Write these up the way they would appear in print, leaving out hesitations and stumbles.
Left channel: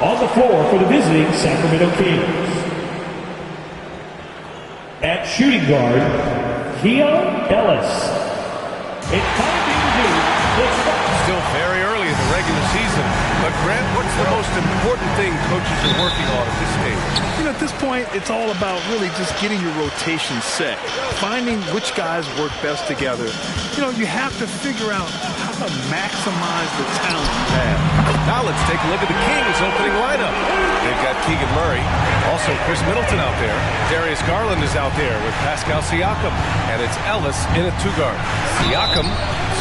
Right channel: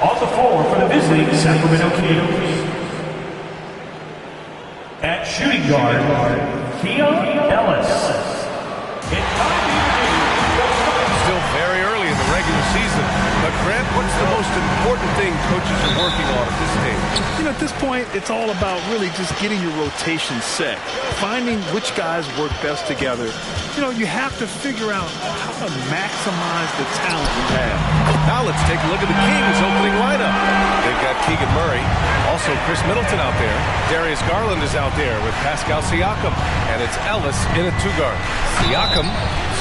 On the floor for the visiting Sacramento Kings. At shooting guard, Keon Ellis. Still very early in the regular season. But, Grant, what's the most important thing coaches are working on at this stage? You know, at this point, it's all about really just getting your rotation set, finding which guys work best together. You know, you have to figure out how to maximize the talent you have. Now let's take a look at the Kings' opening lineup. They've got Keegan Murray, also Chris Middleton out there. Darius Garland is out there with Pascal Siakam, and it's Ellis in at two guard. Siakam,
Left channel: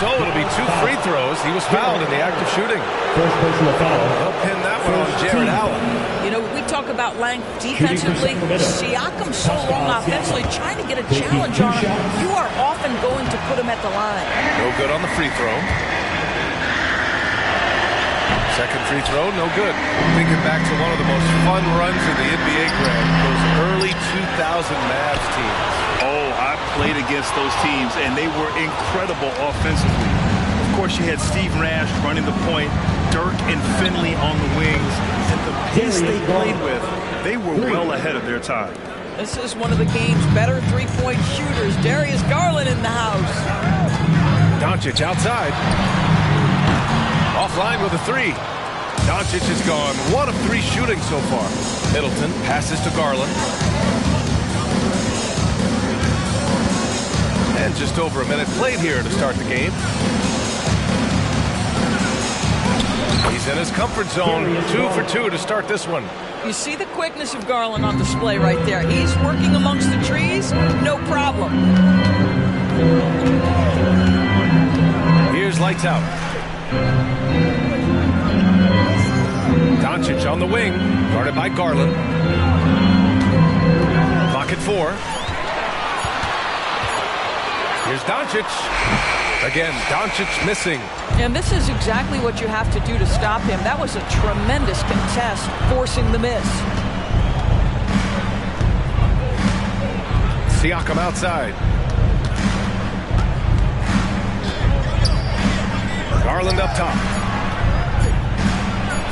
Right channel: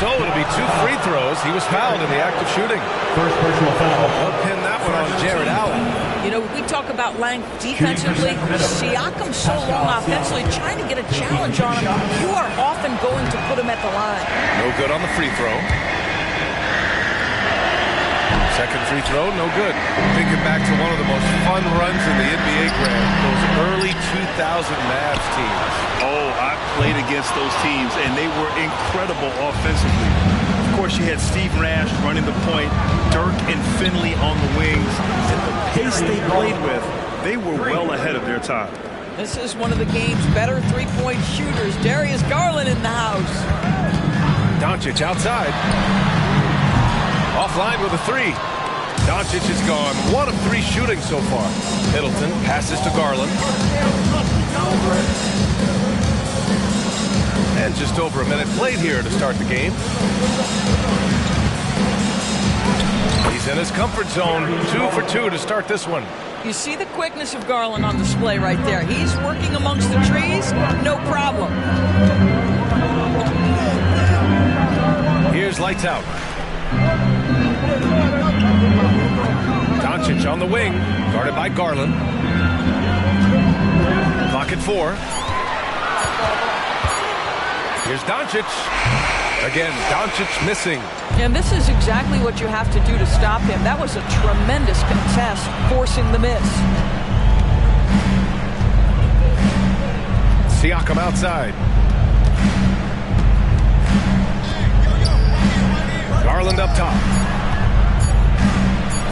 so it'll be 2 free throws. He was fouled in the act of shooting. First personal foul. They'll pin that one on Jared Allen. You know, we talk about length defensively. Siakam so long offensively, trying to get a challenge on him. You are often going to put him at the line. No good on the free throw. Second free throw, no good. Thinking back to one of the most fun runs in the NBA, Grant, those early 2000 Mavs teams. Oh, I played against those teams, and they were incredible offensively. Of course, you had Steve Nash running the point, Dirk and Finley on the wings, and the pace they played with, they were well ahead of their time. This is one of the game's better three-point shooters. Darius Garland in the house. Doncic outside. Offline with a three. Doncic has gone 1 of 3 shooting so far. Middleton passes to Garland. And just over a minute played here to start the game. He's in his comfort zone. 2 for 2 to start this one. You see the quickness of Garland on display right there. He's working amongst the trees, no problem. Here's lights out. Doncic on the wing, guarded by Garland. Clock at 4. Here's Doncic. Again, Doncic missing. And this is exactly what you have to do to stop him. That was a tremendous contest, forcing the miss. Siakam outside. Garland up top.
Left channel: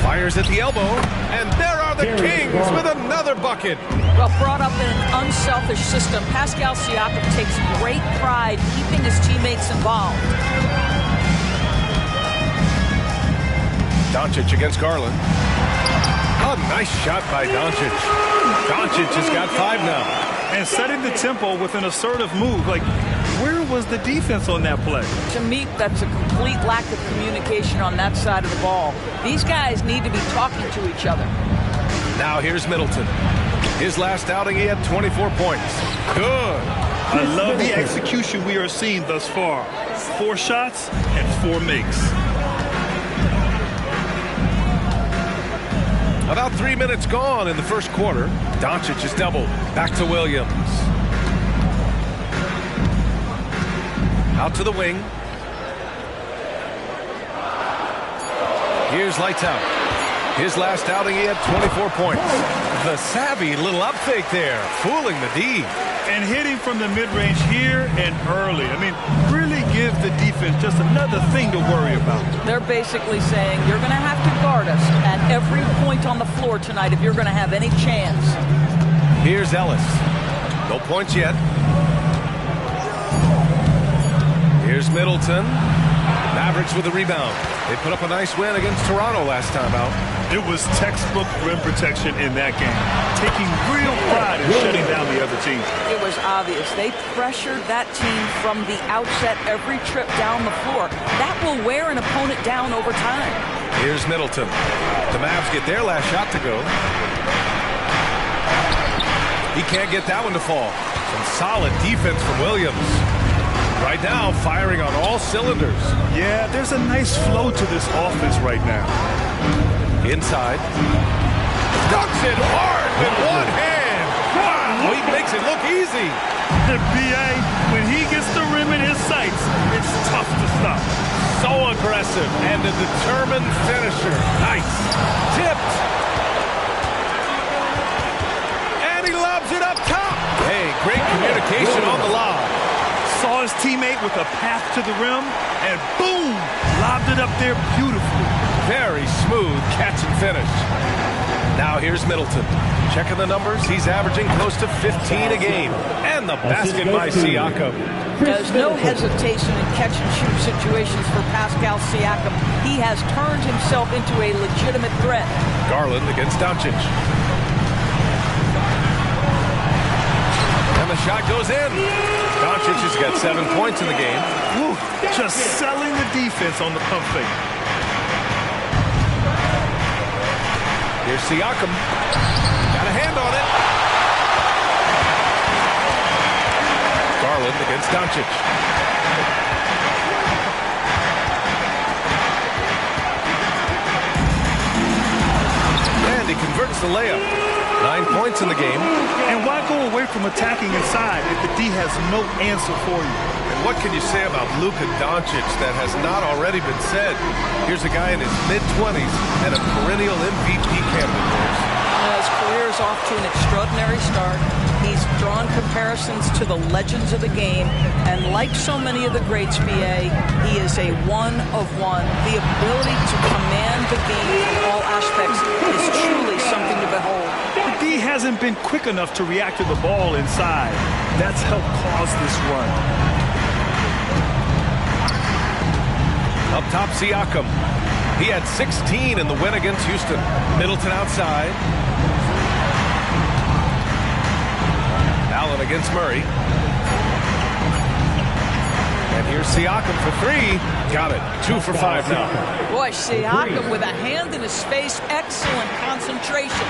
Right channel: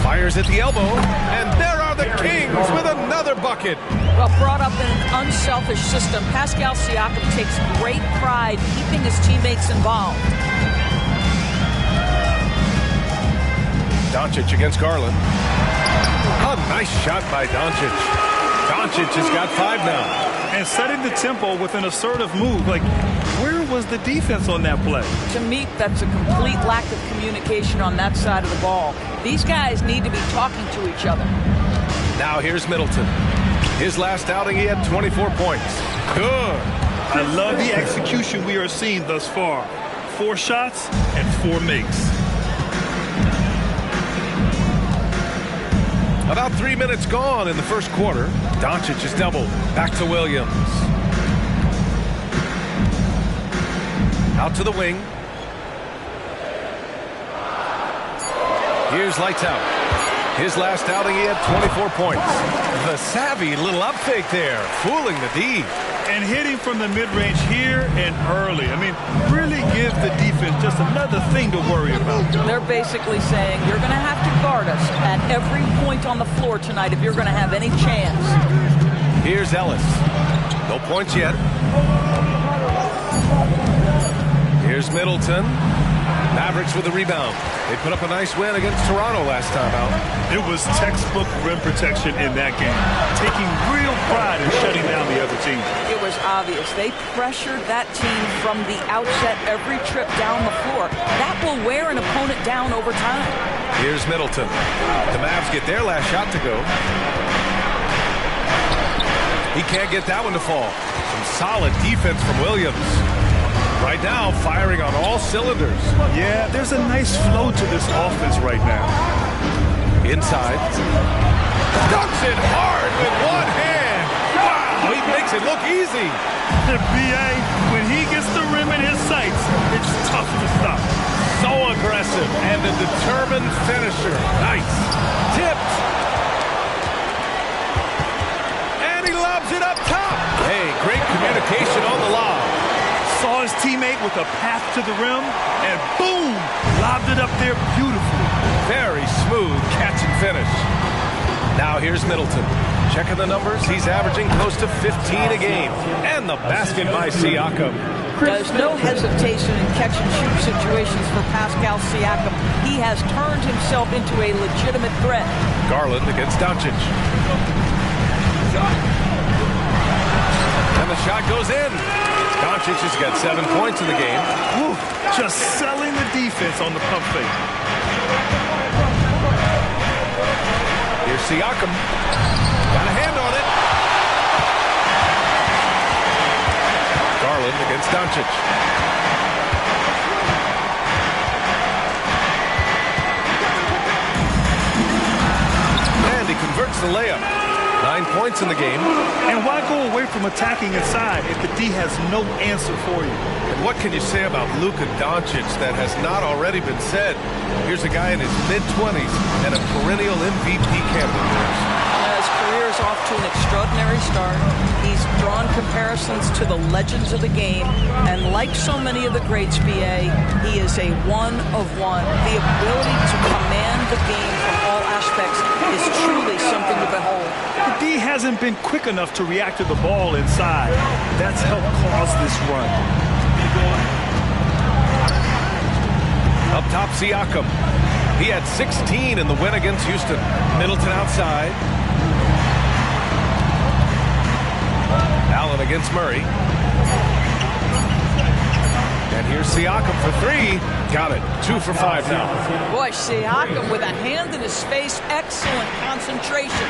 Fires at the elbow, and there are the Kings with another bucket. Well, brought up in an unselfish system, Pascal Siakam takes great pride keeping his teammates involved. Doncic against Garland. A nice shot by Doncic. Doncic has got 5 now. And setting the tempo with an assertive move. Like, where was the defense on that play? To me, that's a complete lack of communication on that side of the ball. These guys need to be talking to each other. Now here's Middleton. His last outing, he had 24 points. Good. I love the execution we are seeing thus far. 4 shots and 4 makes. About 3 minutes gone in the first quarter. Doncic is doubled. Back to Williams. Out to the wing. Here's lights out. His last outing, he had 24 points. The savvy little up fake there, fooling the D. And hitting from the mid-range here and early. I mean, really give the defense just another thing to worry about. They're basically saying you're going to have to guard us at every point on the floor tonight if you're going to have any chance. Here's Ellis. No points yet. Here's Middleton. Mavericks with the rebound. They put up a nice win against Toronto last time out. It was textbook rim protection in that game. Taking real pride in shutting down the other team. It was obvious. They pressured that team from the outset every trip down the floor. That will wear an opponent down over time. Here's Middleton. The Mavs get their last shot to go. He can't get that one to fall. Some solid defense from Williams. Right now, firing on all cylinders. Yeah, there's a nice flow to this offense right now. Inside. Dunks it hard with one hand. Wow, he makes it look easy. B.A., when he gets the rim in his sights, it's tough to stop. So aggressive and a determined finisher. Nice. Tipped. And he lobs it up top. Hey, great communication on the lob. Saw his teammate with a path to the rim, and boom, lobbed it up there beautifully. Very smooth catch and finish. Now here's Middleton. Checking the numbers, he's averaging close to 15 a game. And the basket by Siakam. There's no hesitation in catch-and-shoot situations for Pascal Siakam. He has turned himself into a legitimate threat. Garland against Doncic. And the shot goes in. Doncic has got 7 points in the game. Woo, just selling the defense on the pump fake. Here's Siakam. Got a hand on it. Garland against Doncic. And he converts the layup. 9 points in the game. And why go away from attacking inside if the D has no answer for you? And what can you say about Luka Doncic that has not already been said? Here's a guy in his mid-20s and a perennial MVP candidate, Boris. His career is off to an extraordinary start. He's drawn comparisons to the legends of the game, and like so many of the greats, BA, he is a one of one. The ability to command the game from all aspects is truly something to behold. The D hasn't been quick enough to react to the ball inside. That's helped cause this run. Up top, Siakam. He had 16 in the win against Houston. Middleton outside. Allen against Murray. And here's Siakam for three. Got it. 2 for 5 now. Boy, Siakam with a hand in his face. Excellent concentration.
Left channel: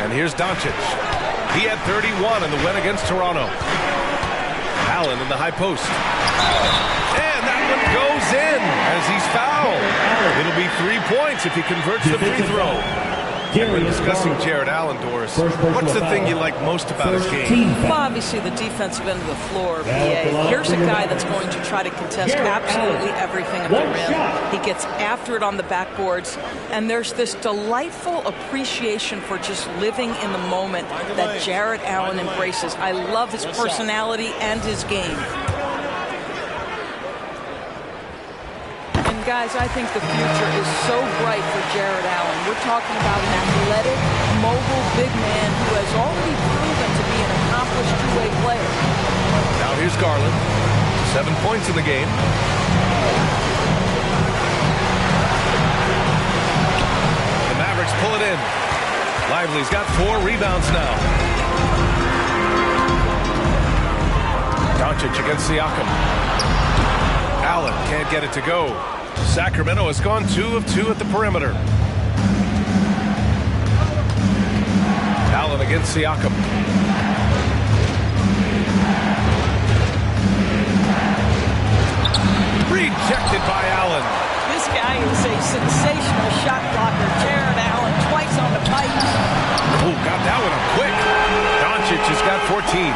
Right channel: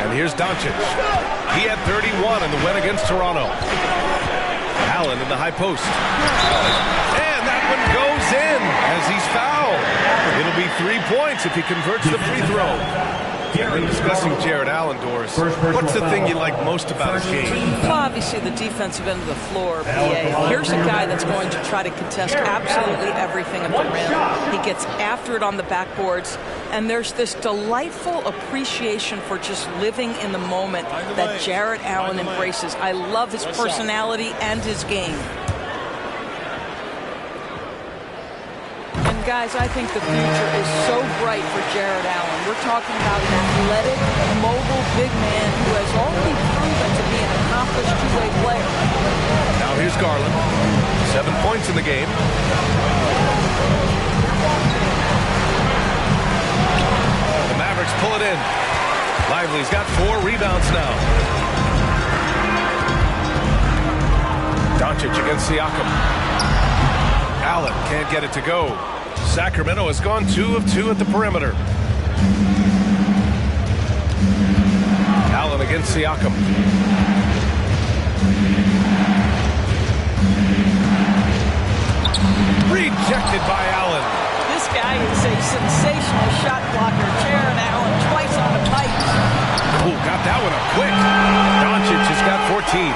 And here's Doncic. He had 31 in the win against Toronto. Allen in the high post. And that one goes in as he's fouled. It'll be 3 points if he converts the free throw. And when discussing Jared Allen, Doris, what's the thing you like most about his game? Well, obviously the defensive end of the floor, BA. Here's a guy that's going to try to contest absolutely everything at the rim. He gets after it on the backboards, and there's this delightful appreciation for just living in the moment that Jared Allen embraces. I love his personality and his game. Guys, I think the future is so bright for Jared Allen. We're talking about an athletic, mobile, big man who has already proven to be an accomplished two-way player. Now here's Garland. 7 points in the game. The Mavericks pull it in. Lively's got 4 rebounds now. Doncic against Siakam. Allen can't get it to go. Sacramento has gone 2 of 2 at the perimeter. Allen against Siakam. Rejected by Allen. This guy is a sensational shot blocker. Jared Allen twice on the pipes. Oh, got that one up quick. Doncic has got 14.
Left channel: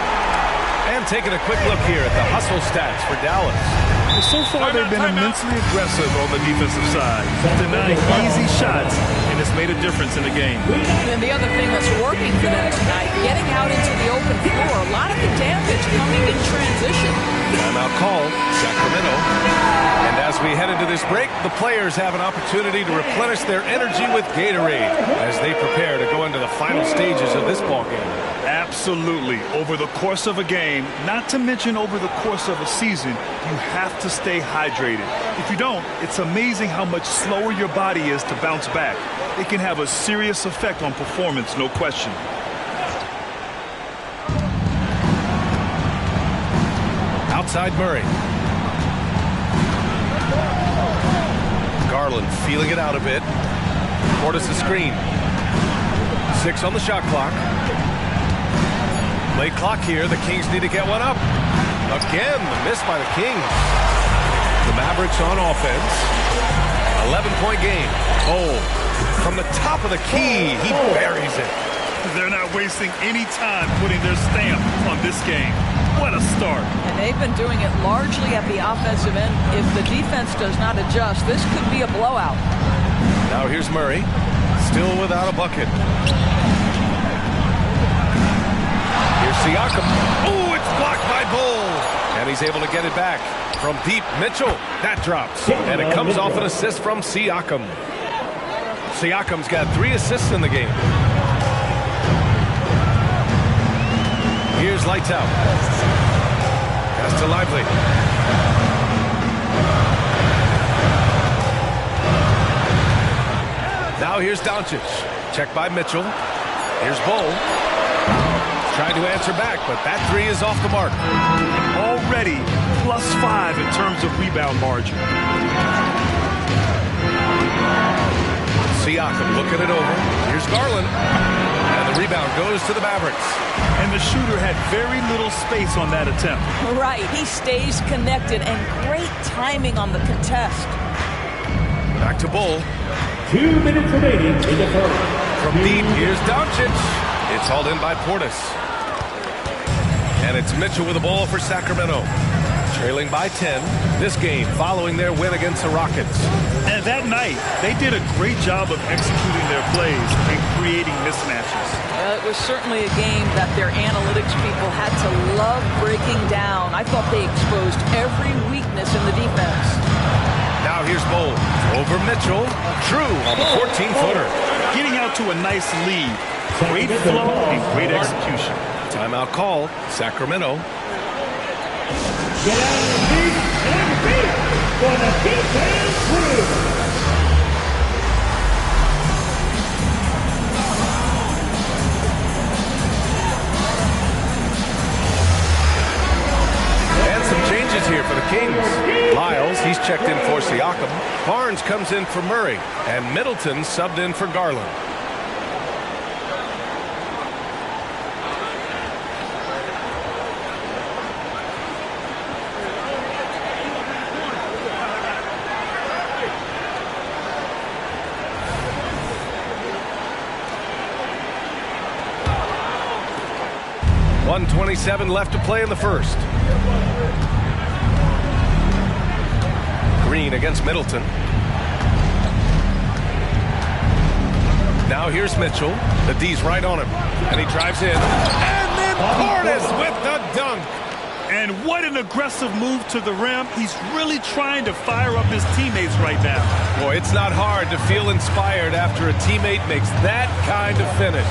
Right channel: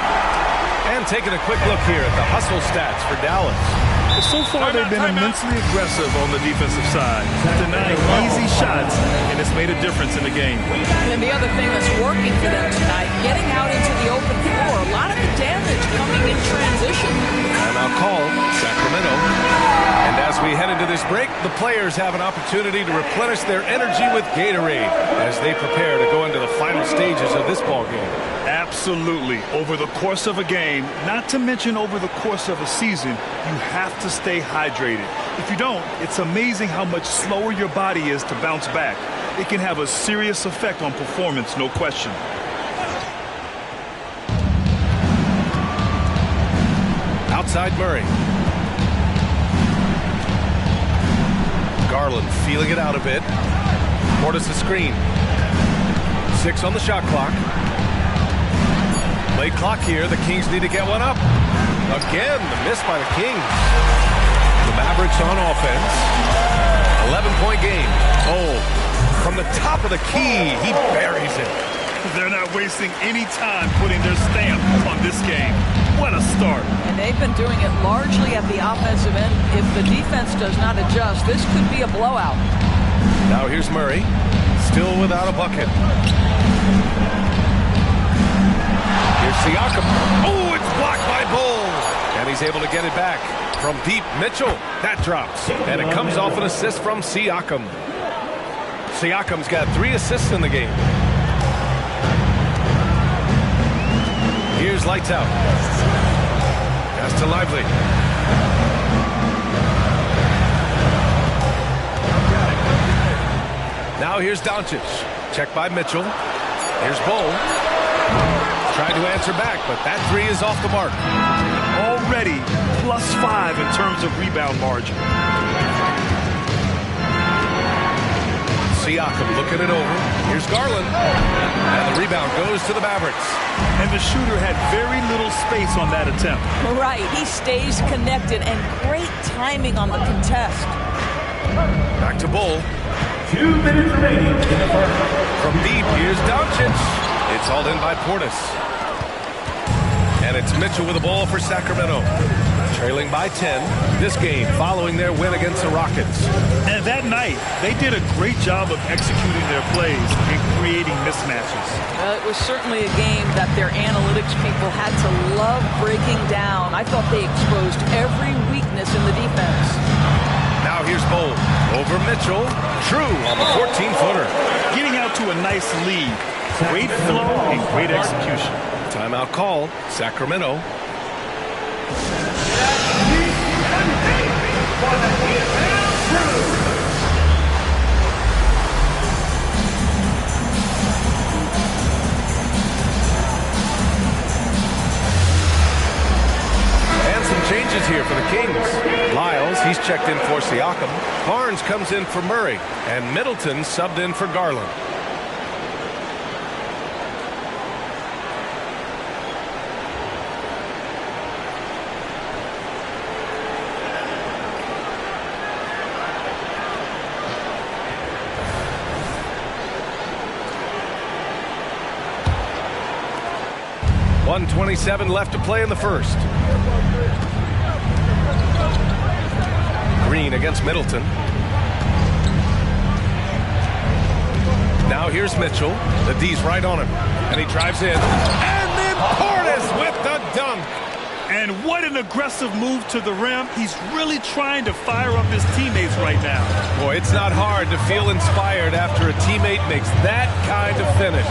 And taking a quick look here at the hustle stats for Dallas. Well, so far they've been immensely aggressive on the defensive side, denying easy shots, and it's made a difference in the game. And the other thing that's working for them tonight, getting out into the open floor, a lot of the damage coming in transition. Timeout called, Sacramento. And as we head into this break, the players have an opportunity to replenish their energy with Gatorade as they prepare to go into the final stages of this ball game. Absolutely. Over the course of a game, not to mention over the course of a season, you have to stay hydrated. If you don't, it's amazing how much slower your body is to bounce back. It can have a serious effect on performance, no question. Outside Murray. Garland feeling it out a bit. Portis the screen. 6 on the shot clock. Late clock here. The Kings need to get one up. Again, the miss by the Kings. The Mavericks on offense. 11-point game. Oh, from the top of the key, he buries it. They're not wasting any time putting their stamp on this game. What a start. And they've been doing it largely at the offensive end. If the defense does not adjust, this could be a blowout. Now here's Murray. Still without a bucket. Here's Siakam. Oh, it's blocked by Bull. And he's able to get it back. From deep, Mitchell. That drops. And it comes off an assist from Siakam. Siakam's got 3 assists in the game. Here's Lights Out. Pass to Lively. Now here's Doncic. Check by Mitchell. Here's Bull. Tried to answer back, but that 3 is off the mark. Already +5 in terms of rebound margin. Siakam looking it over. Here's Garland. And the rebound goes to the Mavericks. And the shooter had very little space on that attempt. Right. He stays connected, and great timing on the contest. Back to Bull. 2 minutes remaining in the first. From deep, here's Doncic. It's hauled in by Portis. And it's Mitchell with the ball for Sacramento. Trailing by 10 this game following their win against the Rockets. And that night, they did a great job of executing their plays and creating mismatches. It was certainly a game that their analytics people had to love breaking down. I thought they exposed every weakness in the defense. Now here's Bull. Over Mitchell. True on the 14-footer. Getting out to a nice lead. Great flow and great execution. Timeout call. Sacramento. Get out of the seat and on your feet for the defense crew. And some changes here for the Kings. Lyles, he's checked in for Siakam. Barnes comes in for Murray. And Middleton subbed in for Garland. .127 left to play in the first. Green against Middleton. Now here's Mitchell. The D's right on him. And he drives in. And then Portis with the dunk. And what an aggressive move to the rim. He's really trying to fire up his teammates right now. Boy, it's not hard to feel inspired after a teammate makes that kind of finish.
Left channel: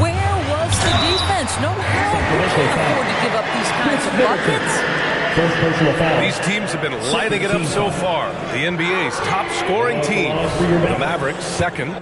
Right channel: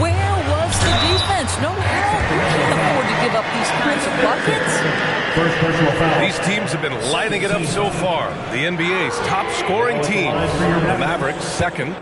Where was the defense? No help. You can't afford to give up these kinds of buckets. First personal foul. These teams have been lighting it up so far. The NBA's top scoring team. The Mavericks second.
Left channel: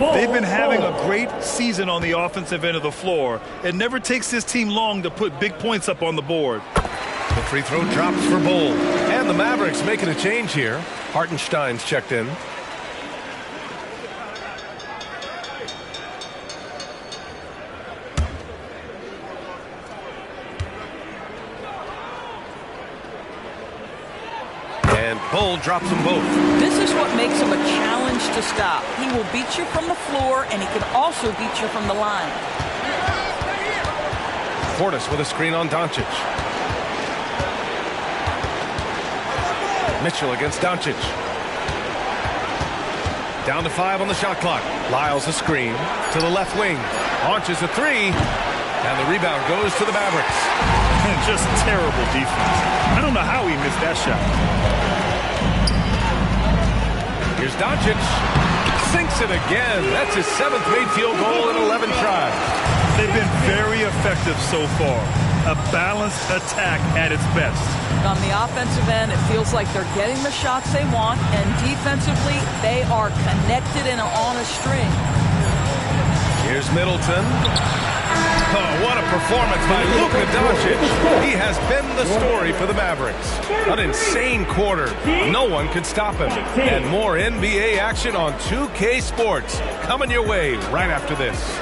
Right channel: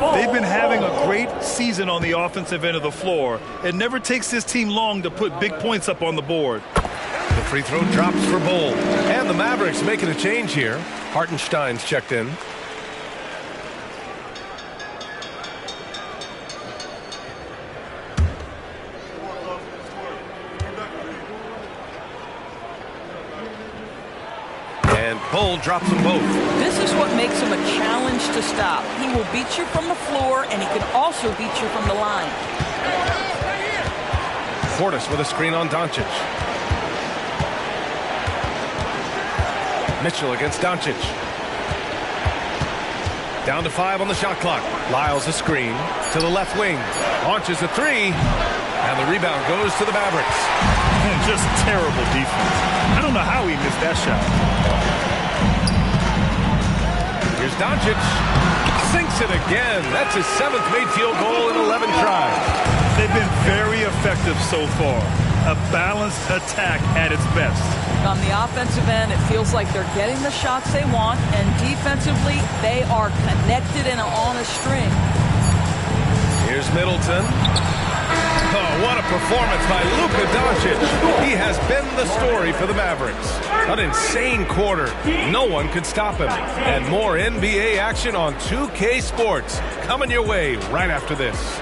They've been having a great season on the offensive end of the floor. It never takes this team long to put big points up on the board. The free throw drops for Bull. And the Mavericks making a change here. Hartenstein's checked in. And Bull drops them both. This is what makes him a challenge to stop. He will beat you from the floor, and he can also beat you from the line. Portis with a screen on Doncic. Mitchell against Doncic. Down to 5 on the shot clock. Lyles a screen to the left wing. Launches a 3. And the rebound goes to the Mavericks. Just terrible defense. I don't know how he missed that shot. Here's Doncic. Sinks it again. That's his 7th made field goal in 11 tries. They've been very effective so far. A balanced attack at its best. On the offensive end, it feels like they're getting the shots they want, and defensively, they are connected and on a string. Here's Middleton. Oh, what a performance by Luka Doncic. He has been the story for the Mavericks. An insane quarter. No one could stop him. And more NBA action on 2K Sports coming your way right after this.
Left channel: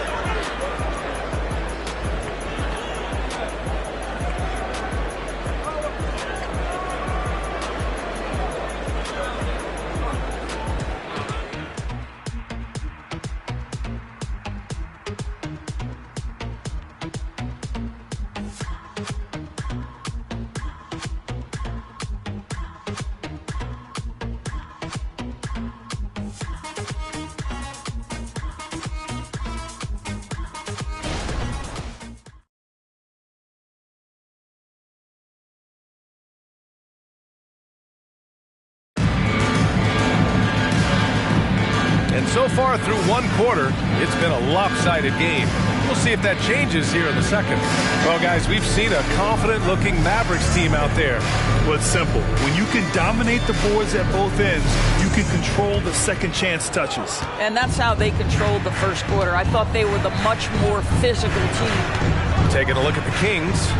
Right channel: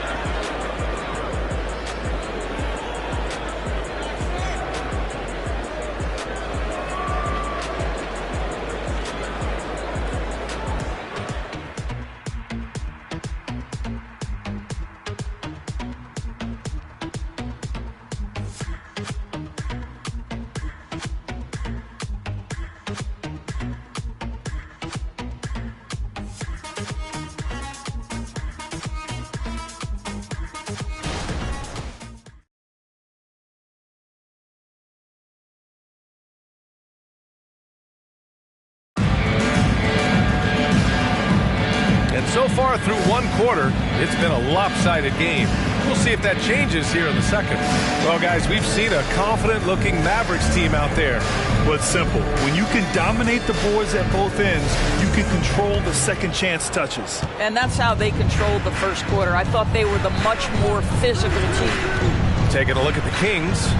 And so far through one quarter, it's been a lopsided game. We'll see if that changes here in the second. Well, guys, we've seen a confident-looking Mavericks team out there. Well, it's simple. When you can dominate the boards at both ends, you can control the second chance touches. And that's how they controlled the first quarter. I thought they were the much more physical team. Taking a look at the Kings.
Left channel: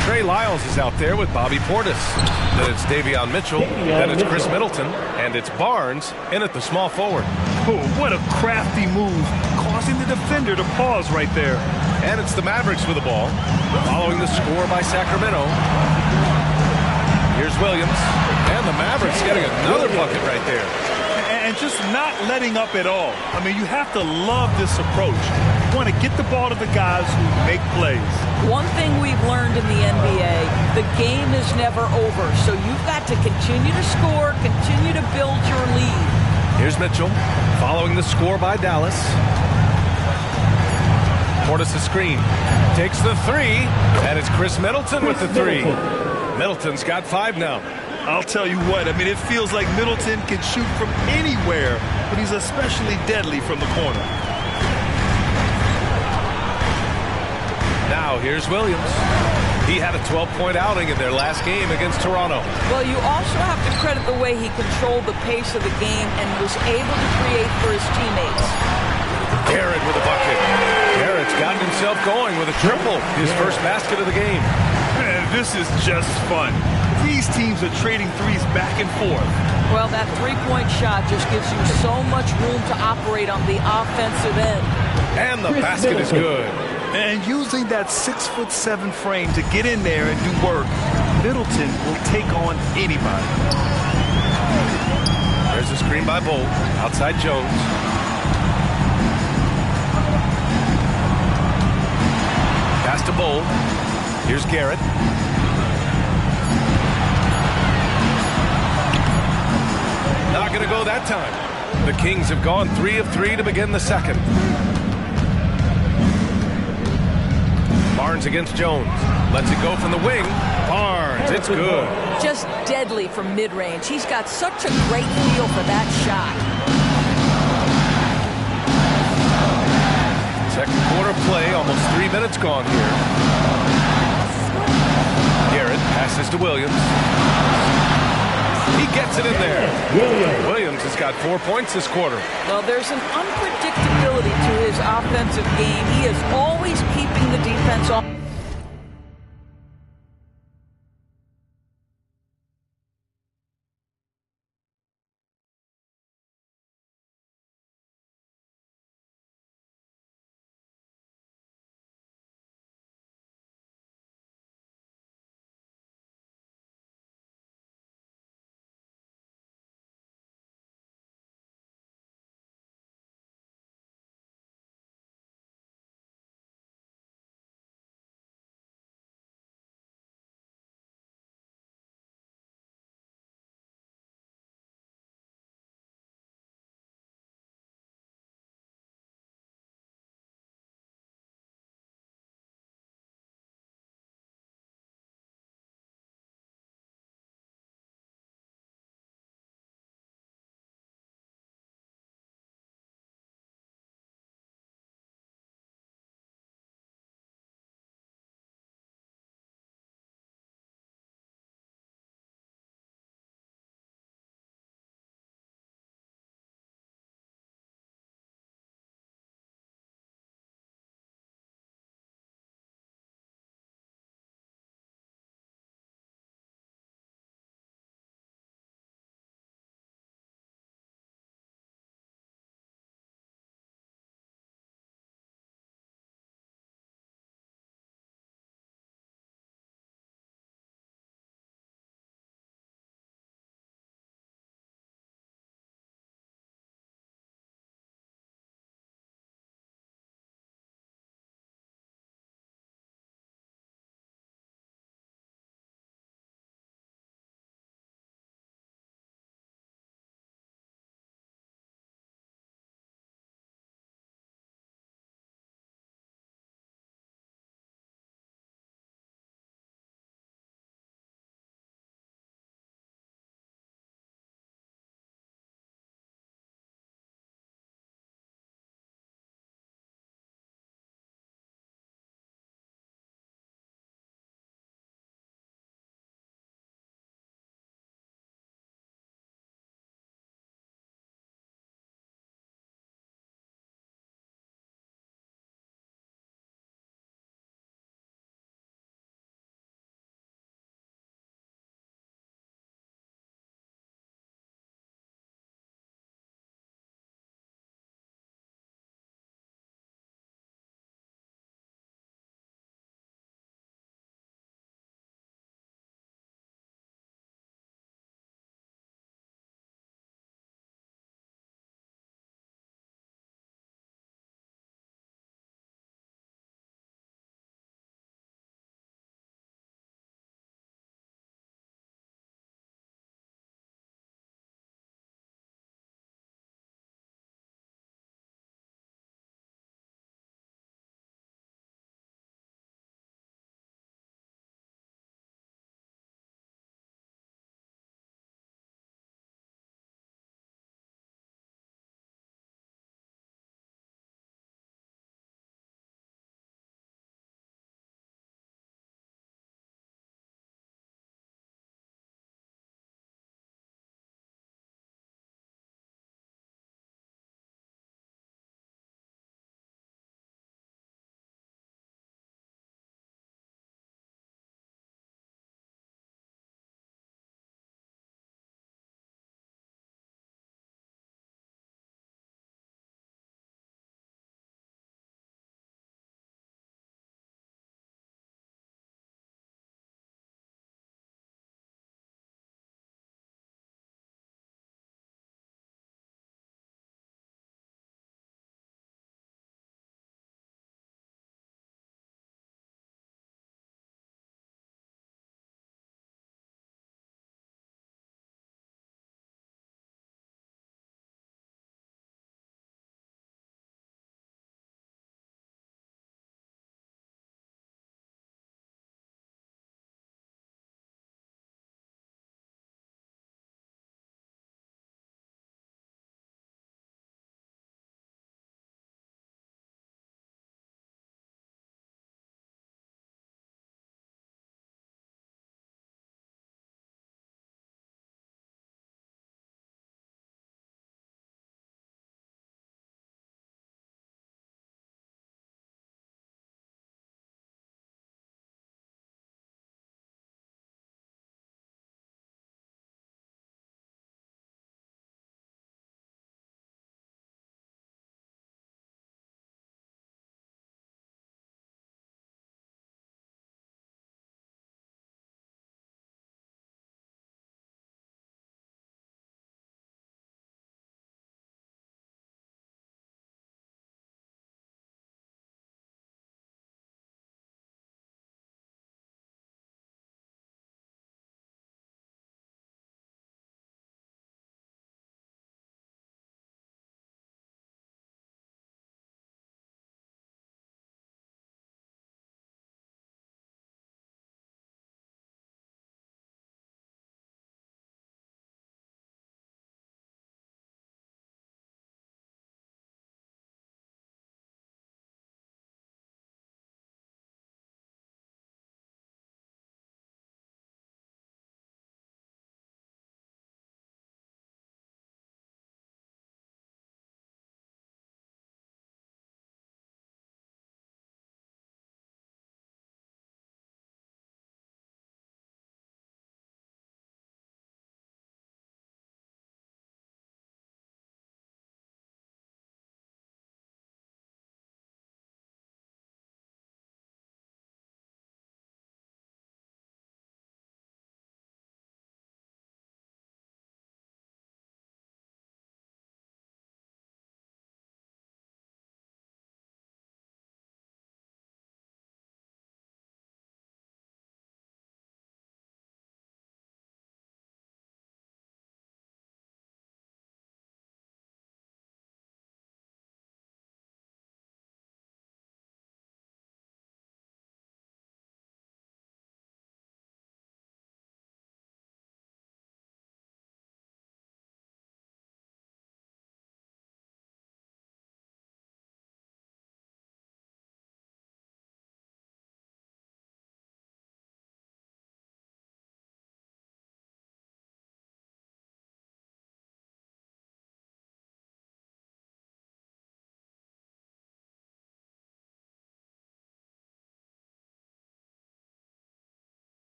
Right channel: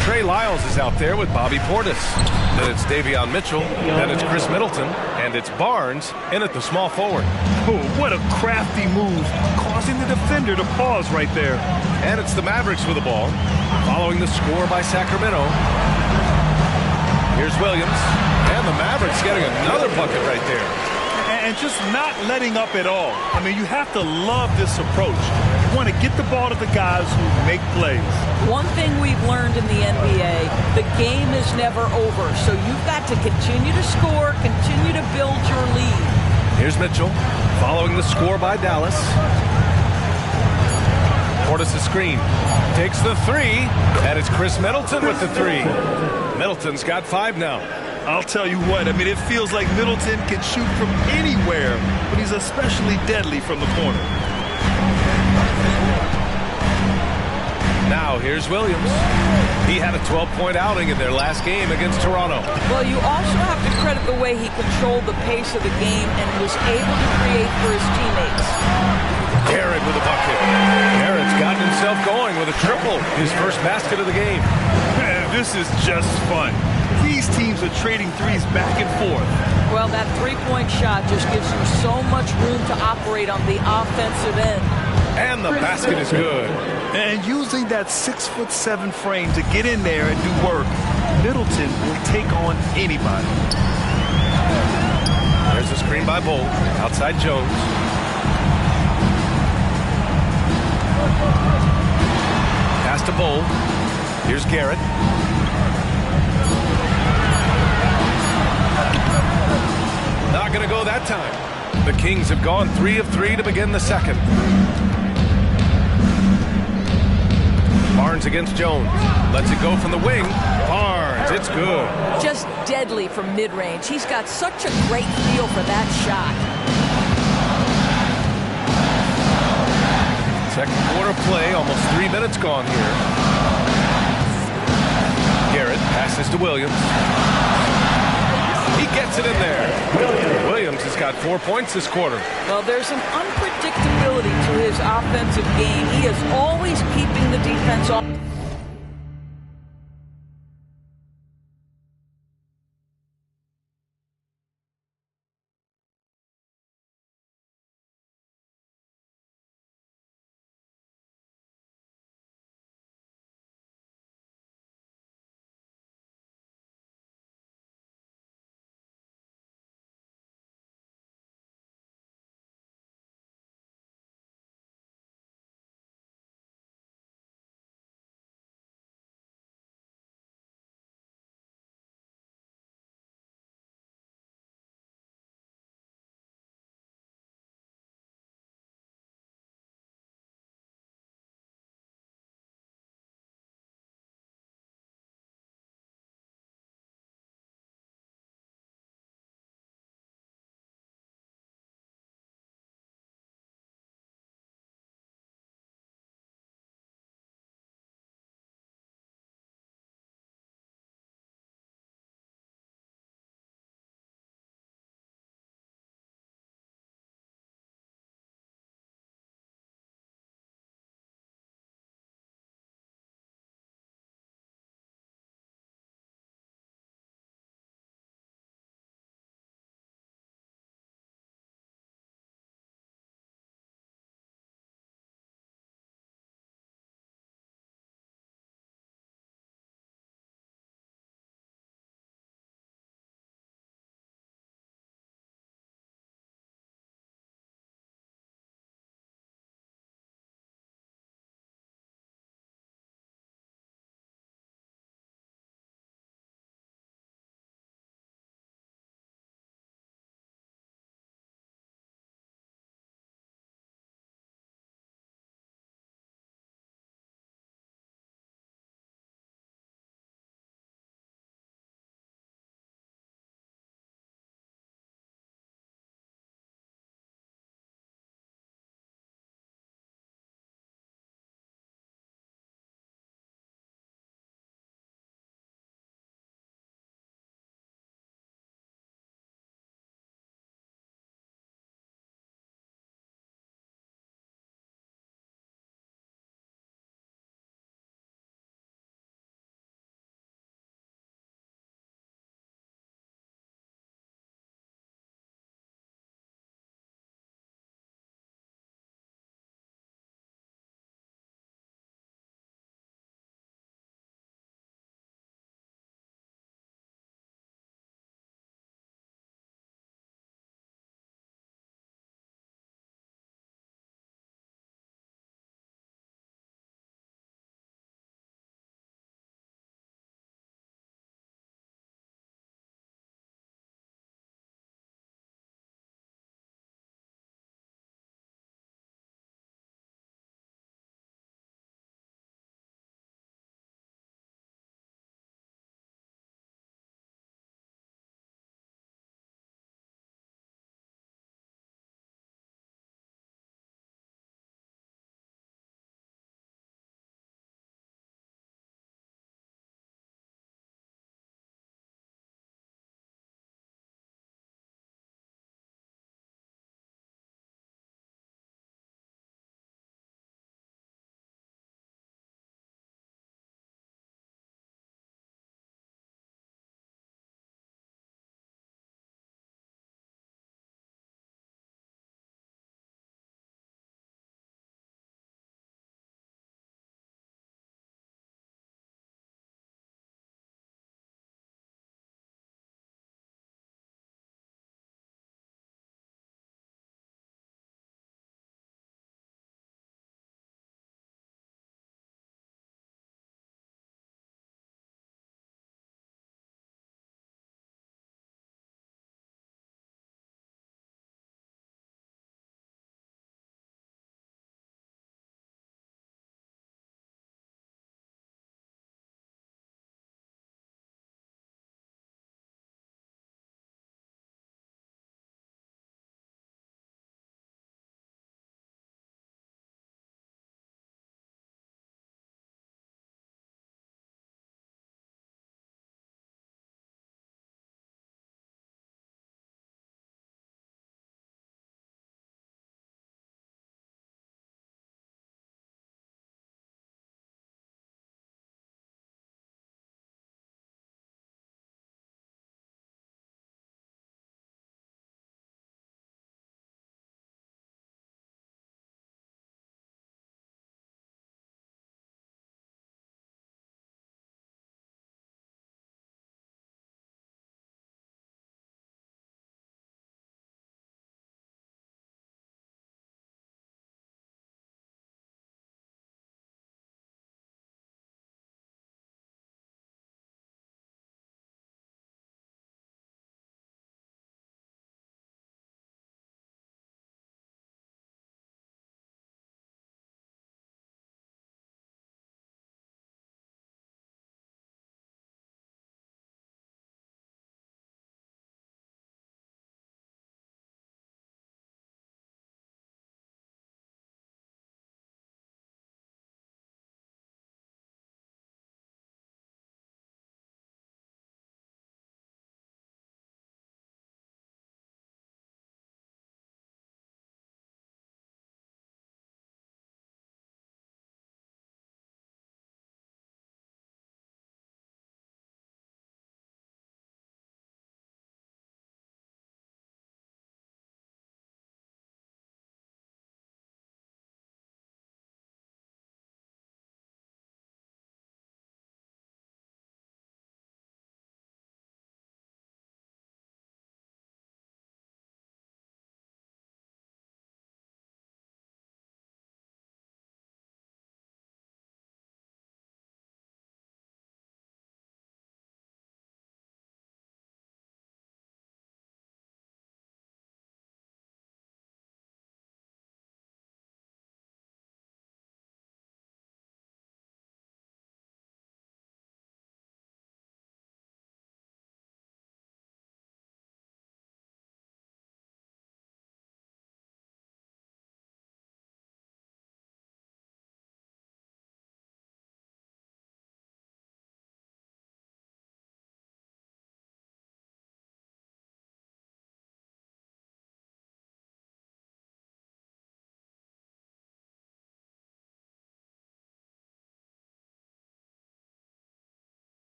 Trey Lyles is out there with Bobby Portis. Then it's Davion Mitchell. Then it's Chris Middleton. And it's Barnes in at the small forward. Oh, what a crafty move, causing the defender to pause right there. And it's the Mavericks with the ball, following the score by Sacramento. Here's Williams. And the Mavericks getting another bucket right there. And just not letting up at all. I mean, you have to love this approach. You want to get the ball to the guys who make plays. One thing we've learned in the NBA, the game is never over. So you've got to continue to score, continue to build your lead. Here's Mitchell, following the score by Dallas. Portis' screen. Takes the 3, and it's Chris Middleton with the 3. Middleton's got 5 now. I'll tell you what, I mean, it feels like Middleton can shoot from anywhere, but he's especially deadly from the corner. Now here's Williams. He had a 12-point outing in their last game against Toronto. Well, you also have to credit the way he controlled the pace of the game and was able to create for his teammates. Garrett with a bucket. Garrett's gotten himself going with a triple, his first basket of the game. Man, this is just fun. These teams are trading threes back and forth. Well, that three-point shot just gives you so much room to operate on the offensive end. And the basket is good. And using that 6'7" frame to get in there and do work, Middleton will take on anybody. There's a screen by Bull. Outside Jones. Pass to Bull. Here's Garrett. Not going to go that time. The Kings have gone 3 of 3 to begin the second. Barnes against Jones. Lets it go from the wing. Barnes, it's good. Just deadly from mid-range. He's got such a great feel for that shot. Second quarter play, almost 3 minutes gone here. Garrett passes to Williams. He gets it in there. Williams has got 4 points this quarter. Well, there's an unpredictability to his offensive game. He is always keeping the defense off.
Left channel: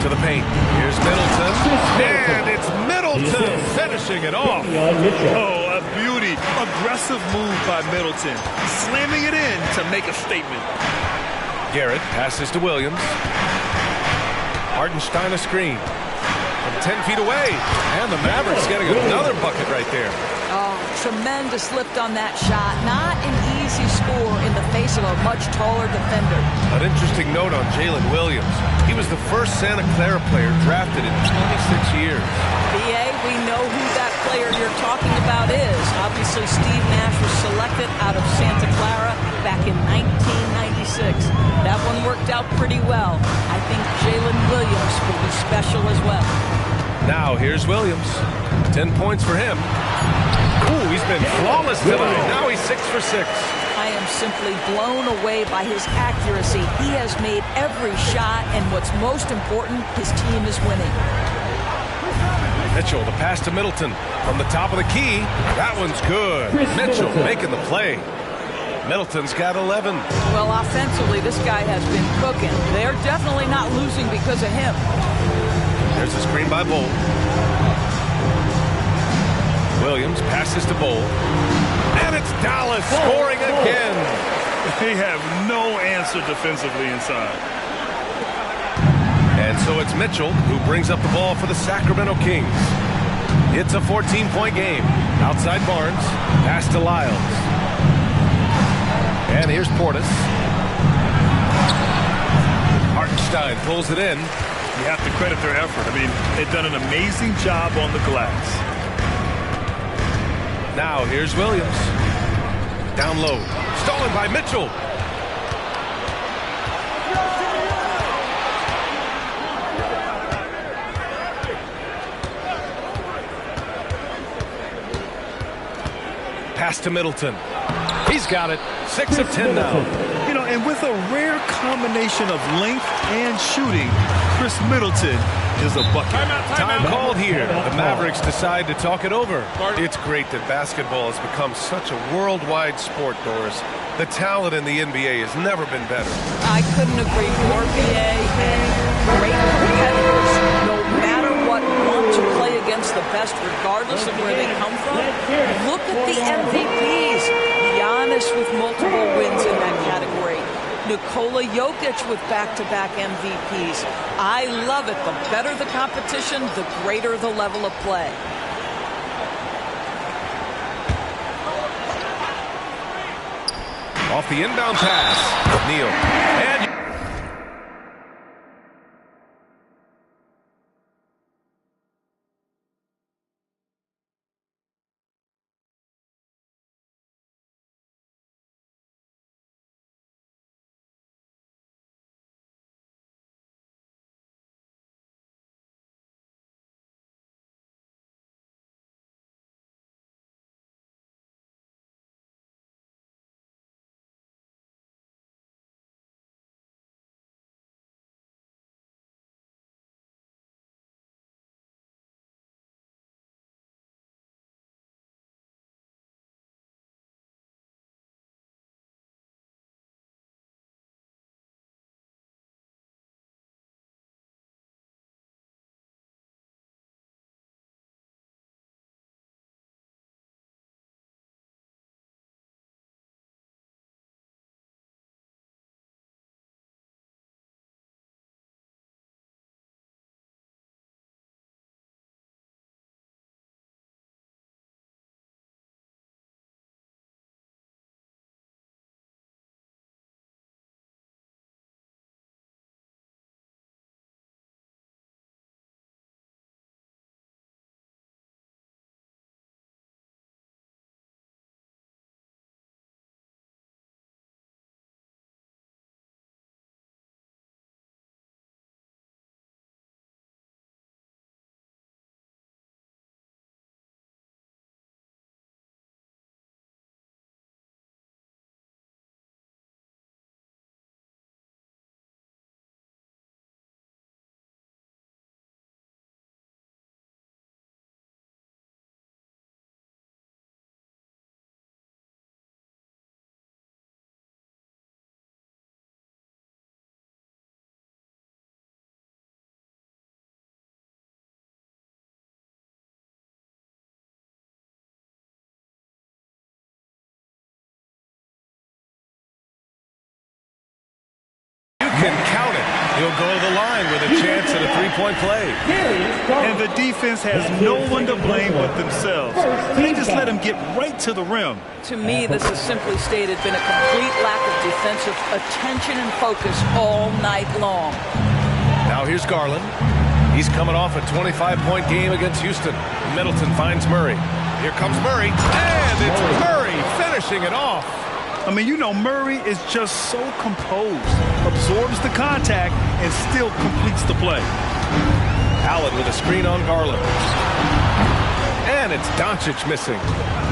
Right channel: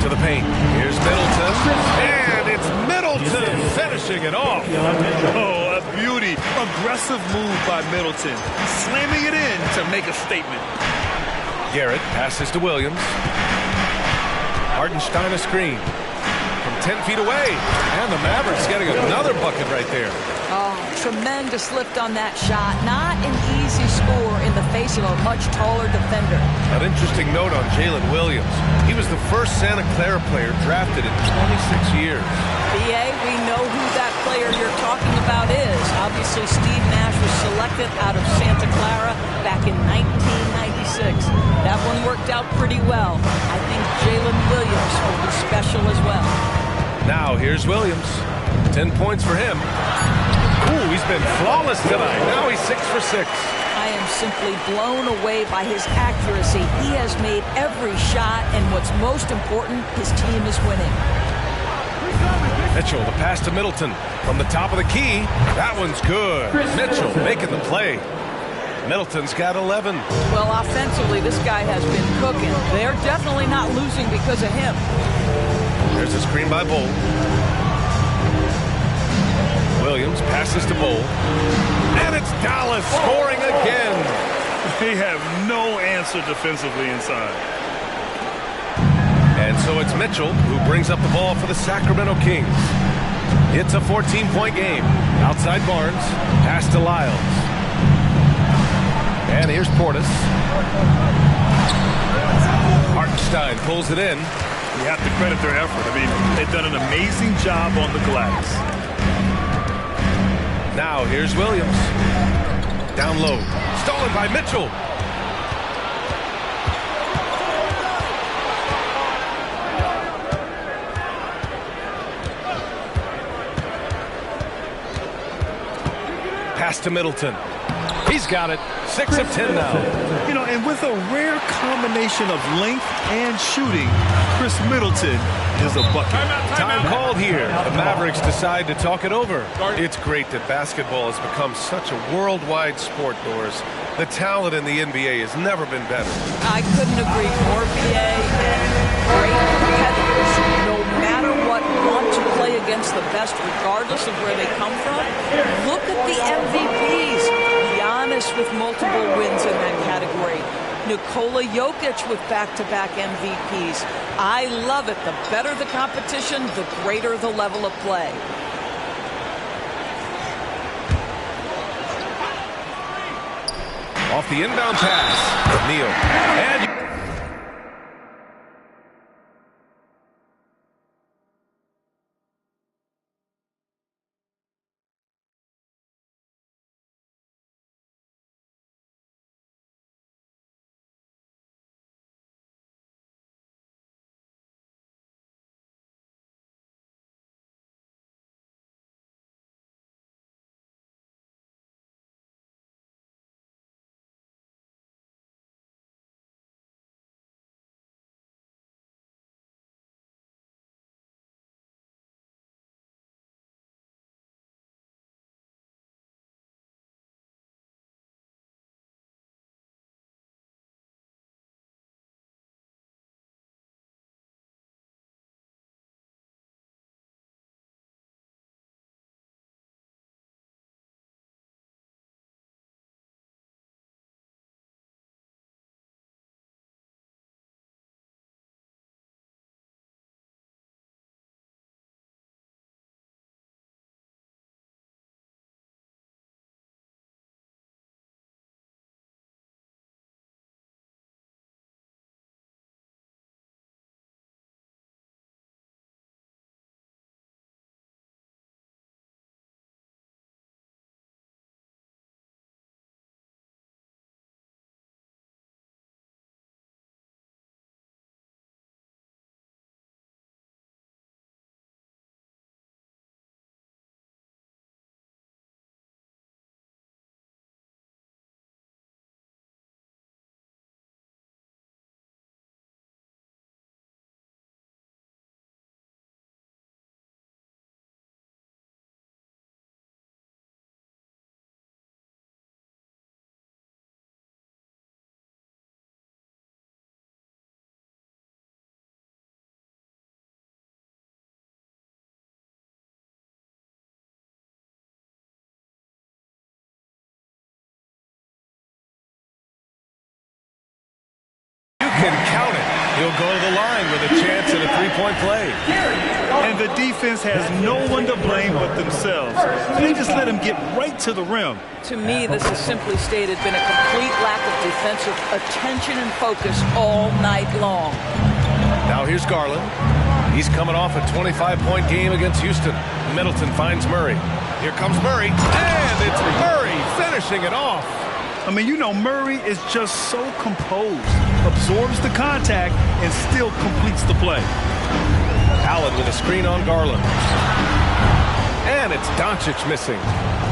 to the paint. Here's Middleton, and it's Middleton finishing it off. Oh, a beauty. Aggressive move by Middleton. Slamming it in to make a statement. Garrett passes to Williams. Hartenstein a screen from 10 feet away. And the Mavericks getting another bucket right there. Oh, tremendous lift on that shot. Not an easy score in the face of a much taller defender. An interesting note on Jalen Williams. He was the first Santa Clara player drafted in 26 years. BA, we know who that player you're talking about is. Obviously, Steve Nash was selected out of Santa Clara back in 1996. That one worked out pretty well. I think Jalen Williams will be special as well. Now here's Williams. 10 points for him. Ooh, he's been flawless tonight. Now he's 6 for 6. I am simply blown away by his accuracy. He has made every shot, and what's most important, his team is winning. Mitchell, the pass to Middleton from the top of the key. That one's good. Mitchell making the play. Middleton's got 11. Well, offensively, this guy has been cooking. They're definitely not losing because of him. There's a screen by Bull. Williams passes to Bull. And it's Dallas scoring again. They have no answer defensively inside. And so it's Mitchell who brings up the ball for the Sacramento Kings. It's a 14-point game. Outside Barnes. Pass to Lyles. And here's Portis. Hartenstein pulls it in. You have to credit their effort. I mean, they've done an amazing job on the glass. Now here's Williams. Down low. Stolen by Mitchell. Pass to Middleton. He's got it. 6 of 10 now. You know, and with a rare combination of length and shooting, Chris Middleton is a bucket. Time called here. The Mavericks decide to talk it over. It's great that basketball has become such a worldwide sport, Doris. The talent in the NBA has never been better. I couldn't agree more, BA, and great competitors, no matter what, want to play against the best regardless of where they come from. Look at the MVPs. Giannis with multiple wins in that category. Nikola Jokic with back-to-back MVPs. I love it. The better the competition, the greater the level of play. Off the inbound pass, Neal. And can count it. He'll go to the line with a chance at a three-point play. And the defense has no one to blame but themselves. They just let him get right to the rim. To me, this has simply stated been a complete lack of defensive attention and focus all night long. Now here's Garland. He's coming off a 25-point game against Houston. Middleton finds Murray. Here comes Murray, and it's Murray finishing it off. I mean, you know, Murray is just so composed, absorbs the contact, and still completes the play. Allen with a screen on Garland. And it's Doncic missing.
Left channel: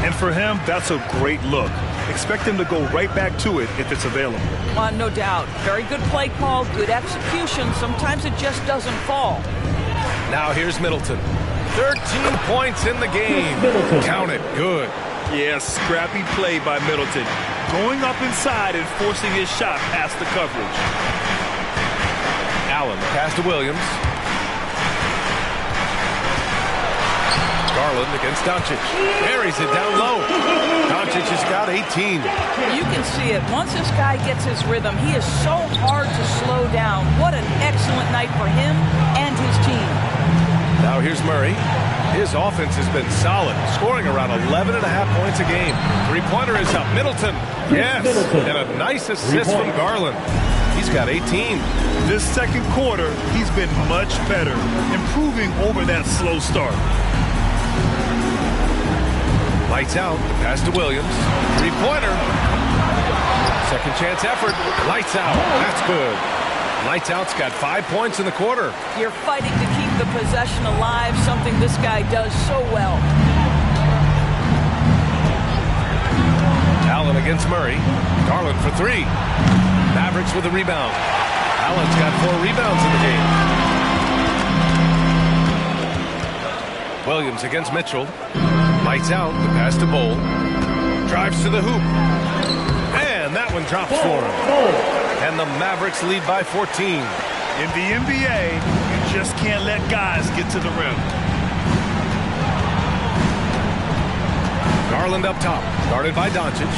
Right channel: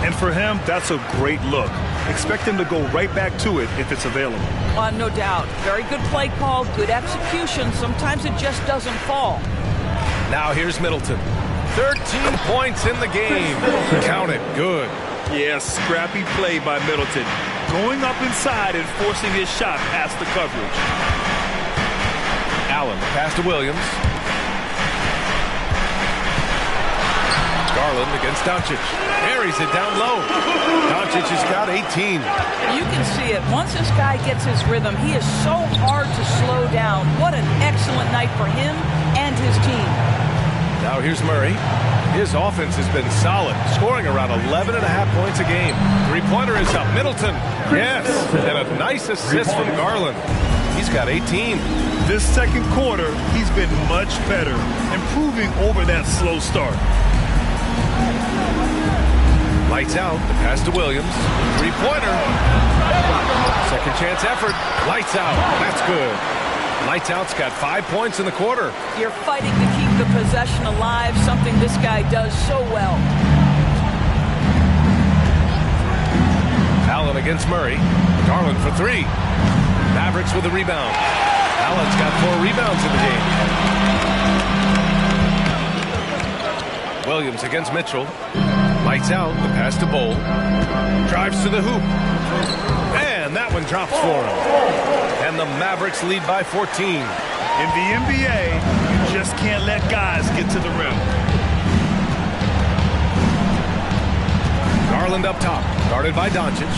And for him, that's a great look. Expect him to go right back to it if it's available. No doubt. Very good play call, good execution. Sometimes it just doesn't fall. Now here's Middleton. 13 points in the game. Count it. Good. Yeah, scrappy play by Middleton. Going up inside and forcing his shot past the coverage. Allen, pass to Williams. Garland against Doncic. Carries it down low. Doncic has got 18. You can see it. Once this guy gets his rhythm, he is so hard to slow down. What an excellent night for him and his team. Now here's Murray. His offense has been solid, scoring around 11.5 points a game. Three-pointer is up. Middleton. Yes, and a nice assist from Garland. He's got 18. This second quarter, he's been much better, improving over that slow start. Lights out. The pass to Williams. Three-pointer. Second chance effort. Lights out. That's good. Lights out's got 5 points in the quarter. You're fighting to keep the possession alive, something this guy does so well. Allen against Murray. Garland for three. Mavericks with a rebound. Allen's got 4 rebounds in the game. Williams against Mitchell. Lights out. The pass to Bowl. Drives to the hoop. And that one drops for him. And the Mavericks lead by 14. In the NBA, you just can't let guys get to the rim. Garland up top, guarded by Doncic.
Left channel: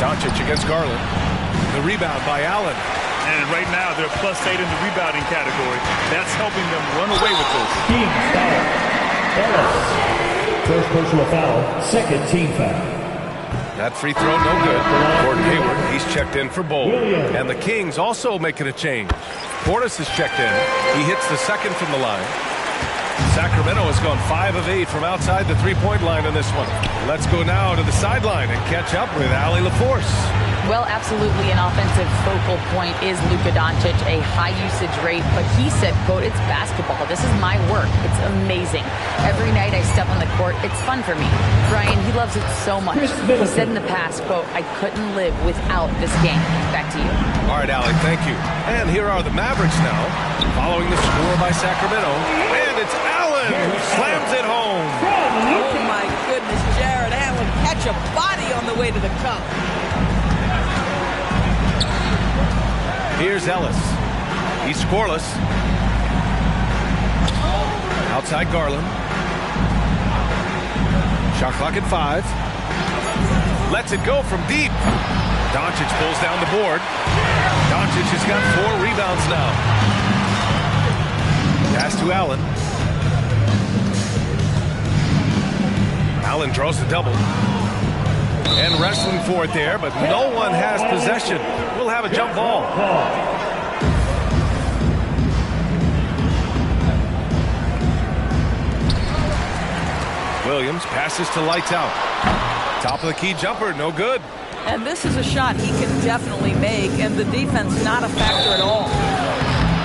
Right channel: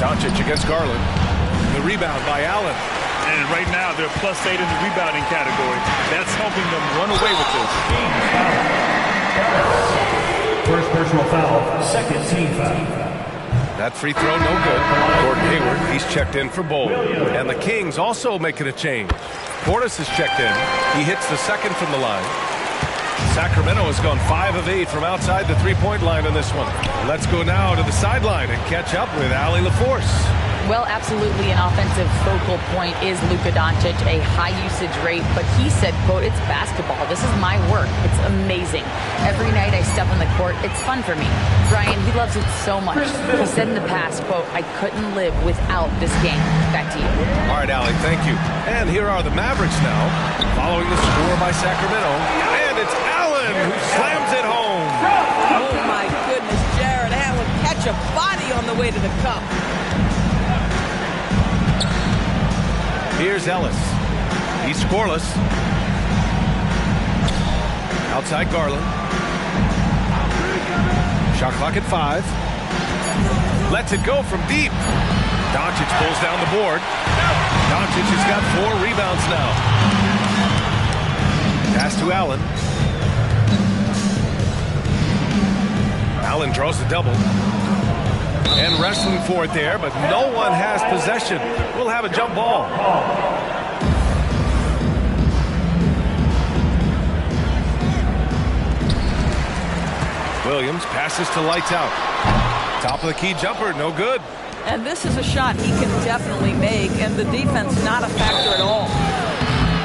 Doncic against Garland. The rebound by Allen. And right now, they're +8 in the rebounding category. That's helping them run away with this. Team foul. First personal foul, second team foul. That free throw, no good. Gordon Hayward, he's checked in for Bowl. And the Kings also making a change. Portis is checked in. He hits the second from the line. Sacramento has gone 5 of 8 from outside the three-point line in this one. Let's go now to the sideline and catch up with Allie LaForce. Well, absolutely an offensive focal point is Luka Doncic, a high usage rate, but he said, quote, it's basketball. This is my work. It's amazing. Every night I step on the court, it's fun for me. Brian, he loves it so much. He said in the past, quote, I couldn't live without this game. Back to you. All right, Allie, thank you. And here are the Mavericks now, following the score by Sacramento. And it's Allen who slams it home. Oh, my goodness, Jared Allen catch a body on the way to the cup. Here's Ellis. He's scoreless. Outside Garland. Shot clock at 5. Lets it go from deep. Doncic pulls down the board. Doncic has got 4 rebounds now. Pass to Allen. Allen draws the double. And wrestling for it there, but no one has possession. We'll have a jump ball. Williams passes to Lights Out. Top of the key jumper, no good. And this is a shot he can definitely make, and the defense not a factor at all.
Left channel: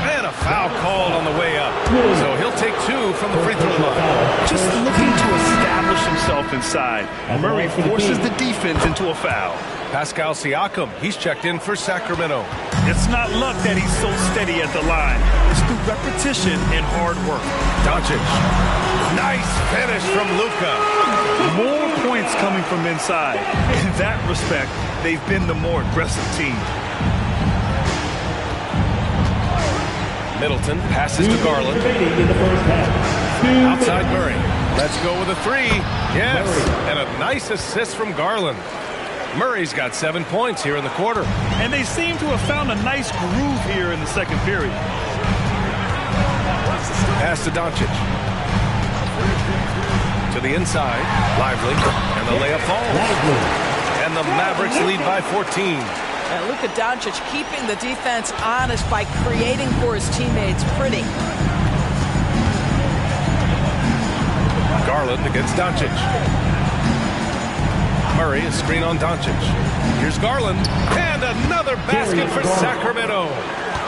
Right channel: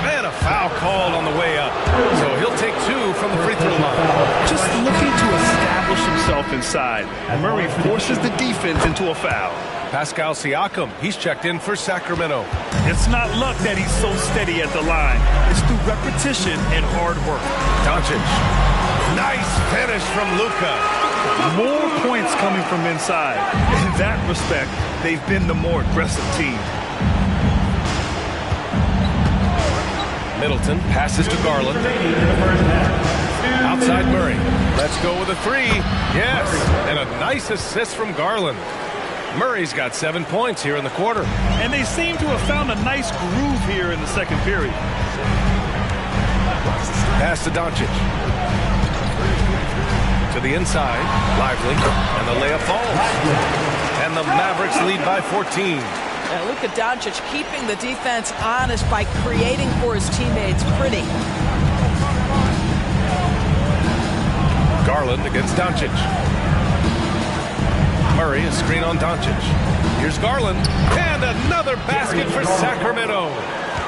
And a foul called on the way up. So he'll take 2 from the free throw line. Just looking to establish himself inside. Murray forces the defense into a foul. Pascal Siakam, he's checked in for Sacramento. It's not luck that he's so steady at the line. It's through repetition and hard work. Doncic. Nice finish from Luka. More points coming from inside. In that respect, they've been the more aggressive team. Middleton passes to Garland. Outside Murray. Let's go with a 3. Yes, and a nice assist from Garland. Murray's got 7 points here in the quarter. And they seem to have found a nice groove here in the second period. Pass to Doncic. To the inside. Lively. And the layup falls. And the Mavericks lead by 14. And Luka Doncic keeping the defense honest by creating for his teammates. Pretty. Garland against Doncic. Murray, a screen on Doncic. Here's Garland. And another basket for Sacramento.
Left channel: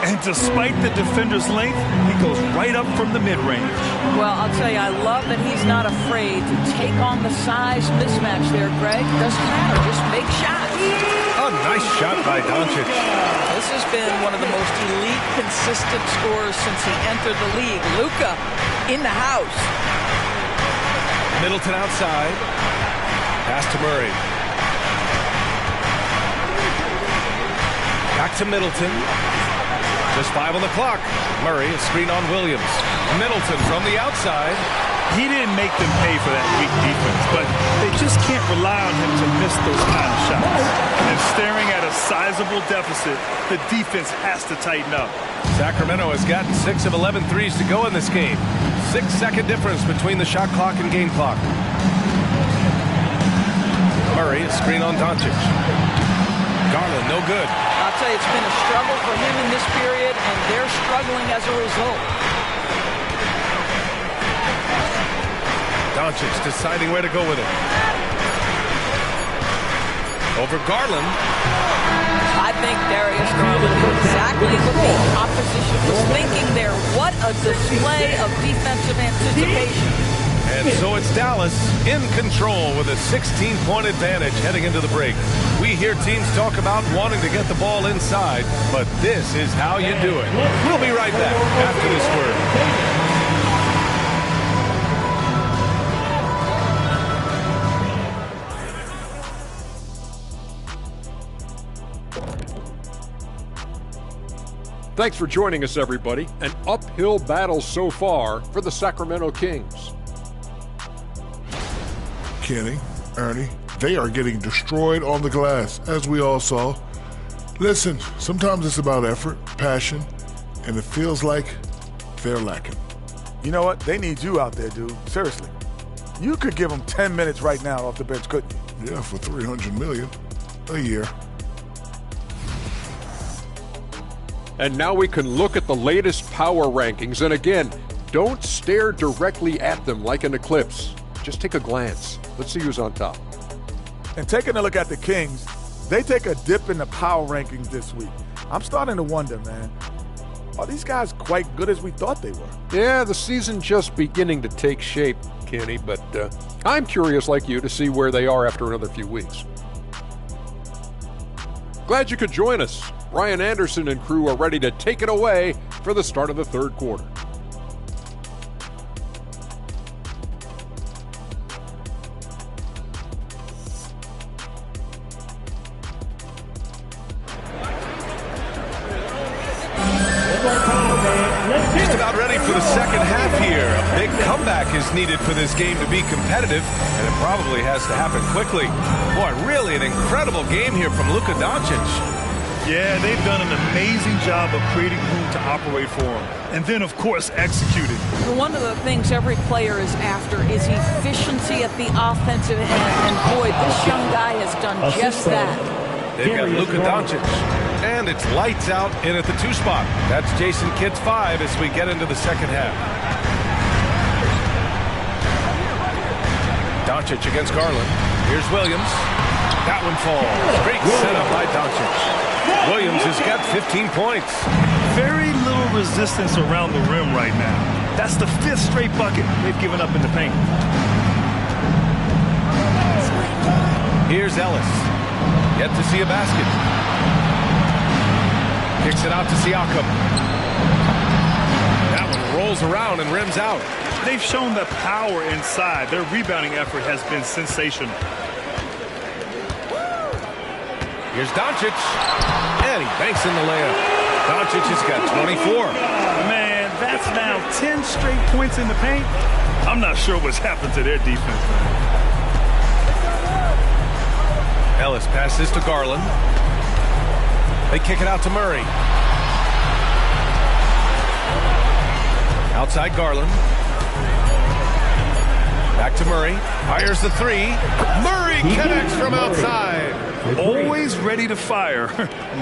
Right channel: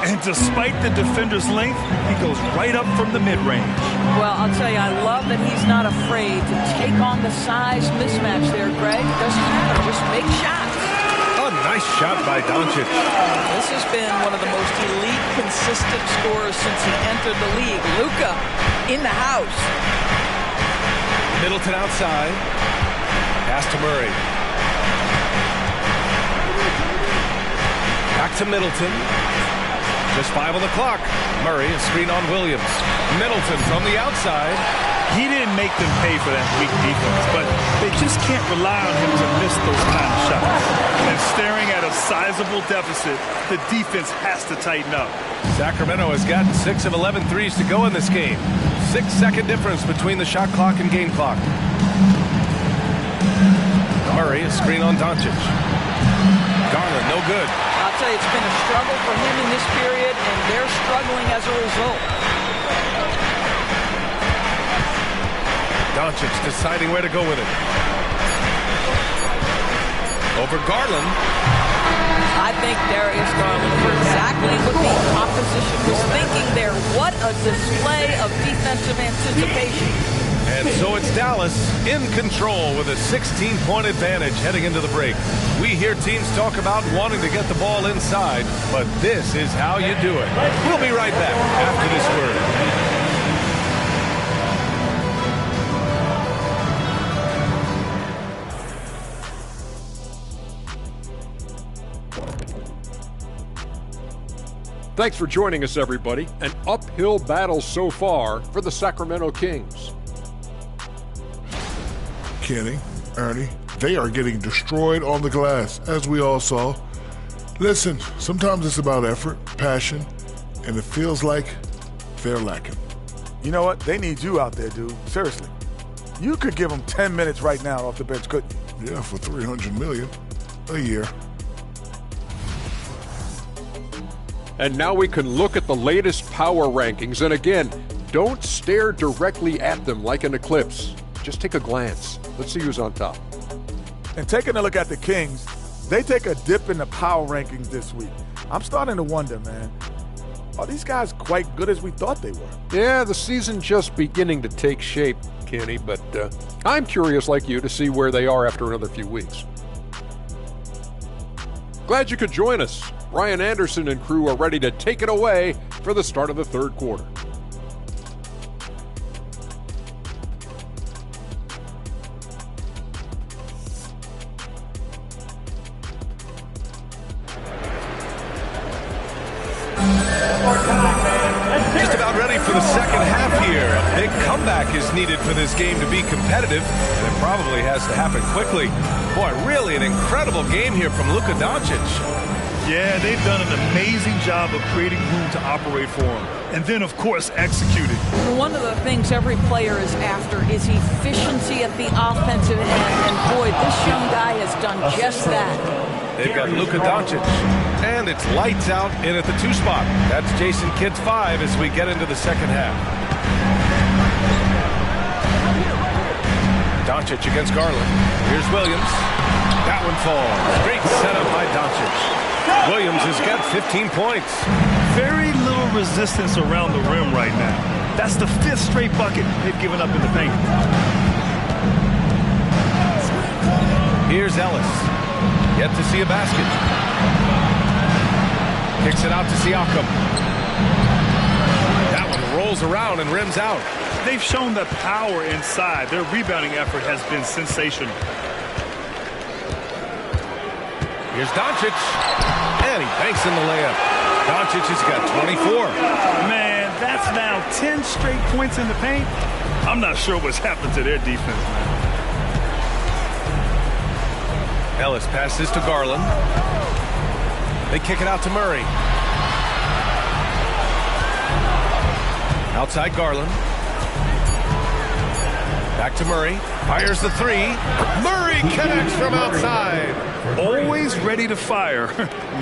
And despite the defender's length, he goes right up from the mid-range. Well, I'll tell you, I love that he's not afraid to take on the size mismatch there, Greg. Doesn't matter. Just make shots. A nice shot by Doncic. This has been one of the most elite, consistent scorers since he entered the league. Luka in the house. Middleton outside. Pass to Murray. Back to Middleton. Just 5 on the clock. Murray, a screen on Williams. Middleton from the outside. He didn't make them pay for that weak defense, but they just can't rely on him to miss those kind of shots. And staring at a sizable deficit, the defense has to tighten up. Sacramento has gotten 6 of 11 threes to go in this game. 6-second difference between the shot clock and game clock. Murray, a screen on Doncic. Garland, no good. I'll tell you, it's been a struggle for him in this period, and they're struggling as a result. Doncic deciding where to go with it. Over Garland. I think Darius Garland knew exactly what the opposition was thinking there. What a display of defensive anticipation. And so it's Dallas in control with a 16-point advantage heading into the break. We hear teams talk about wanting to get the ball inside, but this is how you do it. We'll be right back after this word. Thanks for joining us, everybody. An uphill battle so far for the Sacramento Kings. Kenny, Ernie, they are getting destroyed on the glass, as we all saw. Listen, sometimes it's about effort, passion, and it feels like they're lacking. You know what? They need you out there, dude. Seriously. You could give them 10 minutes right now off the bench, couldn't you? Yeah, for $300 million a year. And now we can look at the latest power rankings. And again, don't stare directly at them like an eclipse. Just take a glance. Let's see who's on top. And taking a look at the Kings, they take a dip in the power rankings this week. I'm starting to wonder, man, are these guys quite good as we thought they were? Yeah, the season just beginning to take shape, Kenny, but I'm curious like you to see where they are after another few weeks. Glad you could join us. Ryan Anderson and crew are ready to take it away for the start of the third quarter. Just about ready for the second half here. A big comeback is needed for this game to be competitive, and it probably has to happen quickly. Boy, really an incredible game here from Luka Doncic. Yeah, they've done an amazing job of creating room to operate for him. And then, of course, executing. One of the things every player is after is efficiency at the offensive end. And boy, this young guy has done just that. They've got Luka Doncic. And it's lights out in at the 2 spot. That's Jason Kidd's 5 as we get into the second half. Doncic against Garland. Here's Williams. That one falls. Great setup by Doncic. Williams has got 15 points. Very little resistance around the rim right now. That's the 5th straight bucket they've given up in the paint. Here's Ellis. Yet to see a basket. Kicks it out to Siakam. That one rolls around and rims out. They've shown the power inside. Their rebounding effort has been sensational. Here's Doncic. And he banks in the layup. Doncic has got 24. Man, that's now 10 straight points in the paint. I'm not sure what's happened to their defense, man. Ellis passes to Garland. They kick it out to Murray. Outside Garland. Back to Murray. Fires the three. Murray connects from outside. Always ready to fire.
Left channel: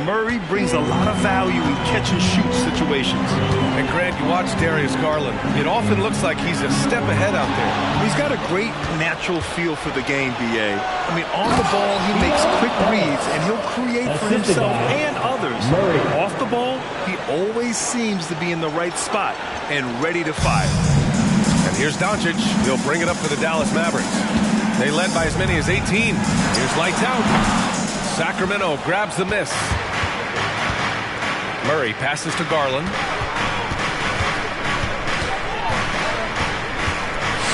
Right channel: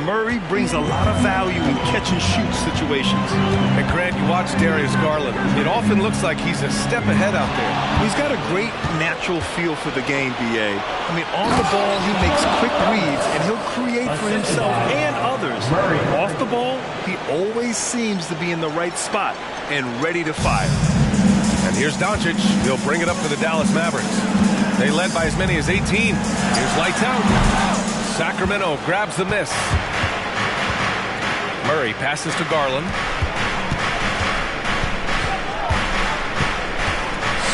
Murray brings a lot of value in catch-and-shoot situations. And Grant, you watch Darius Garland. It often looks like he's a step ahead out there. He's got a great natural feel for the game, B.A. I mean, on the ball, he makes quick reads, and he'll create for himself and others. Off the ball, he always seems to be in the right spot and ready to fire. And here's Doncic. He'll bring it up for the Dallas Mavericks. They led by as many as 18. Here's lights out. Sacramento grabs the miss. Murray passes to Garland.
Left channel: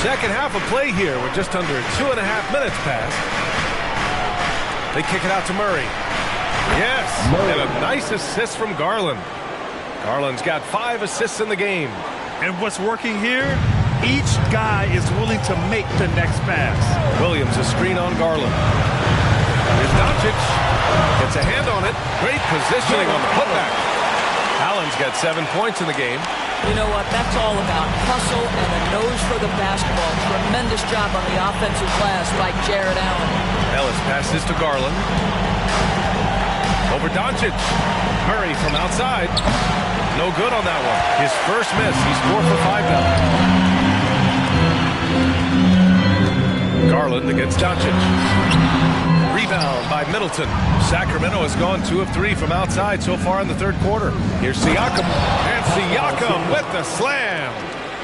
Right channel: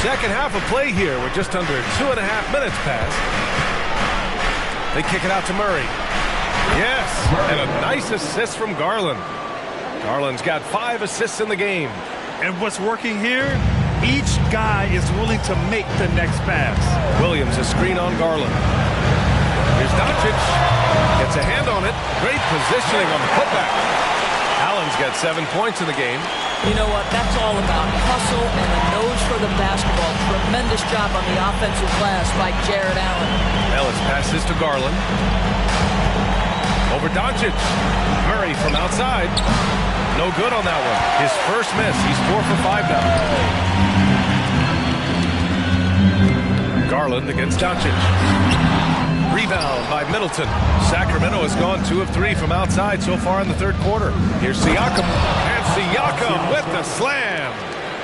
Second half of play here with just under 2.5 minutes passed. They kick it out to Murray. Yes, and a nice assist from Garland. Garland's got 5 assists in the game. And what's working here? Each guy is willing to make the next pass. Williams a screen on Garland. Here's Doncic. Gets a hand on it. Great positioning on the putback. Allen's got 7 points in the game. You know what? That's all about hustle and a nose for the basketball. Tremendous job on the offensive glass by Jared Allen. Ellis passes to Garland. Over Doncic. Murray from outside. No good on that one. His first miss. He's 4 for 5 now. Garland against Doncic. Rebound by Middleton. Sacramento has gone 2 of 3 from outside so far in the third quarter. Here's Siakam. And Siakam with the slam.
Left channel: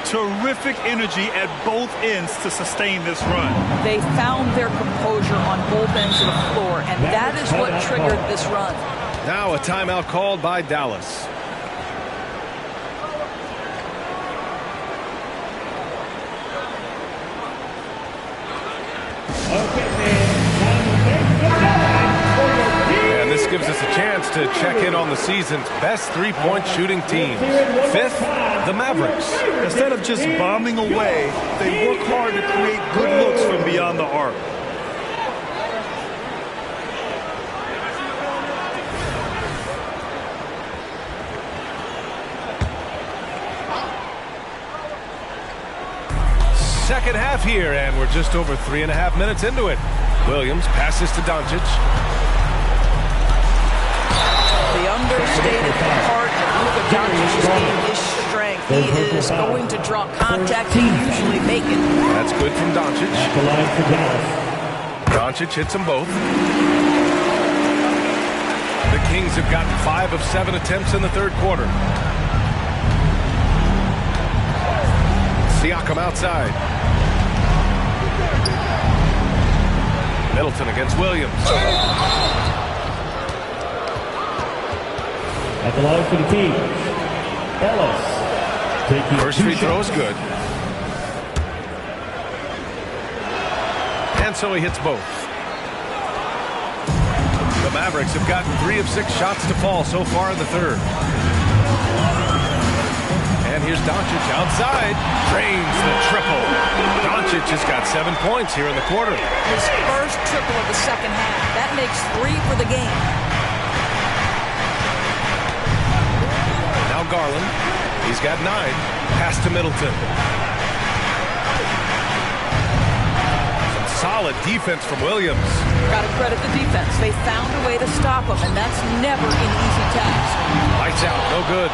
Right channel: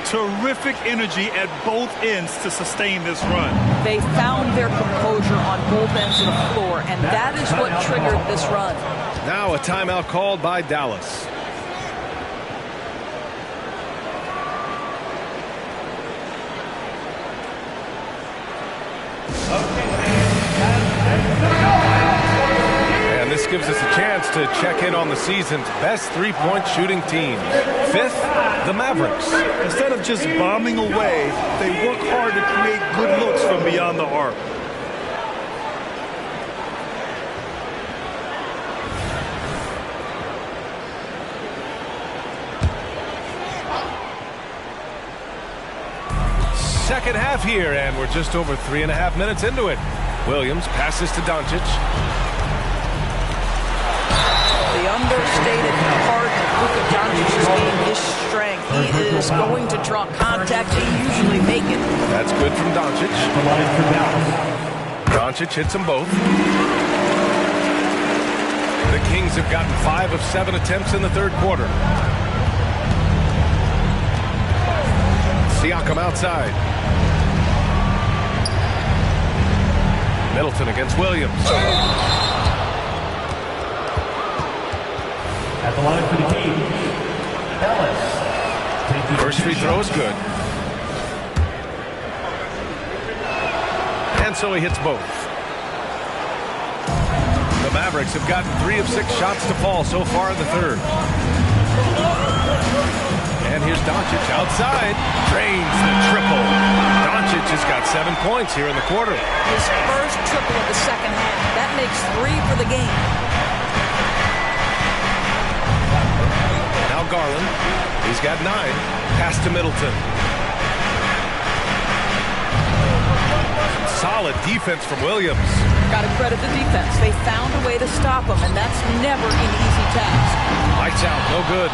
Terrific energy at both ends to sustain this run. They found their composure on both ends of the floor, and that is what triggered this run. Now a timeout called by Dallas. And this gives us a chance to check in on the season's best three-point shooting teams. 5th, the Mavericks. Instead of just bombing away, they work hard to create good looks from beyond the arc. Second half here, and we're just over 3.5 minutes into it. Williams passes to Doncic. The understated part of Luka Doncic's game is strength. He is going to draw contact. He usually make it. That's good from Doncic. Doncic hits them both. The Kings have gotten 5 of 7 attempts in the third quarter. Siakam outside. Middleton against Williams. At the line for the Kings, Ellis. First free throw is good. And so he hits both. The Mavericks have gotten 3 of 6 shots to fall so far in the third. And here's Doncic outside. Drains the triple. Doncic has got 7 points here in the quarter. His first triple of the second half. That makes 3 for the game. Now Garland. He's got 9. Pass to Middleton. Some solid defense from Williams. Got to credit the defense. They found a way to stop him, and that's never an easy task. Lights out. No good.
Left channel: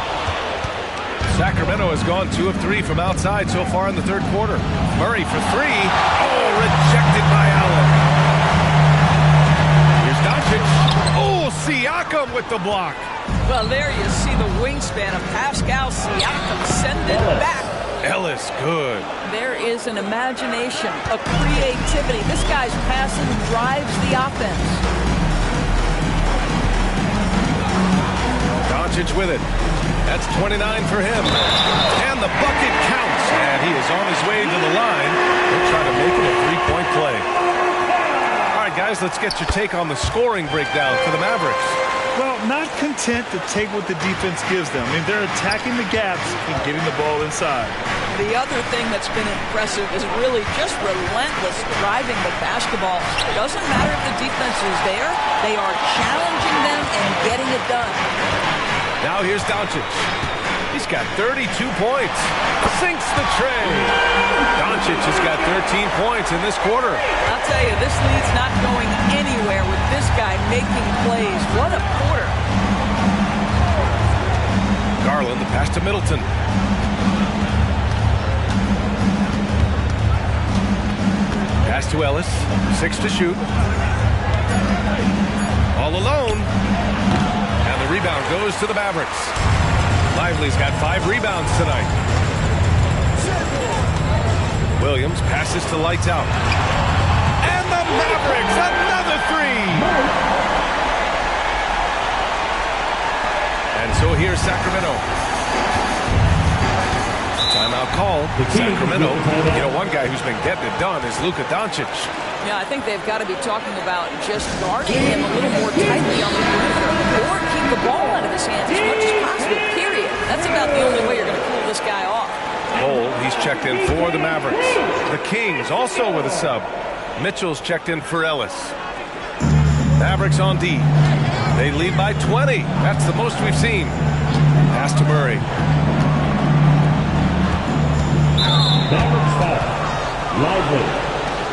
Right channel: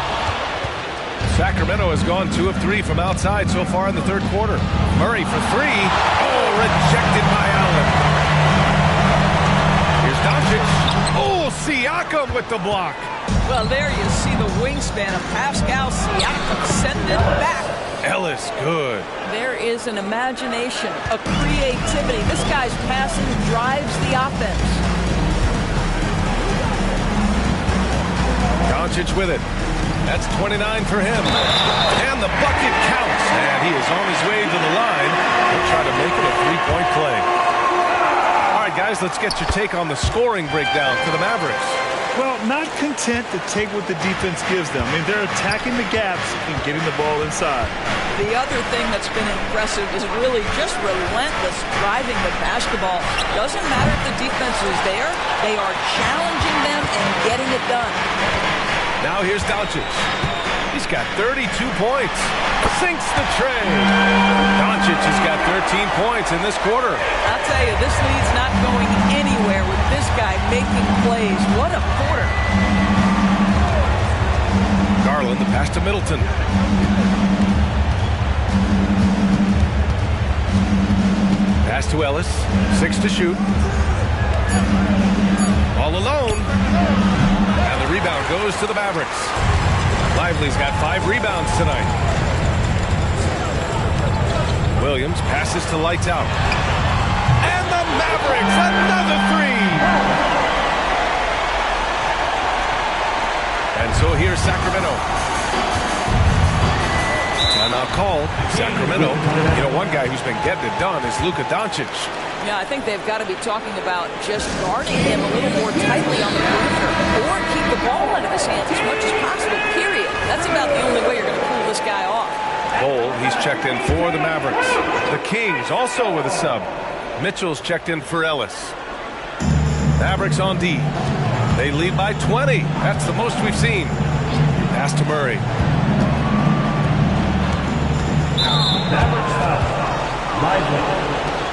Sacramento has gone 2 of 3 from outside so far in the third quarter. Murray for 3. Oh, rejected by Allen. Here's Doncic. Oh, Siakam with the block. Well, there you see the wingspan of Pascal Siakam. Send it back. Ellis, good. There is an imagination, a creativity. This guy's passing drives the offense. Doncic with it. That's 29 for him. And the bucket counts. And he is on his way to the line. He'll try to make it a three-point play. All right, guys, let's get your take on the scoring breakdown for the Mavericks. Well, not content to take what the defense gives them. I mean, they're attacking the gaps and getting the ball inside. The other thing that's been impressive is really just relentless driving the basketball. Doesn't matter if the defense is there. They are challenging them and getting it done. Now here's Doncic. He's got 32 points. Sinks the tray. Doncic has got 13 points in this quarter. I'll tell you, this lead's not going anywhere with this guy making plays. What a quarter. Garland, the pass to Middleton. Pass to Ellis. 6 to shoot. All alone. And the rebound goes to the Mavericks. Lively's got 5 rebounds tonight. Williams passes to Lights Out. And the Mavericks, another 3. And so here's Sacramento. Timeout called. Sacramento. You know, one guy who's been getting it done is Luka Doncic. Yeah, I think they've got to be talking about just guarding him a little more tightly on the perimeter or keep the ball out of his hands as much as possible, period. That's about the only way you're going to cool this guy off. Cole, he's checked in for the Mavericks. The Kings also with a sub. Mitchell's checked in for Ellis. Mavericks on D. They lead by 20. That's the most we've seen. Pass to Murray. Mavericks foul. Lively.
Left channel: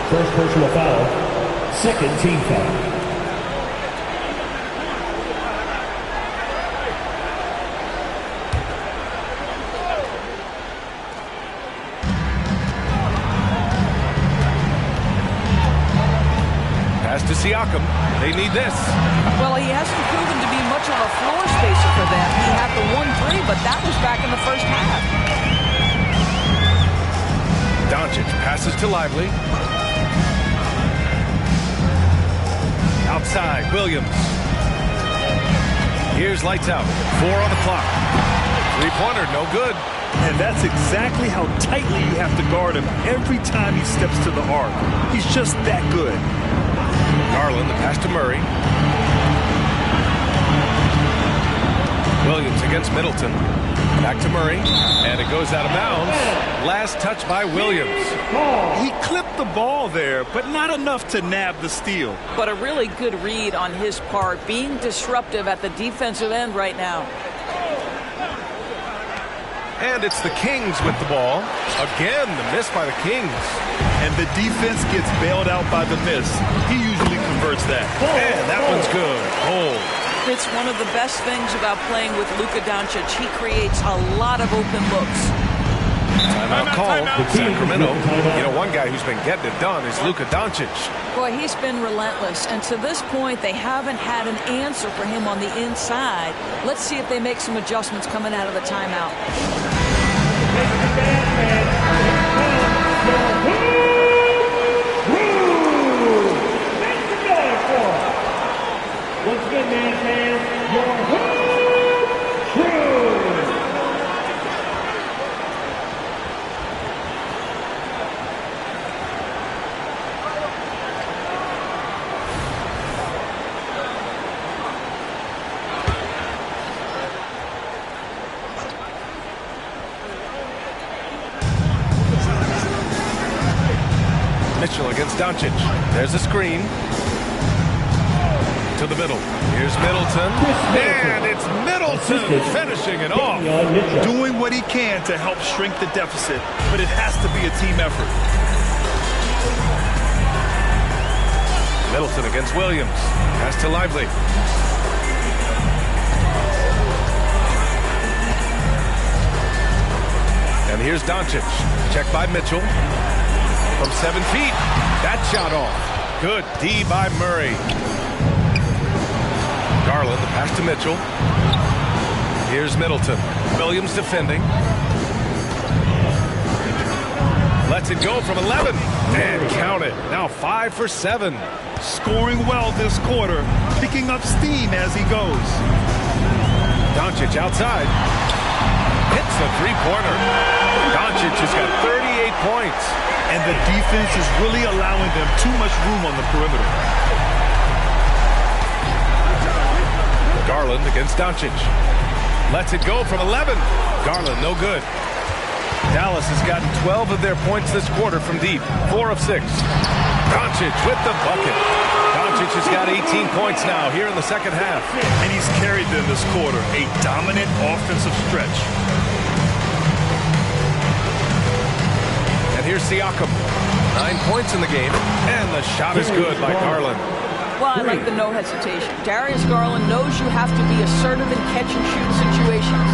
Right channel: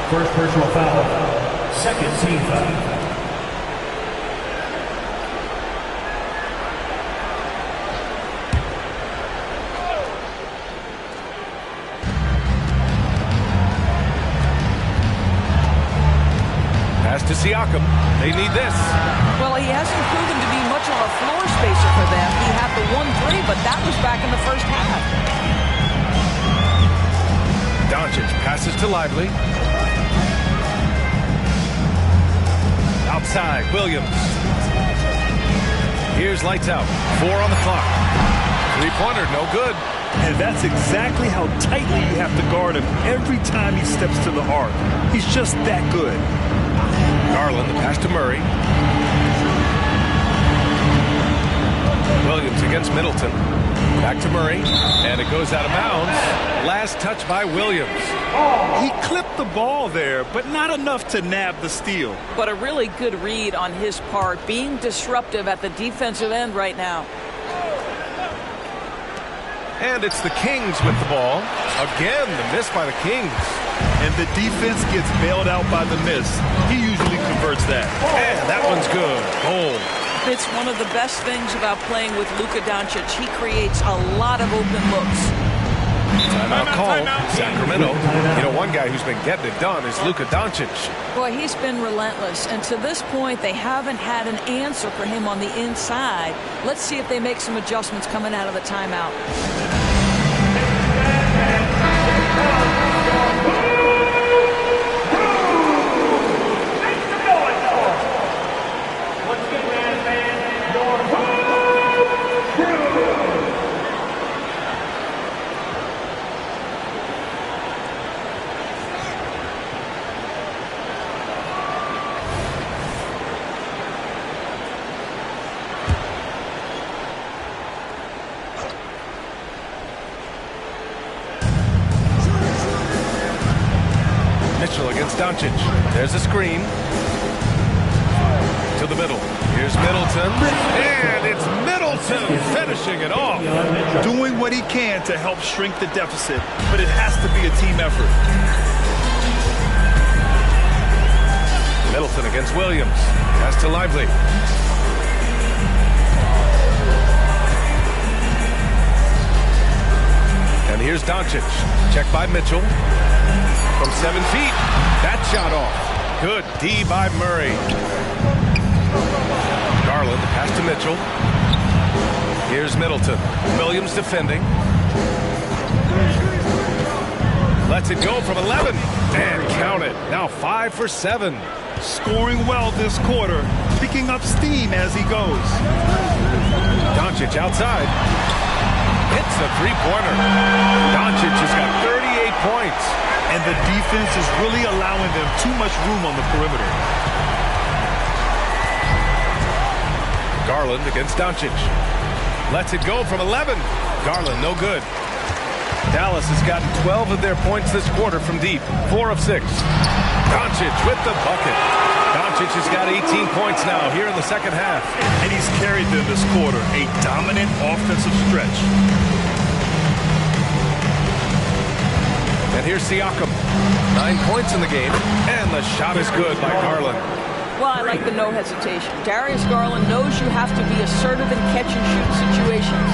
First personal foul. Second team foul. Pass to Siakam. They need this. Well, he hasn't proven to be much of a floor spacer for them. He had the 1-3, but that was back in the first half. Doncic passes to Lively. Outside, Williams. Here's Lights Out. 4 on the clock. Three-pointer, no good. And that's exactly how tightly you have to guard him every time he steps to the arc. He's just that good. Garland, the pass to Murray. Williams against Middleton. Back to Murray. And it goes out of bounds. Last touch by Williams. He clipped the ball there, but not enough to nab the steal. But a really good read on his part, being disruptive at the defensive end right now. And it's the Kings with the ball. Again, the miss by the Kings. And the defense gets bailed out by the miss. He usually converts that. And that one's good. Goal. It's one of the best things about playing with Luka Doncic. He creates a lot of open looks. Timeout called. Sacramento. You know, one guy who's been getting it done is Luka Doncic. Boy, he's been relentless. And to this point, they haven't had an answer for him on the inside. Let's see if they make some adjustments coming out of the timeout. Mitchell against Doncic. There's a screen. To the middle. Here's Middleton. And it's Middleton finishing it off. Doing what he can to help shrink the deficit, but it has to be a team effort. Middleton against Williams. Pass to Lively. And here's Doncic. Check by Mitchell. From 7 feet. That shot off. Good D by Murray. Garland, the pass to Mitchell. Here's Middleton. Williams defending. Lets it go from 11. And count it. Now 5 for 7. Scoring well this quarter. Picking up steam as he goes. Doncic outside. Hits the three-pointer. Doncic has got 38 points. And the defense is really allowing them too much room on the perimeter. Garland against Doncic. Lets it go from 11. Garland, no good. Dallas has gotten 12 of their points this quarter from deep. 4 of 6. Doncic with the bucket. Doncic has got 18 points now here in the second half. And he's carried them this quarter. A dominant offensive stretch. And here's Siakam. 9 points in the game. And the shot is good by Garland. Well, I like the no hesitation. Darius Garland knows you have to be assertive in catch-and-shoot situations.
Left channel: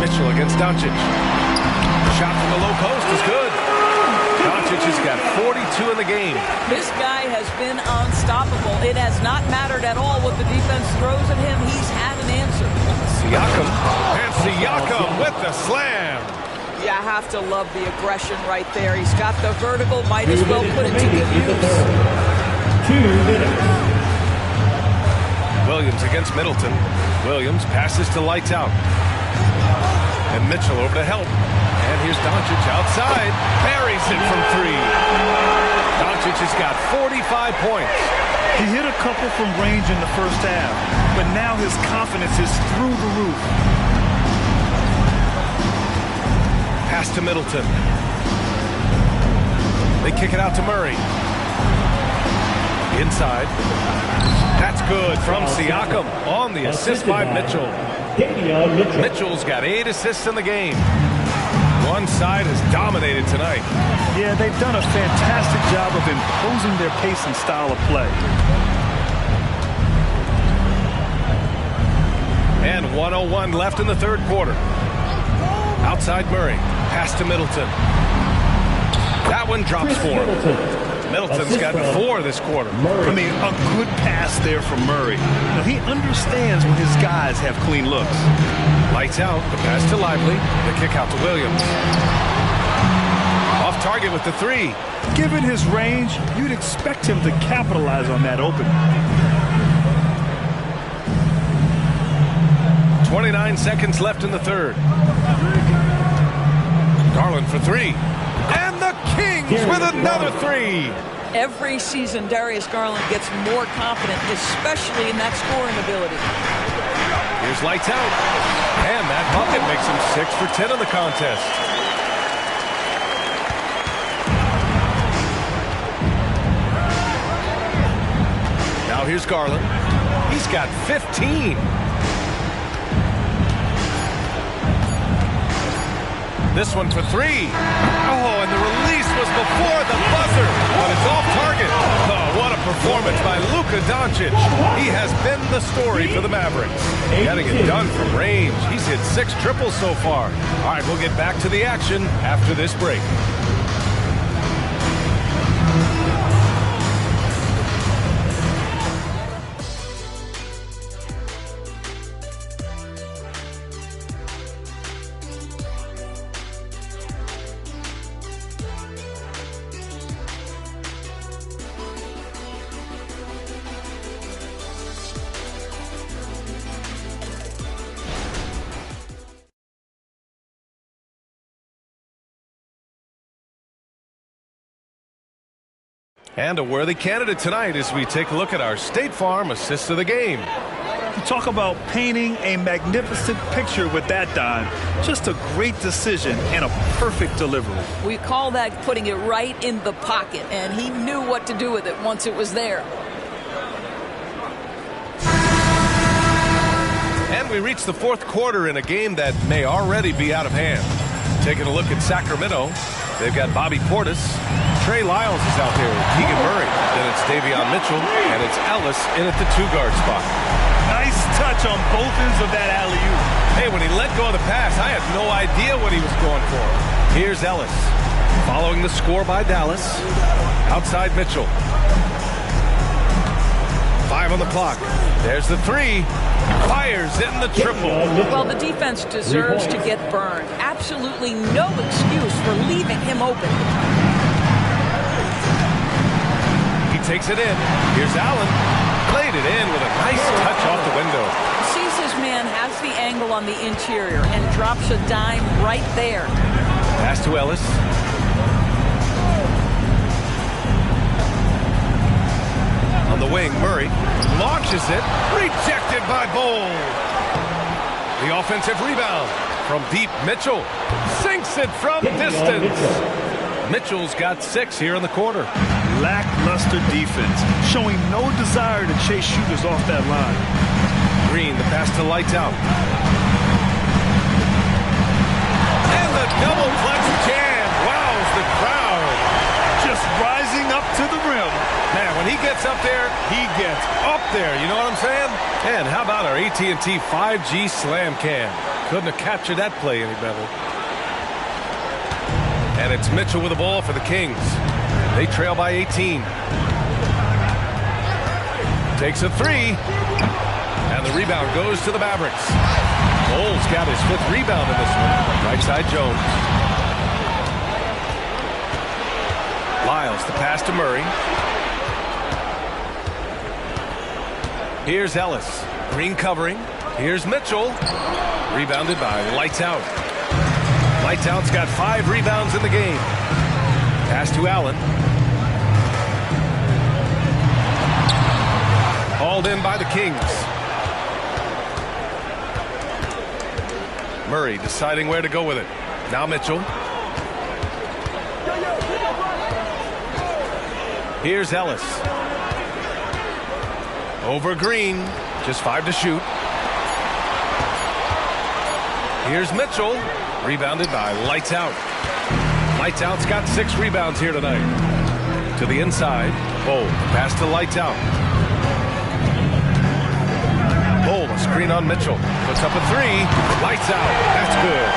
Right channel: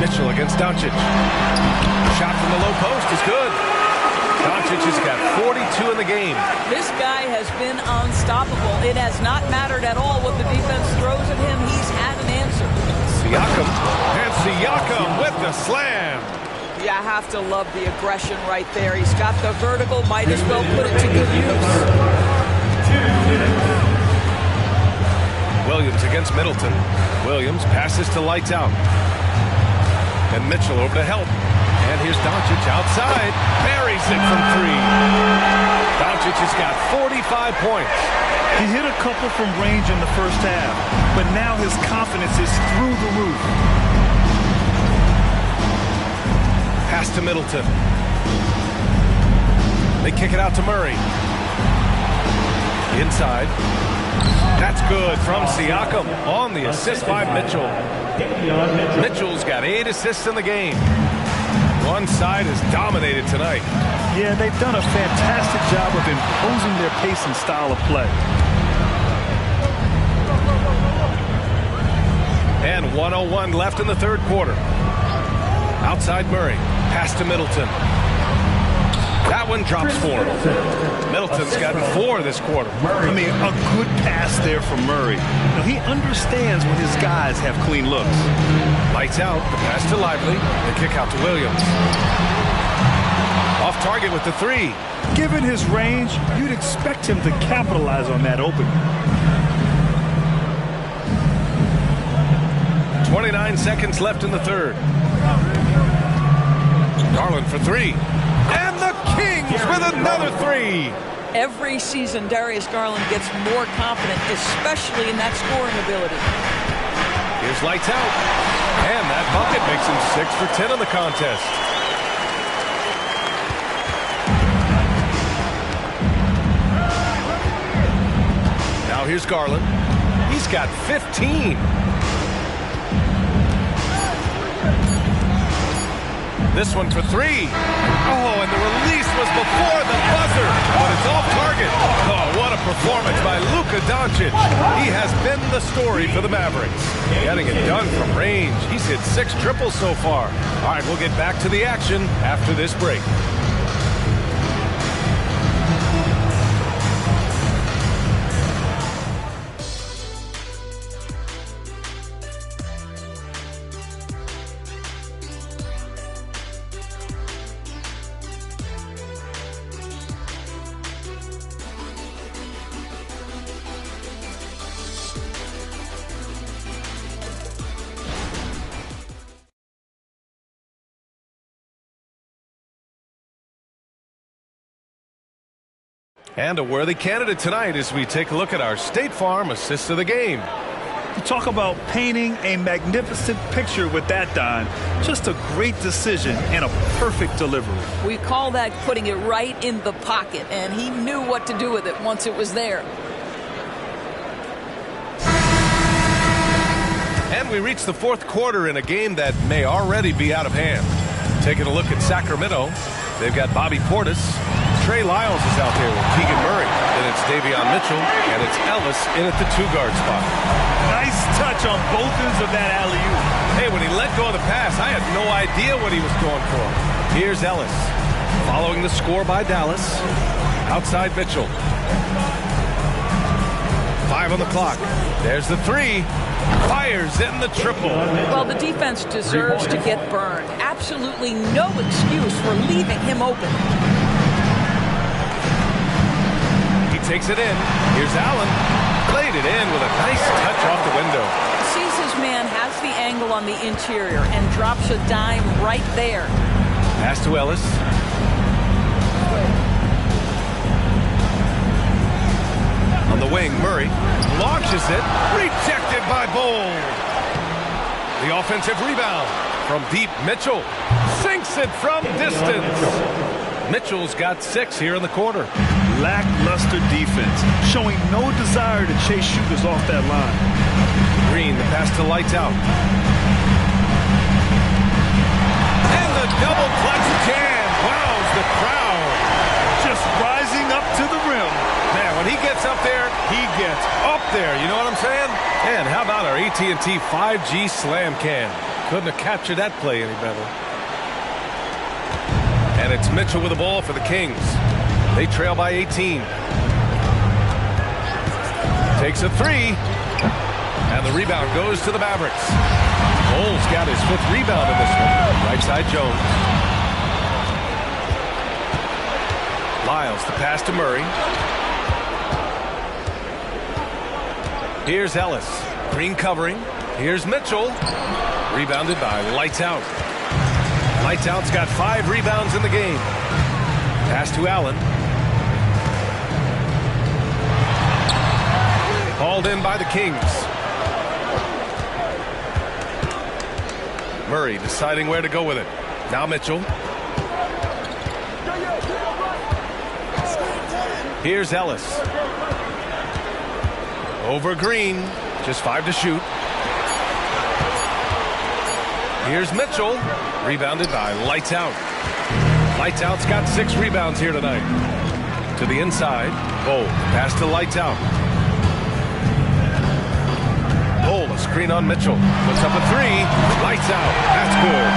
Mitchell against Doncic. Shot from the low post is good. Doncic has got 42 in the game. This guy has been unstoppable. It has not mattered at all what the defense throws at him. He's had an answer. Siakam. And Siakam with the slam. You have to love the aggression right there. He's got the vertical. Might as well put it to good use. 2 minutes. Williams against Middleton. Williams passes to lights out. And Mitchell over to help. And here's Doncic outside. Buries it from 3. Doncic has got 45 points. He hit a couple from range in the first half, but now his confidence is through the roof. Pass to Middleton. They kick it out to Murray. Inside. That's good from Siakam on the assist by Mitchell. Mitchell's got 8 assists in the game. One side has dominated tonight. Yeah, they've done a fantastic job of imposing their pace and style of play. And 1:01 left in the third quarter. Outside Murray. Pass to Middleton. That one drops for him. Middleton's gotten 4 this quarter. I mean, a good pass there from Murray. Now, he understands when his guys have clean looks. Lights out. The pass to Lively. The kick out to Williams. Off target with the 3. Given his range, you'd expect him to capitalize on that opening. 29 seconds left in the third. Garland for 3. And the Kings with another 3. Every season, Darius Garland gets more confident, especially in that scoring ability. Here's lights out. And that bucket makes him 6 for 10 in the contest. Now here's Garland. He's got 15. This one for 3. Oh, and the release was before the buzzer, but it's off target. Oh, what a performance by Luka Doncic. He has been the story for the Mavericks. Getting it done from range. He's hit 6 triples so far. All right, we'll get back to the action after this break. And a worthy candidate tonight as we take a look at our State Farm assist of the game. You talk about painting a magnificent picture with that, Don. Just a great decision and a perfect delivery. We call that putting it right in the pocket, and he knew what to do with it once it was there. And we reach the fourth quarter in a game that may already be out of hand. Taking a look at Sacramento, they've got Bobby Portis. Trey Lyles is out there with Keegan Murray. Then it's Davion Mitchell, and it's Ellis in at the 2-guard spot. Nice touch on both ends of that alley-oop. Hey, when he let go of the pass, I had no idea what he was going for. Here's Ellis. Following the score by Dallas. Outside Mitchell. 5 on the clock. There's the 3. Fires in the triple. Well, the defense deserves to get burned. Absolutely no excuse for leaving him open. He takes it in. Here's Allen. Played it in with a nice touch off the window. Sees his man, has the angle on the interior, and drops a dime right there. Pass to Ellis. On the wing, Murray launches it. Rejected by Bowl. The offensive rebound from deep. Mitchell sinks it from distance. Mitchell's got 6 here in the quarter. Lackluster defense, showing no desire to chase shooters off that line. Green, the pass to Lights Out. And the double clutch jam wows the crowd. Just rising up to the rim. Man, when he gets up there, he gets up there. You know what I'm saying? And how about our AT&T 5G Slam Cam? Couldn't have captured that play any better. And it's Mitchell with the ball for the Kings. They trail by 18. Takes a 3. And the rebound goes to the Mavericks. Bowles got his 5th rebound in this one. Right side Jones. Lyles, the pass to Murray. Here's Ellis. Green covering. Here's Mitchell. Rebounded by Lights Out. Lights Out's got 5 rebounds in the game. Pass to Allen. Hauled in by the Kings. Murray deciding where to go with it. Now Mitchell. Here's Ellis. Over Green. Just 5 to shoot. Here's Mitchell. Rebounded by Lights Out. Lights Out's got 6 rebounds here tonight. To the inside. Bowl. Pass to Lights Out. Bowl, a screen on Mitchell. Puts up a 3. Lights Out. That's good.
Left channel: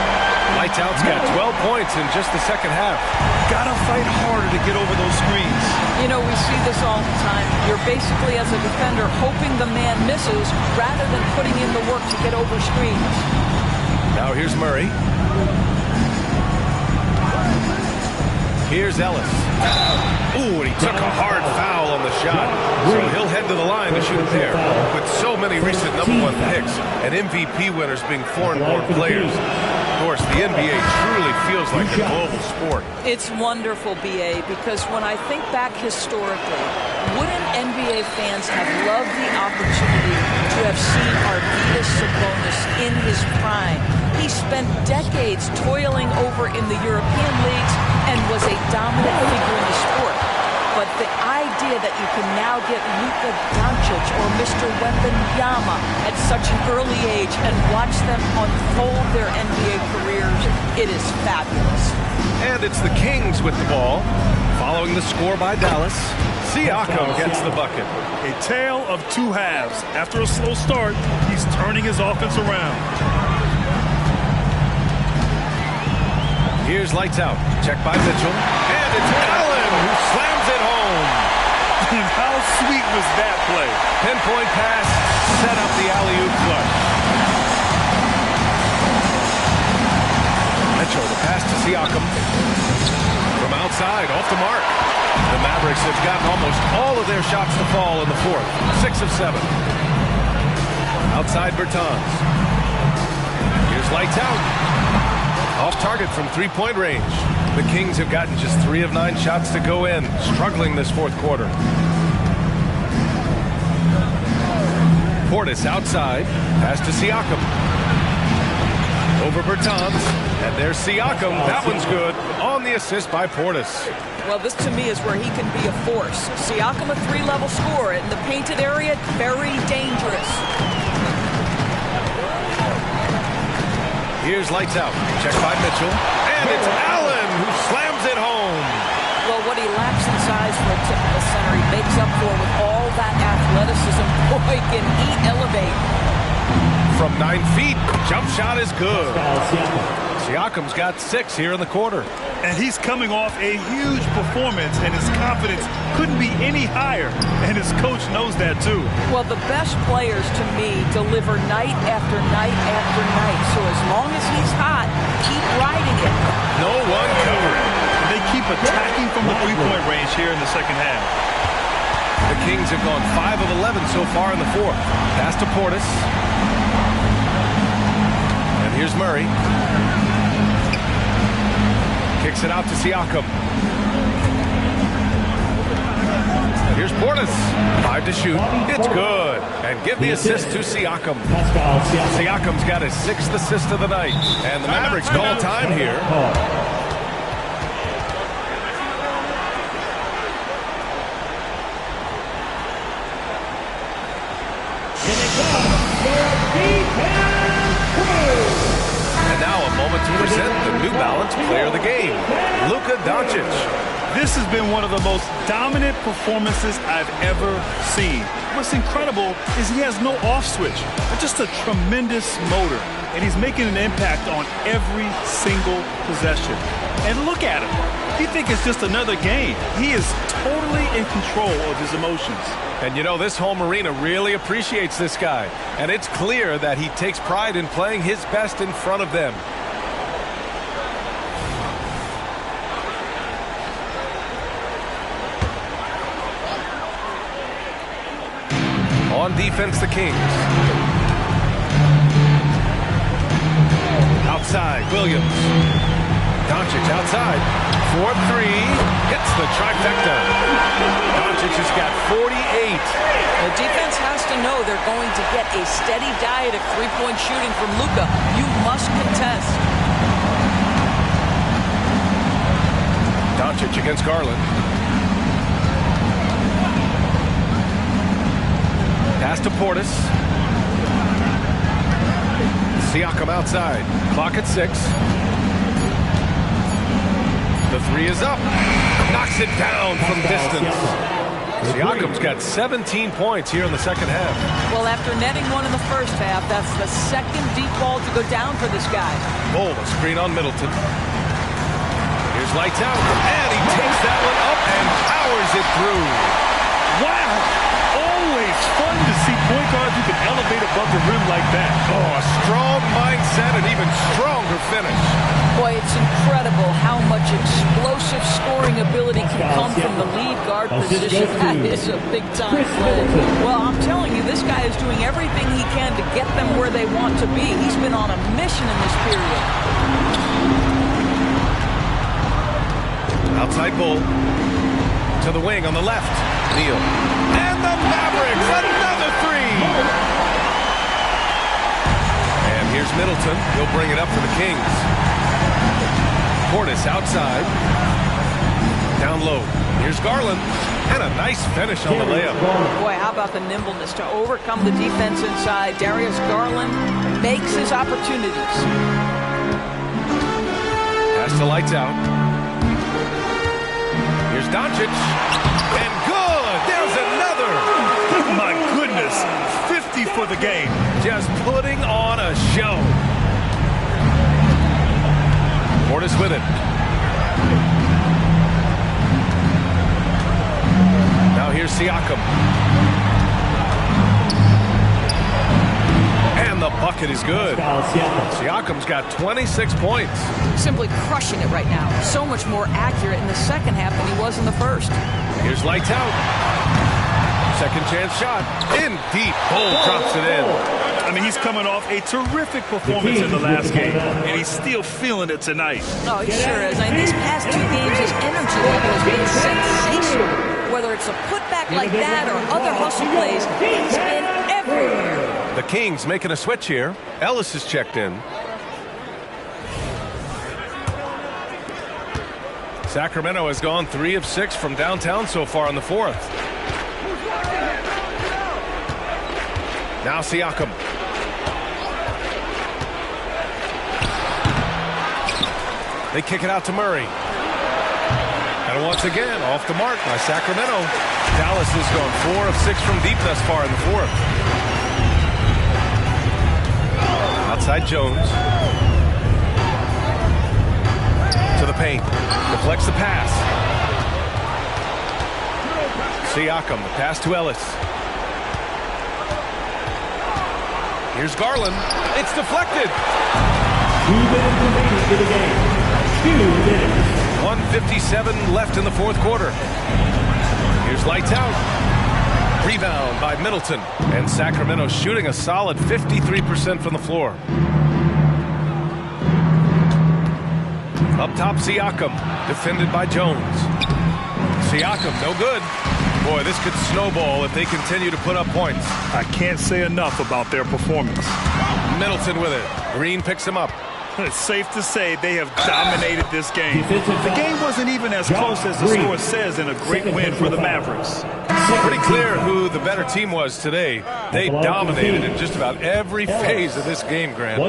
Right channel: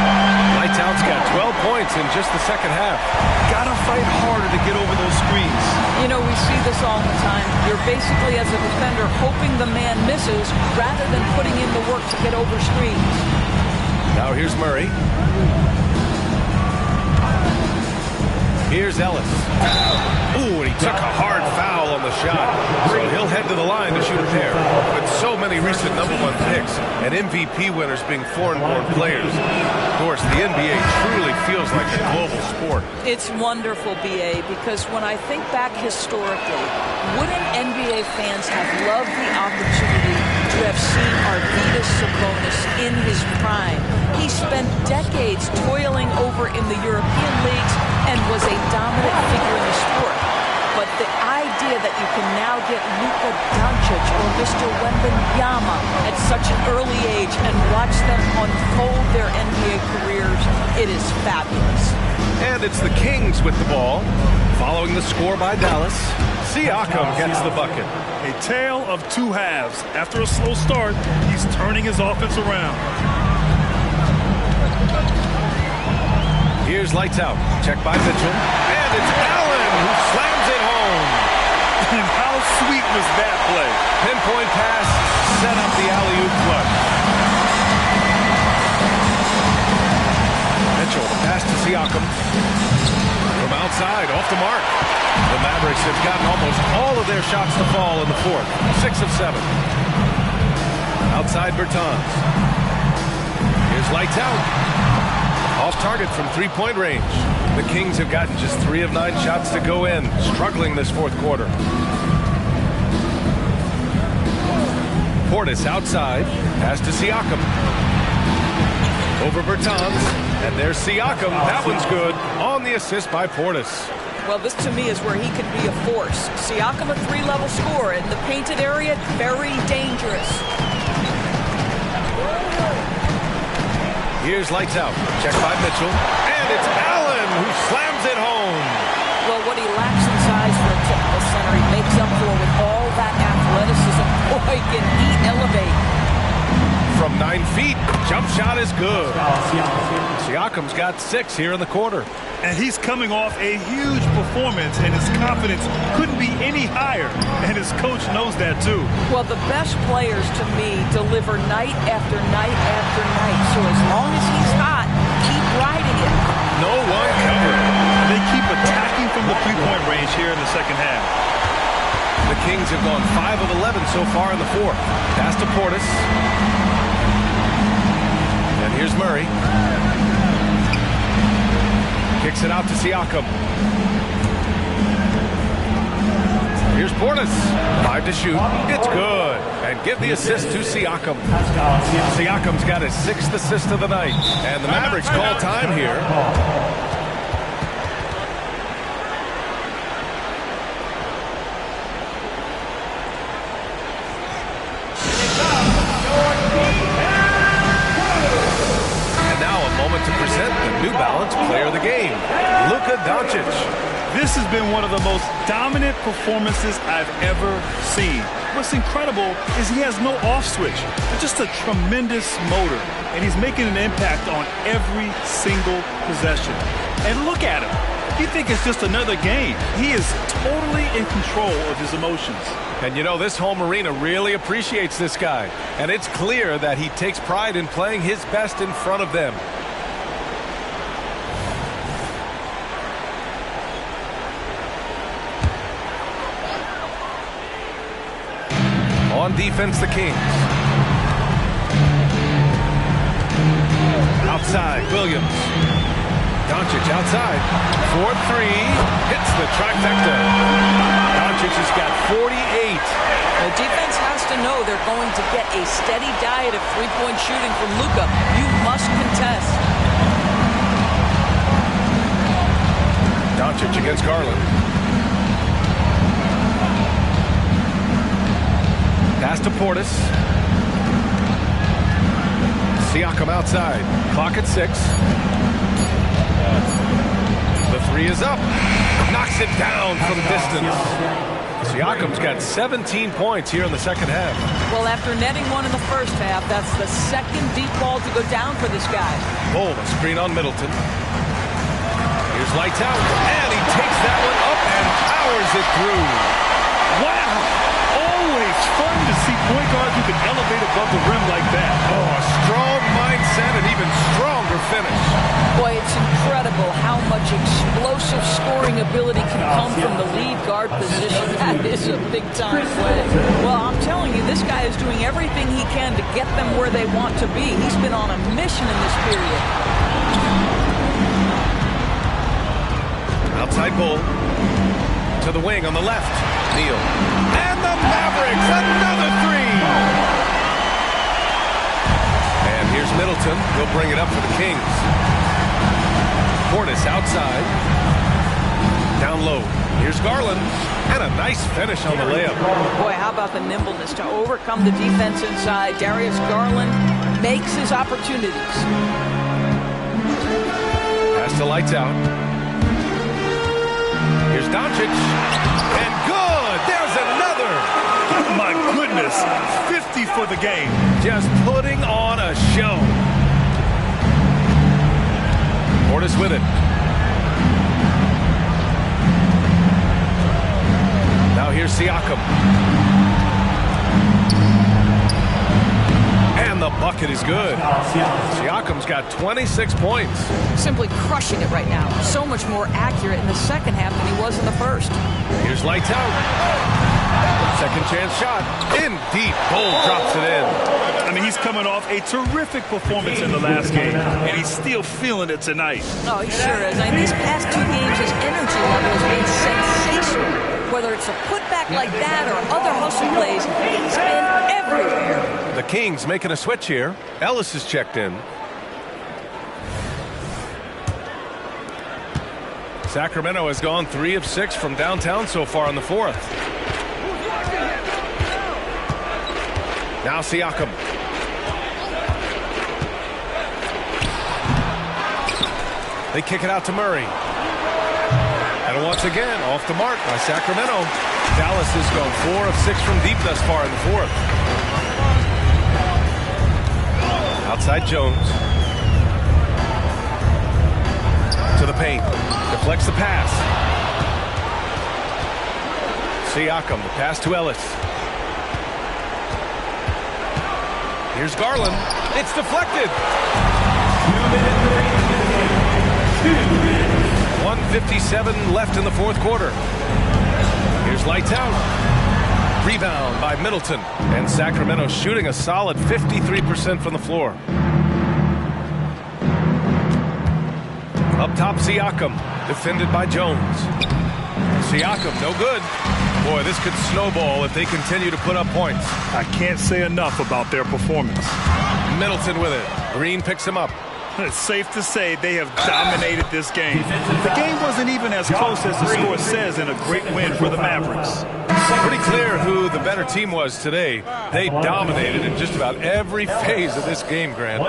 Lights Out's got 12 points in just the second half. Gotta fight harder to get over those screens. You know, we see this all the time. You're basically, as a defender, hoping the man misses rather than putting in the work to get over screens. Now here's Murray. Here's Ellis. Ooh, and he took a hard foul on the shot. So he'll head to the line to shoot a pair. With so many recent #1 picks and MVP winners being foreign-born players, of course, the NBA truly feels like a global sport. It's wonderful, BA, because when I think back historically, wouldn't NBA fans have loved the opportunity to have seen Arvydas Sabonis in his prime? He spent decades toiling over in the European leagues and was a dominant figure in the sport. But the idea that you can now get Luka Doncic or Mr. Wembanyama at such an early age and watch them unfold their NBA careers, it is fabulous. And it's the Kings with the ball. Following the score by Dallas, Siakam gets the bucket. A tale of 2 halves. After a slow start, he's turning his offense around. Here's Lights Out. Check by Mitchell. And it's Allen who slams it home. And how sweet was that play? Pinpoint pass, set up the alley-oop flush. Mitchell, the pass to Siakam. From outside, off the mark. The Mavericks have gotten almost all of their shots to fall in the 4th. 6 of 7. Outside Bertans. Here's Lights Out. Off target from 3-point range. The Kings have gotten just 3 of 9 shots to go in, struggling this 4th quarter. Portis outside, pass to Siakam. Over Bertans, and there's Siakam. That one's good. On the assist by Portis. Well, this to me is where he can be a force. Siakam, a 3-level scorer in the painted area, very dangerous. Here's Lights Out. Check by Mitchell. And it's Allen who slams it home. Well, what he lacks in size for a typical center, he makes up for with all that athleticism. Boy, can he elevate. From 9 feet, jump shot is good. Siakam's got 6 here in the quarter. And he's coming off a huge performance, and his confidence couldn't be any higher. And his coach knows that, too. Well, the best players, to me, deliver night after night after night. So as long as he's hot, keep riding it. No one covering. And they keep attacking from the 3-point range here in the second half. The Kings have gone 5 of 11 so far in the 4th. Pass to Portis. And here's Murray. Kicks it out to Siakam. Here's Portis. 5 to shoot. It's good. And give the assist to Siakam. Siakam's got his 6th assist of the night. And the Mavericks call time here. And now a moment to present the New Balance Player of the Game, Luka Doncic. This has been one of the most dominant performances I've ever seen. What's incredible is he has no off switch, just a tremendous motor, and he's making an impact on every single possession. And look at him. You think it's just another game. He is totally in control of his emotions. And you know, this home arena really appreciates this guy. And it's clear that he takes pride in playing his best in front of them. On defense, the Kings. Outside, Williams. Doncic outside. 4-3. Hits the trifecta. Doncic has got 48. The defense has to know they're going to get a steady diet of three-point shooting from Luka. You must contest. Doncic against Garland. Pass to Portis. Siakam outside. Clock at 6. The 3 is up. Knocks it down from distance. Siakam's got 17 points here in the second half. Well, after netting one in the first half, that's the second deep ball to go down for this guy. Oh, a screen on Middleton. Here's lights out. And he takes that one up and powers it through. Wow! Always fun to see point guards who can elevate above the rim like that. Oh, a strong mindset and even stronger finish. Boy, it's incredible how much explosive scoring ability can come from the lead guard position. That is a big-time play. Well, I'm telling you, this guy is doing everything he can to get them where they want to be. He's been on a mission in this period. Outside Bull. To the wing on the left. Neal. And the Mavericks, another 3. And here's Middleton. He'll bring it up for the Kings. Portis outside. Down low. Here's Garland. And a nice finish on the layup. Boy, how about the nimbleness to overcome the defense inside. Darius Garland makes his opportunities. Pass to lights out. Here's Doncic. And good! There's another! My goodness! 50 for the game. Just putting on a show. Portis with it. Now here's Siakam. And the bucket is good. Siakam's got 26 points. Simply crushing it right now. So much more accurate in the second half than he was in the first. Here's lights out. Second chance shot. In deep. Bull drops it in. I mean, he's coming off a terrific performance in the last game, and he's still feeling it tonight. Oh, he sure is. I mean, these past 2 games, his energy level has been sensational. Whether it's a putback like that or other hustle plays, he's been everywhere. The Kings making a switch here. Ellis is checked in. Sacramento has gone 3 of 6 from downtown so far in the 4th. Now Siakam. They kick it out to Murray. And once again, off the mark by Sacramento. Dallas has gone 4 of 6 from deep thus far in the 4th. Outside Jones. To the paint. Deflects the pass. Siakam, the pass to Ellis. Here's Garland. It's deflected. 2 minutes remaining in the game. 2 minutes. 1:57 left in the 4th quarter. Here's lights out. Rebound by Middleton. And Sacramento shooting a solid 53% from the floor. Up top, Siakam. Defended by Jones. Siakam, no good. Boy, this could snowball if they continue to put up points. I can't say enough about their performance. Middleton with it. Green picks him up. It's safe to say they have dominated this game. The game wasn't even as close as the score says, and a great win for the Mavericks. Pretty clear who the better team was today. They dominated in just about every phase of this game, Grant.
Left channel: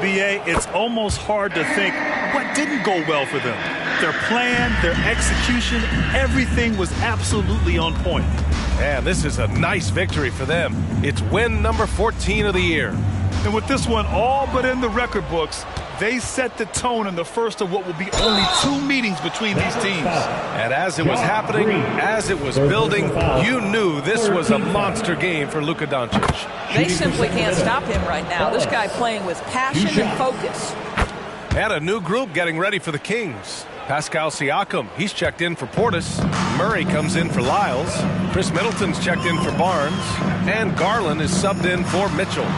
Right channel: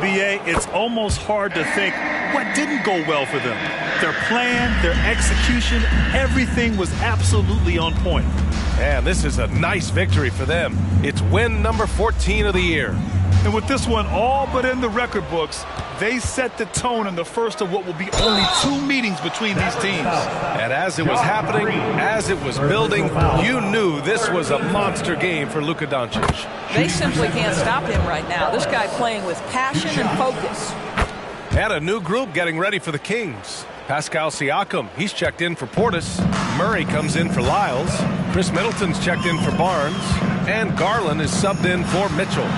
B.A., it's almost hard to think what didn't go well for them. Their plan, their execution, everything was absolutely on point. And this is a nice victory for them. It's win number 14 of the year. And with this one all but in the record books, they set the tone in the first of what will be only 2 meetings between these teams. And as it was happening, as it was building, you knew this was a monster game for Luka Doncic. They simply can't stop him right now. This guy playing with passion and focus. And a new group getting ready for the Kings. Pascal Siakam, he's checked in for Portis. Murray comes in for Lyles. Chris Middleton's checked in for Barnes. And Garland is subbed in for Mitchell.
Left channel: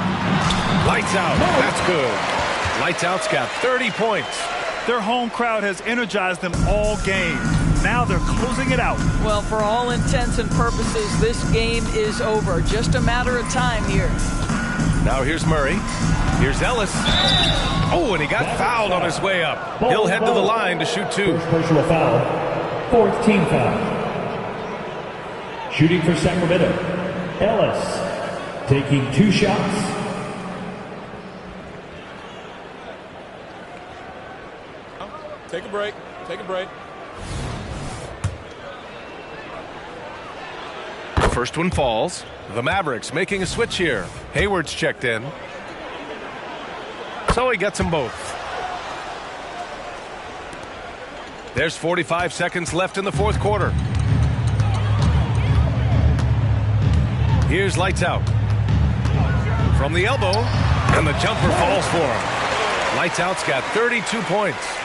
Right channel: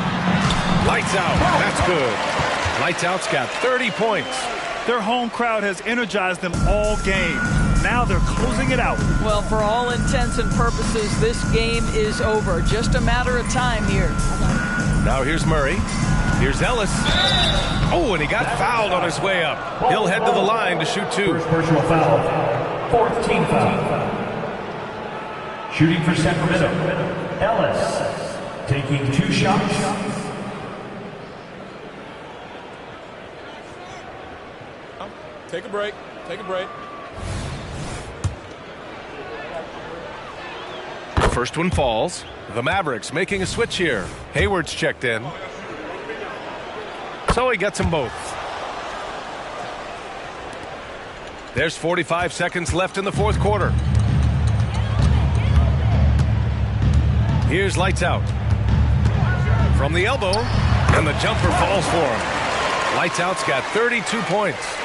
Lights out. That's good. Lights out's got 30 points. Their home crowd has energized them all game. Now they're closing it out. Well, for all intents and purposes, this game is over. Just a matter of time here. Now here's Murray. Here's Ellis. Oh, and he got fouled on his way up. He'll head to the line to shoot 2. First personal foul. 4th team foul. Shooting for Sacramento. Ellis taking 2 shots. Take a break. Take a break. First one falls. The Mavericks making a switch here. Hayward's checked in. So he gets them both. There's 45 seconds left in the 4th quarter. Here's lights out. From the elbow, and the jumper falls for him. Lights out's got 32 points.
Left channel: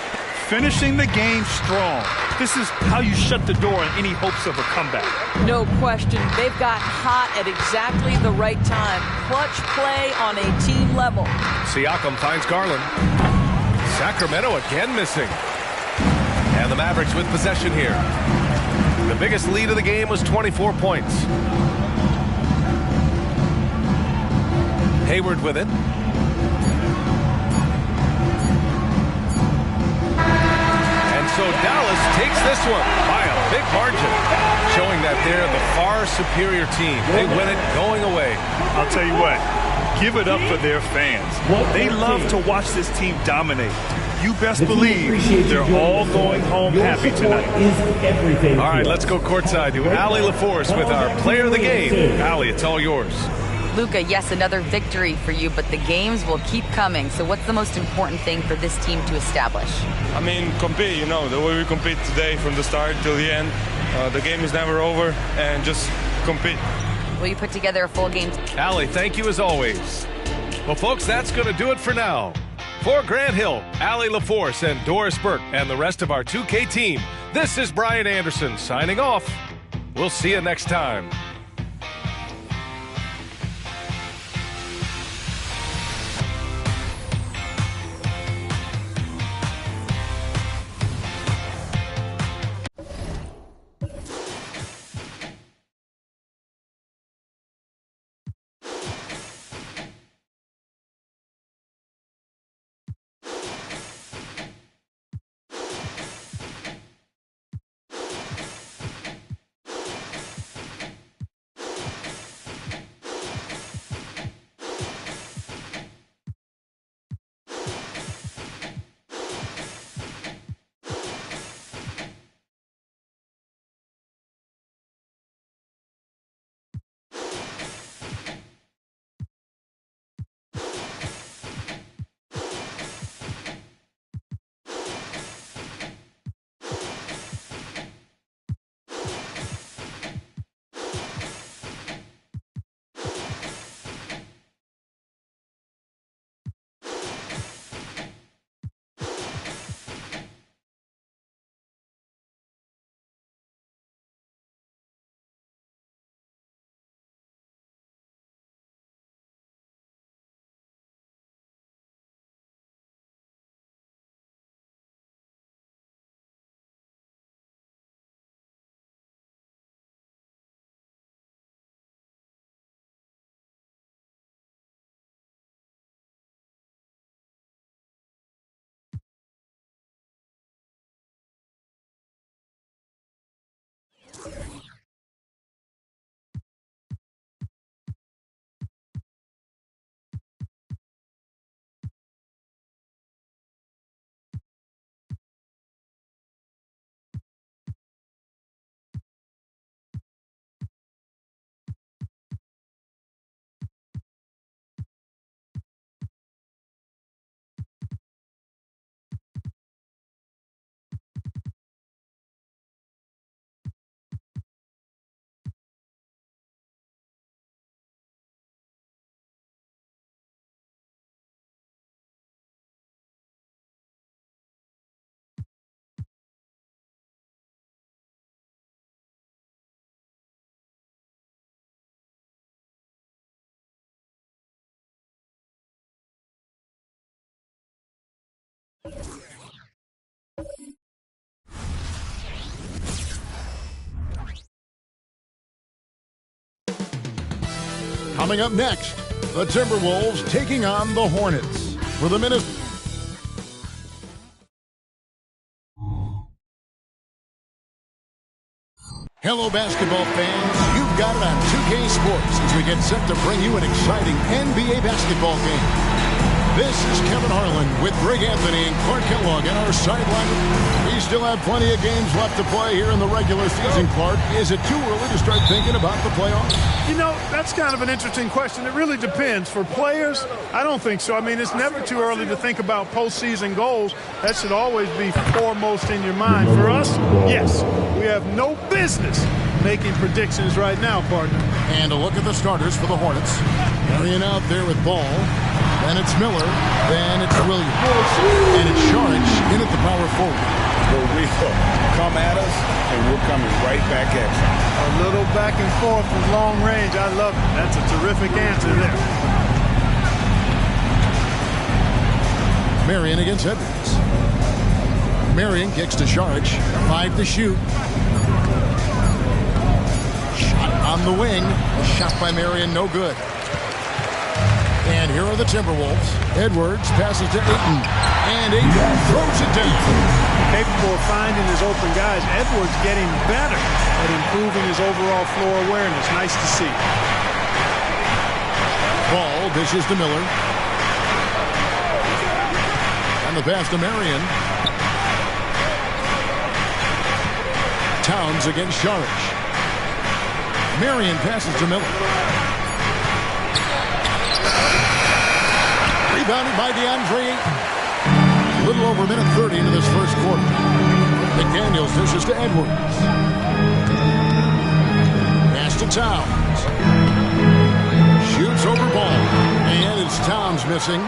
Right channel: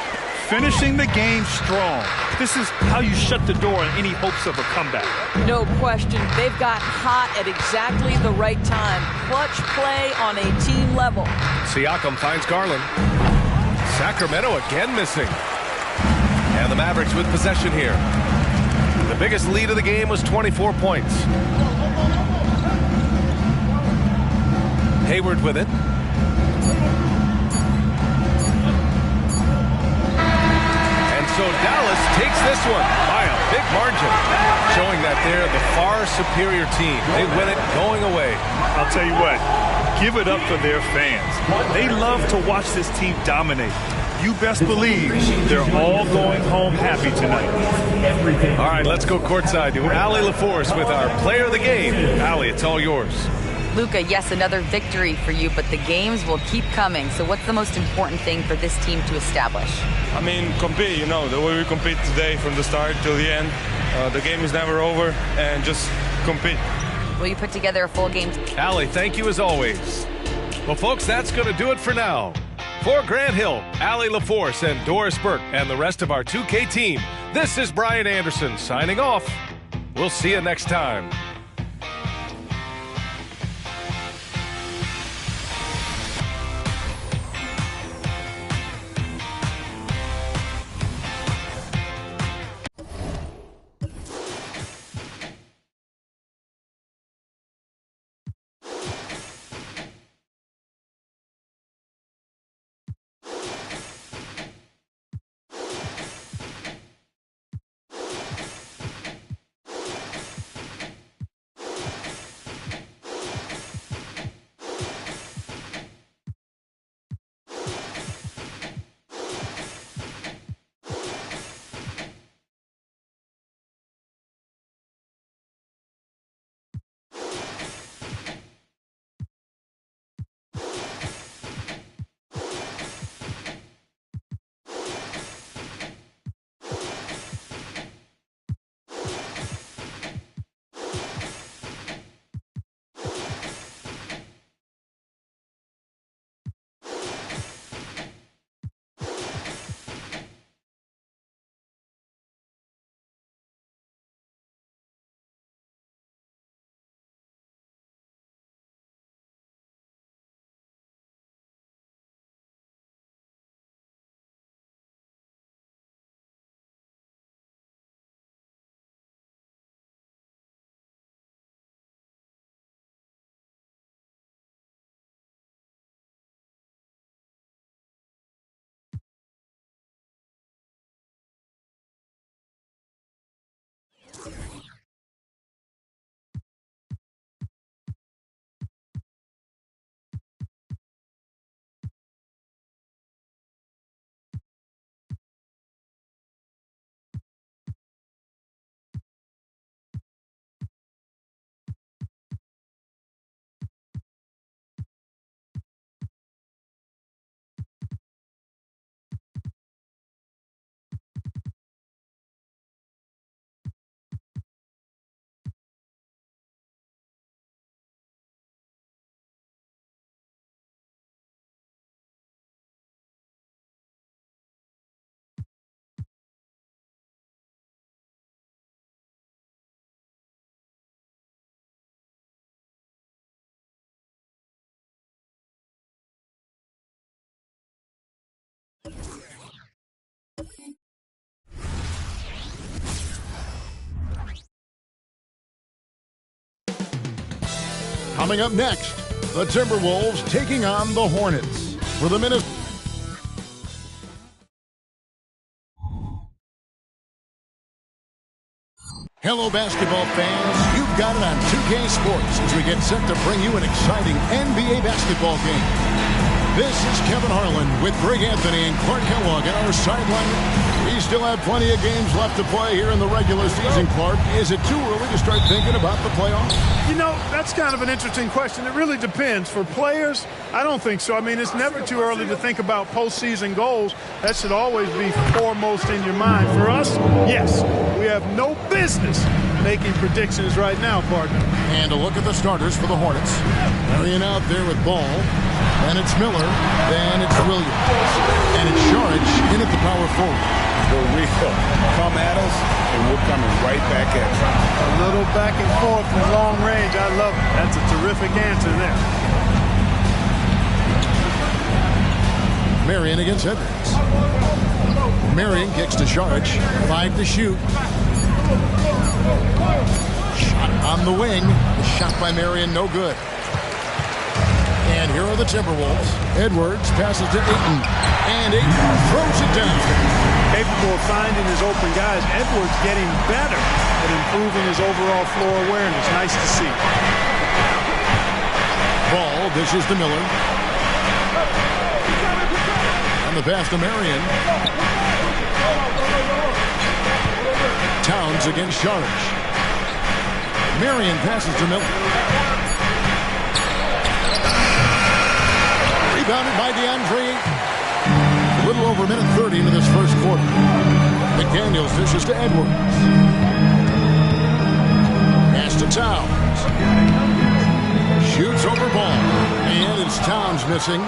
Finishing the game strong. This is how you shut the door on any hopes of a comeback. No question. They've gotten hot at exactly the right time. Clutch play on a team level. Siakam finds Garland. Sacramento again missing. And the Mavericks with possession here. The biggest lead of the game was 24 points. Hayward with it. And so Dallas takes this one by a big margin, showing that they're the far superior team. They win it going away. I'll tell you what, give it up for their fans. They love to watch this team dominate. You best believe they're all going home happy tonight. All right, let's go courtside to Allie LaForce with our player of the game. Allie, it's all yours. Luka, yes, another victory for you, but the games will keep coming. So what's the most important thing for this team to establish? I mean, compete, you know, the way we compete today from the start till the end. The game is never over, and just compete. Will you put together a full game? Allie, thank you as always. Well, folks, that's going to do it for now. For Grant Hill, Allie LaForce, and Doris Burke, and the rest of our 2K team, this is Brian Anderson signing off. We'll see you next time. Coming up next, the Timberwolves taking on the Hornets. For the Minnesota. Hello, basketball fans. You've got it on 2K Sports as we get set to bring you an exciting NBA basketball game. This is Kevin Harlan with Greg Anthony and Clark Kellogg at our sideline. We still have plenty of games left to play here in the regular season, Clark. Is it too early to start thinking about the playoffs? You know, that's kind of an interesting question. It really depends. For players, I don't think so. I mean, it's never too early to think about postseason goals. That should always be foremost in your mind. For us, yes, we have no business making predictions right now, partner. And a look at the starters for the Hornets. Marion out there with ball. Then it's Miller. Then it's Williams. And it's Saric in at the power forward. The real come at us, and we're coming right back at you. A little back and forth from long range. I love it. That's a terrific answer there. Marion against Edwards. Marion kicks to Saric. 5 to shoot. Shot on the wing. The shot by Marion, no good. And here are the Timberwolves. Edwards passes to Ayton. And Ayton throws it down. Capable of finding his open guys. Edwards getting better at improving his overall floor awareness. Nice to see. Ball dishes to Miller. And the pass to Marion. Towns against Saric. Marion passes to Miller. Rebounded by DeAndre Ayton. A little over a minute 30 into this first quarter. McDaniels dishes to Edwards. Pass to Towns. Shoots over ball. And it's Towns missing.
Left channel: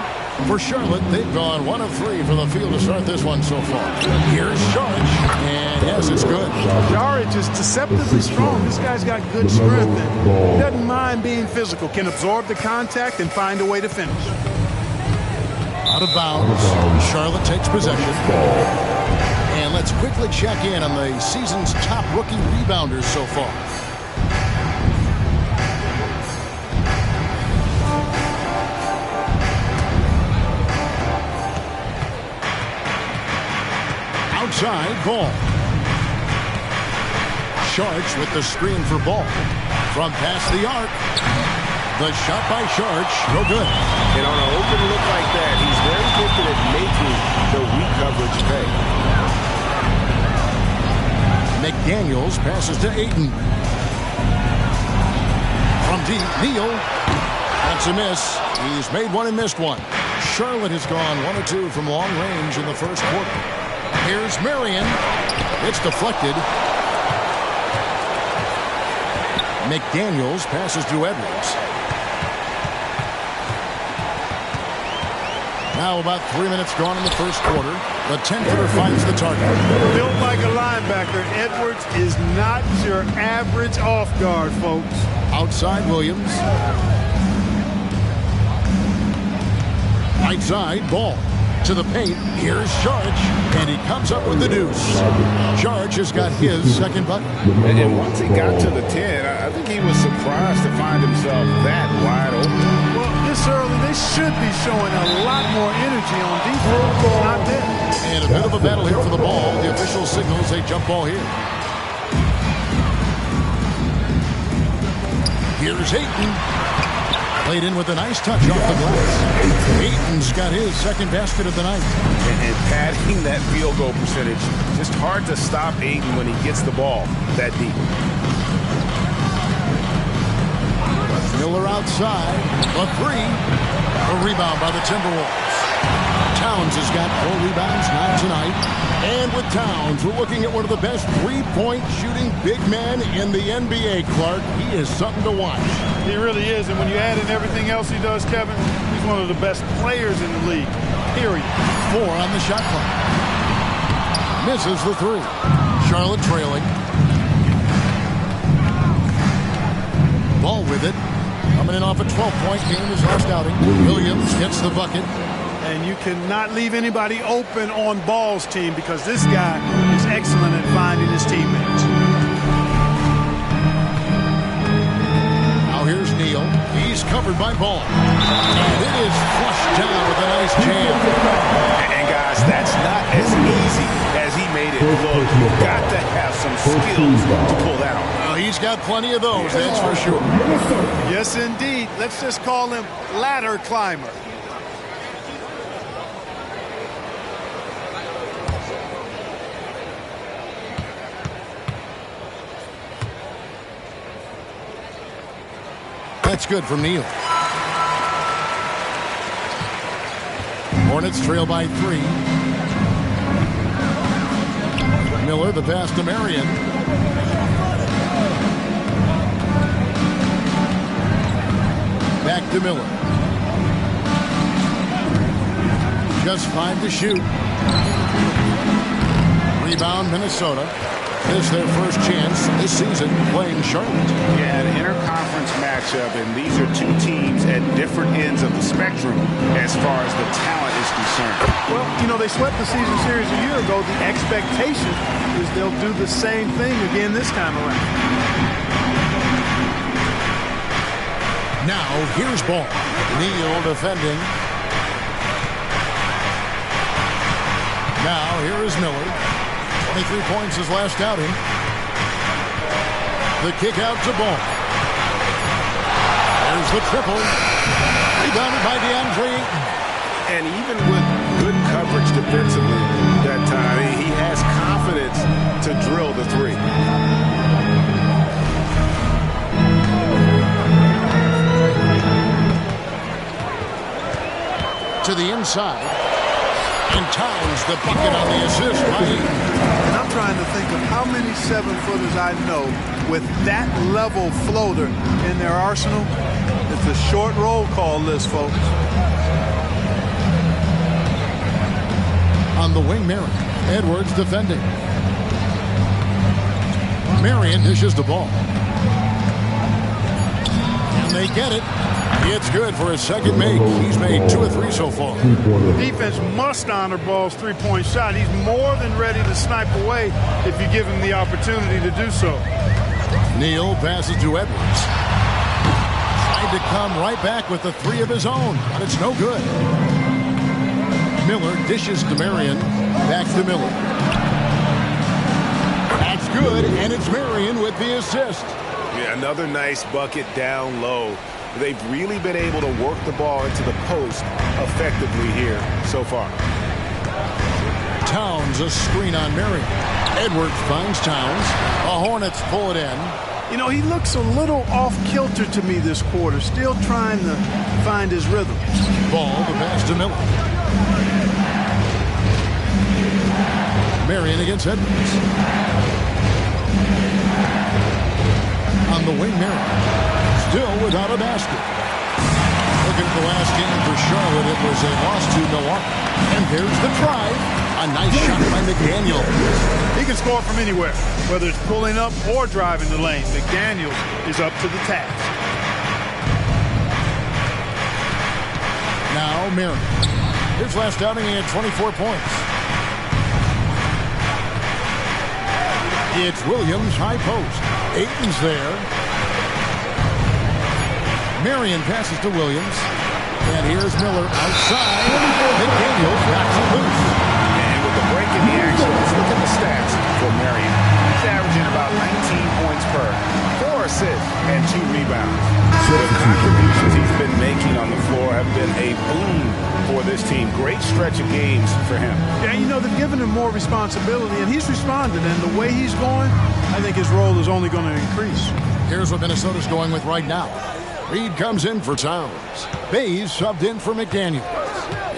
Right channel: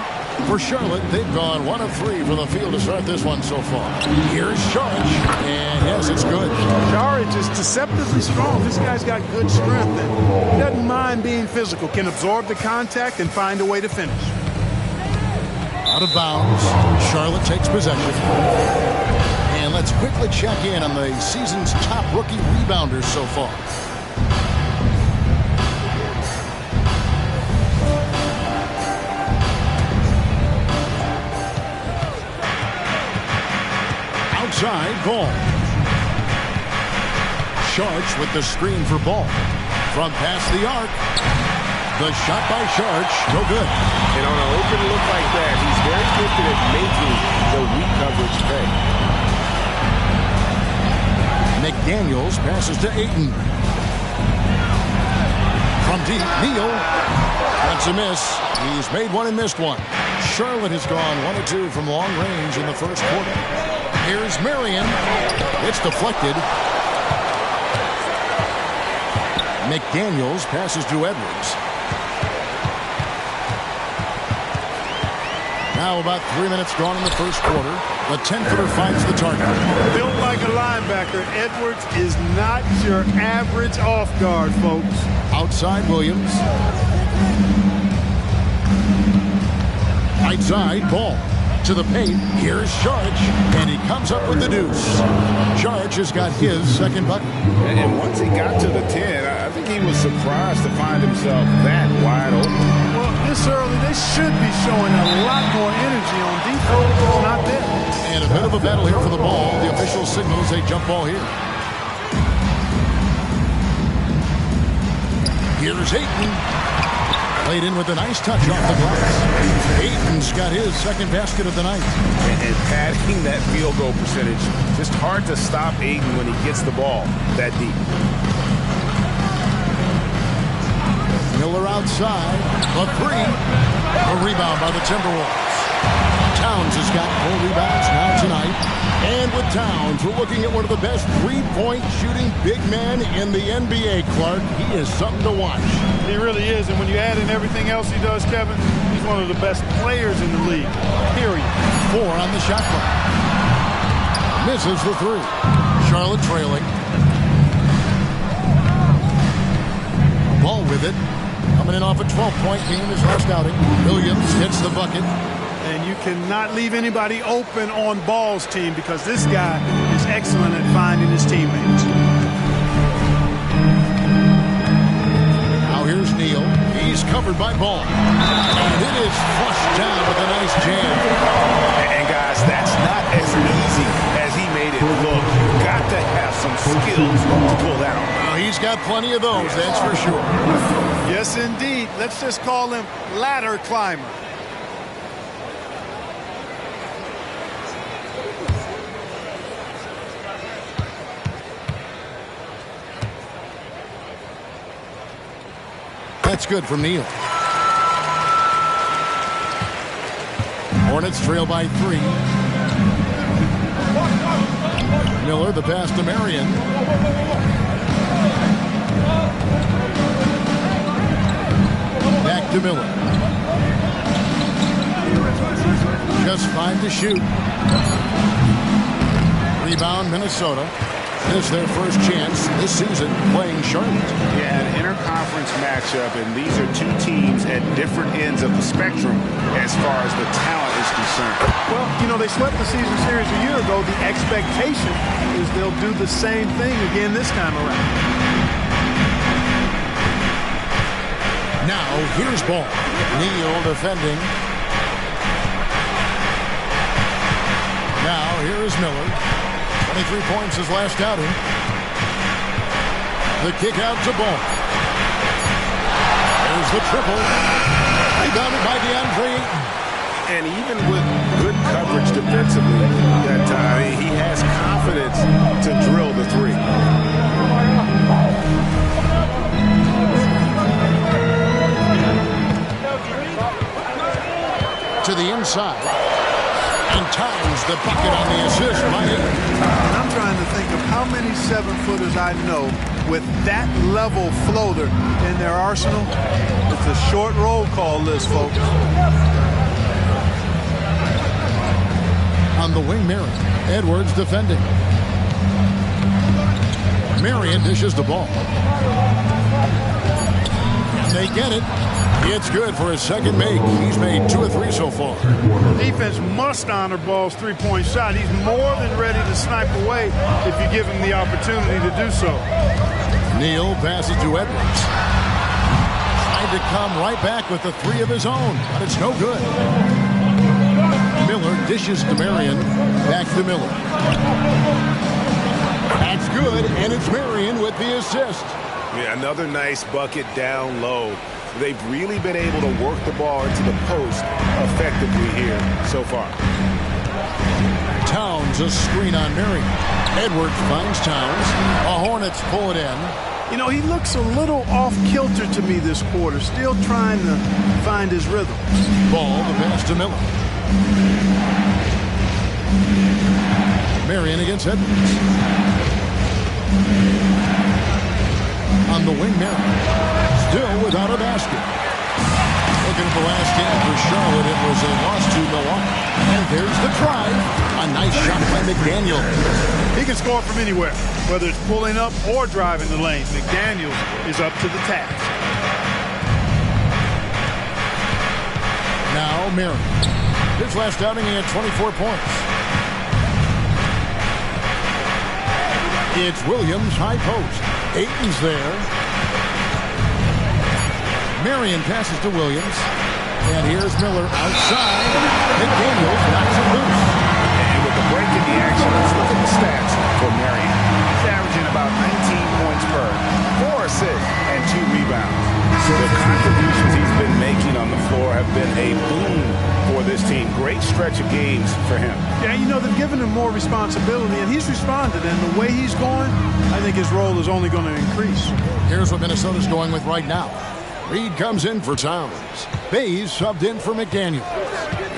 For Charlotte, they've gone 1 of 3 from the field to start this one so far. Here's Saric. And yes, it's good. Saric is deceptively strong. This guy's got good strength and he doesn't mind being physical. Can absorb the contact and find a way to finish. Out of bounds. Charlotte takes possession. And let's quickly check in on the season's top rookie rebounders so far. Outside, Ball. Saric with the screen for Ball. From past the arc. The shot by Saric, no good. And on an open look like that, he's very gifted at making the weak coverage pay. McDaniels passes to Ayton. From deep, Neal. That's a miss. He's made one and missed one. Charlotte has gone 1 of 2 from long range in the first quarter. Here's Marion. It's deflected. McDaniels passes to Edwards. Now about 3 minutes gone in the first quarter. The 10-footer finds the target. Built like a linebacker, Edwards is not your average off guard, folks. Outside, Williams. Right side, Ball. To the paint. Here's Saric. And he comes up with the deuce. Saric has got his second bucket. And once he got to the 10, I think he was surprised to find himself that wide open. Well, this early, they should be showing a lot more energy on defense. It's not there. And a bit of a battle here for the ball. The official signals a jump ball here. Here's Ayton. Played in with a nice touch off the glass. Ayton's got his second basket of the night. And padding that field goal percentage. Just hard to stop Ayton when he gets the ball that deep. Miller outside. The 3. A rebound by the Timberwolves. Towns has got 4 rebounds now tonight. And with Towns, we're looking at one of the best three-point shooting big men in the NBA, Clark. He is something to watch. He really is. And when you add in everything else he does, Kevin, he's one of the best players in the league, period. 4 on the shot clock. Misses the 3. Charlotte trailing. Ball with it. Coming in off a 12-point game his last outing. Williams gets the bucket. And you cannot leave anybody open on Ball's team because this guy is excellent at finding his teammates. Now here's Neal. He's covered by Ball. And it is flushed down with a nice jam. And guys, that's not as easy as he made it look. You've got to have some skills to pull that off. Well, he's got plenty of those, that's for sure. Yes, indeed. Let's just call him ladder climber. That's good from Neal. Hornets trail by 3. Miller, the pass to Marion. Back to Miller. Just 5 to shoot. Rebound, Minnesota. This is their first chance this season playing Charlotte. Yeah, an interconference matchup, and these are two teams at different ends of the spectrum as far as the talent is concerned. Well, you know, they swept the season series a year ago. The expectation is they'll do the same thing again this time around. Now, here's Ball. Neal defending. Now, here is Miller. 23 points his last outing. The kick out to Ball. There's the triple. Rebounded by DeAndre Ayton. And even with good coverage defensively that time, he has confidence to drill the 3. To the inside. And times the bucket on the assist by Ayton. And I'm trying to think of how many 7-footers I know with that level floater in their arsenal. It's a short roll call list, folks. On the wing, Marion. Edwards defending. Marion dishes the ball. And they get it. It's good for his second make. He's made 2 of 3 so far. The defense must honor Ball's three-point shot. He's more than ready to snipe away if you give him the opportunity to do so. Neal passes to Edwards. Tried to come right back with the 3 of his own, but it's no good. Miller dishes to Marion. Back to Miller. That's good, and it's Marion with the assist. Yeah, another nice bucket down low. They've really been able to work the ball into the post effectively here so far. Towns a screen on Marion. Edwards finds Towns. The Hornets pull it in. You know, he looks a little off-kilter to me this quarter, still trying to find his rhythm. Ball, the pass to Miller. Marion against Edwards. On the wing, Marion. Still without a basket. Looking at the last game for Charlotte, it was a loss to Milwaukee. And there's the drive. A nice shot by McDaniel. He can score from anywhere, whether it's pulling up or driving the lane. McDaniels is up to the task. Now Marion. His last outing, he had 24 points. It's Williams, high post. Ayton's there. Marion passes to Williams. And here's Miller outside. McDaniels knocks it loose. And with the break in the action, let's look at the stats for Marion. He's averaging about 19 points per, 4 assists, and 2 rebounds. The contributions he's been making on the floor have been a boon for this team. Great stretch of games for him. Yeah, you know, they've given him more responsibility, and he's responded. And the way he's going, I think his role is only going to increase. Here's what Minnesota's going with right now. Reed comes in for Towns. Bays subbed in for McDaniels.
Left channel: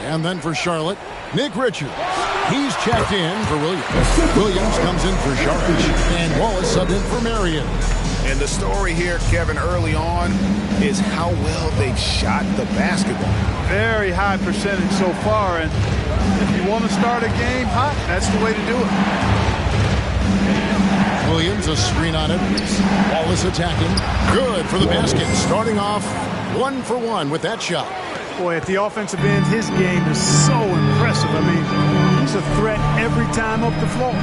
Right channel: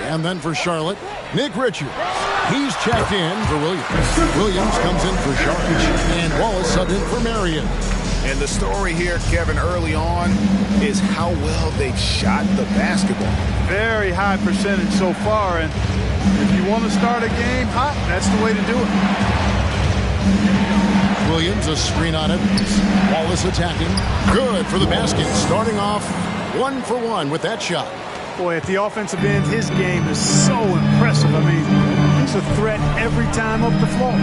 And then for Charlotte, Nick Richards. He's checked in for Williams. Williams comes in for Charlotte. And Wallace subbed in for Marion. And the story here, Kevin, early on is how well they've shot the basketball. Very high percentage so far. And if you want to start a game hot, that's the way to do it. Williams, a screen on it. Wallace attacking. Good for the basket. Starting off 1 for 1 with that shot. Boy, at the offensive end, his game is so impressive. I mean, he's a threat every time up the floor.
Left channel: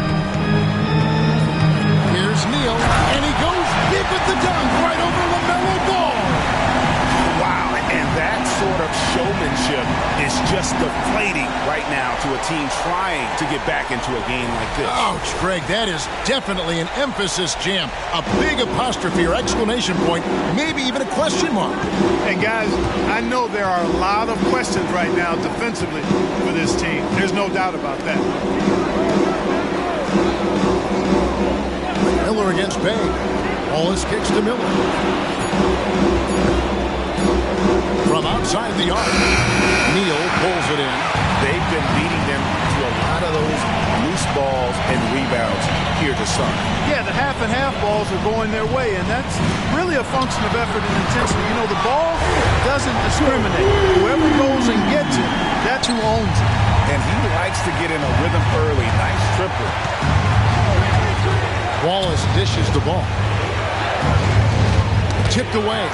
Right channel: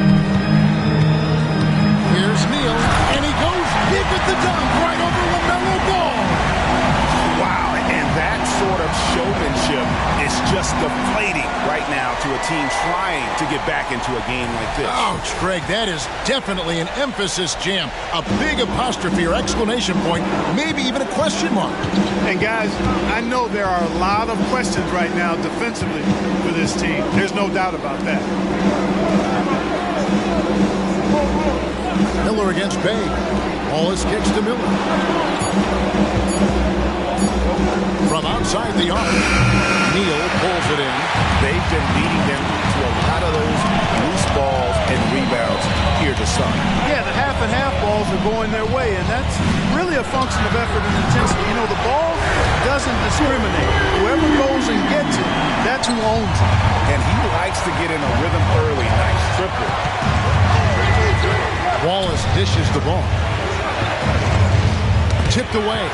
Here's Neal, and he goes big with the dunk right over LaMelo Ball. Wow, and that sort of showmanship is just deflating right now to a team trying to get back into a game like this. Ouch, Greg, that is definitely an emphasis jam. A big apostrophe or exclamation point, maybe even a question mark. And guys, I know there are a lot of questions right now defensively for this team. There's no doubt about that. Miller against Bay. Wallace kicks to Miller. From outside the arc, Neal pulls it in. They've been beating them to a lot of those loose balls and rebounds here to start. Yeah, the half and half balls are going their way, and that's really a function of effort and intensity. You know, the ball doesn't discriminate. Whoever goes and gets it, that's who owns it. And he likes to get in a rhythm early. Nice triple. Wallace dishes the ball. Tipped away.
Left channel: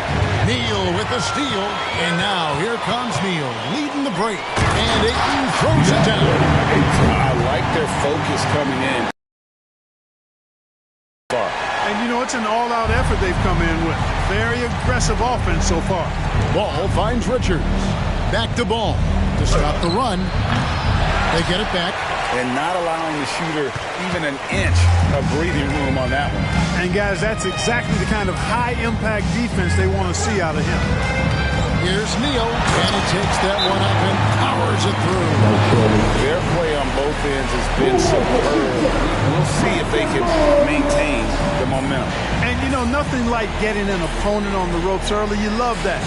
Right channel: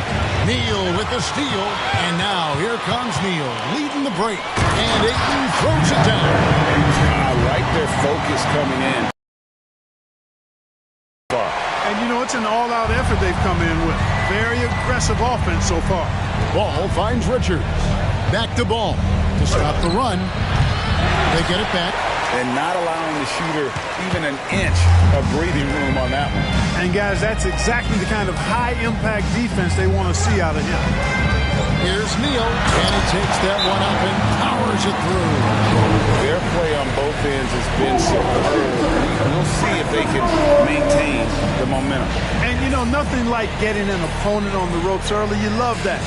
Neal with the steal, and now here comes Neal leading the break, and Ayton throws it down. I like their focus coming in. And you know, it's an all-out effort they've come in with. Very aggressive offense so far. Ball finds Richards. Back to Ball to stop the run. They get it back. And not allowing the shooter even an inch of breathing room on that one. And guys, that's exactly the kind of high-impact defense they want to see out of him. Here's Neal, and he takes that one up and powers it through. Their play on both ends has been superb. We'll see if they can maintain the momentum. And, you know, nothing like getting an opponent on the ropes early. You love that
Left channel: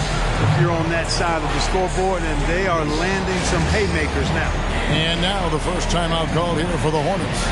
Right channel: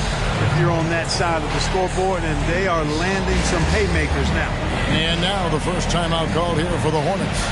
if you're on that side of the scoreboard, and they are landing some haymakers now. And now the first timeout called here for the Hornets.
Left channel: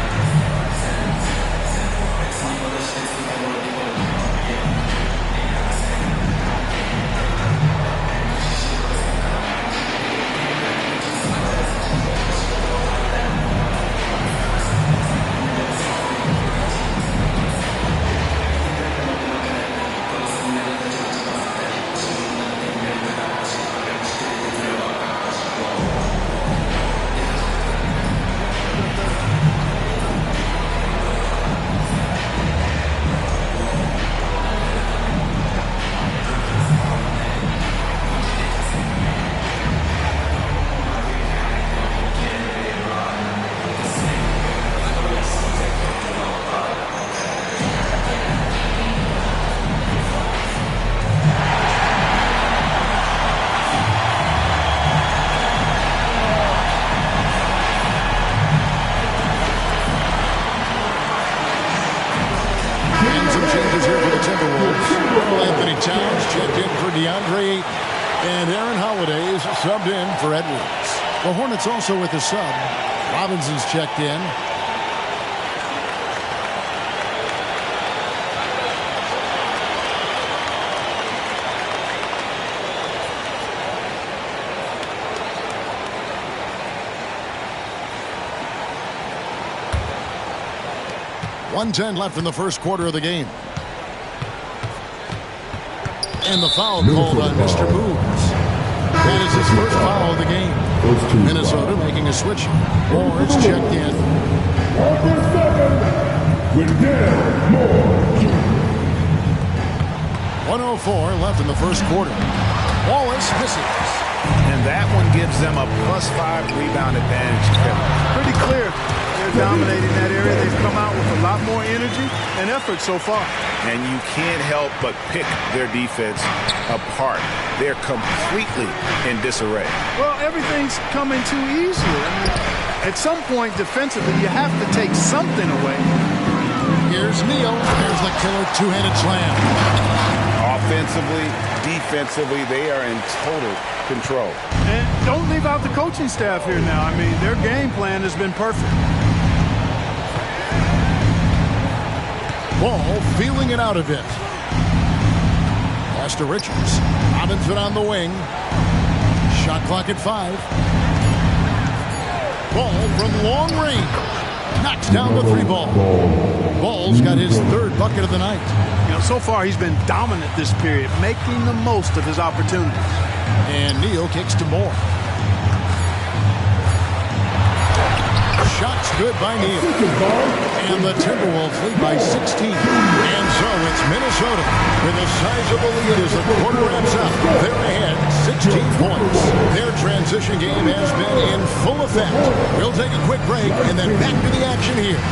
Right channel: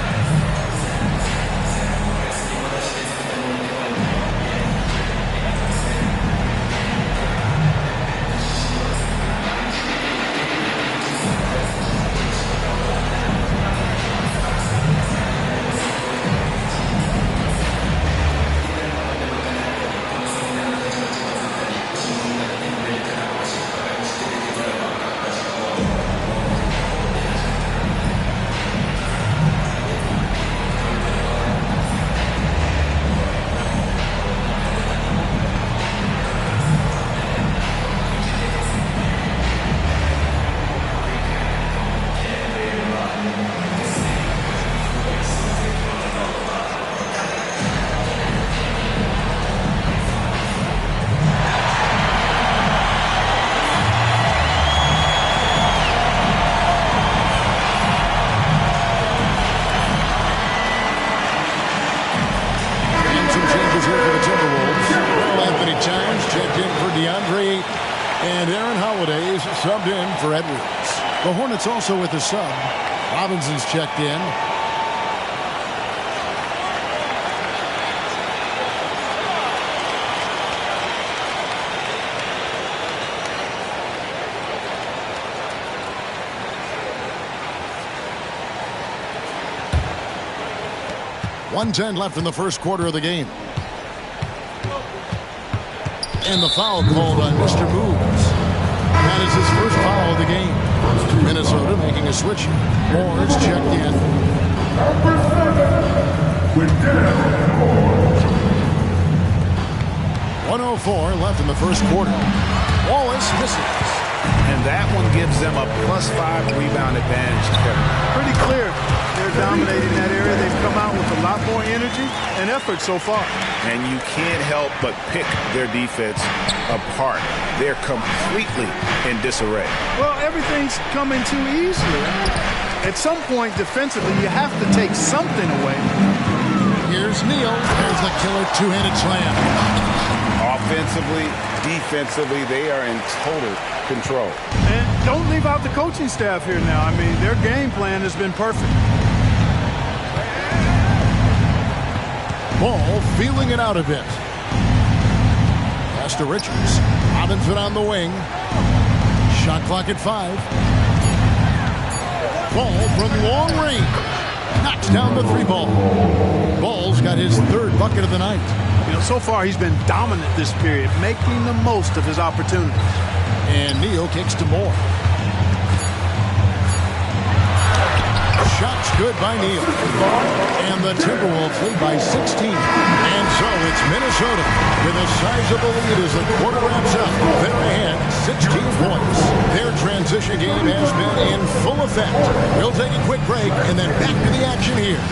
Some changes here for the Timberwolves. Earl Anthony Towns checked in for DeAndre Ayton. And Aaron Holiday is subbed in for Edwards. The Hornets also with a sub. Robinson's checked in. .110 left in the first quarter of the game. And the foul called on Mr. Moves. That is his first foul of the game. Minnesota making a switch. Moore's checked in. Number 7, Wendell Moore. 1:04 left in the first quarter. Wallace misses. And that one gives them a +5 rebound advantage, Kevin. Pretty clear. They're dominating that area. They've come out with a lot more energy and effort so far. And you can't help but pick their defense apart. They're completely in disarray. Well, everything's coming too easily. I mean, at some point defensively, you have to take something away. Here's Neal. There's the killer two-handed slam. Offensively, defensively, they are in total control. And don't leave out the coaching staff here now. I mean, their game plan has been perfect. Ball feeling it out a bit. Pass to Richards. Robinson on the wing. Shot clock at 5. Ball from long range. Knocks down the 3-ball. Ball's got his 3rd bucket of the night. You know, so far he's been dominant this period, making the most of his opportunities. shot's good by Neal. And the Timberwolves lead by 16. And so it's Minnesota with a sizable lead as the quarter wraps up. They're ahead 16 points. Their transition game has been in full effect. We'll take a quick break and then back to the action here.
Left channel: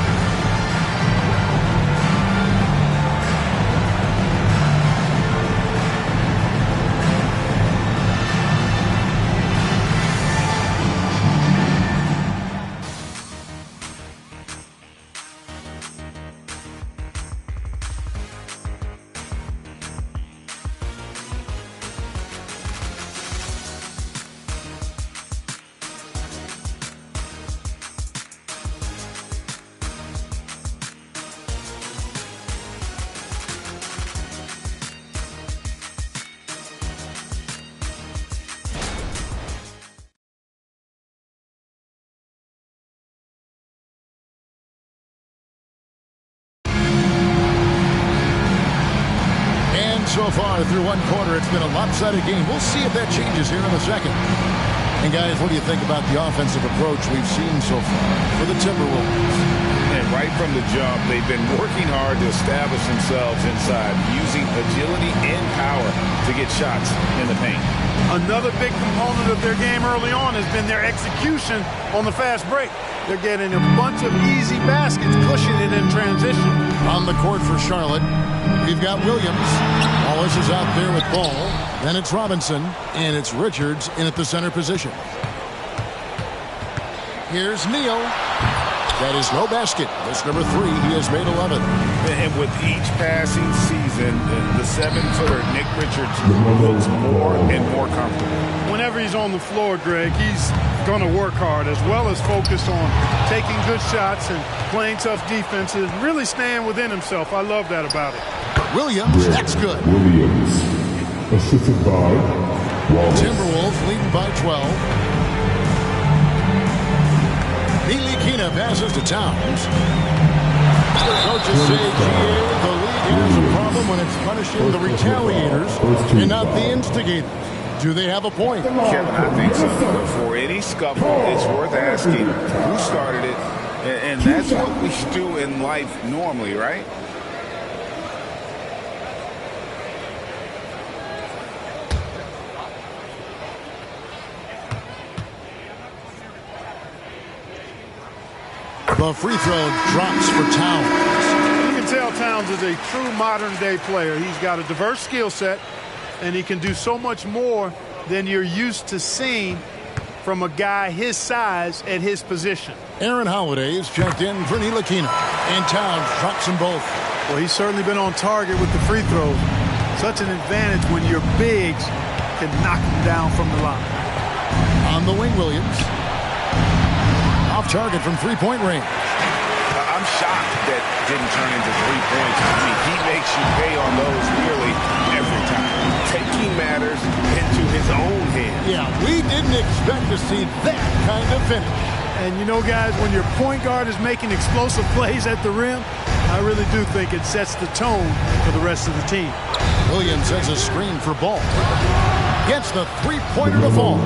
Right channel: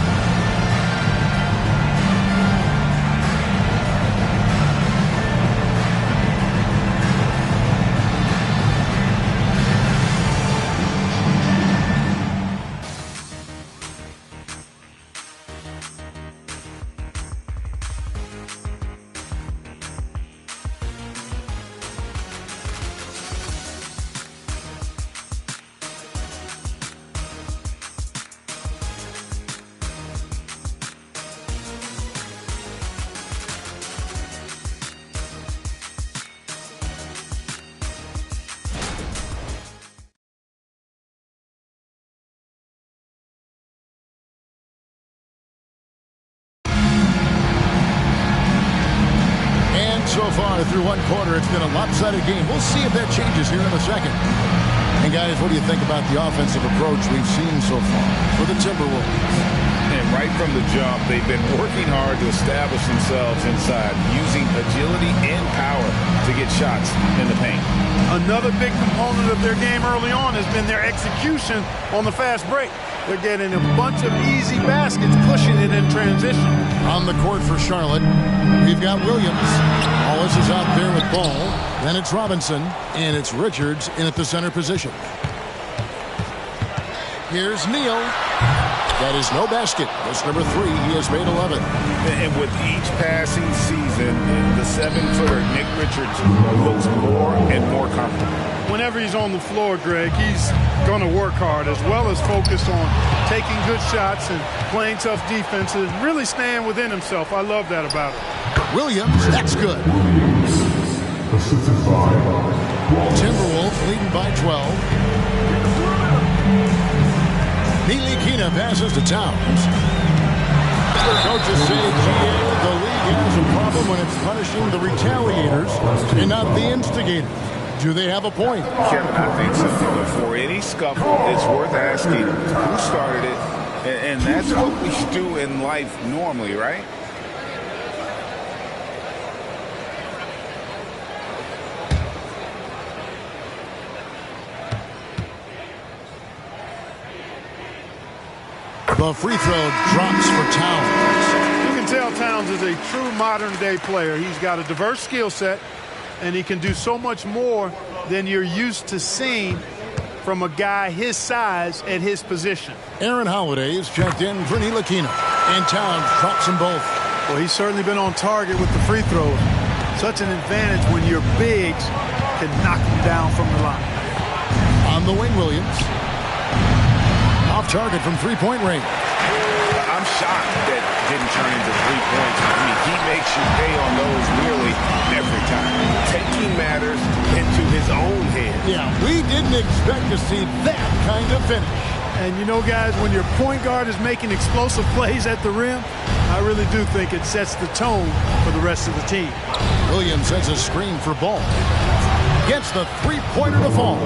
So far through one quarter, it's been a lopsided game. We'll see if that changes here in the second. And guys, what do you think about the offensive approach we've seen so far for the Timberwolves? And right from the jump, they've been working hard to establish themselves inside, using agility and power to get shots in the paint. Another big component of their game early on has been their execution on the fast break. They're getting a bunch of easy baskets, pushing it in transition. On the court for Charlotte, we've got Williams. Wallace is out there with ball. Then it's Robinson, and it's Richards in at the center position. Here's Neal. That is no basket. That's number 3. He has made 11. And with each passing season, the 7-footer, Nick Richards, looks more and more comfortable. Whenever he's on the floor, Greg, he's going to work hard as well as focus on taking good shots and playing tough defense and really staying within himself. I love that about it. Williams, that's good. Williams, assisted by Wallace. Timberwolves leading by 12. Ntilikina passes to Towns. Coaches say, GA, the league has a problem when it's punishing the retaliators and not the instigators. Do they have a point? Kevin, I think so. But for any scuffle, it's worth asking who started it. And that's what we do in life normally, right? The free throw drops for Towns. You can tell Towns is a true modern-day player. He's got a diverse skill set, and he can do so much more than you're used to seeing from a guy his size at his position. Aaron Holiday is checked in for Ntilikina, and Towns drops them both. Well, he's certainly been on target with the free throws. Such an advantage when your bigs can knock them down from the line. On the wing, Williams. Off target from three-point range. I'm shocked that didn't turn into 3 points. I mean, he makes you pay on those nearly every time. Taking matters into his own hands. Yeah, we didn't expect to see that kind of finish. And you know, guys, when your point guard is making explosive plays at the rim, I really do think it sets the tone for the rest of the team. Williams has a screen for Ball. Gets the three-pointer to fall.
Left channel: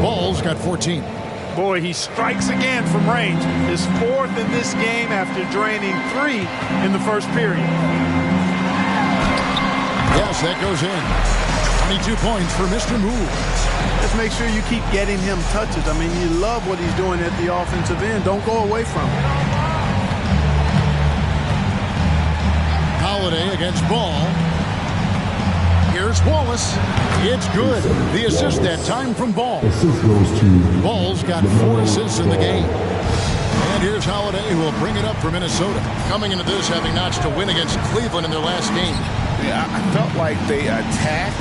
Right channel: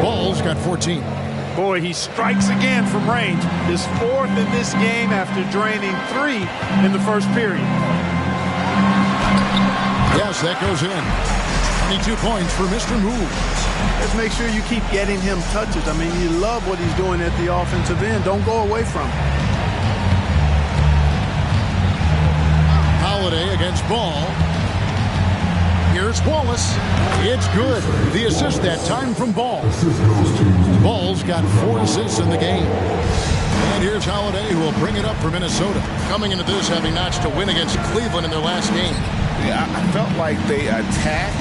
Ball's got 14. Boy, he strikes again from range. His 4th in this game after draining 3 in the first period. Yes, that goes in. 22 points for Mr. Moves. Just make sure you keep getting him touches. I mean, you love what he's doing at the offensive end. Don't go away from him. Holiday against Ball. Here's Wallace. It's good. The assist that time from Ball. Assist goes to Ball's got 4 assists in the game. And here's Holiday, who will bring it up for Minnesota. Coming into this, having notched a win against Cleveland in their last game. Yeah, I felt like they attacked,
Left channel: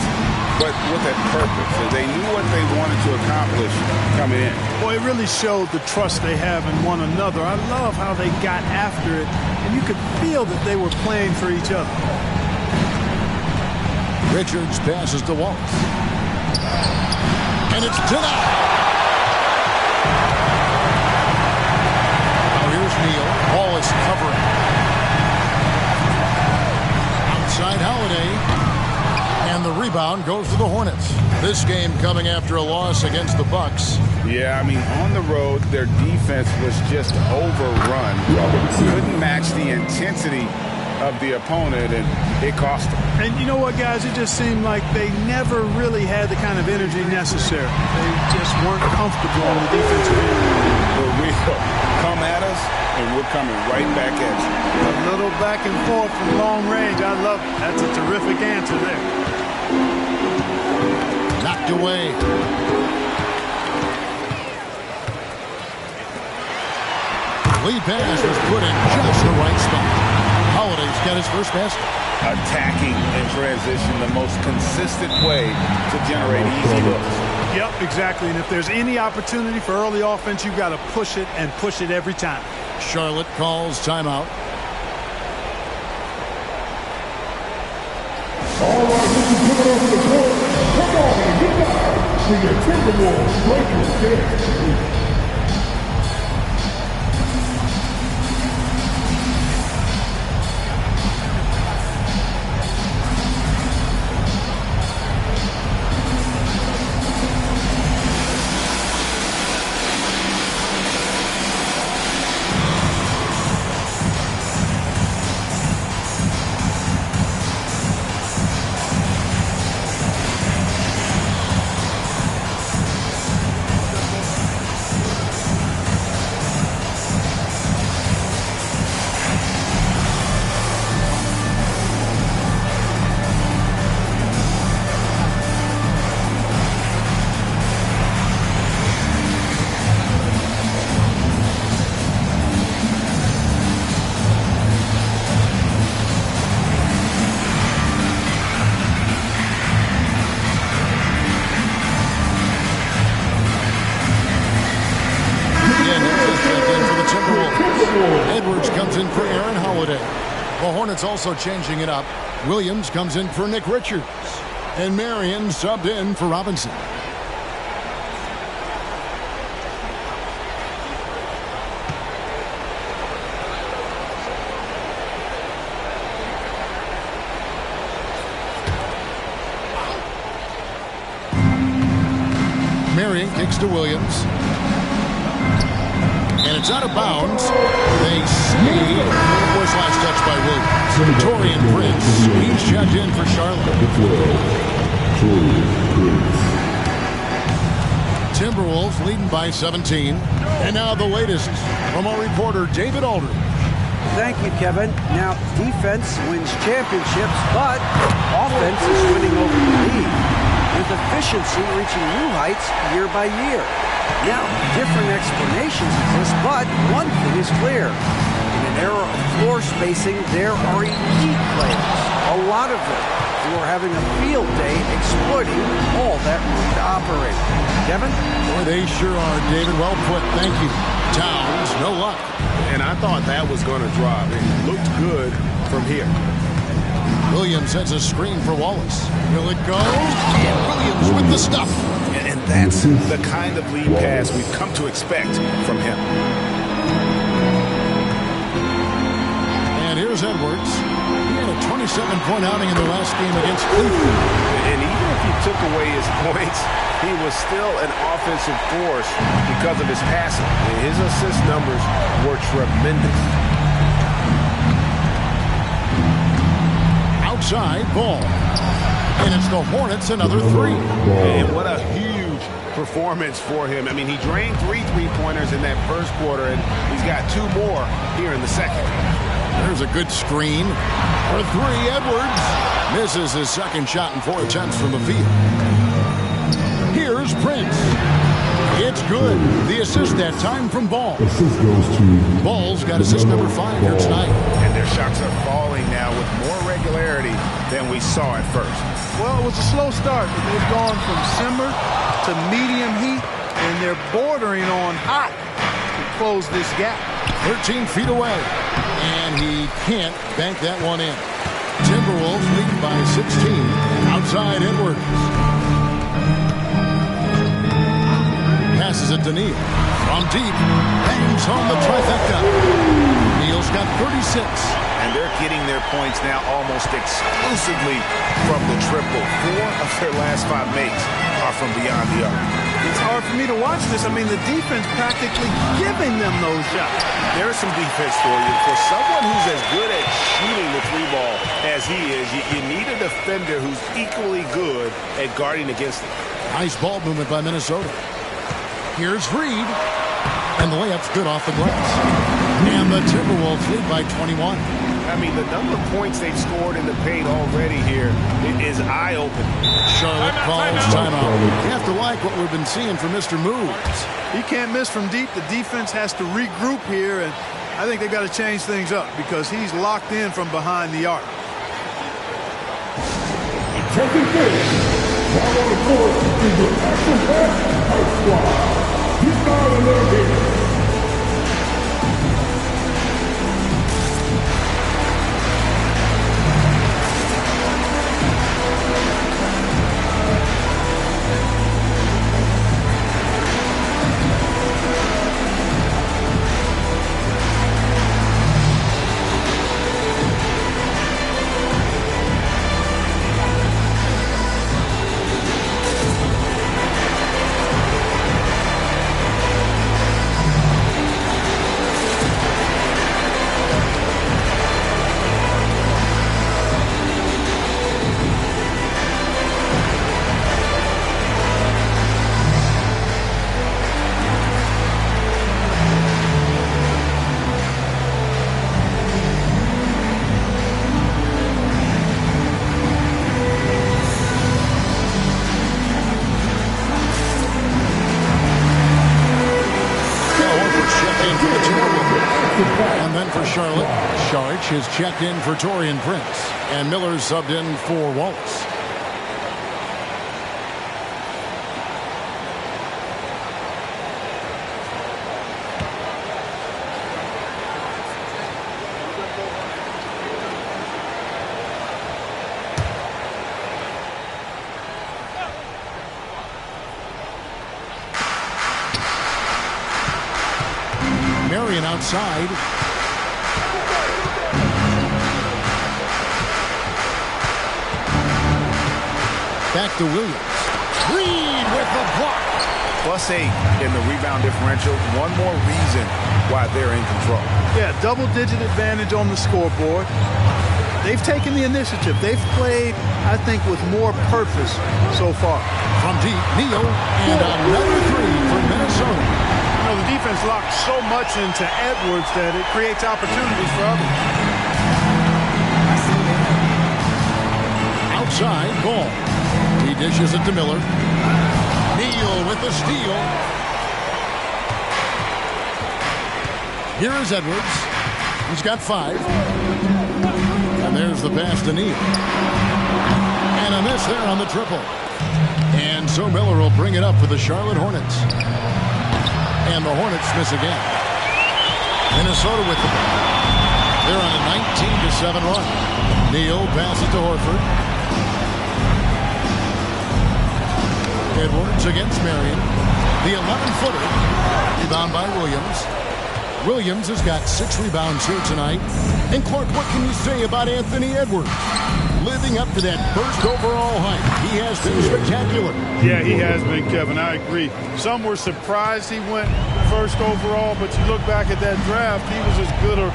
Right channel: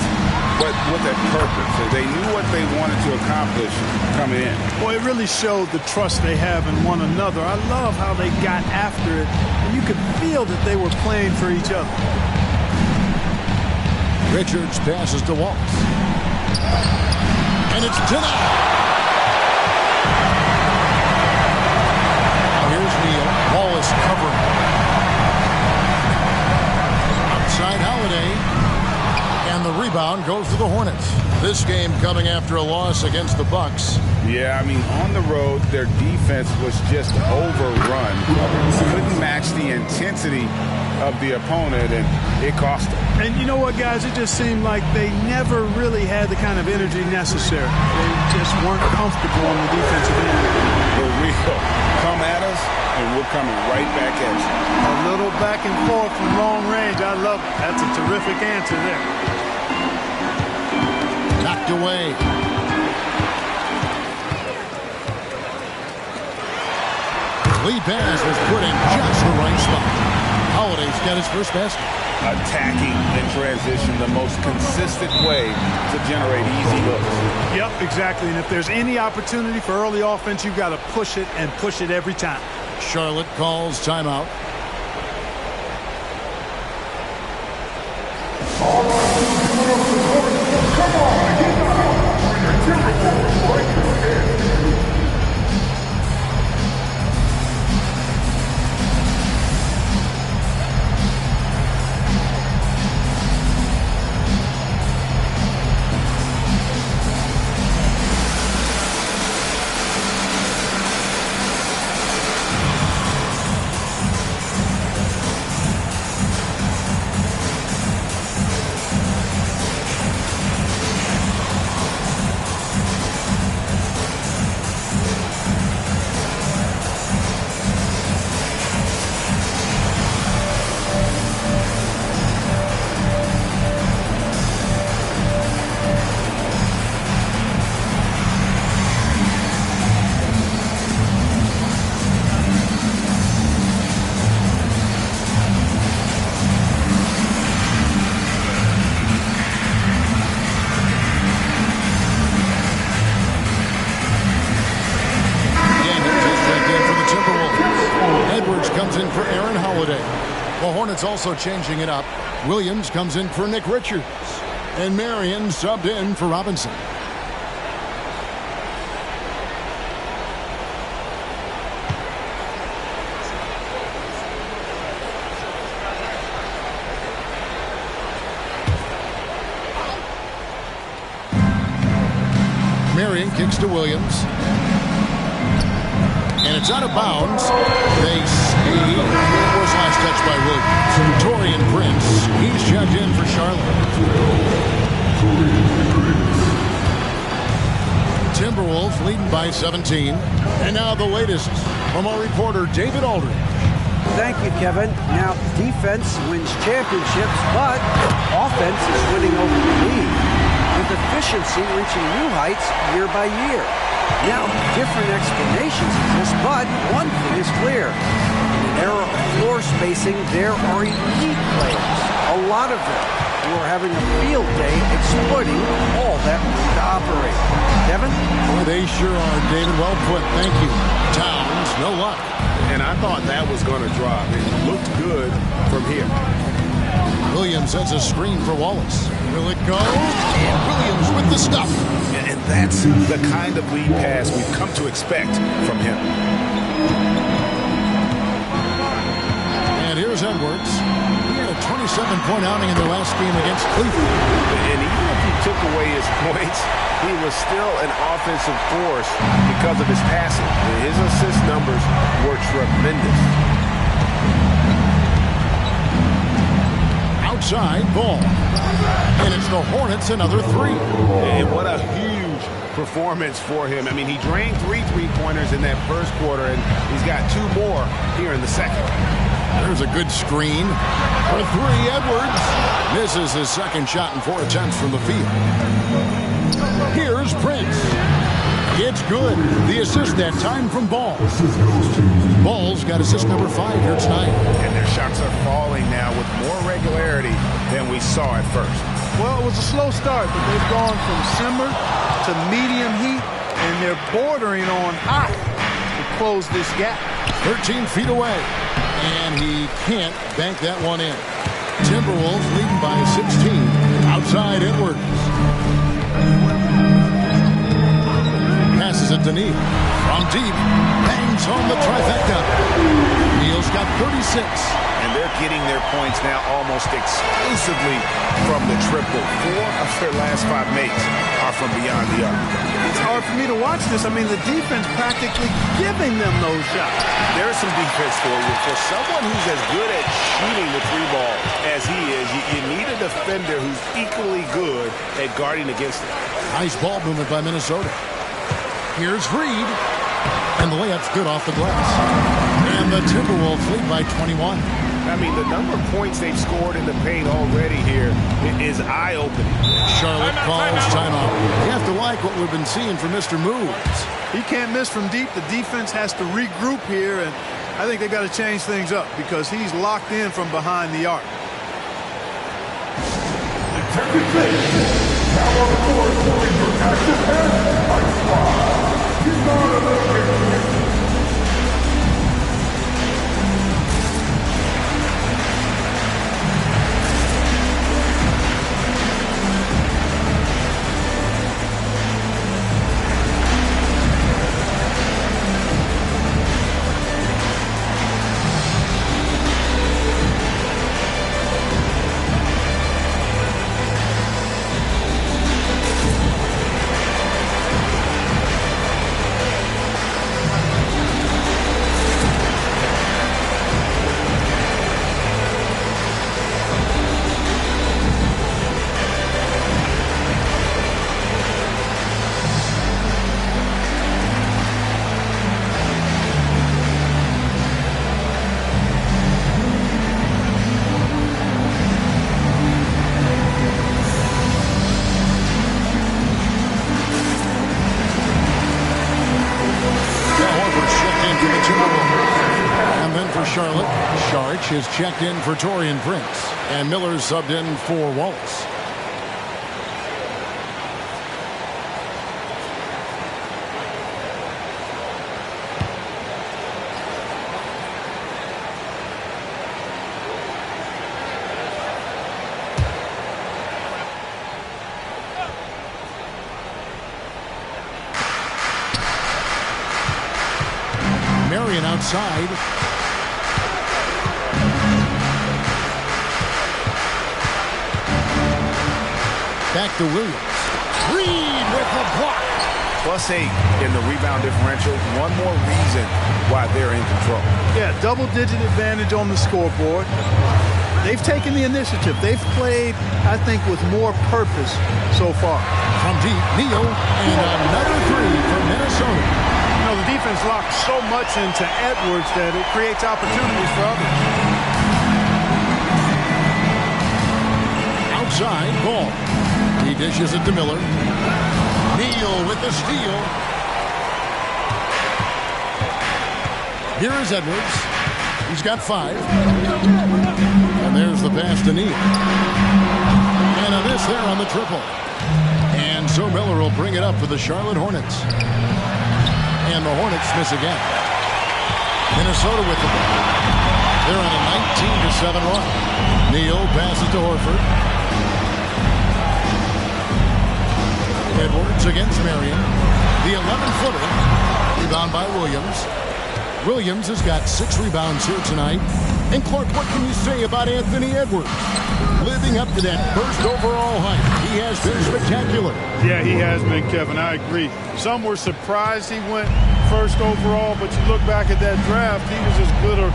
but with a purpose. They knew what they wanted to accomplish coming in. Boy, it really showed the trust they have in one another. I love how they got after it, and you could feel that they were playing for each other. Richards passes to Wallace. And it's denied. Now here's Neal. Wallace covering. Outside Holiday. And the rebound goes to the Hornets. This game coming after a loss against the Bucks. Yeah, I mean, on the road, their defense was just overrun. Couldn't match the intensity of the opponent, and it cost them. And you know what, guys? It just seemed like they never really had the kind of energy necessary. They just weren't comfortable on the defensive end. For real. Come at us, and we're coming right back at you. A little back and forth from long range. I love it. That's a terrific answer there. Knocked away. Lead pass was put in just the right spot. Holiday's got his first basket. Attacking in transition, the most consistent way to generate easy looks. Yep, exactly. And if there's any opportunity for early offense, you've got to push it and push it every time. Charlotte calls timeout. All right, coming off the court. Come on, get down for your Timberwolves Breakers dance. Edwards comes in for Aaron Holiday. The Hornets also changing it up. Williams comes in for Nick Richards. And Marion subbed in for Robinson. Marion kicks to Williams. And it's out of bounds. They say it was last touched by Williams. Torian Prince, he's checked in for Charlotte. Timberwolves leading by 17. And now the latest from our reporter David Aldridge. Thank you, Kevin. Now, defense wins championships, but offense is winning over the league, with efficiency reaching new heights year by year. Now, different explanations exist, but one thing is clear. In an era of floor spacing, there are elite players, a lot of them, who are having a field day exploiting all that room to operate. Kevin? Boy, they sure are, David. Well put. Thank you. Towns, no luck. And I thought that was going to drop. It looked good from here. Williams sets a screen for Wallace. Will it go? And Williams with the stuff. And that's the kind of lead pass we've come to expect from him. And here's Edwards. He had a 27-point outing in the last game against Cleveland. And even if you took away his points, he was still an offensive force because of his passing. His assist numbers were tremendous. Outside ball. And it's the Hornets another three. And what a huge performance for him. I mean, he drained 3 3-pointers in that first quarter, and he's got 2 more here in the second. There's a good screen. For 3, Edwards misses his second shot in 4 attempts from the field. Here's Prince. It's good. The assist that time from Ball. Assist goes to Ball's got assist number 5 here tonight. And their shots are falling now with more regularity than we saw at first. Well, it was a slow start, but they've gone from simmer to medium heat, and they're bordering on hot to close this gap. 13 feet away, and he can't bank that one in. Timberwolves leading by 16. Outside Edwards. Passes it to Neal. From deep, bangs home the trifecta. Neal's got 36. And they're getting their points now almost exclusively from the triple. 4 of their last 5 makes are from beyond the arc. It's hard for me to watch this. I mean, the defense practically giving them those shots. There's some defense for you. For someone who's as good at shooting the 3-ball as he is, you need a defender who's equally good at guarding against it. Nice ball movement by Minnesota. Here's Reed. And the layup's good off the glass. And the Timberwolves lead by 21. I mean, the number of points they've scored in the paint already here is eye-opening. Charlotte calls timeout. You have to like what we've been seeing from Mr. Moves. He can't miss from deep. The defense has to regroup here, and I think they've got to change things up because he's locked in from behind the arc. Attempting finish. Now on the court, in your action-packed Ice Squad. He's not an innovator. Charlotte, Sharch is checked in for Taurean Prince, and Miller's subbed in for Wallace. Marion outside. Back to Williams. Reed with the block. +8 in the rebound differential. One more reason why they're in control. Yeah, double-digit advantage on the scoreboard. They've taken the initiative. They've played, I think, with more purpose so far. From deep, Neal, and another 3 for Minnesota. You know, the defense locked so much into Edwards that it creates opportunities for others. Outside, Ball. He dishes it to Miller. Neal with the steal. Here is Edwards. He's got 5. And there's the pass to Neal. And a miss there on the triple. And so Miller will bring it up for the Charlotte Hornets. And the Hornets miss again. Minnesota with the ball. They're on a 19-7 run. Neal passes to Horford. Edwards against Marion. The 11-footer. Rebound by Williams. Williams has got 6 rebounds here tonight. And Clark, what can you say about Anthony Edwards? Living up to that first overall hype. He has been spectacular. Yeah, he has been, Kevin. I agree. Some were surprised he went first overall, but you look back at that draft, he was as good a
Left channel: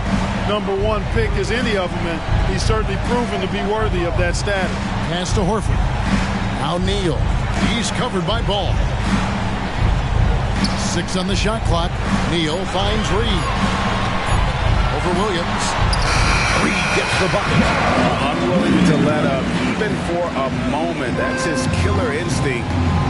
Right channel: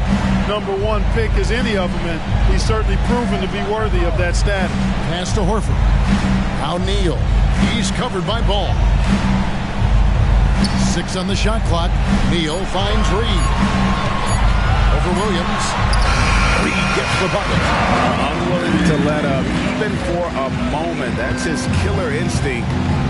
#1 pick as any of them, and he's certainly proven to be worthy of that status. Pass to Horford. Now Neal. He's covered by Ball. 6 on the shot clock. Neal finds Reed. Over Williams. Reed gets the bucket. Unwilling to let up, even for a moment. That's his killer instinct,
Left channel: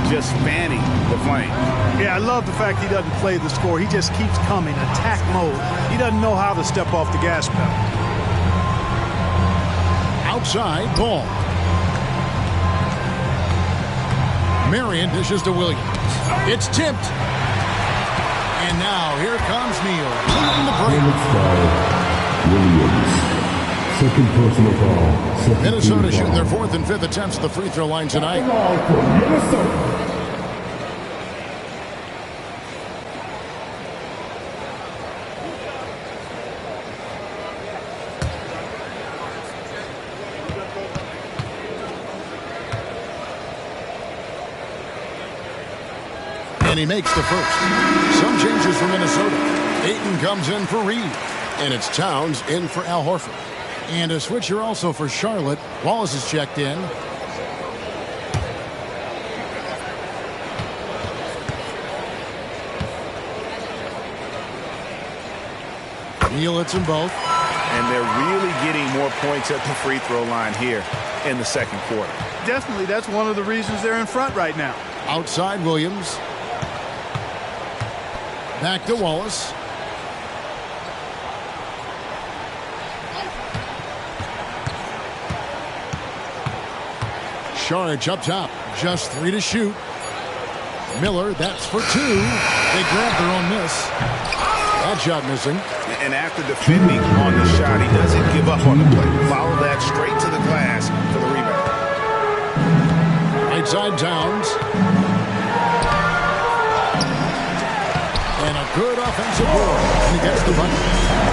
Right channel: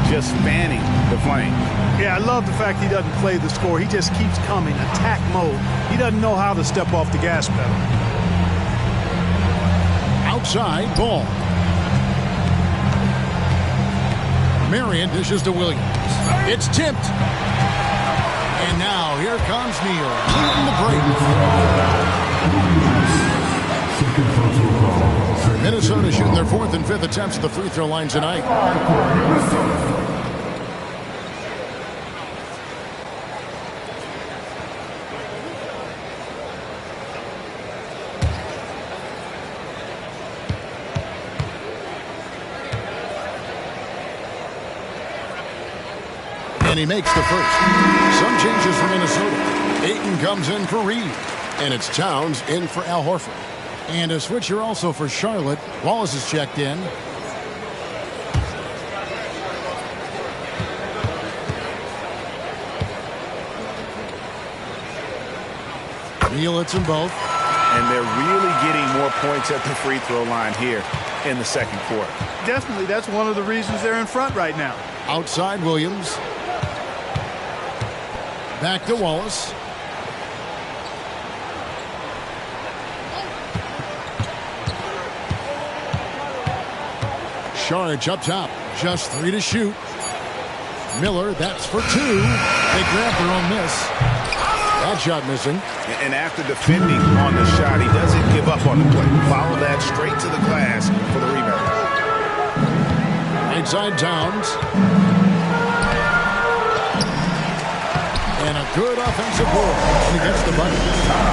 just fanning the flame. Yeah, I love the fact he doesn't play the score. He just keeps coming, attack mode. He doesn't know how to step off the gas pedal. Outside, Ball. Marion dishes to Williams. It's tipped. And now here comes Neal leading the break. Williams. Second personal foul. Minnesota shooting their 4th and 5th attempts at the free throw line tonight. And he makes the first. Some changes for Minnesota. Ayton comes in for Reed. And it's Towns in for Al Horford. And a switcher also for Charlotte. Wallace is checked in. Neal hits them both. And they're really getting more points at the free throw line here in the second quarter. Definitely, that's one of the reasons they're in front right now. Outside Williams. Back to Wallace. Saric up top. Just 3 to shoot. Miller, that's for 2. They grab their own miss. That shot missing. And after defending on the shot, he doesn't give up on the play. Follow that straight to the glass for the rebound. Right side Towns. And a good offensive board. And he gets the bucket.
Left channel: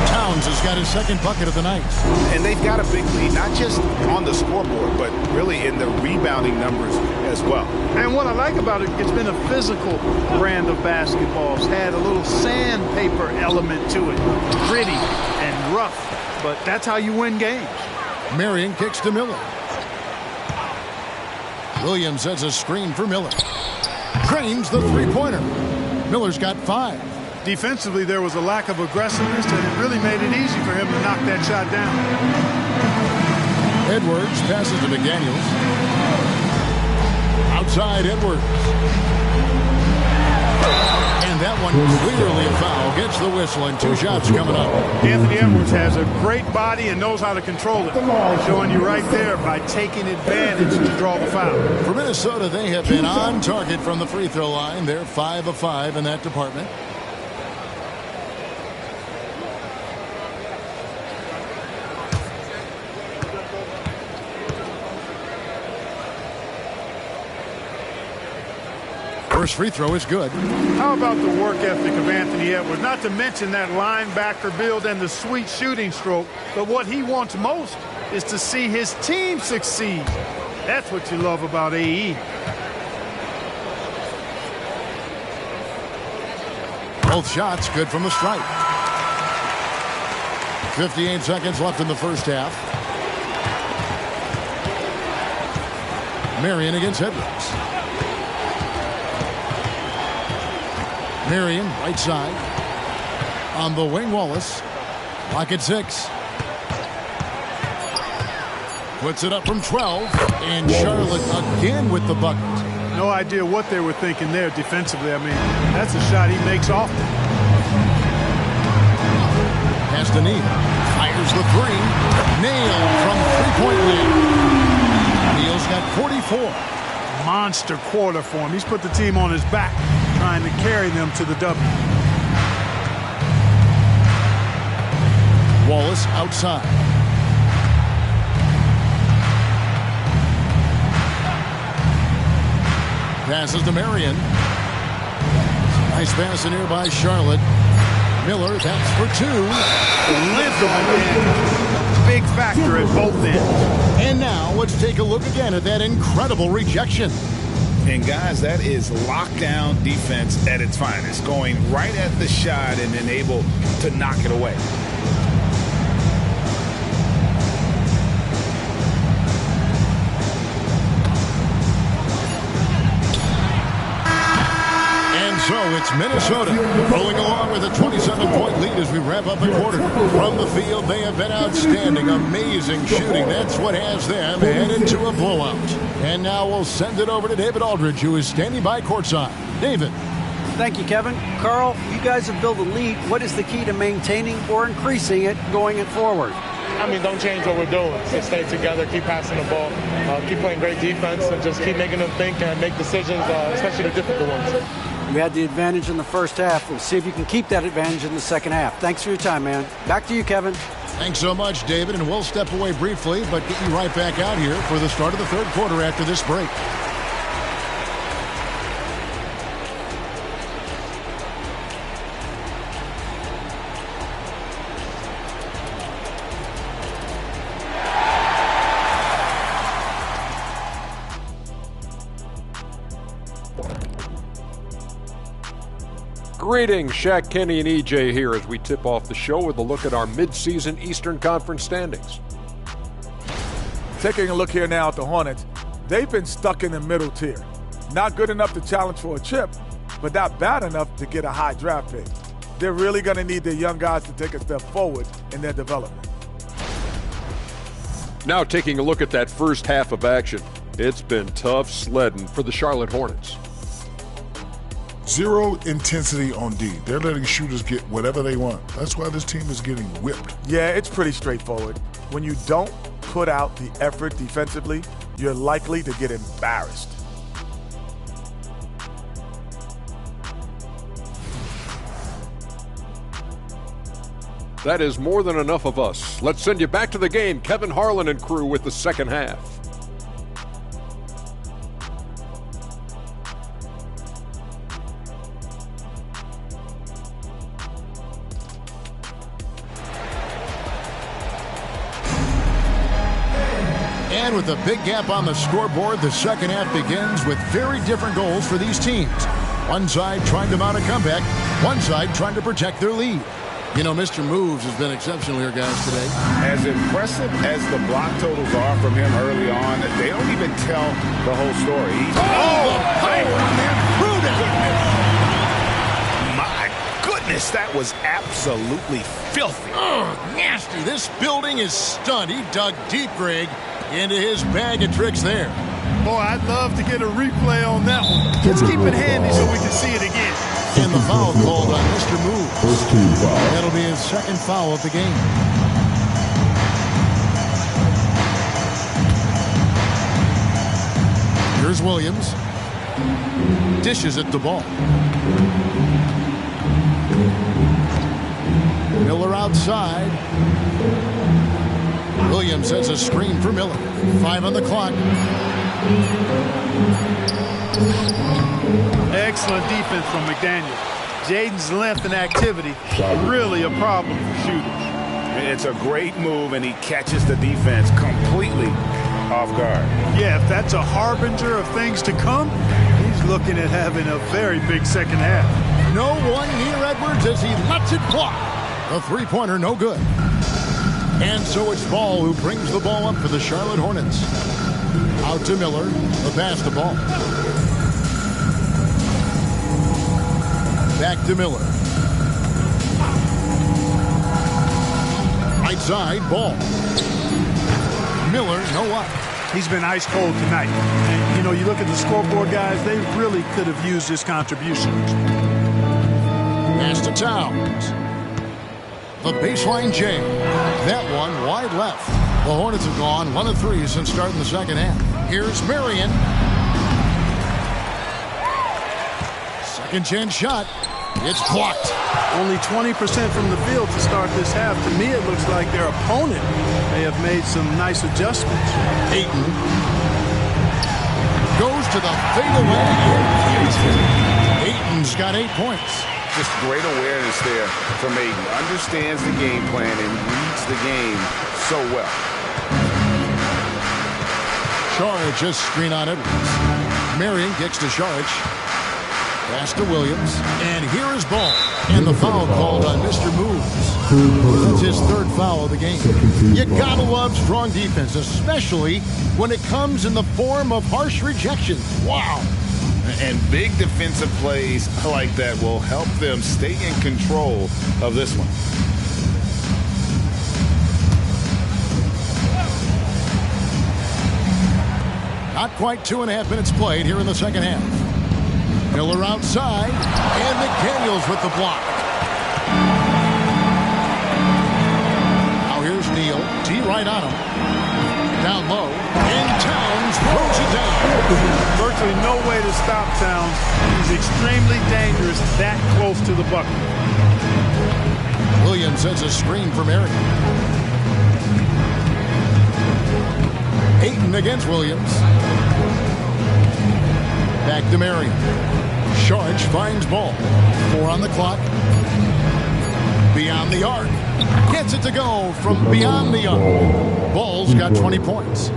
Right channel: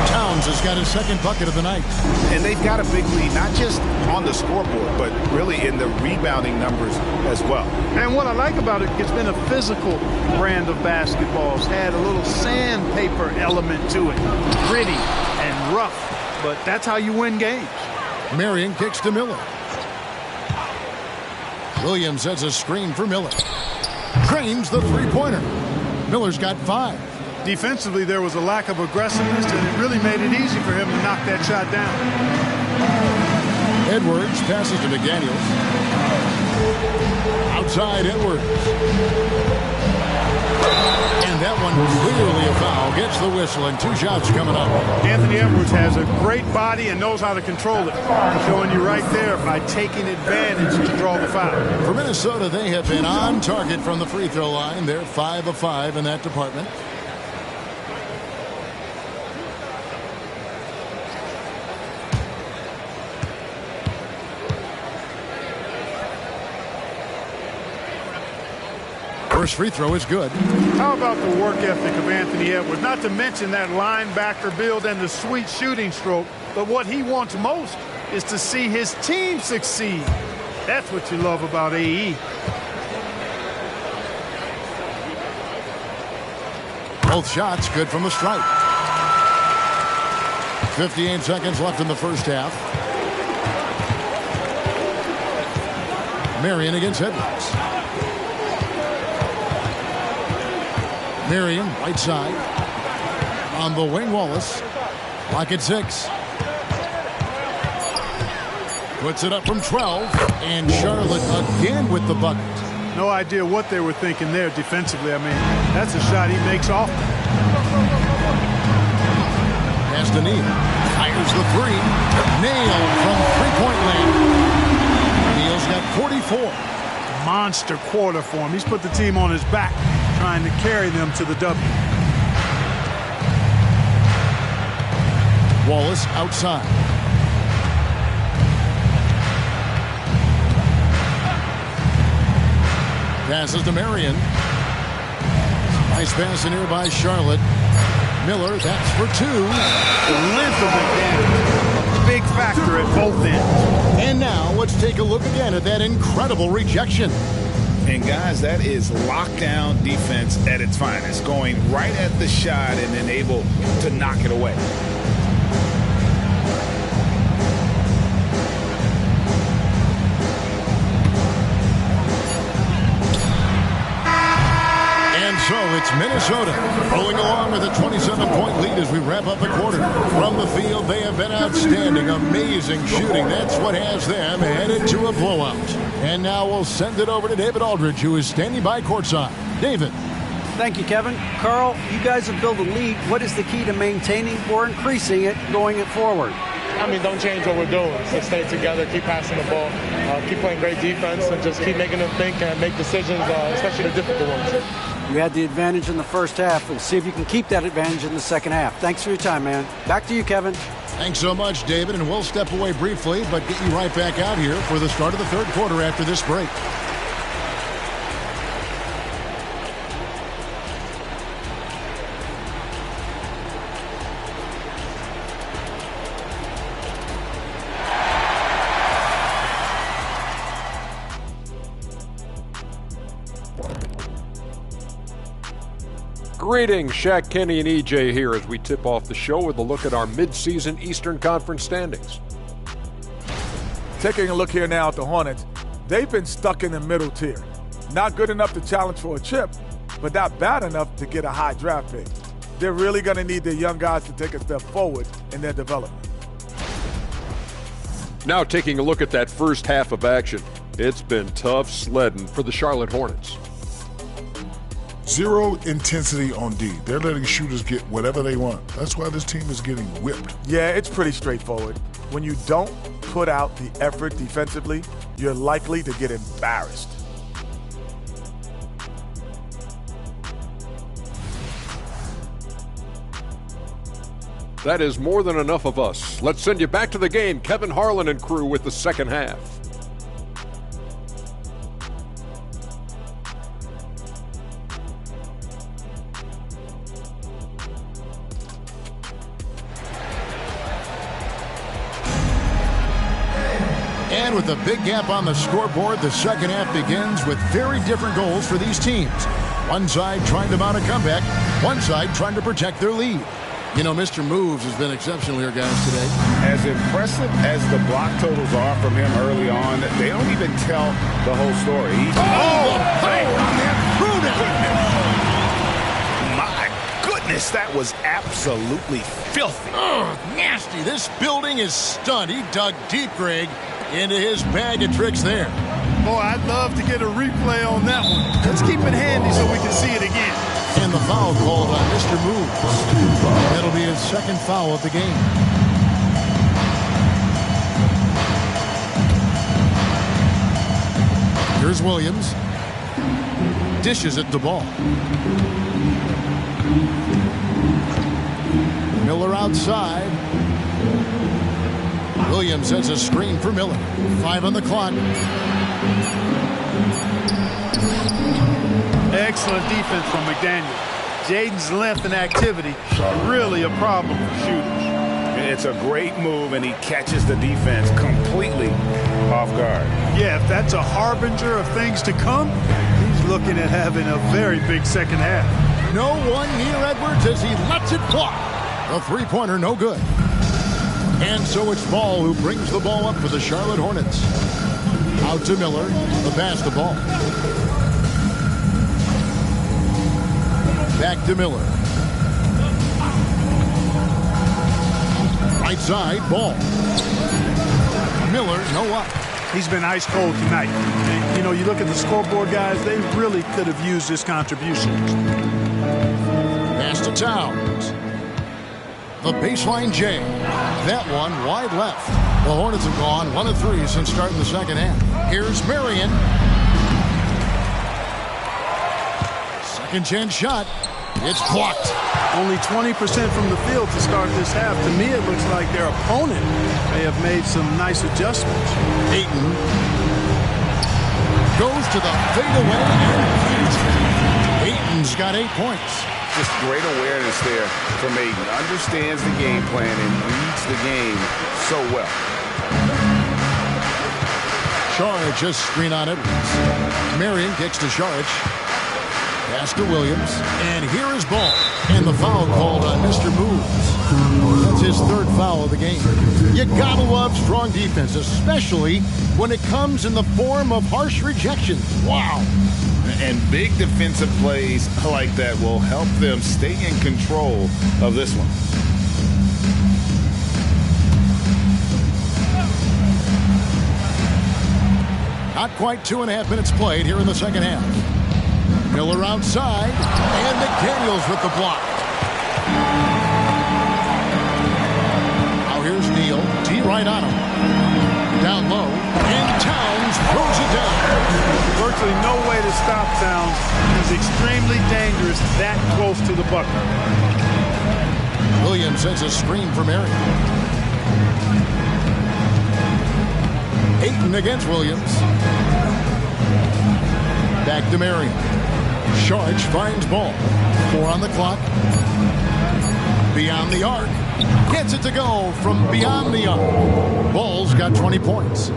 Towns has got his second bucket of the night. And they've got a big lead, not just on the scoreboard, but really in the rebounding numbers as well. And what I like about it, it's been a physical brand of basketball. It's had a little sandpaper element to it. Gritty and rough, but that's how you win games. Marion kicks to Miller. Williams sets a screen for Miller. Drains the three-pointer. Miller's got 5. Defensively, there was a lack of aggressiveness, and it really made it easy for him to knock that shot down. Edwards passes to McDaniels. Outside Edwards. And that one clearly a foul. Gets the whistle, and 2 shots coming up. Anthony Edwards has a great body and knows how to control it. Showing you right there by taking advantage to draw the foul. For Minnesota, they have been on target from the free throw line. They're 5 of 5 in that department. First free throw is good. How about the work ethic of Anthony Edwards? Not to mention that linebacker build and the sweet shooting stroke. But what he wants most is to see his team succeed. That's what you love about AE. Both shots good from the stripe. 58 seconds left in the first half. Marion against Edwards. Marion, right side. On the wing, Wallace. Lock at 6. Puts it up from 12. And Charlotte again with the bucket. No idea what they were thinking there defensively. I mean, that's a shot he makes often. Pass to Neal. Fires the 3. Nailed from three-point land. Neal's got 44. Monster quarter for him. He's put the team on his back, trying to carry them to the W. Wallace outside. Passes to Marion. Nice pass in here by Charlotte. Miller, that's for 2. The length of it, Dan, a big factor at both ends. And now let's take a look again at that incredible rejection. And guys, that is lockdown defense at its finest. Going right at the shot and then able to knock it away. And so it's Minnesota rolling along with a 27-point lead as we wrap up the quarter. From the field, they have been outstanding, amazing shooting. That's what has them headed to a blowout. And now we'll send it over to David Aldridge, who is standing by courtside. David. Thank you, Kevin. Carl, you guys have built a lead. What is the key to maintaining or increasing it going forward? I mean, don't change what we're doing. Just stay together, keep passing the ball, keep playing great defense, and just keep making them think and make decisions, especially the difficult ones. You had the advantage in the first half. We'll see if you can keep that advantage in the second half. Thanks for your time, man. Back to you, Kevin. Thanks so much, David. And we'll step away briefly, but get you right back out here for the start of the third quarter after this break. Greetings, Shaq, Kenny, and EJ here as we tip off the show with a look at our midseason Eastern Conference standings. Taking a look here now at the Hornets, they've been stuck in the middle tier. Not good enough to challenge for a chip, but not bad enough to get a high draft pick. They're really going to need their young guys to take a step forward in their development. Now taking a look at that first half of action. It's been tough sledding for the Charlotte Hornets. Zero intensity on D. They're letting shooters get whatever they want. That's why this team is getting whipped. Yeah, it's pretty straightforward. When you don't put out the effort defensively, you're likely to get embarrassed. That is more than enough of us. Let's send you back to the game. Kevin Harlan and crew with the second half. And with a big gap on the scoreboard, the second half begins with very different goals for these teams. One side trying to mount a comeback, one side trying to protect their lead. You know, Mr. Moves has been exceptional here, guys, today. As impressive as the block totals are from him early on, they don't even tell the whole story. The power on that My goodness, that was absolutely filthy. Oh, nasty. This building is stunned. He dug deep, Greg, into his bag of tricks there. Boy, I'd love to get a replay on that one. Let's keep it handy so we can see it again. And the foul called on Mr. Moves. That'll be his second foul of the game. Here's Williams. Dishes at the ball. Miller outside. Williams has a screen for Miller. 5 on the clock. Excellent defense from McDaniels. Jaden's length and activity really a problem for shooters. It's a great move, and he catches the defense completely off guard. Yeah, if that's a harbinger of things to come, he's looking at having a very big second half. No one near Edwards as he lets it fly. The three-pointer no good. And so it's Ball who brings the ball up for the Charlotte Hornets. Out to Miller, the pass to Ball. Back to Miller. Right side, Ball. Miller, no up. He's been ice cold tonight. And, you know, you look at the scoreboard, guys, they really could have used his contributions. Pass to Towns. The baseline J. That one wide left. The Hornets have gone 1 of 3 since starting the second half. Here's Marion. Second chance shot. It's blocked. Only 20% from the field to start this half. To me, it looks like their opponent may have made some nice adjustments. Ayton goes to the fadeaway and keeps it. Ayton's got 8 points. Just great awareness there from Ayton. Understands the game plan and reads the game so well. Saric just screen on Edwards. Marion kicks to Saric. Pass to Williams. And here is Ball. And the foul called on Mr. Moves. That's his third foul of the game. You gotta love strong defense, especially when it comes in the form of harsh rejections. Wow. And big defensive plays like that will help them stay in control of this one. Not quite 2.5 minutes played here in the second half. Miller outside, and McDaniels with the block. Now here's Neal. T right on him. Down low, and Towns throws it down. Virtually no way to stop Towns. He's extremely dangerous that close to the bucket. Williams has a screen for Marion. Ayton against Williams. Back to Marion. Saric finds Ball. 4 on the clock. Beyond the arc. Gets it to go from beyond the arc. Ball's got 20 points.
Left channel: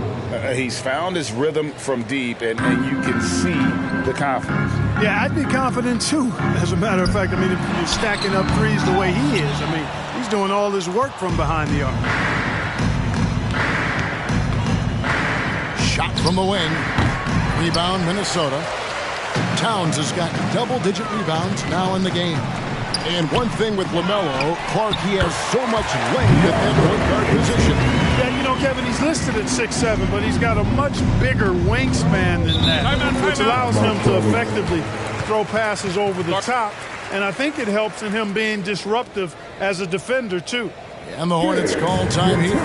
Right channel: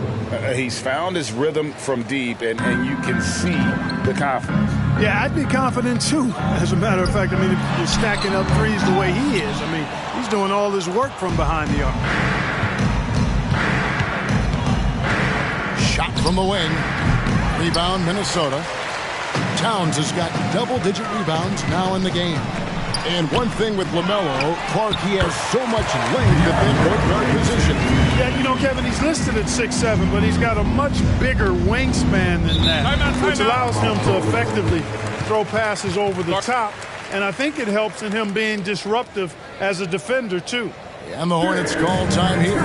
He's found his rhythm from deep, and you can see the confidence. Yeah, I'd be confident too. As a matter of fact, I mean, if you're stacking up threes the way he is, I mean, he's doing all this work from behind the arc. Shot from the wing. Rebound, Minnesota. Towns has got double-digit rebounds now in the game. And one thing with LaMelo, Clark, he has so much length at that point guard position. Yeah, you know, Kevin, he's listed at 6'7", but he's got a much bigger wingspan than that, which allows him to effectively throw passes over the top. And I think it helps in him being disruptive as a defender, too. And the Hornets call time here.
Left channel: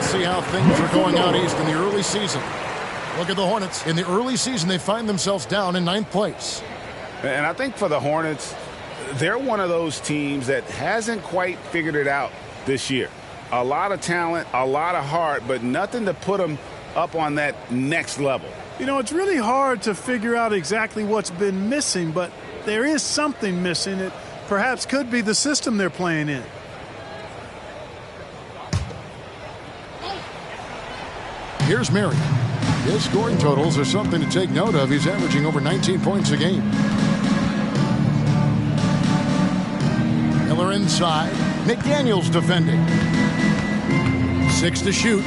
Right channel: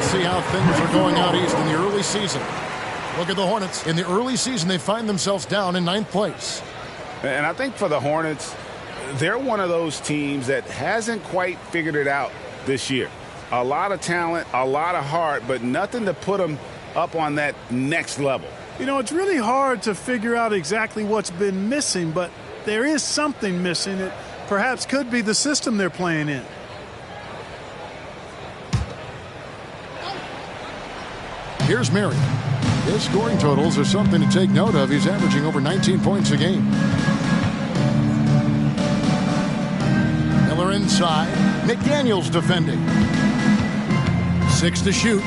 See how things are going out east in the early season. Look at the Hornets. In the early season, they find themselves down in 9th place. And I think for the Hornets, they're one of those teams that hasn't quite figured it out this year. A lot of talent, a lot of heart, but nothing to put them up on that next level. You know, it's really hard to figure out exactly what's been missing, but there is something missing. It perhaps could be the system they're playing in. Here's Marion. His scoring totals are something to take note of. He's averaging over 19 points a game. Miller inside. McDaniels defending. 6 to shoot.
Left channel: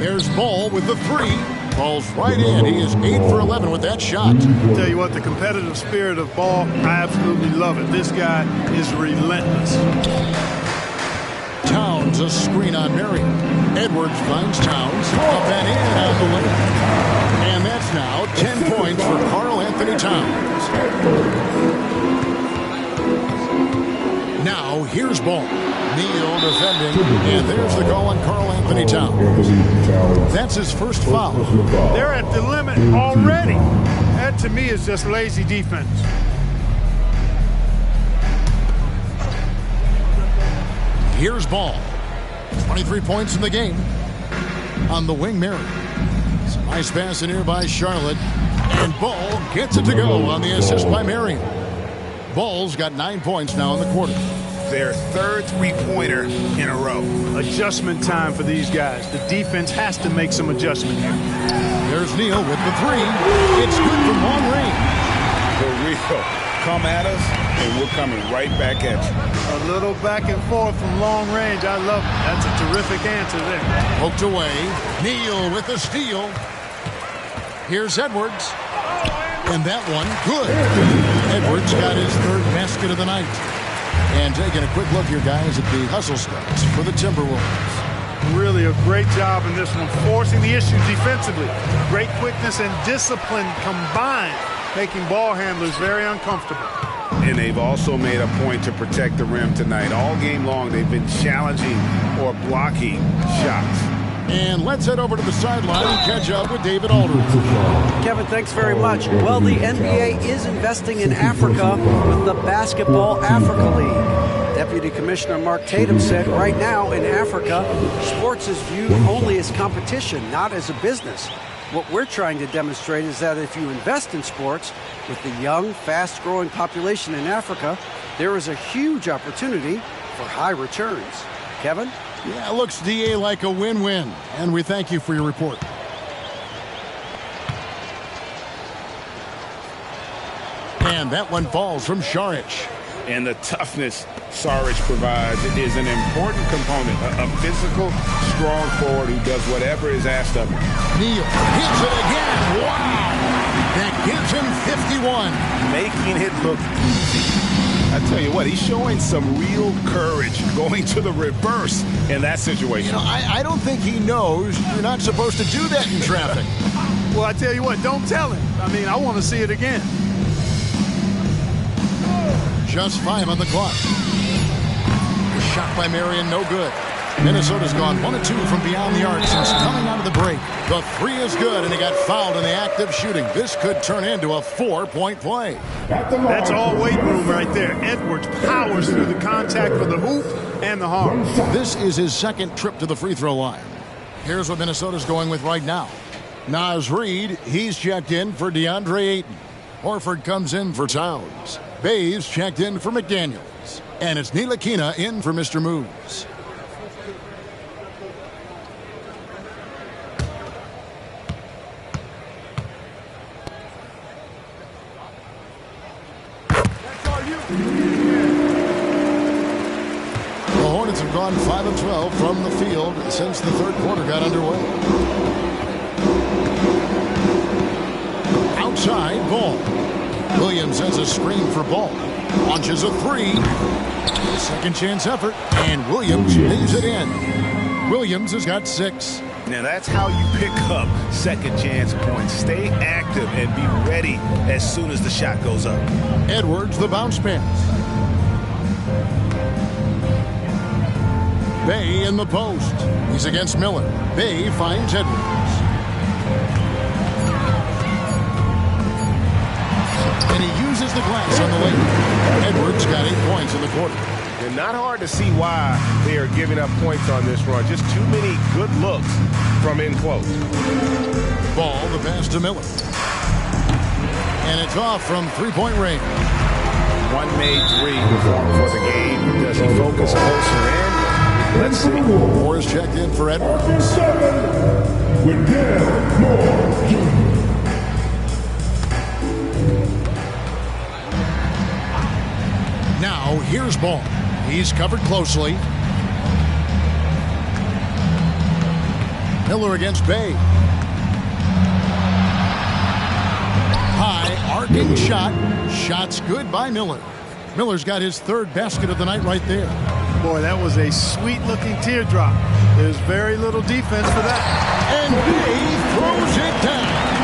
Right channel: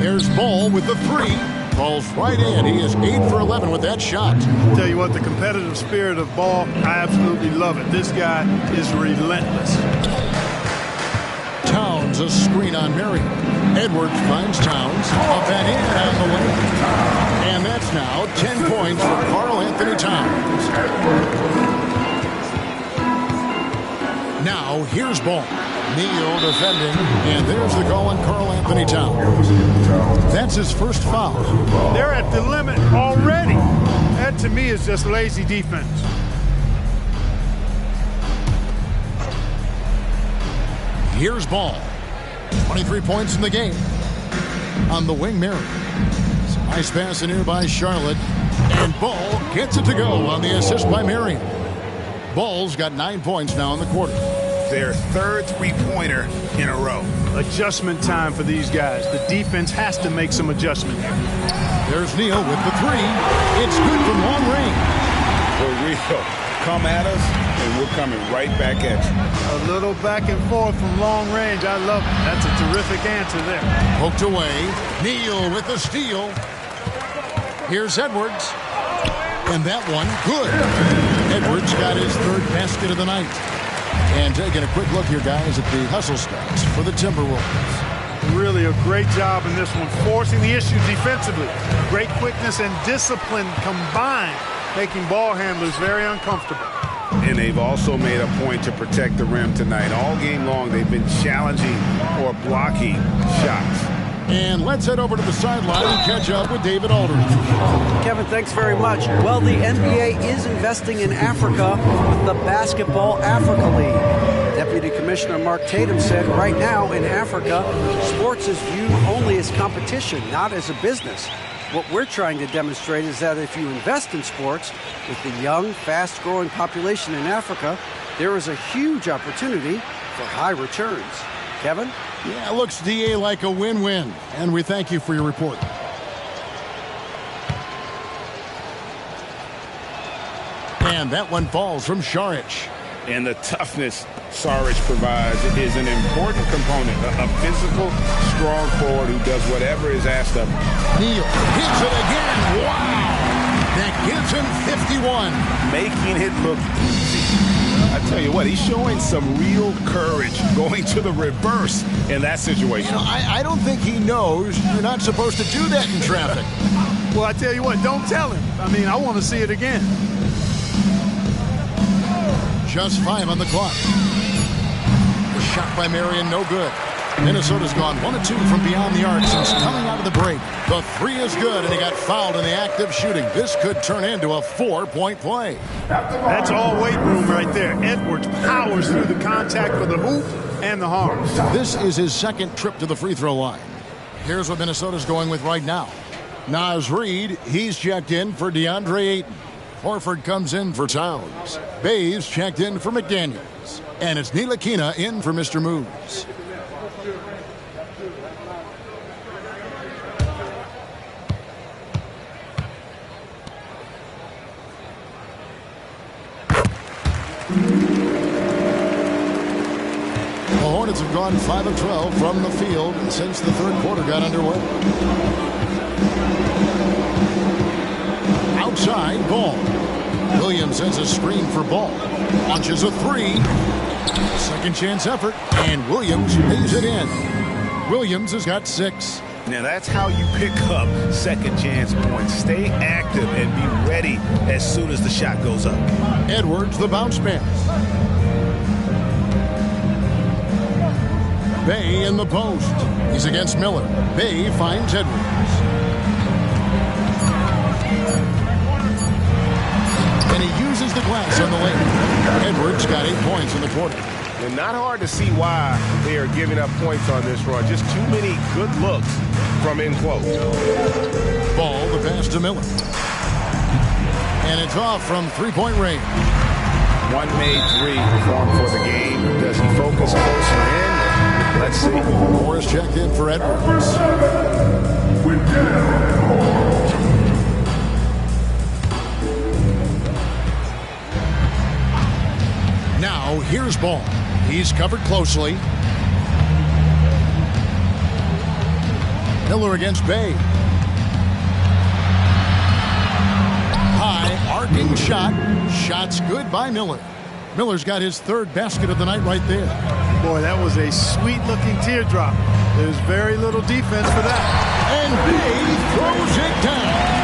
There's Ball with the 3. Falls right in. He is 8 for 11 with that shot. Tell you what, the competitive spirit of Ball, I absolutely love it. This guy is relentless. Towns, a screen on Marion. Edwards finds Towns. Up and in on the wing. And that's now 10 points for Karl Anthony Towns. Now here's Ball. Neal defending. And there's the call on Karl Anthony Towns. That's his first foul. They're at the limit already. That to me is just lazy defense. Here's Ball. 23 points in the game. On the wing, Mary. Some nice pass in here by Charlotte. And Ball gets it to go on the assist by Marion. Ball's got 9 points now in the quarter. Their third three-pointer in a row. Adjustment time for these guys. The defense has to make some adjustment here. There's Neal with the 3. It's good from long range. For real. Come at us, and we're coming right back at you. A little back and forth from long range. I love it. That's a terrific answer there. Poked away. Neal with the steal. Here's Edwards. And that one, good. Edwards got his third basket of the night. And taking a quick look here, guys, at the hustle stats for the Timberwolves. Really a great job in this one, forcing the issue defensively. Great quickness and discipline combined, making ball handlers very uncomfortable. And they've also made a point to protect the rim tonight. All game long, they've been challenging or blocking shots. And let's head over to the sideline and catch up with David Aldridge. Kevin, thanks very much. Well, the NBA is investing in Africa with the Basketball Africa League. Deputy Commissioner Mark Tatum said right now in Africa, sports is viewed only as competition, not as a business. What we're trying to demonstrate is that if you invest in sports with the young, fast-growing population in Africa, there is a huge opportunity for high returns. Kevin? Yeah, looks, DA, like a win-win. And we thank you for your report. And that one falls from Saric. And the toughness Saric provides is an important component. A physical, strong forward who does whatever is asked of him. Neal hits it again. Wow! That gives him 51. Making it look easy. I tell you what, he's showing some real courage going to the reverse in that situation. You know, I don't think he knows you're not supposed to do that in traffic. Well, I tell you what, don't tell him. I mean, I want to see it again. Just 5 on the clock. The shot by Marion, no good. Minnesota's gone 1 of 2 from beyond the arc since coming out of the break. The 3 is good, and he got fouled in the act of shooting. This could turn into a 4-point play. That's all weight room right there. Edwards powers through the contact for the hoop and the harm. This is his second trip to the free throw line. Here's what Minnesota's going with right now. Naz Reid, he's checked in for DeAndre Ayton. Horford comes in for Towns. Bays checked in for McDaniels. And it's Ntilikina in for Mr. Moves. The Hornets have gone 5 of 12 from the field since the third quarter got underway. Outside, Ball. Williams has a screen for Ball. Launches a 3. Second chance effort, and Williams lays it in. Williams has got 6. Now that's how you pick up second chance points. Stay active and be ready as soon as the shot goes up. Edwards, the bounce pass. Bay in the post. He's against Miller. Bay finds Edwards. And he uses the glass on the lane. Edwards got 8 points in the quarter. And not hard to see why they are giving up points on this run. Just too many good looks from in close. Ball, the pass to Miller. And it's off from three-point range. One made 3 for the game. Does he focus closer in? Let's see. Moore is checked in for Edwards. Number 7, Wendell Moore Jr. Now, here's Ball. He's covered closely. Miller against Bay. High, arcing shot. Shot's good by Miller. Miller's got his 3rd basket of the night right there. Boy, that was a sweet-looking teardrop. There's very little defense for that. And Bay throws it down.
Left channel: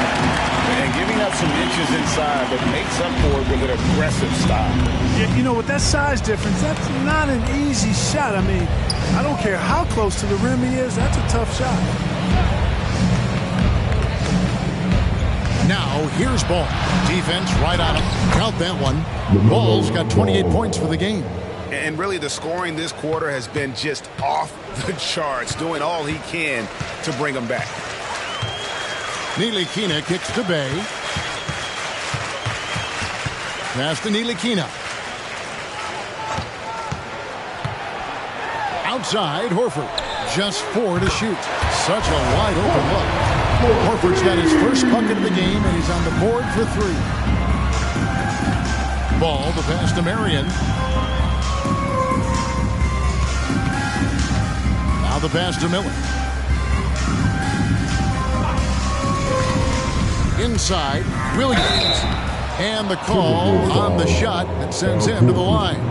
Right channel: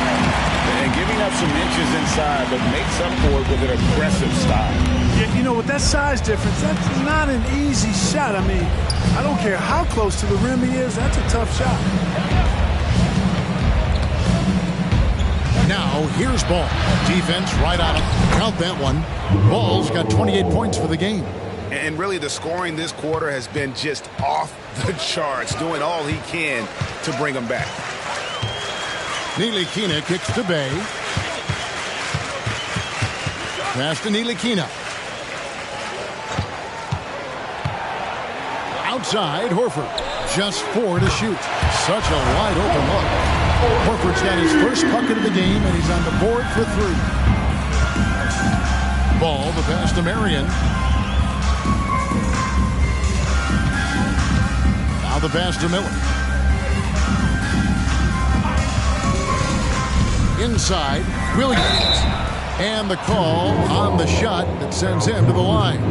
And giving up some inches inside, but makes up for it with an aggressive style. Yeah, you know, with that size difference, that's not an easy shot. I mean, I don't care how close to the rim he is, that's a tough shot. Now, here's Ball. Defense right on him. Count that one. Ball's got 28 points for the game. And really, the scoring this quarter has been just off the charts, doing all he can to bring them back. Ntilikina kicks to Bay. Pass to Ntilikina. Outside, Horford. Just 4 to shoot. Such a wide open look. Horford's got his first bucket of the game, and he's on the board for 3. Ball, the pass to Marion. Now the pass to Miller. Inside, Williams. And the call on the shot that sends him to the line.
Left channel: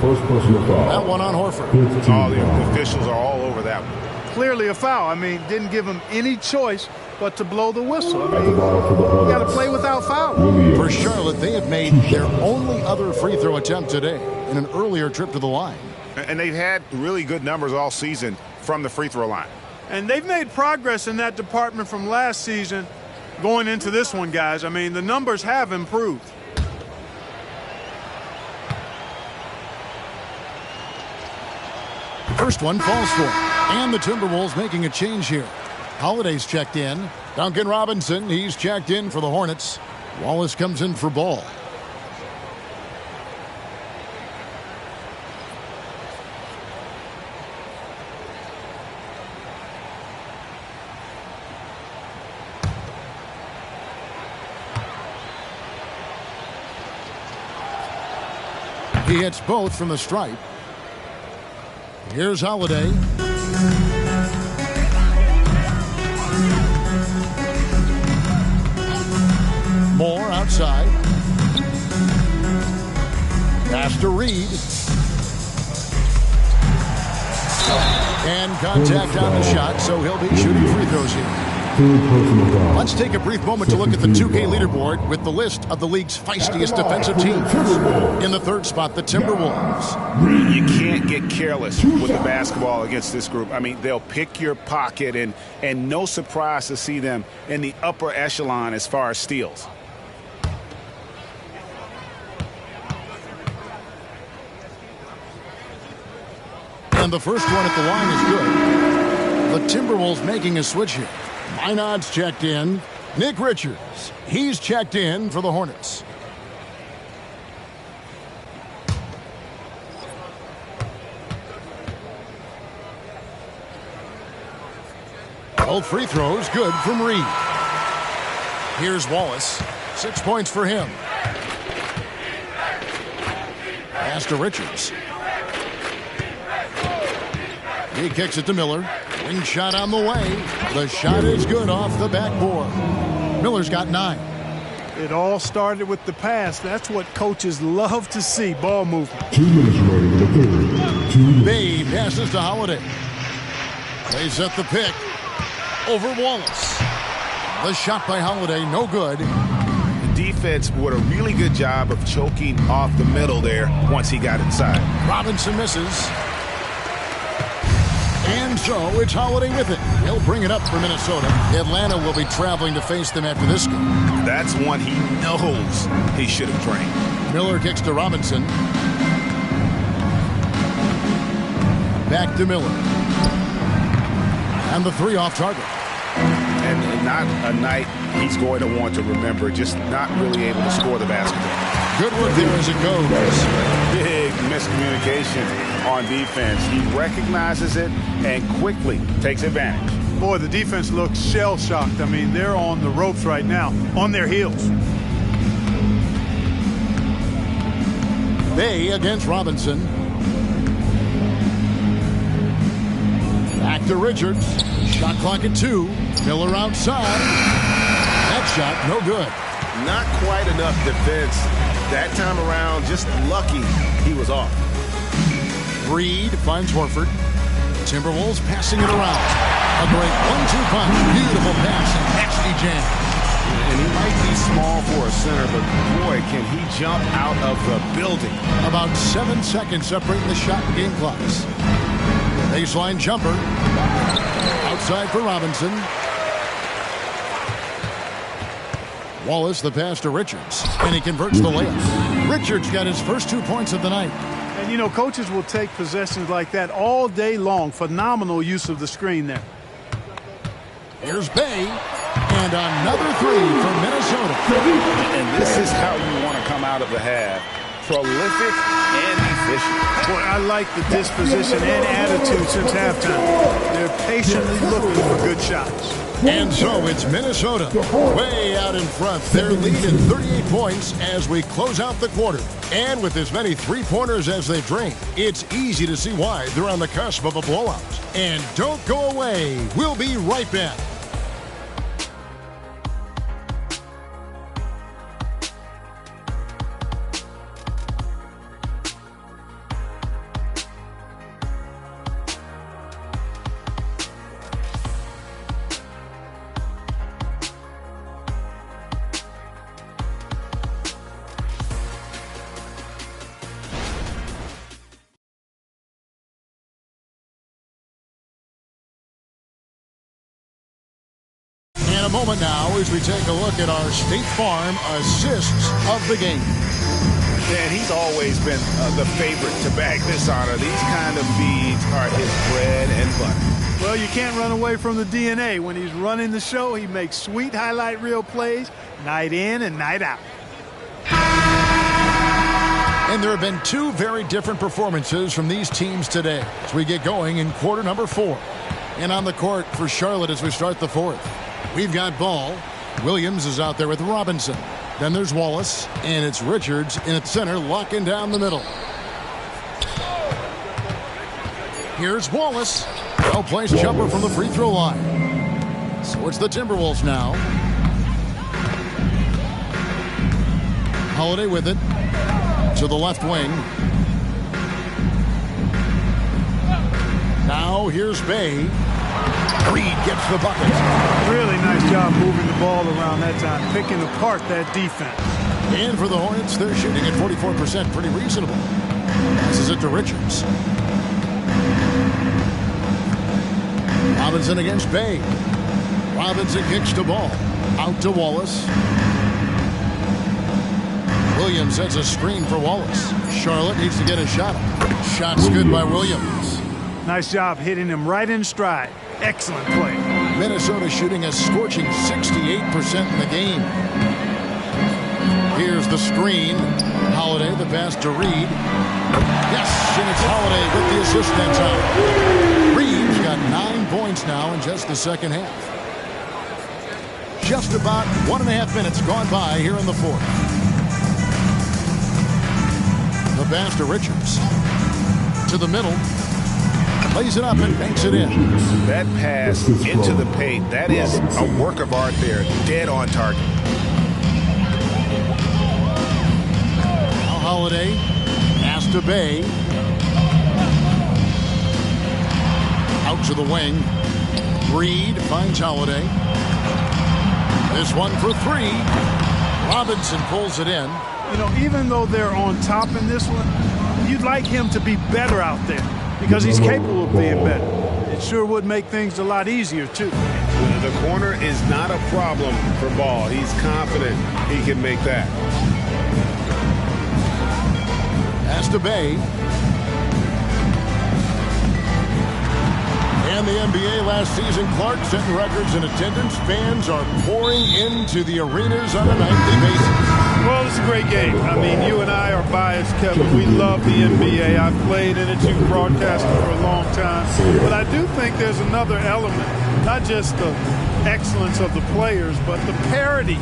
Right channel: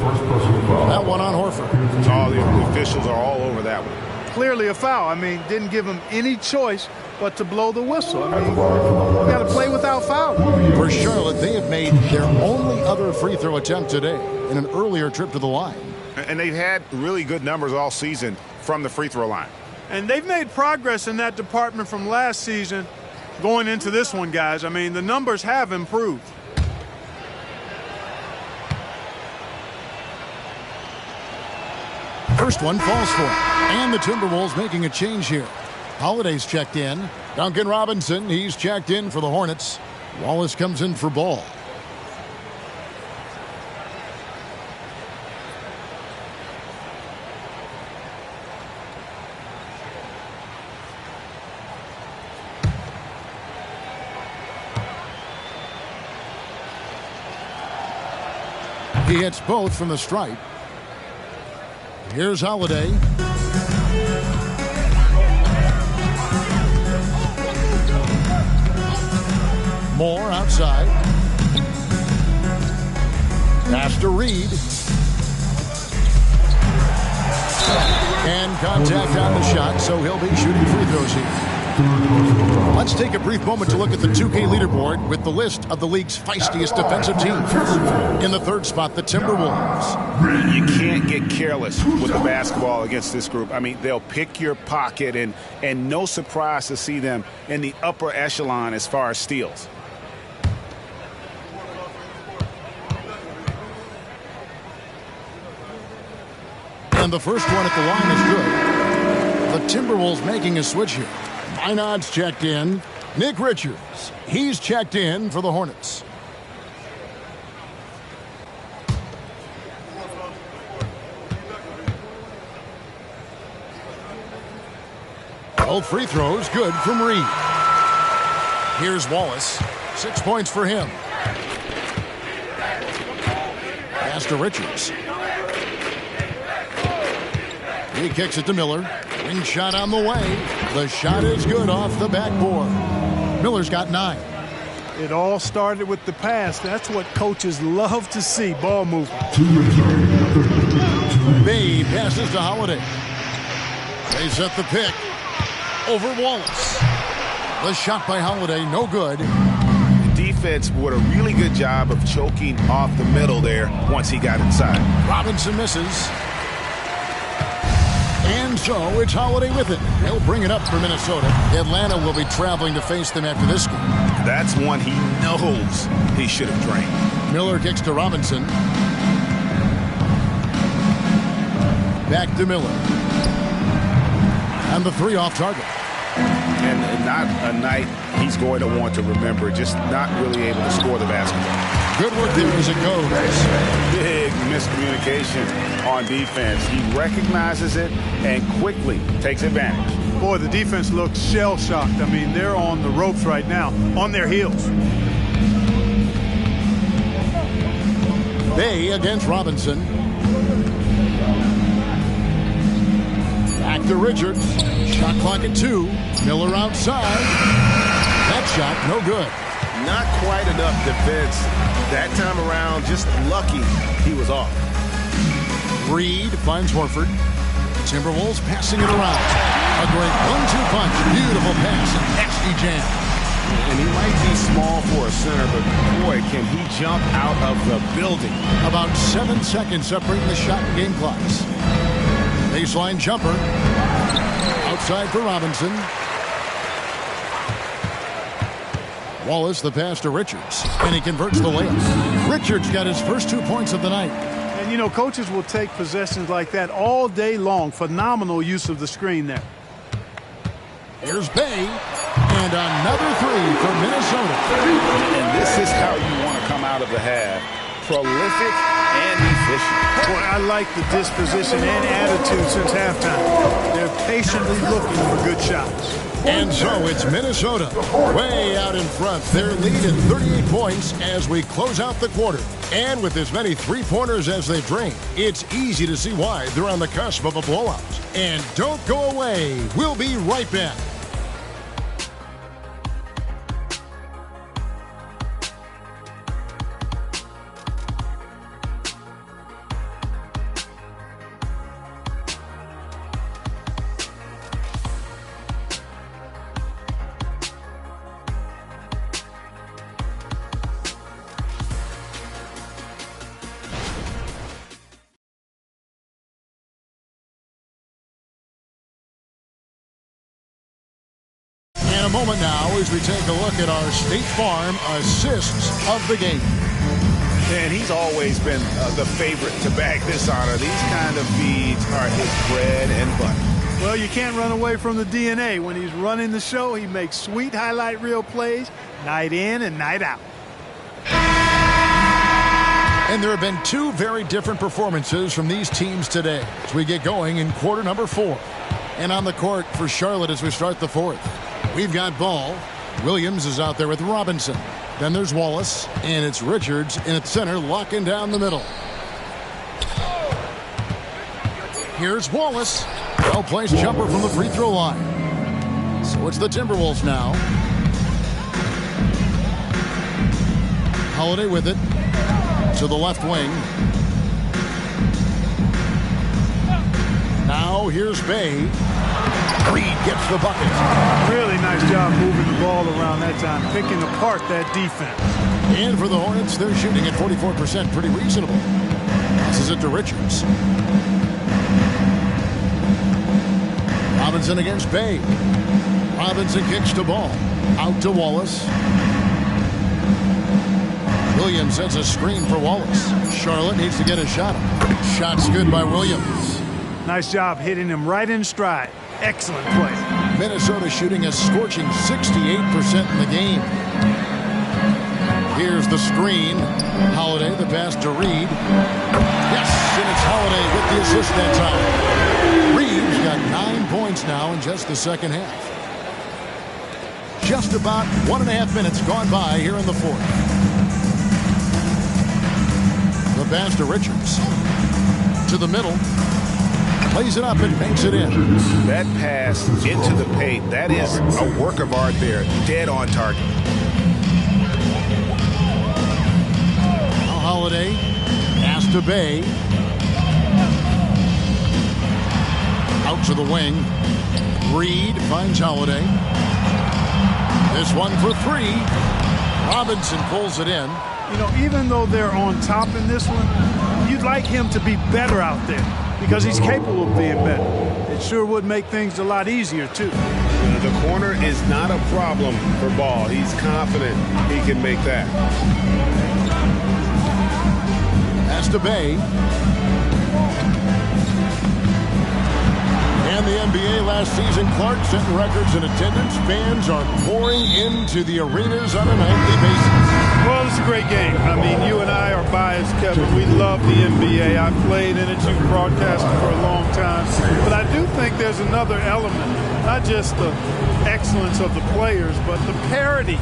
First personal foul. That one on Horford. Oh, the officials are all over that one. Clearly a foul. I mean, didn't give him any choice but to blow the whistle. I mean, you got to play without foul. For Charlotte, they have made their only other free throw attempt today in an earlier trip to the line. And they've had really good numbers all season from the free throw line. And they've made progress in that department from last season going into this one, guys. I mean, the numbers have improved. First one falls for him. And the Timberwolves making a change here. Holiday's checked in. Duncan Robinson, he's checked in for the Hornets. Wallace comes in for Ball. He hits both from the stripe. Here's Holiday. Moore outside. Pass to Reed. And contact on the shot, so he'll be shooting free throws here. Let's take a brief moment to look at the 2K leaderboard with the list of the league's feistiest defensive teams. In the third spot, the Timberwolves. You can't get careless with the basketball against this group. I mean, they'll pick your pocket, and no surprise to see them in the upper echelon as far as steals. And the first one at the line is good. The Timberwolves making a switch here. Minod's checked in. Nick Richards, he's checked in for the Hornets. Both free throws good from Reed. Here's Wallace. 6 points for him. Pass to Richards. He kicks it to Miller. Wing shot on the way. The shot is good off the backboard. Miller's got 9. It all started with the pass. That's what coaches love to see, ball movement. 2 minutes remaining in the third. Bay passes to Holiday. They set the pick over Wallace. The shot by Holiday, no good. The defense did a really good job of choking off the middle there once he got inside. Robinson misses. And so it's Holiday with it. He'll bring it up for Minnesota. Atlanta will be traveling to face them after this game. That's one he knows he should have drained. Miller kicks to Robinson. Back to Miller. And the 3 off target. And not a night he's going to want to remember, just not really able to score the basketball. Good work there as it goes. Big miscommunication on defense. He recognizes it and quickly takes advantage. Boy, the defense looks shell-shocked. I mean, they're on the ropes right now, on their heels. Bay against Robinson. Back to Richards. Shot clock at 2. Miller outside. That shot, no good. Not quite enough defense that time around. Just lucky he was off. Reed finds Horford. Timberwolves passing it around. A great 1-2 punch. Beautiful pass and nasty jam. And he might be small for a center, but boy, can he jump out of the building. About 7 seconds separating the shot and game clocks. Baseline jumper. Outside for Robinson. Wallace, the pass to Richards. And he converts the layup. Richards got his first 2 points of the night. And, you know, coaches will take possessions like that all day long. Phenomenal use of the screen there. Here's Bay. And another 3 for Minnesota. And this is how you want to come out of the half. Prolific and efficient. Boy, I like the disposition and attitude since halftime. They're patiently looking for good shots. And so it's Minnesota way out in front. Their lead at 38 points as we close out the quarter. And with as many three-pointers as they've drained, it's easy to see why they're on the cusp of a blowout. And don't go away. We'll be right back. In a moment now as we take a look at our State Farm assists of the game. And he's always been the favorite to bag this honor. These kind of feeds are his bread and butter. Well, you can't run away from the DNA. When he's running the show, he makes sweet highlight reel plays night in and night out. And there have been 2 very different performances from these teams today as we get going in quarter number 4. And on the court for Charlotte as we start the 4th. We've got Ball. Williams is out there with Robinson. Then there's Wallace, and it's Richards in at center, locking down the middle. Here's Wallace. Well-placed jumper from the free throw line. So it's the Timberwolves now. Holiday with it to the left wing. Now here's Bay. Reed gets the bucket. Really nice job moving the ball around that time, picking apart that defense. And for the Hornets, they're shooting at 44%. Pretty reasonable. Passes it to Richards. Robinson against Bay. Robinson kicks the ball. Out to Wallace. Williams sets a screen for Wallace. Charlotte needs to get a shot up. Shot's good by Williams. Nice job hitting him right in stride. Excellent play. Minnesota shooting a scorching 68% in the game. Here's the screen. Holiday, the pass to Reed. Yes, and it's Holiday with the assist that time. Reed's got 9 points now in just the second half. Just about 1.5 minutes gone by here in the fourth. The pass to Richards. To the middle. Plays it up and banks it in. That pass into the paint, that is a work of art there. Dead on target. Now Holiday. Pass to Bay. Out to the wing. Reed finds Holiday. This one for three. Robinson pulls it in. You know, even though they're on top in this one, you'd like him to be better out there because he's capable of being better. It sure would make things a lot easier, too. The corner is not a problem for Ball. He's confident he can make that. Pass to Bay. And the NBA last season, Clark setting records in attendance. Fans are pouring into the arenas on a nightly basis. Well, it's a great game. I mean, you and I are biased, Kevin. We love the NBA. I've played in it. You've broadcasted for a long time. But I do think there's another element, not just the excellence of the players, but the parity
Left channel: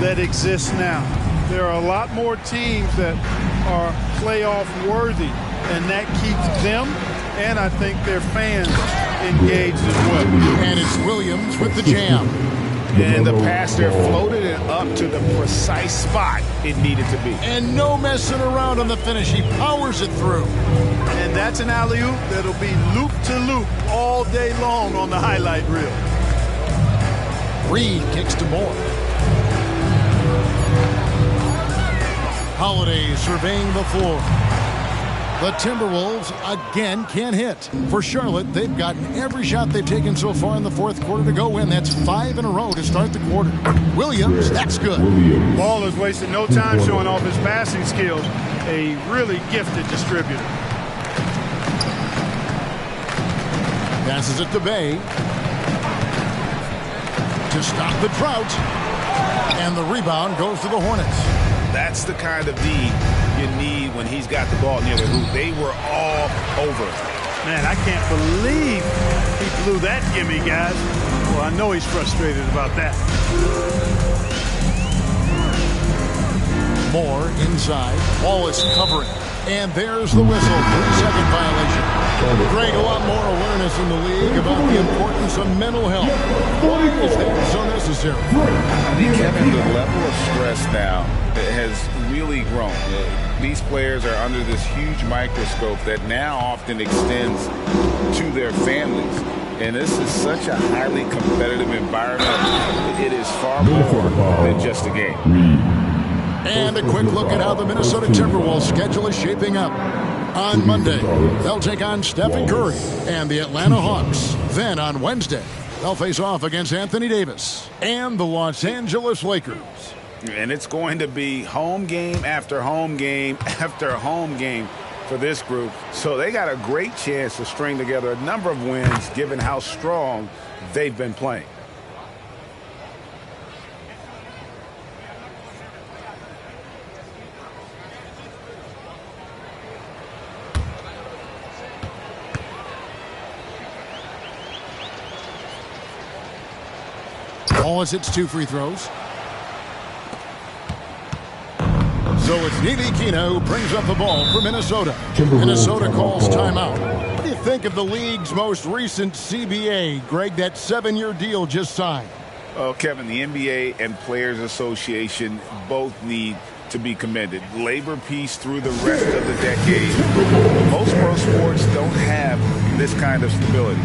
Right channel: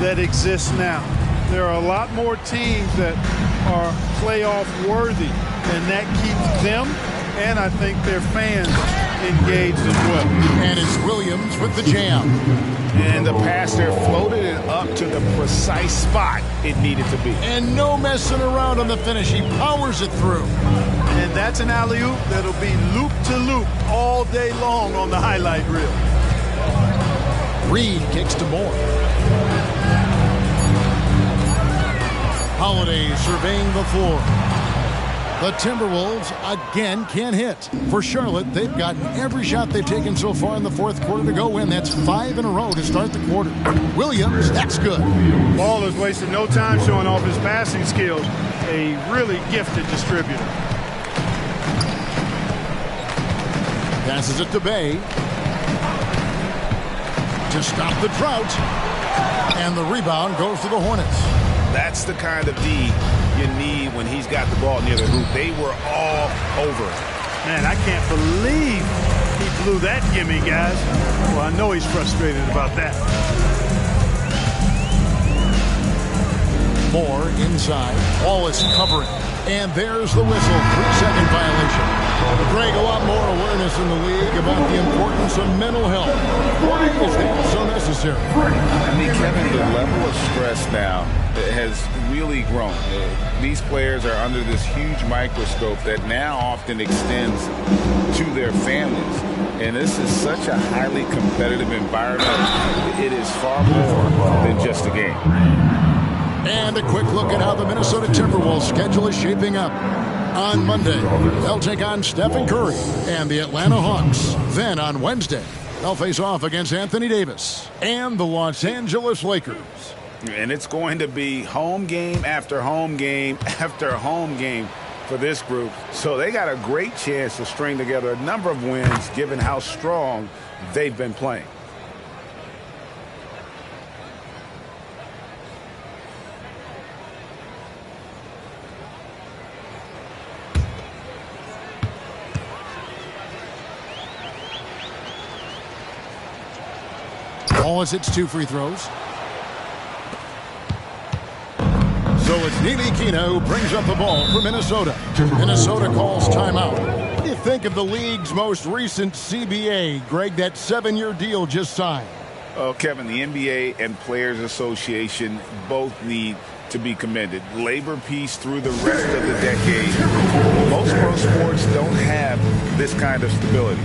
that exists now. There are a lot more teams that are playoff worthy, and that keeps them and I think their fans engaged as well. And it's Williams with the jam. And the passer floated it up to the precise spot it needed to be. And no messing around on the finish. He powers it through. And that's an alley-oop that'll be loop to loop all day long on the highlight reel. Reed kicks to Moore. Holiday surveying the floor. The Timberwolves again can't hit. For Charlotte, they've gotten every shot they've taken so far in the fourth quarter to go win. That's 5 in a row to start the quarter. Williams, that's good. Ball has wasted no time showing off his passing skills. A really gifted distributor. Passes it to Bay. To stop the drought. And the rebound goes to the Hornets. That's the kind of D you need when he's got the ball near the hoop. They were all over. Man, I can't believe he blew that gimme, guys. Well, I know he's frustrated about that. Moore inside. Wallace covering. And there's the whistle. 3-second violation. Greg, a lot more awareness in the league about the importance of mental health. Why is that so necessary? I mean, Kevin, the level of stress now has really grown. These players are under this huge microscope that now often extends to their families. And this is such a highly competitive environment. It is far more than just a game. And a quick look at how the Minnesota Timberwolves schedule is shaping up. On Monday, they'll take on Stephen Curry and the Atlanta Hawks. Then on Wednesday, they'll face off against Anthony Davis and the Los Angeles Lakers. And it's going to be home game after home game after home game for this group. So they got a great chance to string together a number of wins given how strong they've been playing. Wallace hits 2 free throws. So it's Neely Kina who brings up the ball for Minnesota. Minnesota calls timeout. do you think of the league's most recent CBA, Greg, that 7-year deal just signed? Oh, Kevin, the NBA and Players Association both need to be commended. Labor peace through the rest of the decade. Most pro sports don't have this kind of stability.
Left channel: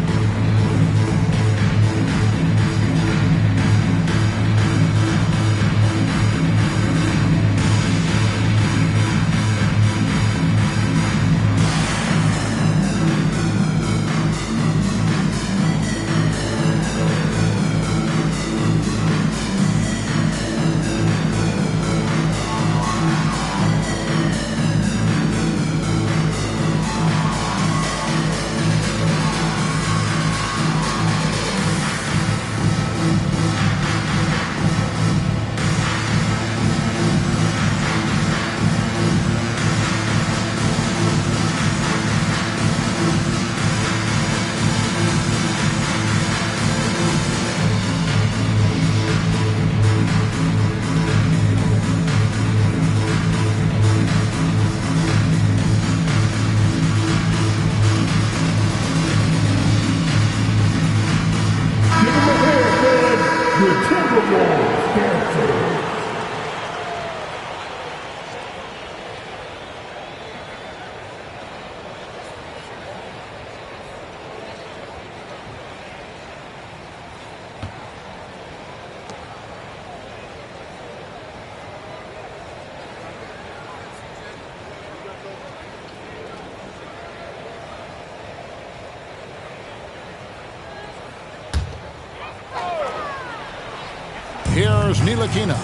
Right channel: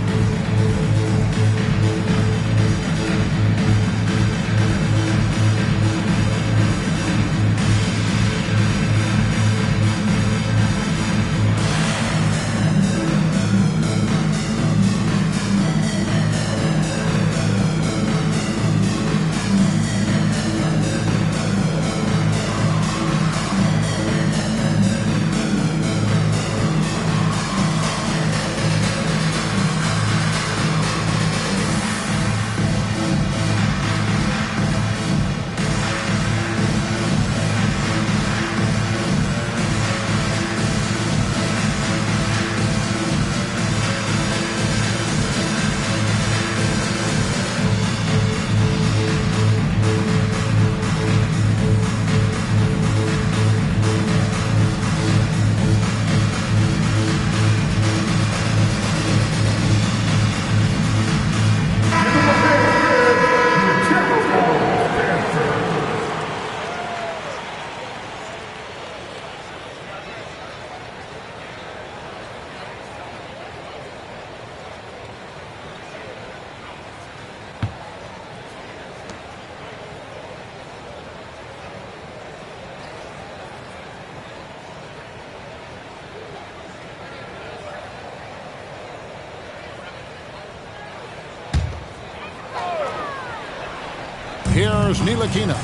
Here's Ntilikina.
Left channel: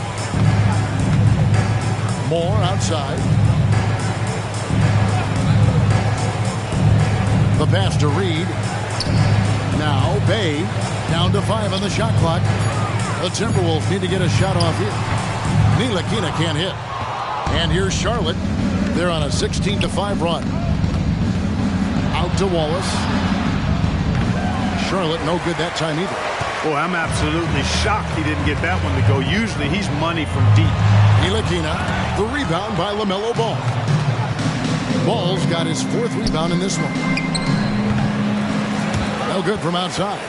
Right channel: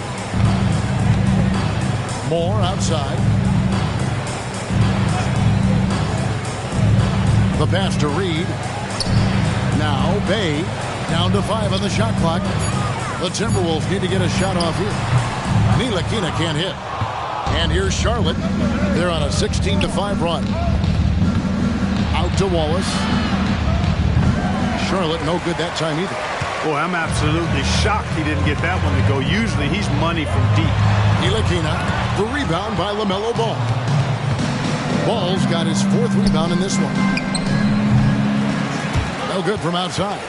Moore outside. The pass to Reed. Now Bay down to 5 on the shot clock. The Timberwolves need to get a shot off here. Ntilikina can't hit. And here's Charlotte. They're on a 16-5 run. Out to Wallace. Charlotte no good that time either. Boy, I'm absolutely shocked he didn't get that one to go. Usually he's money from deep. Ntilikina, the rebound by LaMelo Ball. Ball's got his 4th rebound in this one. No good from outside.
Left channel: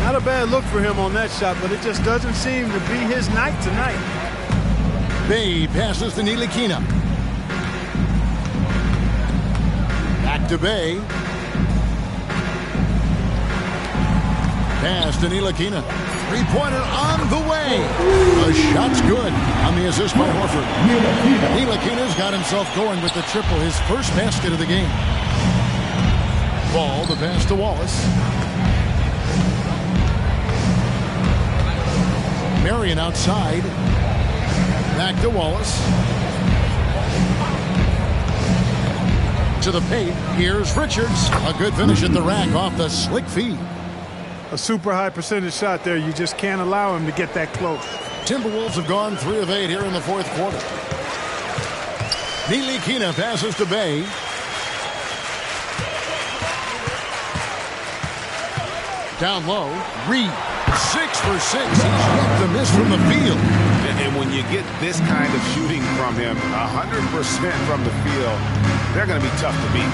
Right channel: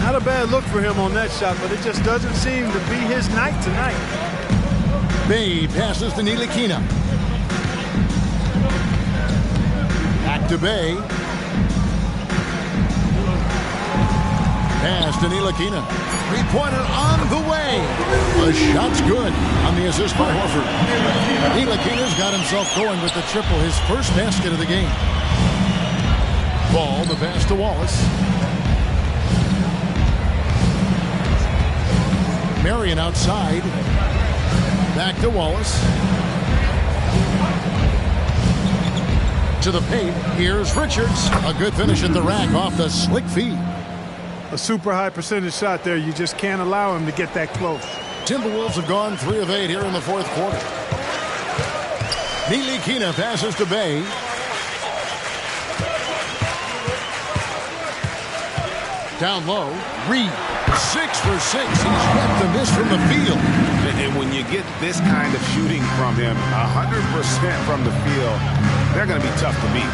Not a bad look for him on that shot, but it just doesn't seem to be his night tonight. Bay passes to Ntilikina. Back to Bay. Pass to Ntilikina. 3-pointer on the way. The shot's good on the assist by Horford. Ntilikina's got himself going with the triple, his first basket of the game. Ball, the pass to Wallace. Marion outside. Back to Wallace. To the paint. Here's Richards. A good finish at the rack off the slick feed. A super high percentage shot there. You just can't allow him to get that close. Timberwolves have gone 3 of 8 here in the 4th quarter. Ntilikina passes to Bay. Down low, Reed. 6 for 6. He's yet to miss from the field. And when you get this kind of shooting from him, 100% from the field, they're going to be tough to beat.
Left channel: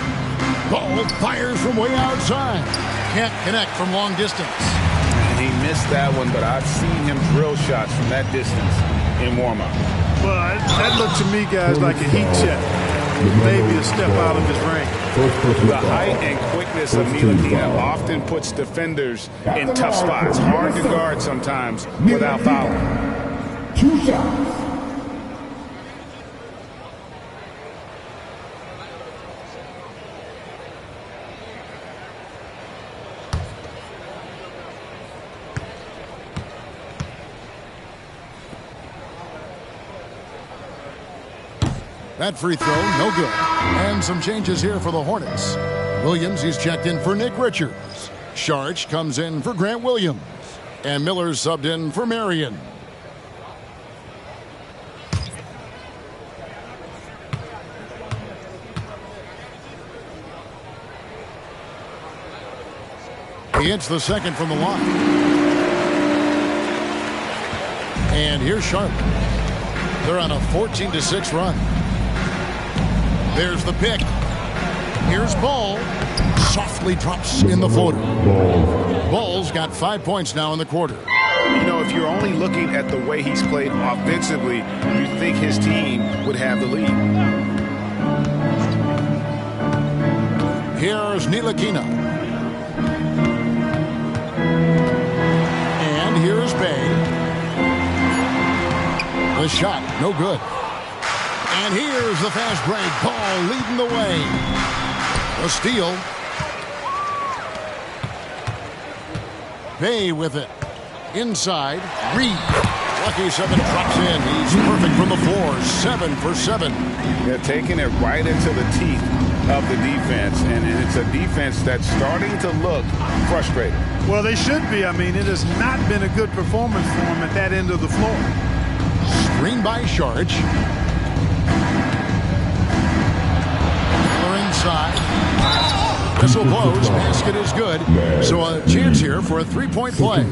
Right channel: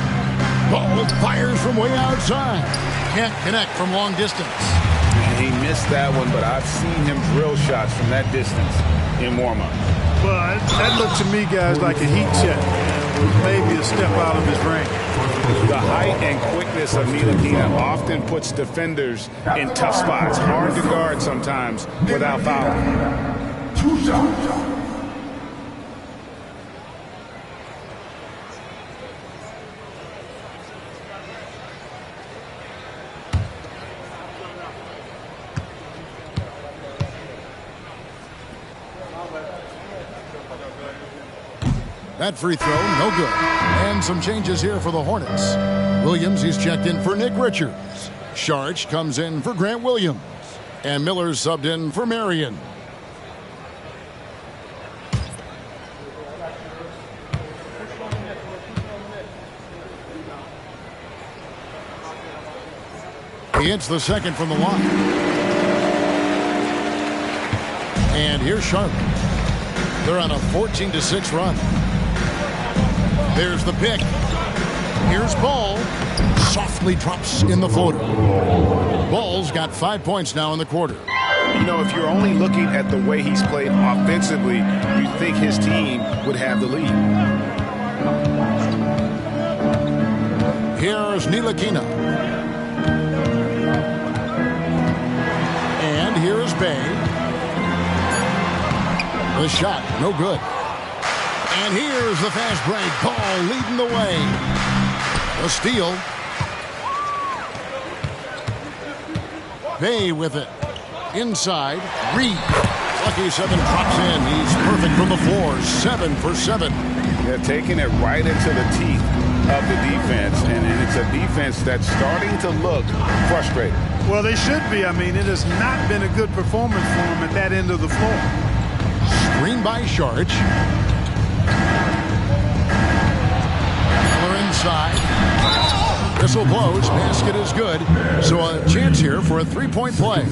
Ball fires from way outside. Can't connect from long distance. He missed that one, but I've seen him drill shots from that distance in warm-up. Well, that looked to me, guys, like a heat check. Was maybe a step out of his range. The height and quickness of Ntilikina often puts defenders in tough spots. Hard to guard sometimes without fouling. 2 shots. That free throw, no good. And some changes here for the Hornets. Williams, he's checked in for Nick Richards. Sharch comes in for Grant Williams. And Miller's subbed in for Marion. He hits the second from the line. And here's Charlotte. They're on a 14-6 run. There's the pick. Here's Ball. softly drops in the floater. Ball's got 5 points now in the quarter. You know, if you're only looking at the way he's played offensively, you think his team would have the lead. Here's Ntilikina. And here's Bay. The shot, no good. And here's the fast break. Ball leading the way. A steal. Bay with it. Inside. Reed. Lucky 7 drops in. He's perfect from the floor. 7 for 7. They're taking it right into the teeth of the defense. And it's a defense that's starting to look frustrated. Well, they should be. I mean, it has not been a good performance for them at that end of the floor. Screen by Saric. Miller inside. Whistle blows. Basket is good. So a chance here for a three-point play.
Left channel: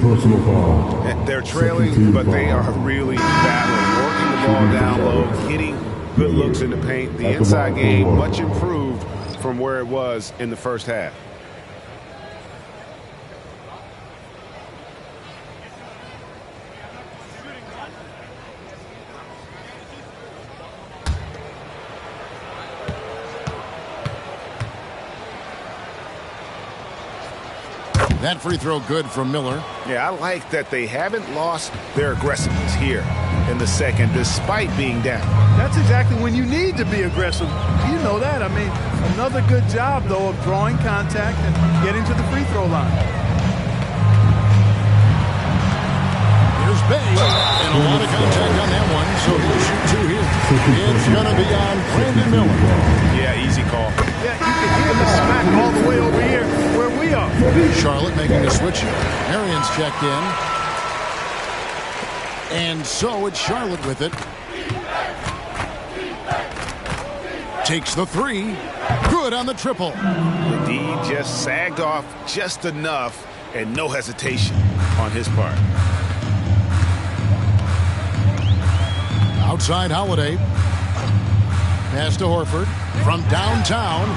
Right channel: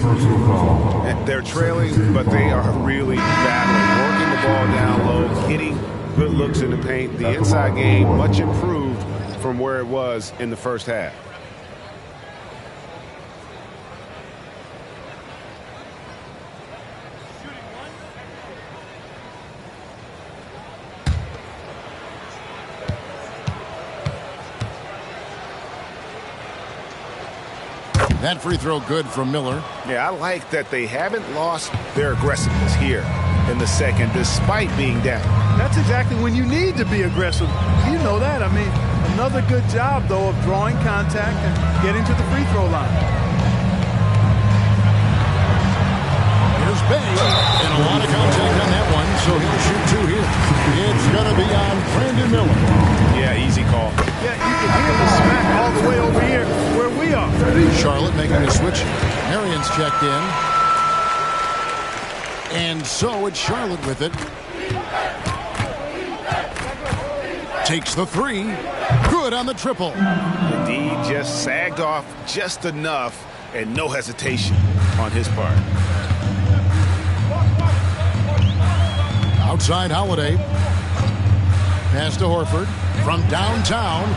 They're trailing, but they are really battling. Working the ball down low. Getting good looks in the paint. The inside game much improved from where it was in the first half. That free throw good from Miller. Yeah, I like that they haven't lost their aggressiveness here in the second, despite being down. That's exactly when you need to be aggressive. You know that. I mean, another good job, though, of drawing contact and getting to the free throw line. Here's Bay. And a lot of contact on that one, so he'll shoot 2 here. It's going to be on Brandon Miller. Yeah, easy call. Yeah, you can hear the smack all the way over here where we are. Charlotte making the switch here. Marion's checked in. And so it's Charlotte with it. Takes the 3. Good on the triple. The D just sagged off just enough and no hesitation on his part. Outside Holiday. Pass to Horford. From downtown.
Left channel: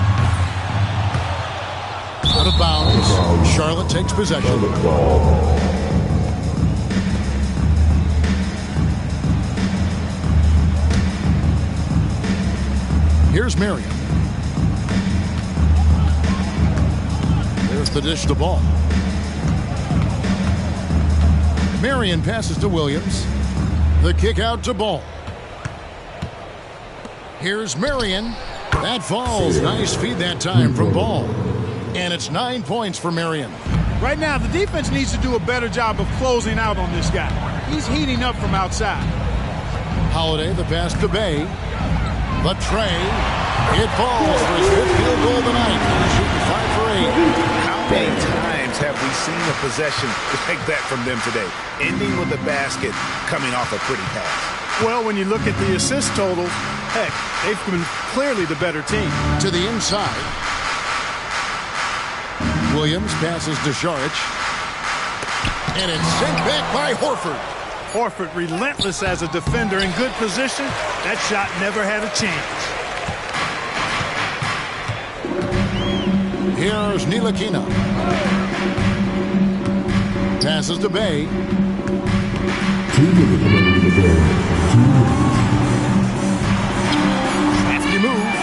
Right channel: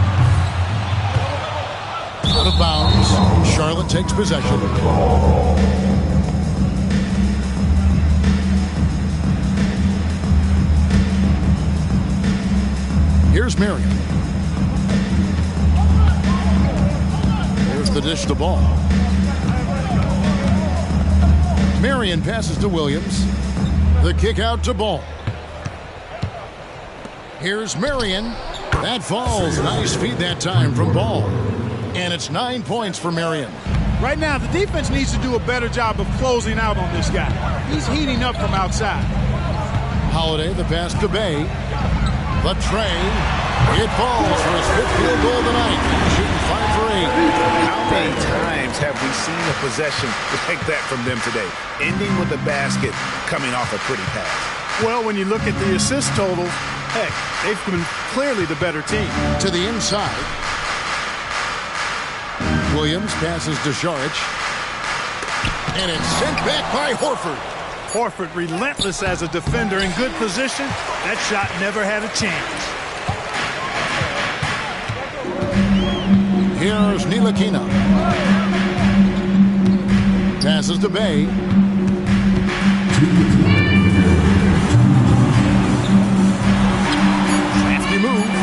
Out of bounds. Charlotte takes possession. Here's Marion. There's the dish to Ball. Marion passes to Williams. The kick out to Ball. Here's Marion. That falls. Nice feed that time from Ball. And it's 9 points for Marion. Right now, the defense needs to do a better job of closing out on this guy. He's heating up from outside. Holiday, the pass to Bay. The tray. It falls for his 5th field goal of the night. He's shooting 5 for 8. How many times have we seen a possession like that from them today? Ending with a basket, coming off a pretty pass. Well, when you look at the assist totals, heck, they've been clearly the better team. To the inside. Williams passes to Saric. And it's sent back by Horford. Horford relentless as a defender in good position. That shot never had a chance. Here's Ntilikina. Passes to Bay. Crafty move.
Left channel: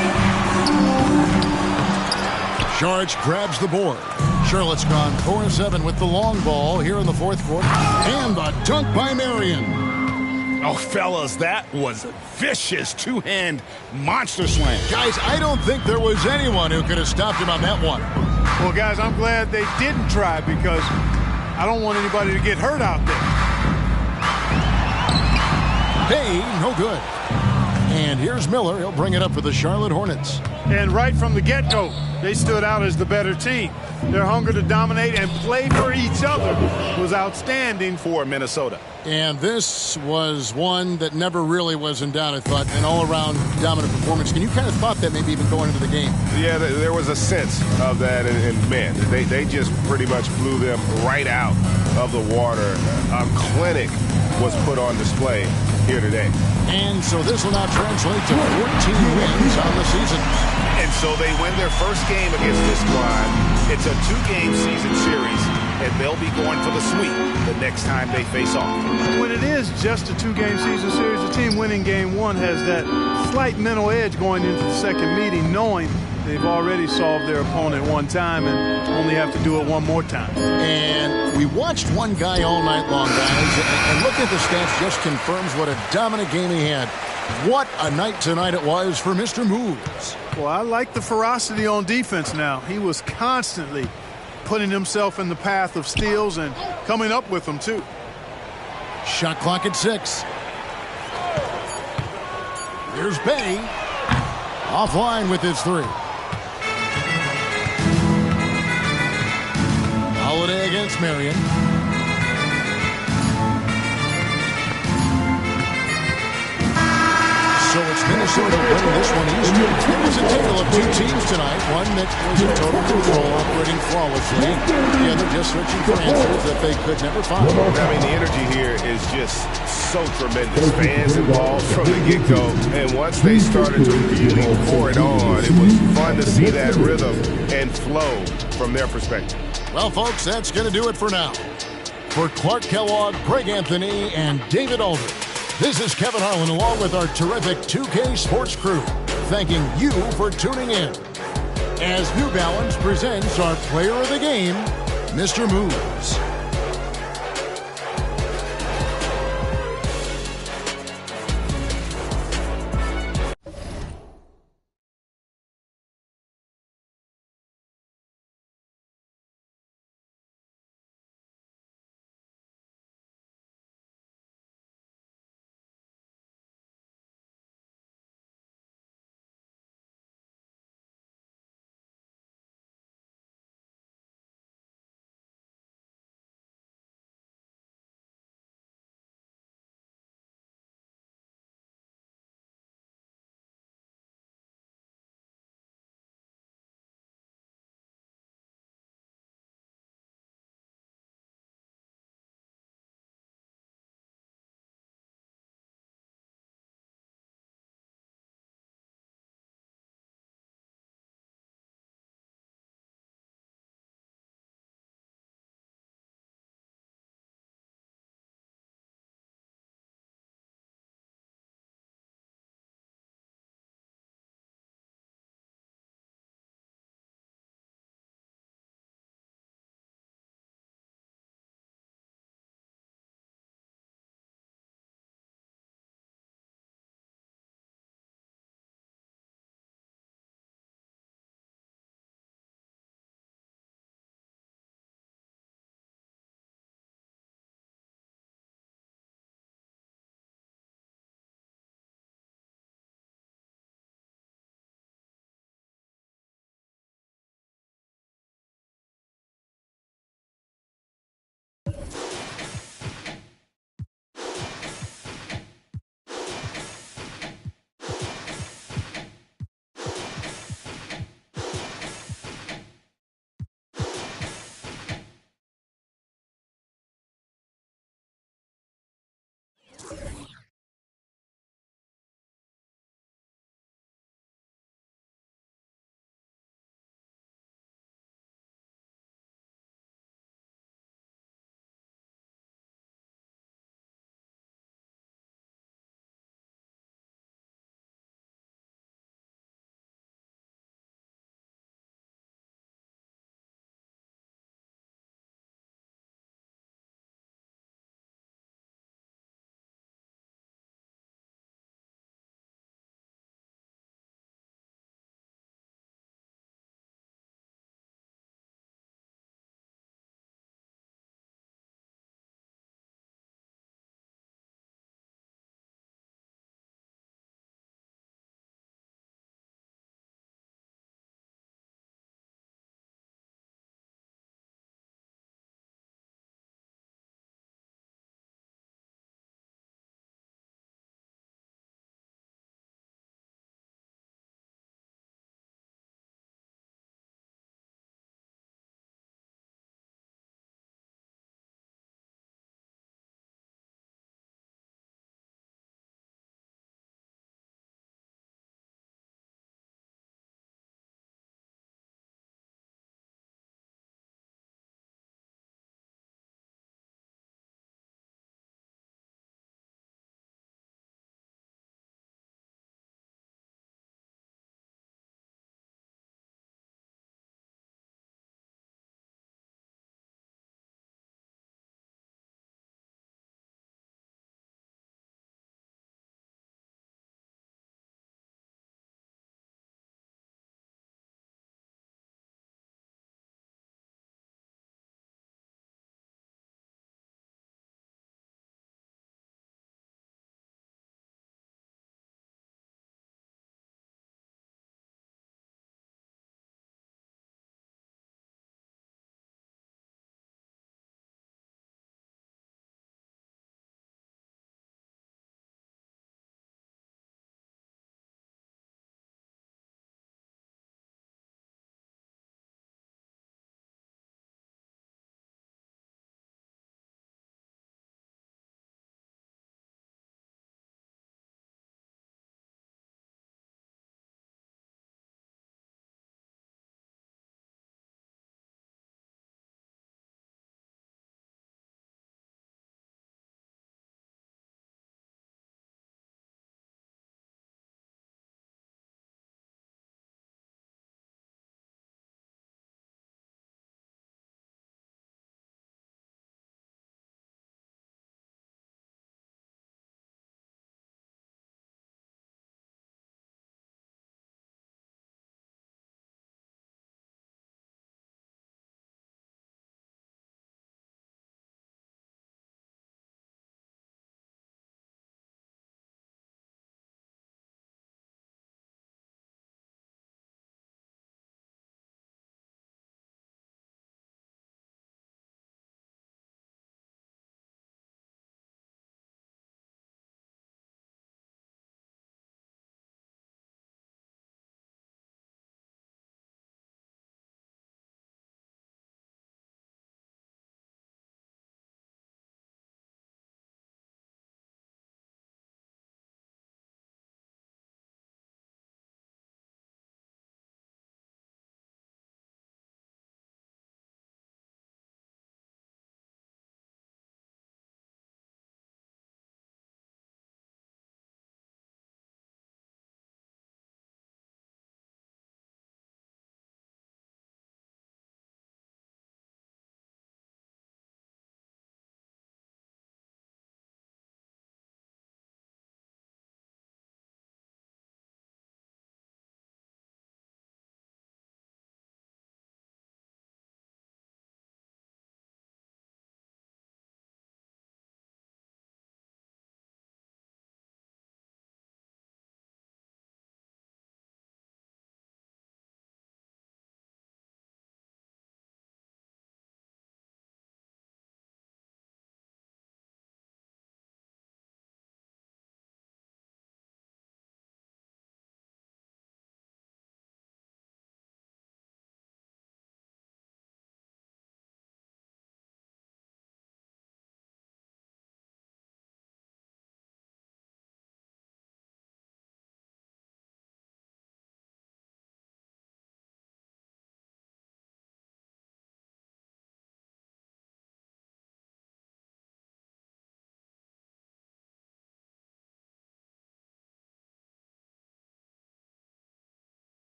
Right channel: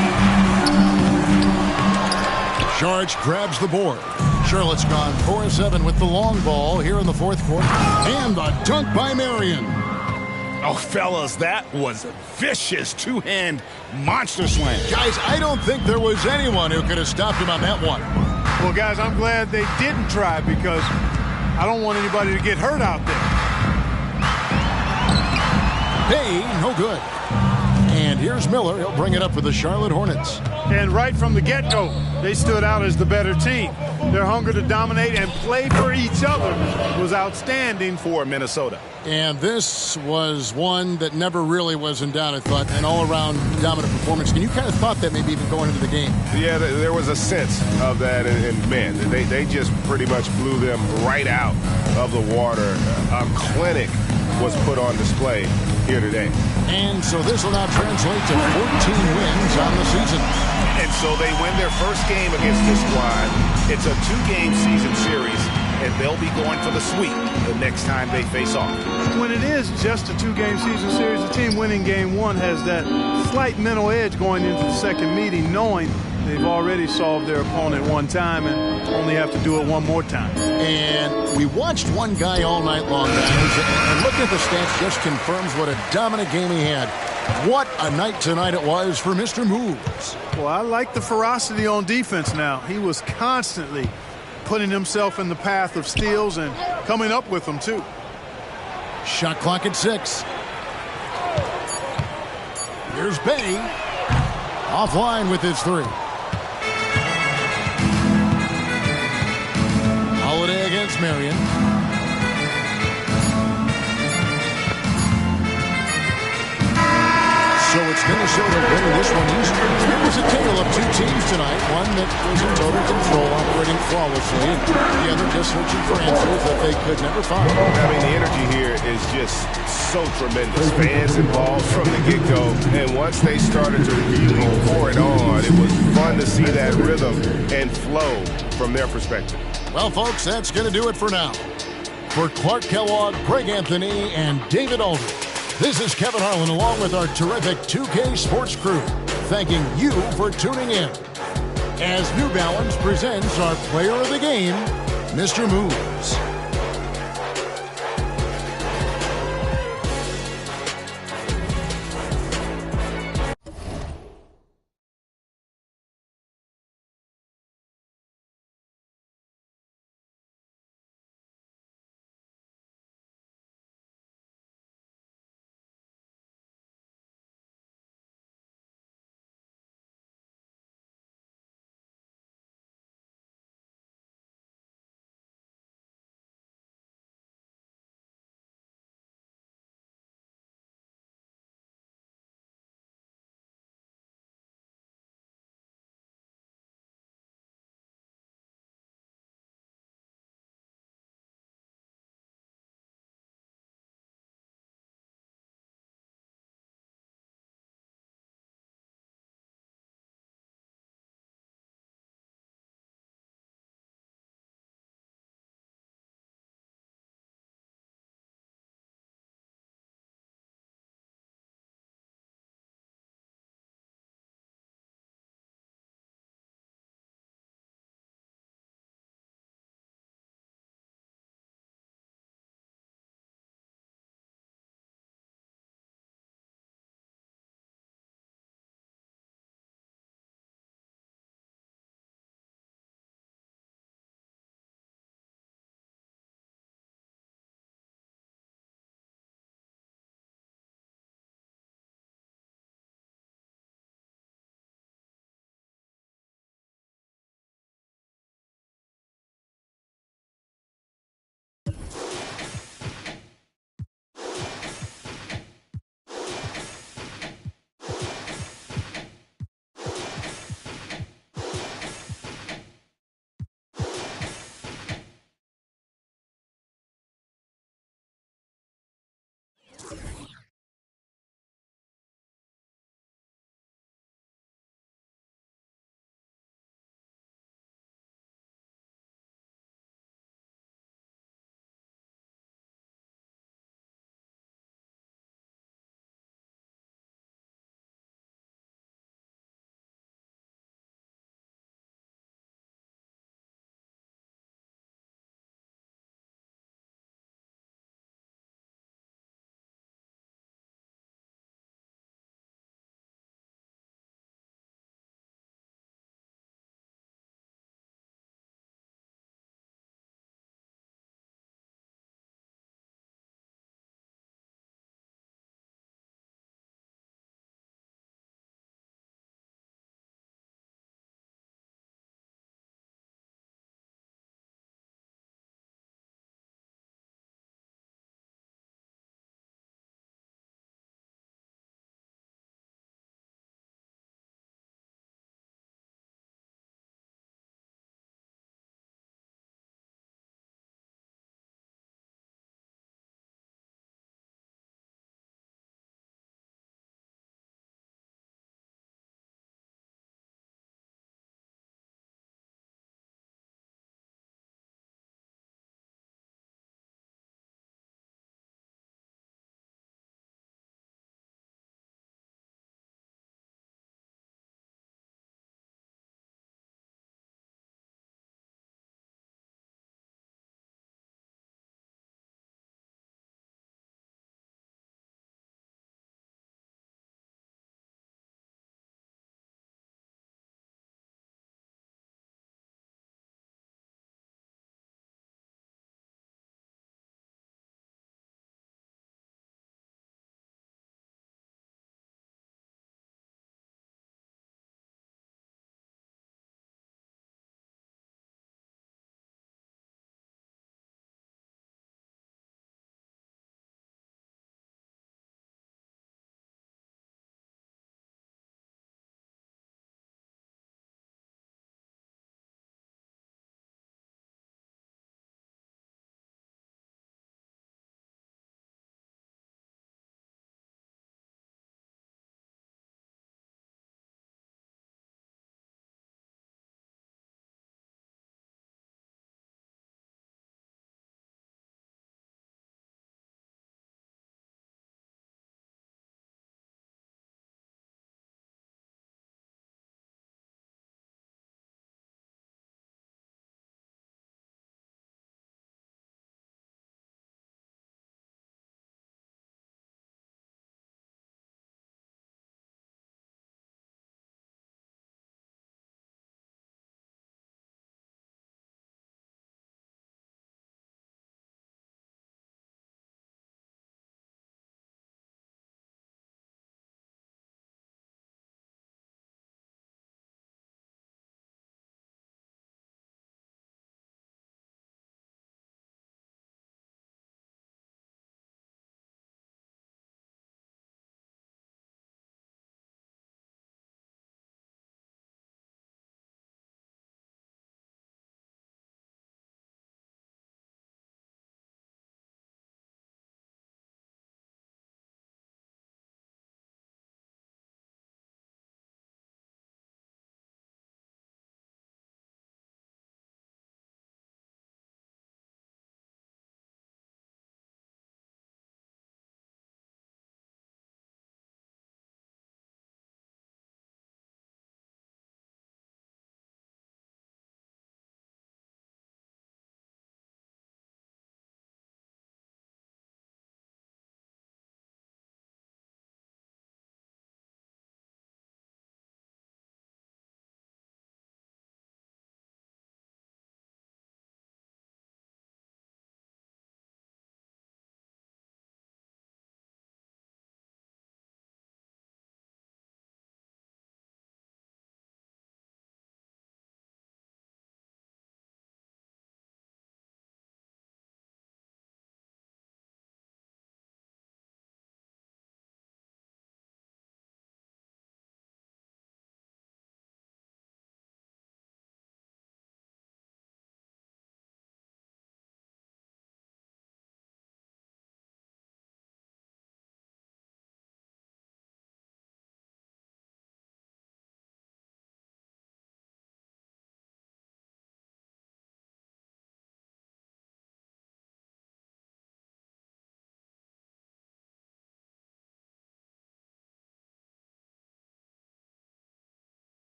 Saric grabs the board. Charlotte's gone 4-7 with the long ball here in the 4th quarter. And the dunk by Marion. Oh, fellas, that was a vicious two-hand monster slam. Guys, I don't think there was anyone who could have stopped him on that one. Well, guys, I'm glad they didn't try because I don't want anybody to get hurt out there. Hey, no good. And here's Miller. He'll bring it up for the Charlotte Hornets. And right from the get-go, they stood out as the better team. Their hunger to dominate and play for each other was outstanding for Minnesota. And this was one that never really was in doubt, I thought, an all-around dominant performance. And you kind of thought that maybe even going into the game. Yeah, there was a sense of that, and man, they just pretty much blew them right out of the water. A clinic was put on display here today. And so this will now translate to 14 wins on the season. And so they win their first game against this squad. It's a 2-game season series, and they'll be going for the sweep the next time they face off. When it is just a 2-game season series, the team winning game 1 has that slight mental edge going into the second meeting, knowing they've already solved their opponent one time and only have to do it one more time. And we watched one guy all night long, guys, and looking at the stats just confirms what a dominant game he had. What a night tonight it was for Mr. Moves. Well, I like the ferocity on defense now. He was constantly putting himself in the path of steals and coming up with them, too. Shot clock at 6. Here's Bay. Offline with his 3. Holiday against Marion. So it's Minnesota winning this one easily. It was a tale of 2 teams tonight. One that was in total control, operating flawlessly, and the other just searching for answers that they could never find. I mean, the energy here is just so tremendous. Fans involved from the get-go, and once they started to really pour it on, it was fun to see that rhythm and flow from their perspective. Well, folks, that's going to do it for now. For Clark Kellogg, Greg Anthony, and David Aldridge, this is Kevin Harlan along with our terrific 2K Sports crew, thanking you for tuning in. As New Balance presents our player of the game, Mr. Moves.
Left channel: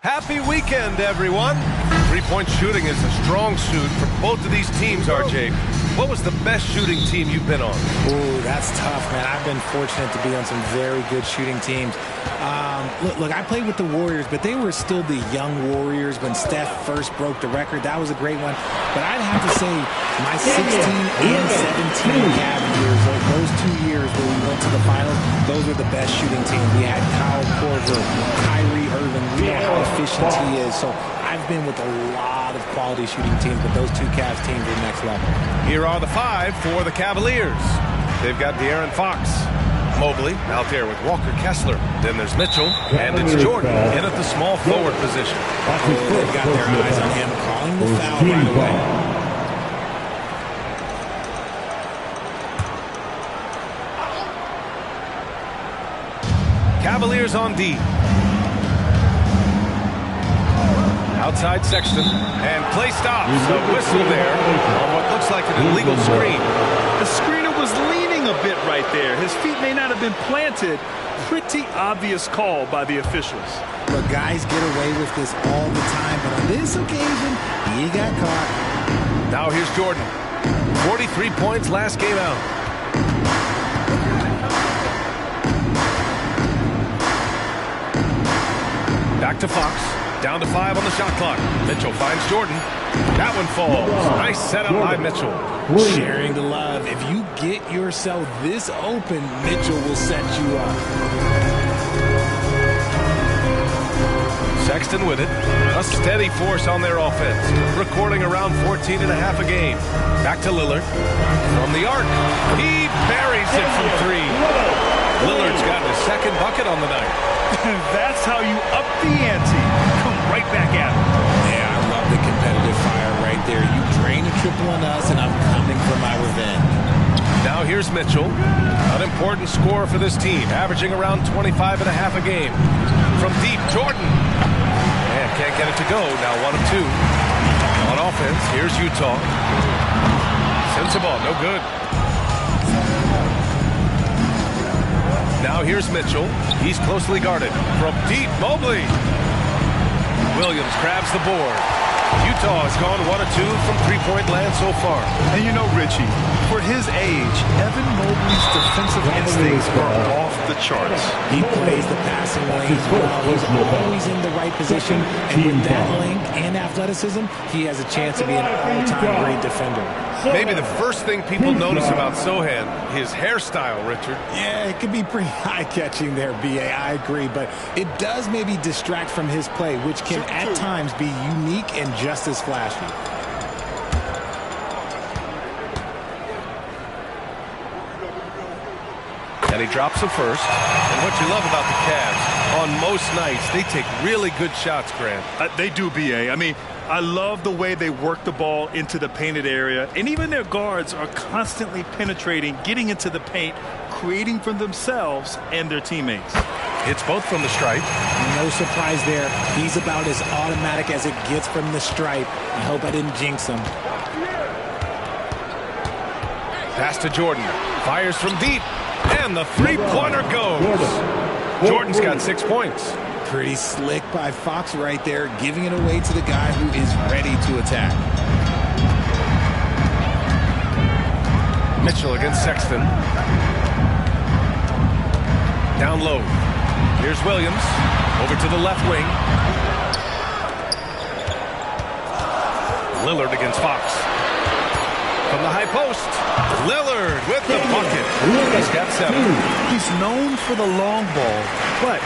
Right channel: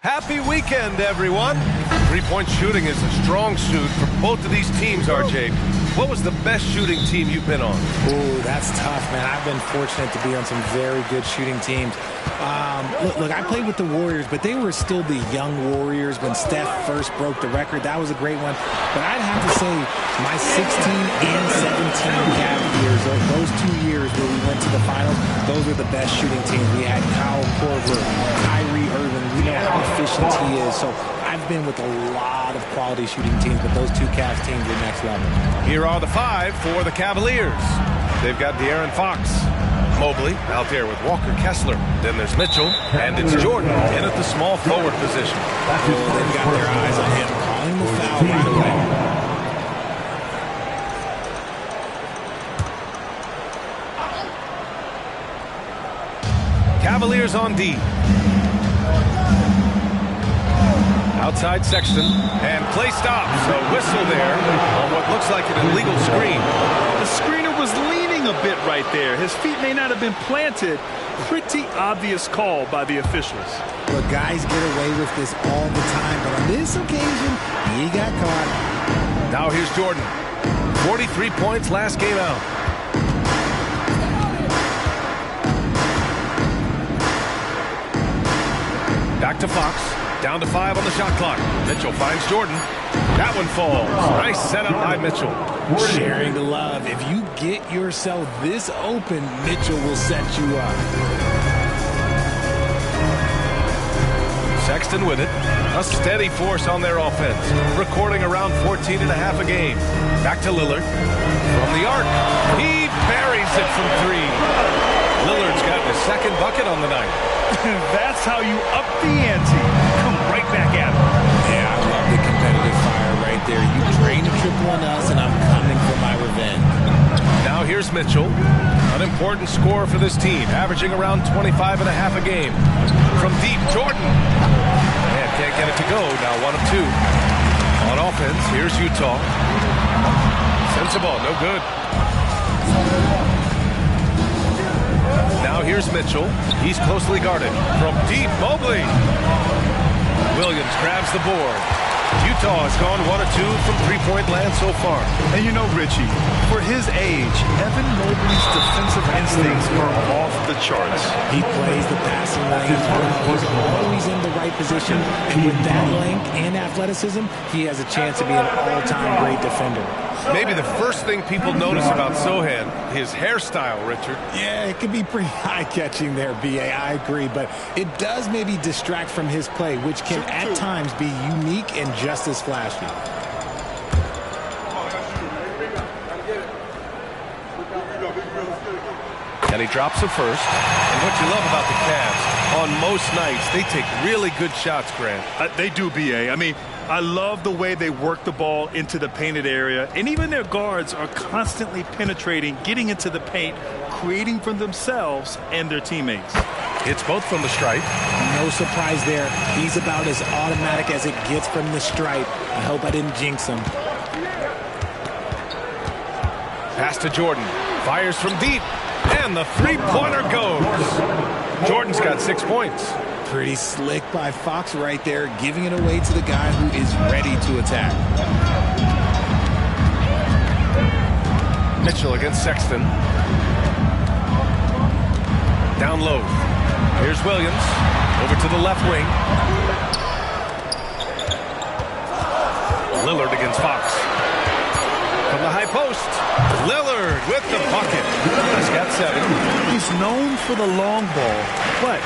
Happy weekend, everyone. Three-point shooting is a strong suit for both of these teams, RJ. What was the best shooting team you've been on? Ooh, that's tough, man. I've been fortunate to be on some very good shooting teams. Look, I played with the Warriors, but they were still the young Warriors when Steph first broke the record. That was a great one. But I'd have to say my 16 and 17 Cavs years, those 2 years where we went to the finals, those were the best shooting teams. We had Kyle Korver, Kyrie Irving. We know how efficient he is. So I've been with a lot of quality shooting teams, but those 2 Cavs teams are next level. Here are the 5 for the Cavaliers. They've got De'Aaron Fox, Mobley out there with Walker Kessler. Then there's Mitchell, and it's Jordan in at the small forward position. Oh, they've got their eyes on him, calling the foul right away. Cavaliers on D. Outside Sexton, and play stops. A whistle there on what looks like an illegal screen. The screener was leaning a bit right there. His feet may not have been planted. Pretty obvious call by the officials. Look, guys get away with this all the time, but on this occasion, he got caught. Now here's Jordan. 43 points last game out. Back to Fox. Down to 5 on the shot clock. Mitchell finds Jordan. That one falls. Nice setup by Mitchell. Sharing the love. If you get yourself this open, Mitchell will set you up. Sexton with it. A steady force on their offense. Recording around 14 and a half a game. Back to Lillard. From the arc. He buries it from 3. Lillard's gotten his second bucket on the night. That's how you up the ante. Come right back at him. Yeah, I love the competitive fire right there. You drain a triple on us, and I'm coming for my revenge. Now here's Mitchell. An important scorer for this team, averaging around 25 and a half a game. From deep, Jordan. And can't get it to go. Now 1 of 2. On offense, here's Utah. Sends the ball, no good. Now here's Mitchell. He's closely guarded. From deep, Mobley. Williams grabs the board. Utah has gone 1 of 2 from three-point land so far. And you know, Richie, for his age, Evan Mobley's defensive instincts are off the charts. He plays the passing lanes well. He's always in the right position. And with that length and athleticism, he has a chance to be an all-time great defender. Maybe the first thing people notice about Sohan, his hairstyle, Richard. Yeah, it could be pretty eye-catching there, B.A. I agree. But it does maybe distract from his play, which can at times be unique and just as flashy. And he drops the first. And what you love about the Cavs, on most nights, they take really good shots, Grant. They do, B.A. I mean, I love the way they work the ball into the painted area. And even their guards are constantly penetrating, getting into the paint, creating for themselves and their teammates. It's both from the stripe. No surprise there. He's about as automatic as it gets from the stripe. I hope I didn't jinx him. Pass to Jordan. Fires from deep. And the three-pointer goes. Jordan's got 6 points. Pretty slick by Fox right there, giving it away to the guy who is ready to attack. Mitchell against Sexton. Down low. Here's Williams. Over to the left wing. Lillard against Fox. from the high post. Lillard with the bucket. He's got 7. He's known for the long ball, but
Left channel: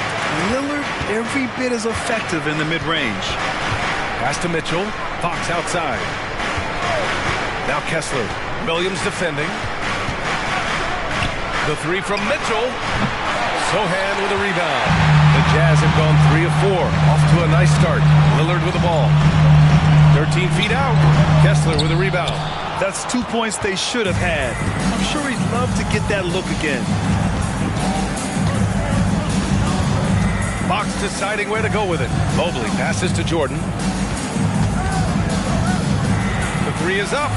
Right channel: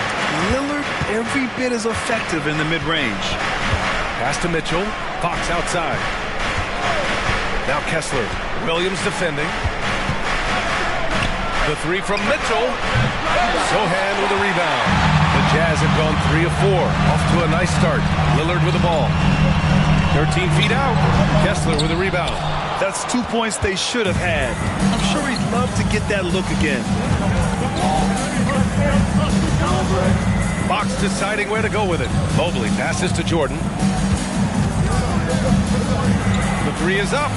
Lillard every bit as effective in the mid-range. Pass to Mitchell. Fox outside. Now Kessler. Williams defending. The 3 from Mitchell. Sohan with a rebound. The Jazz have gone 3 of 4. Off to a nice start. Lillard with the ball. 13 feet out. Kessler with a rebound. That's 2 points they should have had. I'm sure he'd love to get that look again. Fox deciding where to go with it. Mobley passes to Jordan. The 3 is up.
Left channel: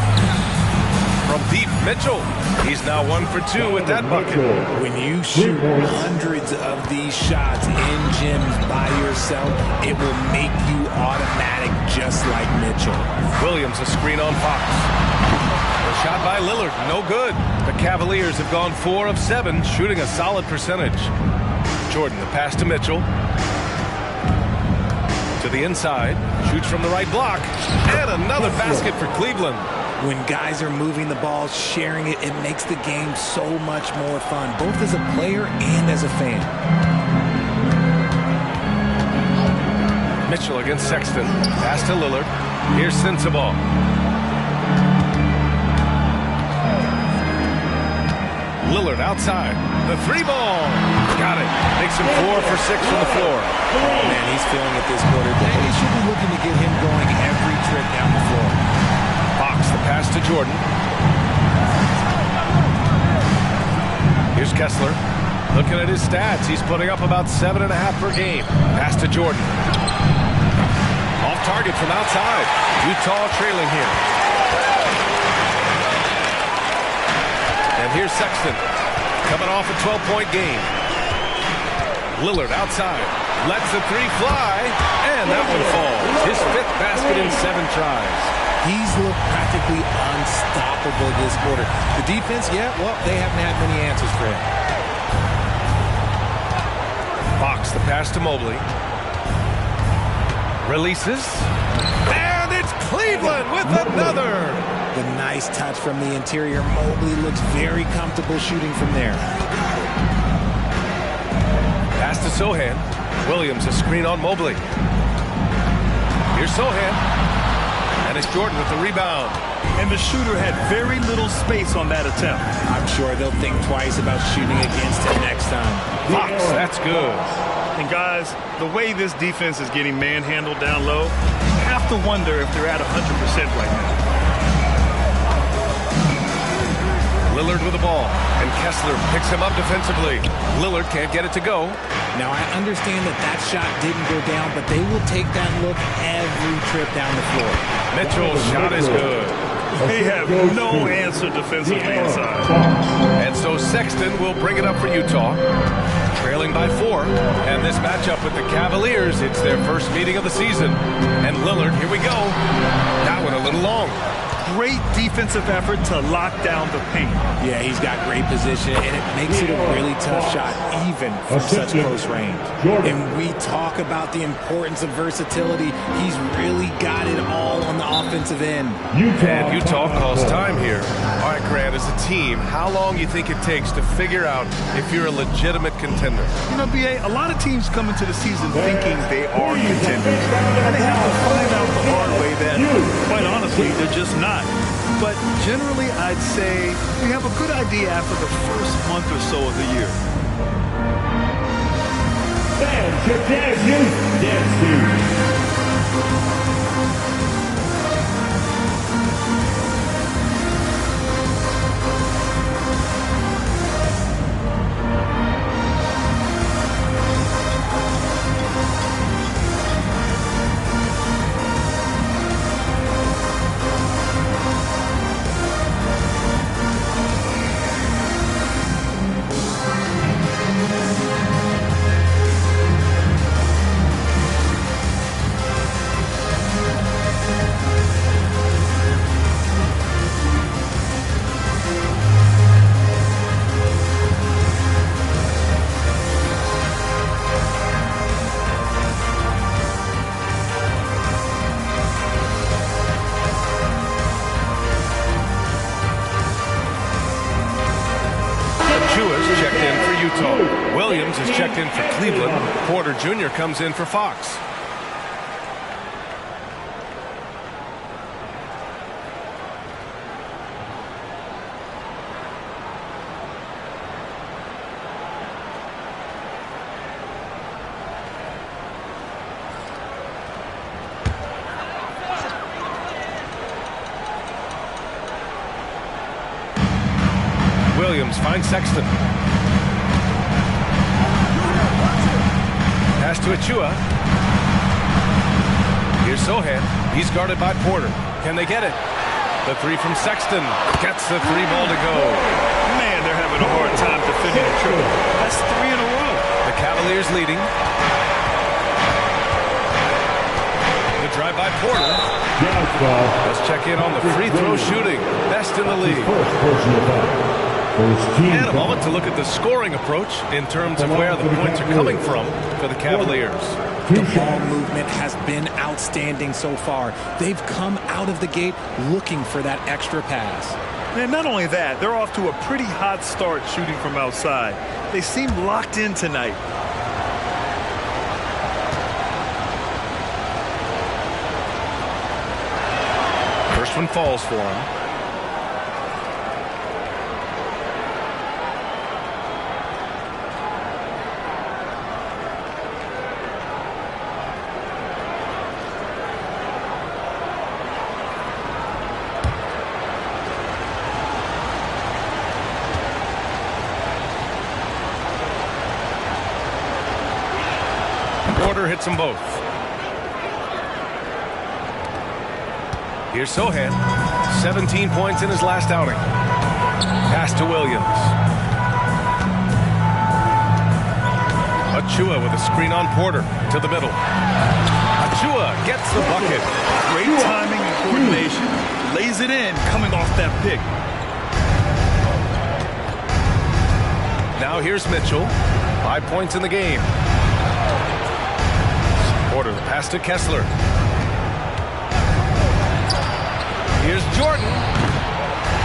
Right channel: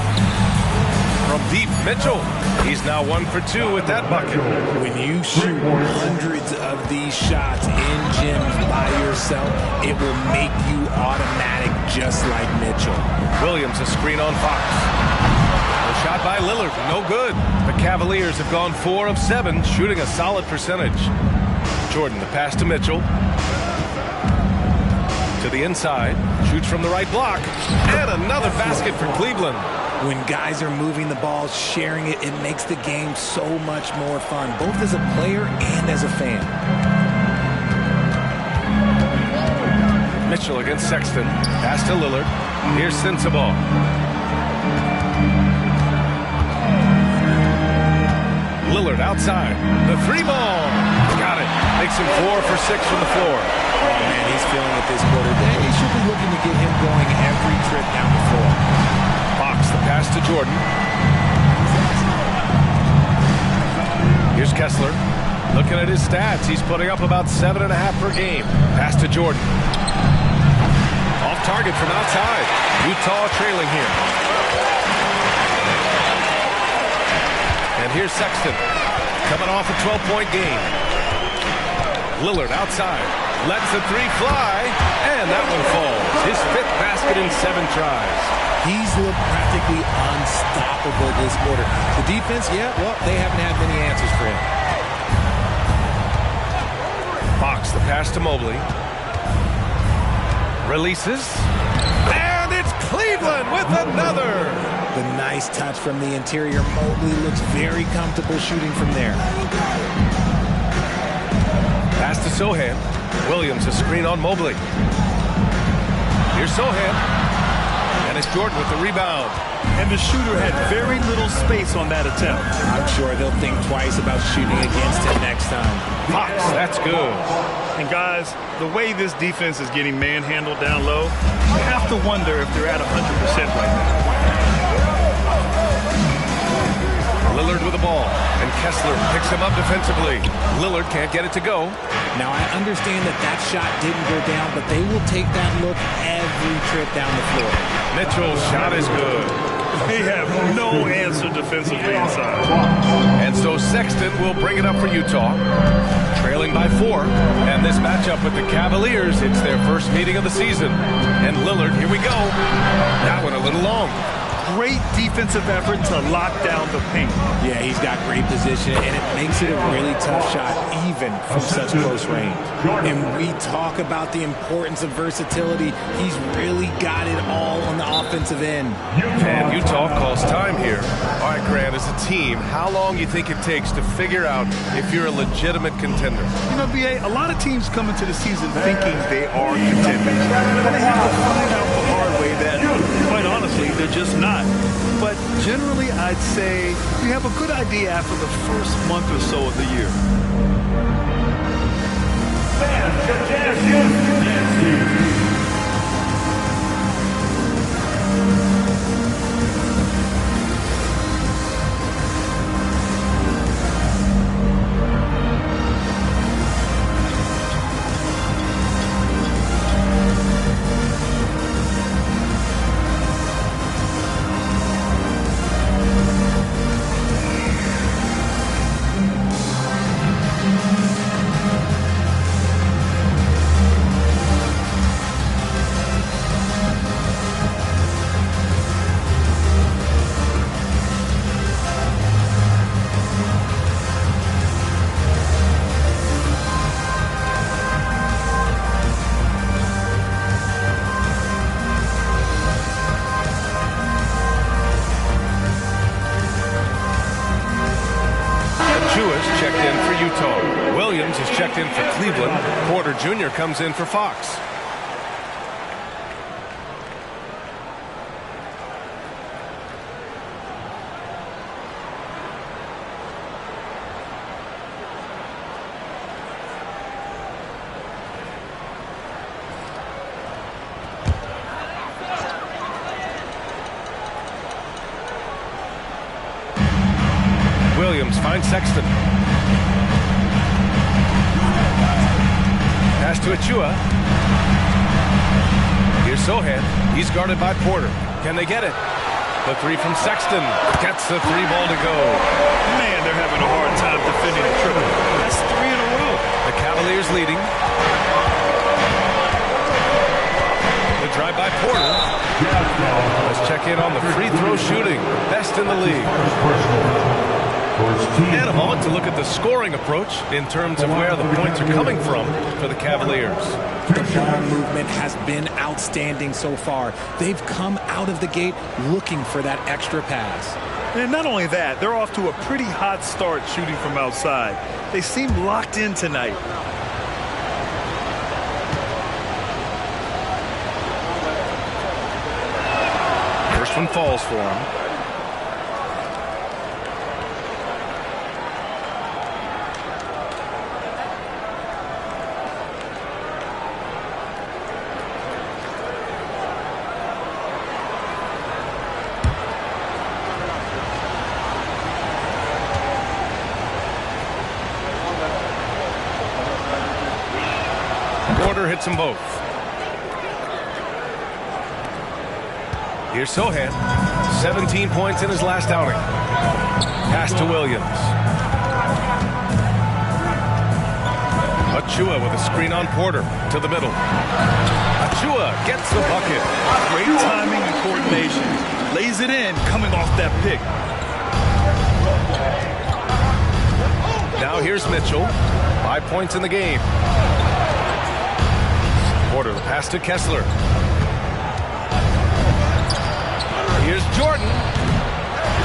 From deep, Mitchell. He's now 1 for 2 with that bucket. When you shoot hundreds of these shots in gyms by yourself, it will make you automatic just like Mitchell. Williams a screen on Fox. The shot by Lillard, no good. The Cavaliers have gone 4 of 7, shooting a solid percentage. Jordan, the pass to Mitchell. To the inside, shoots from the right block. And another basket for Cleveland. When guys are moving the ball, sharing it, it makes the game so much more fun, both as a player and as a fan. Mitchell against Sexton. Pass to Lillard. Here's Sensabaugh. Lillard outside. The 3 ball. Got it. Makes him 4 for 6 from the floor. Oh, man, he's feeling it this quarter. They should be looking to get him going every trip down the floor. Fox, the pass to Jordan. Here's Kessler. Looking at his stats, he's putting up about 7.5 per game. Pass to Jordan. Off target from outside. Utah trailing here. And here's Sexton. Coming off a 12-point game. Lillard outside. Lets the 3 fly. And that one falls. His 5th basket in 7 tries. He's looked practically unstoppable this quarter. The defense, yeah, well, they haven't had many answers for him. Fox, the pass to Mobley. Releases. And it's Cleveland with another. The nice touch from the interior. Mobley looks very comfortable shooting from there. Pass to Sohan. Williams a screen on Mobley. Here's Sohan. And it's Jordan with the rebound. And the shooter had very little space on that attempt. I'm sure they'll think twice about shooting against him next time. Fox, that's good. And guys, the way this defense is getting manhandled down low, you have to wonder if they're at 100% right now. Lillard with the ball, and Kessler picks him up defensively. Lillard can't get it to go. Now, I understand that shot didn't go down, but they will take that look every trip down the floor. Mitchell's shot is good. They have no answer defensively inside. And so Sexton will bring it up for Utah. Trailing by 4. And this matchup with the Cavaliers, it's their first meeting of the season. And Lillard, here we go. That one a little long. Great defensive effort to lock down the paint. Yeah, he's got great position, and it makes it a really tough shot, even from such close range. And we talk about the importance of versatility. He's really got it all on the offensive end. And Utah calls time here. All right, Grant, as a team, how long do you think it takes to figure out if you're a legitimate contender? You know, B.A., a lot of teams come into the season thinking they are contenders. And they have to find out the hard way that, quite honestly, they're just not. But generally, I'd say you have a good idea after the first month or so of the year. Fans at Jazz Youth Dance Team. Achua's checked in for Utah. Williams is checked in for Cleveland. Porter Jr. comes in for Fox. Williams finds Sexton. Pass to Achua. Here's Sohan. He's guarded by Porter. Can they get it? The three from Sexton. Gets the three ball to go. Man, they're having a hard time defending the triple. That's 3 in a row. The Cavaliers leading. The drive by Porter. Let's check in on the free throw shooting. Best in the league. And a moment to look at the scoring approach in terms of where the points are coming from for the Cavaliers. The ball movement has been outstanding so far. They've come out of the gate looking for that extra pass. And not only that, they're off to a pretty hot start shooting from outside. They seem locked in tonight. First one falls for him. Porter hits them both. Here's Sohan. 17 points in his last outing. Pass to Williams. Achua with a screen on Porter to the middle. Achua gets the bucket. Great timing and coordination. Lays it in coming off that pick. Now here's Mitchell. 5 points in the game. Porter, the pass to Kessler. Here's Jordan.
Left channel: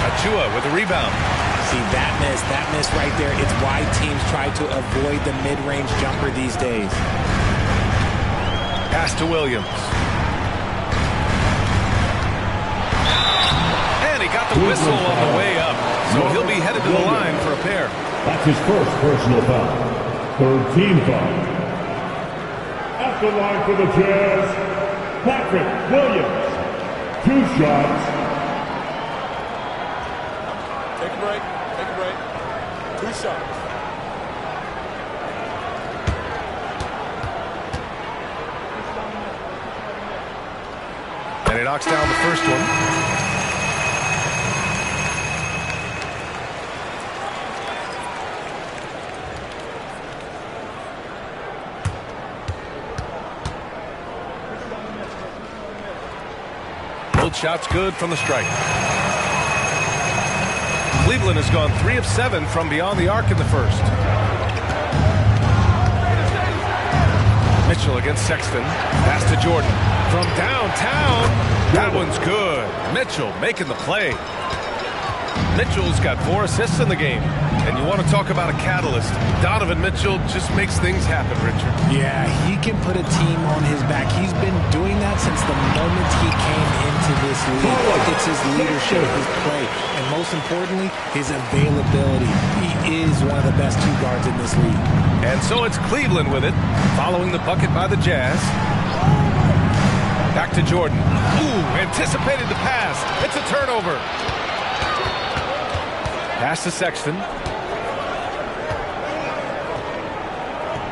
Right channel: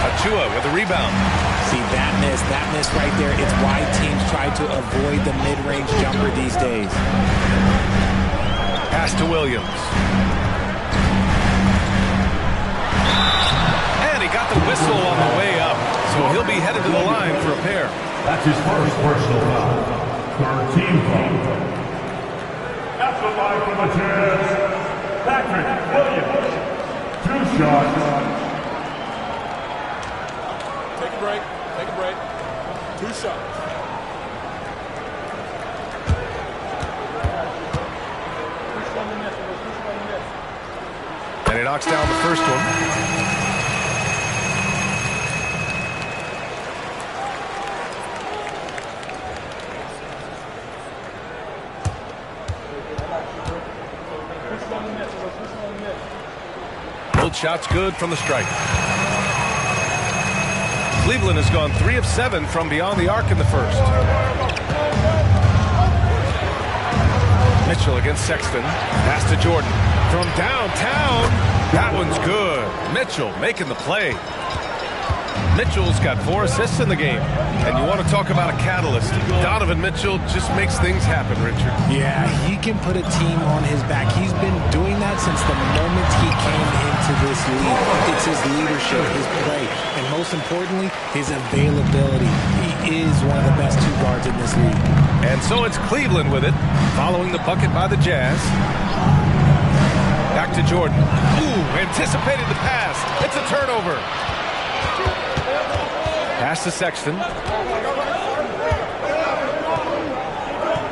Achua with a rebound. See, that miss right there, it's why teams try to avoid the mid-range jumper these days. Pass to Williams. And he got the whistle on the way up, so he'll be headed to the line for a pair. That's his first personal foul. Third team foul. At the line for the Jazz, Patrick Williams. 2 shots. Take a break. Take a break. 2 shots. And he knocks down the first one. Both shots good from the strike. Cleveland has gone 3 of 7 from beyond the arc in the first. Mitchell against Sexton. Pass to Jordan. From downtown. That one's good. Mitchell making the play. Mitchell's got 4 assists in the game. And you want to talk about a catalyst. Donovan Mitchell just makes things happen, Richard. Yeah, he can put a team on his back. He's been doing that since the moment he came into this league. It's his leadership, his play, and most importantly, his availability. He is one of the best 2 guards in this league. And so it's Cleveland with it, following the bucket by the Jazz. Back to Jordan. Ooh, anticipated the pass. It's a turnover. Pass to Sexton.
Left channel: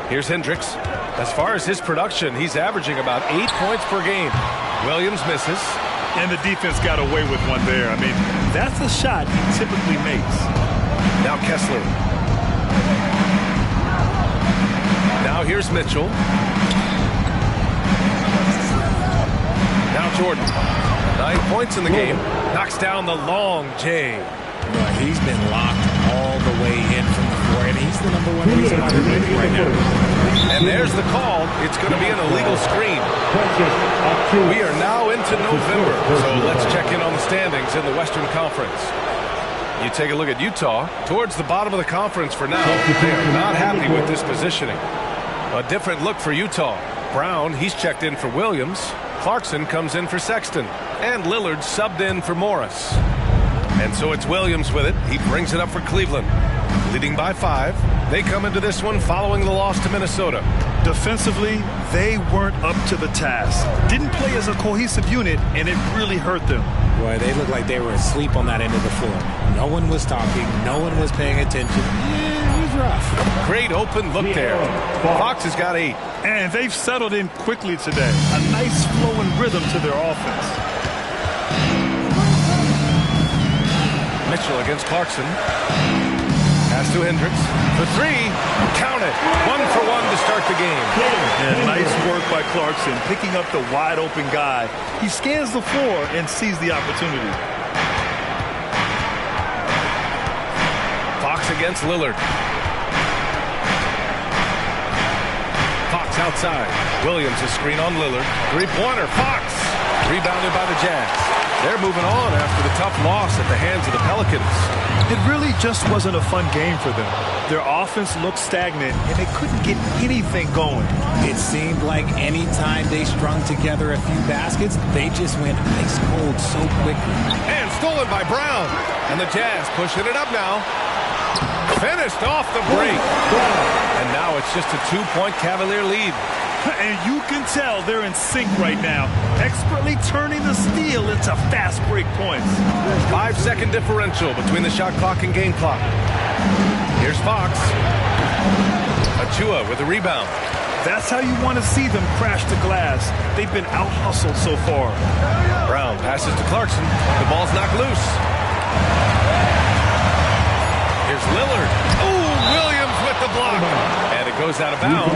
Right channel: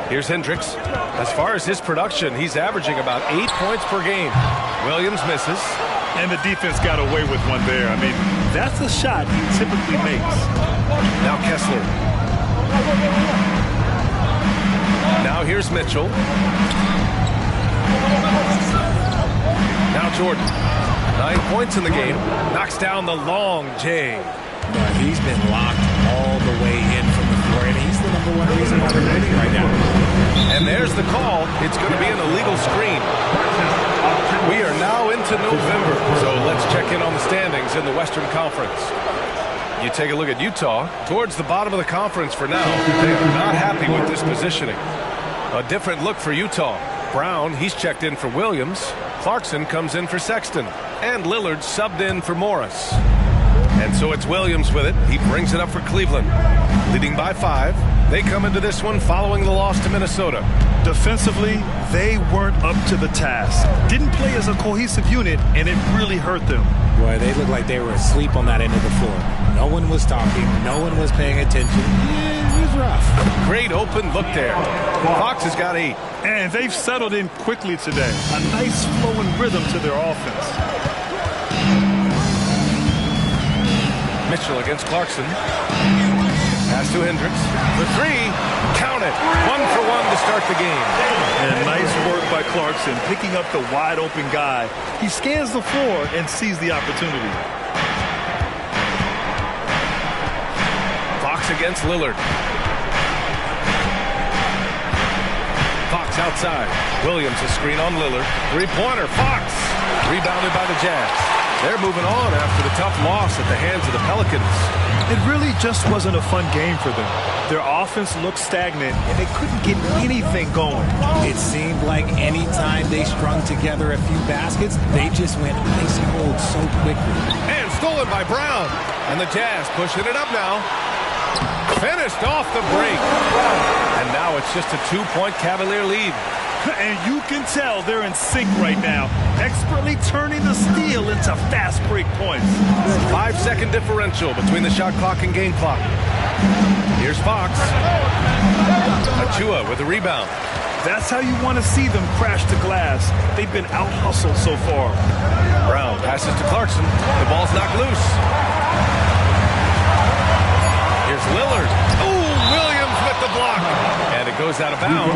Here's Hendricks. As far as his production, he's averaging about 8 points per game. Williams misses. And the defense got away with one there. I mean, that's a shot he typically makes. Now Kessler. Now here's Mitchell. Now Jordan. 9 points in the game. Knocks down the long J. But he's been locked all the way in from the floor, and he's the #1 reason why they're winning right now. And there's the call. It's going to be an illegal screen. We are now into November, so let's check in on the standings in the Western Conference. You take a look at Utah, towards the bottom of the conference for now. They are not happy with this positioning. A different look for Utah. Brown, he's checked in for Williams. Clarkson comes in for Sexton. And Lillard subbed in for Morris. And so it's Williams with it. He brings it up for Cleveland. Leading by 5. They come into this one following the loss to Minnesota. Defensively, they weren't up to the task. Didn't play as a cohesive unit, and it really hurt them. Boy, they looked like they were asleep on that end of the floor. No one was talking. No one was paying attention. Yeah, it was rough. Great open look there. Fox has got 8. And they've settled in quickly today. A nice flowing rhythm to their offense. Mitchell against Clarkson. Pass to Hendricks. For 3. Count it. 1 for 1 to start the game. And nice work by Clarkson, picking up the wide open guy. He scans the floor and sees the opportunity. Fox against Lillard. Fox outside. Williams a screen on Lillard. 3-pointer. Fox. Rebounded by the Jazz. They're moving on after the tough loss at the hands of the Pelicans. It really just wasn't a fun game for them. Their offense looked stagnant, and they couldn't get anything going. It seemed like any time they strung together a few baskets, they just went ice cold so quickly. And stolen by Brown. And the Jazz pushing it up now. Finished off the break. And now it's just a 2-point Cavalier lead. And you can tell they're in sync right now, expertly turning the steal into fast break points. 5-second differential between the shot clock and game clock. Here's Fox. Achua with the rebound. That's how you want to see them crash the glass. They've been out-hustled so far. Brown passes to Clarkson. The ball's knocked loose. Here's Lillard. Oh, Williams with the block. And it goes out of bounds.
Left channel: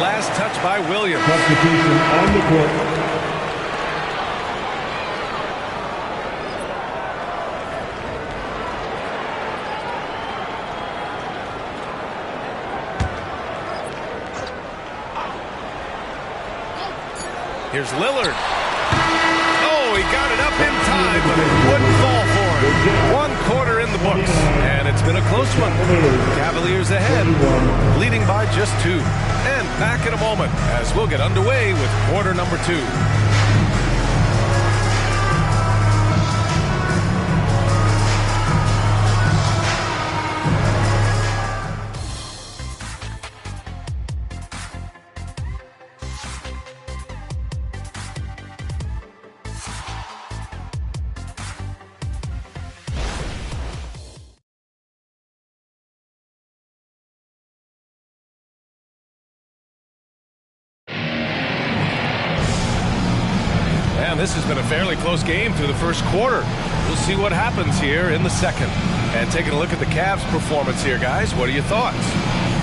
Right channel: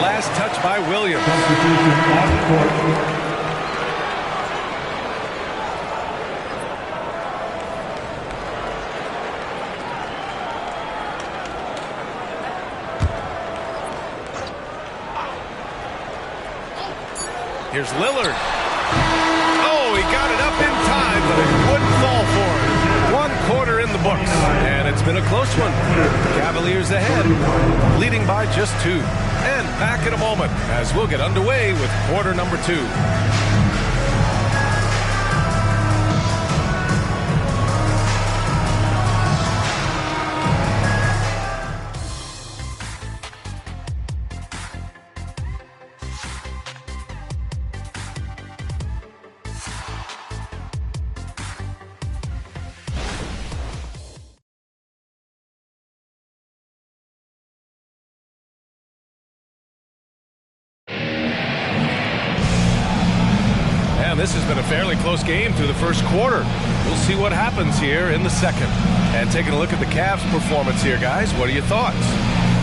Last touch by Williams. Substitution on the court. Here's Lillard. Oh, he got it up in time, but it wouldn't fall for him. 1 quarter in the books, and it's been a close one. Cavaliers ahead, leading by just 2. And back in a moment as we'll get underway with quarter number 2. And this has been a fairly close game through the first quarter. We'll see what happens here in the second. And taking a look at the Cavs' performance here, guys, what are your thoughts?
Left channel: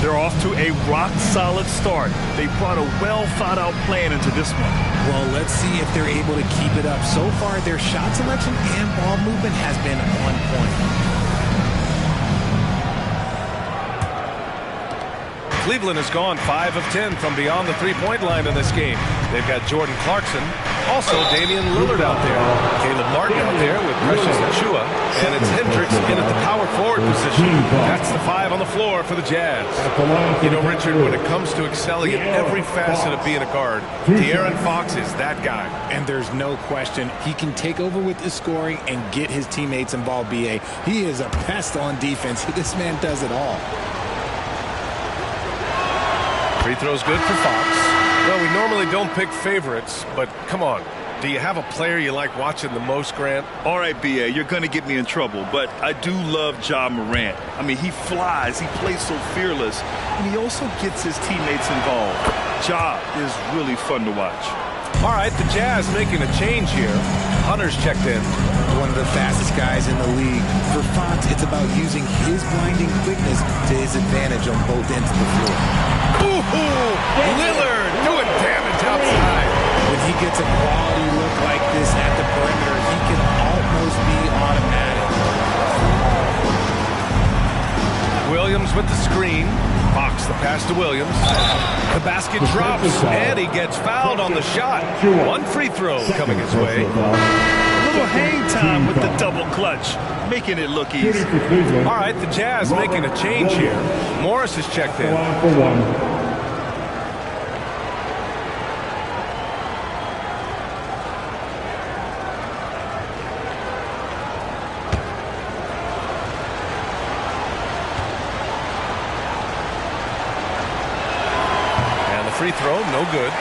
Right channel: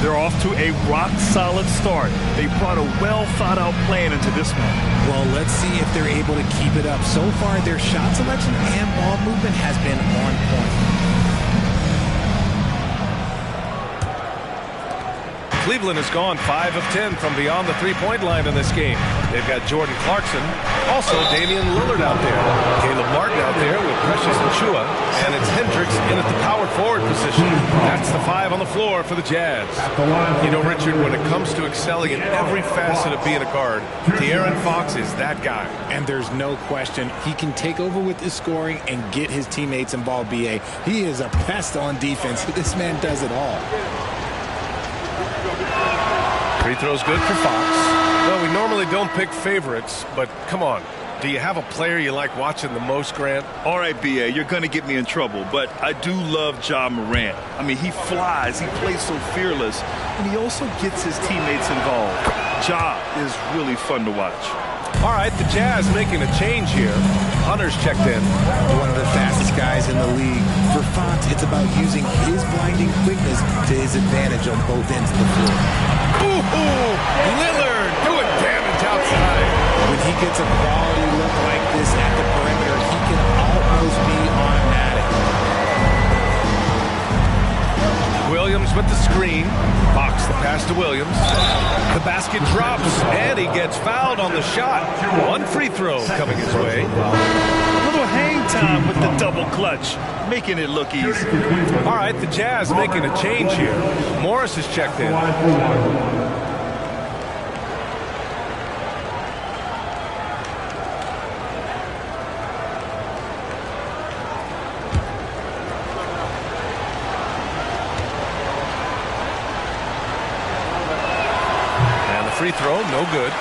They're off to a rock-solid start. They brought a well-thought-out plan into this one. Well, let's see if they're able to keep it up. So far, their shot selection and ball movement has been on point. Cleveland has gone 5 of 10 from beyond the three-point line in this game. They've got Jordan Clarkson, also Damian Lillard out there, Caleb Martin out there with Precious Achua, and it's Hendricks in at the power forward position. That's the 5 on the floor for the Jazz. You know, Richard, when it comes to excelling in every facet of being a guard, De'Aaron Fox is that guy. And there's no question he can take over with his scoring and get his teammates involved, B.A. He is a pest on defense. This man does it all. Free throw's good for Fox. Well, we normally don't pick favorites, but come on. Do you have a player you like watching the most, Grant? All right, B.A., you're going to get me in trouble, but I do love Ja Morant. I mean, he flies, he plays so fearless, and he also gets his teammates involved. Ja is really fun to watch. All right, the Jazz making a change here. Hunter's checked in. One of the fastest guys in the league. For Fox, it's about using his blinding quickness to his advantage on both ends of the floor. Ooh, Lillard doing damage outside. When he gets a quality look like this at the perimeter, he can almost be automatic. Williams with the screen. Fox the pass to Williams. The basket drops, and he gets fouled on the shot. 1 free throw coming his way. little hang time with the double clutch, making it look easy. All right, the Jazz making a change here. Morris is checked in. And the free throw, no good.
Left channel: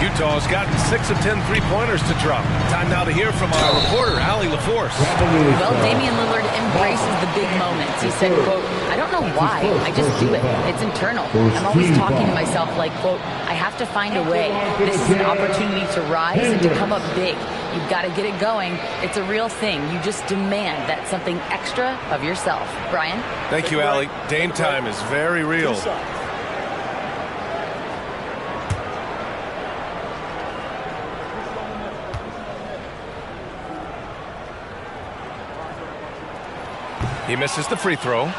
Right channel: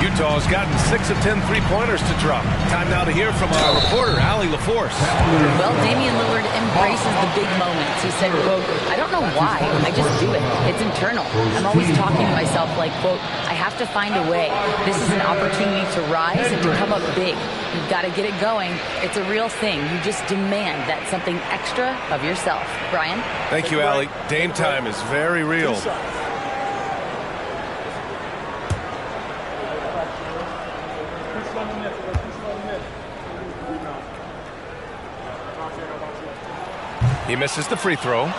Utah's gotten 6 of 10 three-pointers to drop. Time now to hear from our reporter, Allie LaForce. Well, Damian Lillard embraces the big moments. He said, quote, "I don't know why. I just do it. It's internal. I'm always talking to myself like, quote, I have to find a way. This is an opportunity to rise and to come up big. You've got to get it going. It's a real thing. You just demand that something extra of yourself." Brian? Thank you, Allie. Dame time is very real. He misses the free throw.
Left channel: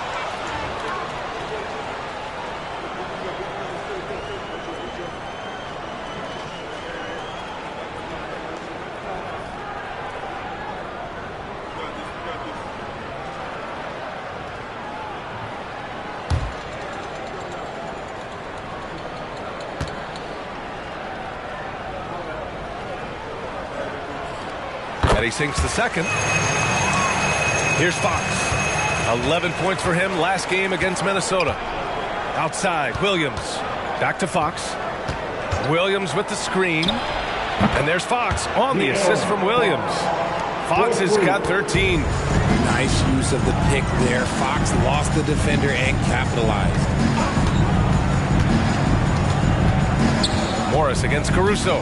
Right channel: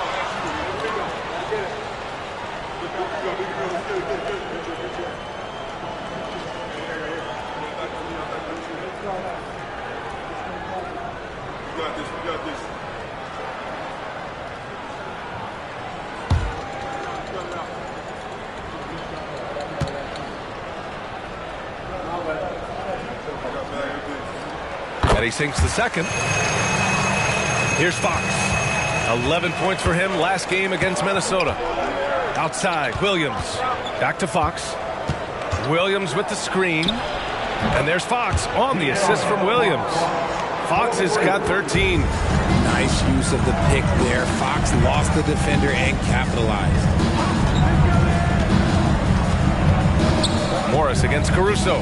And he sinks the second. Here's Fox. 11 points for him last game against Minnesota. Outside, Williams. Back to Fox. Williams with the screen. And there's Fox on the assist from Williams. Fox has got 13. Nice use of the pick there. Fox lost the defender and capitalized. Morris against Caruso.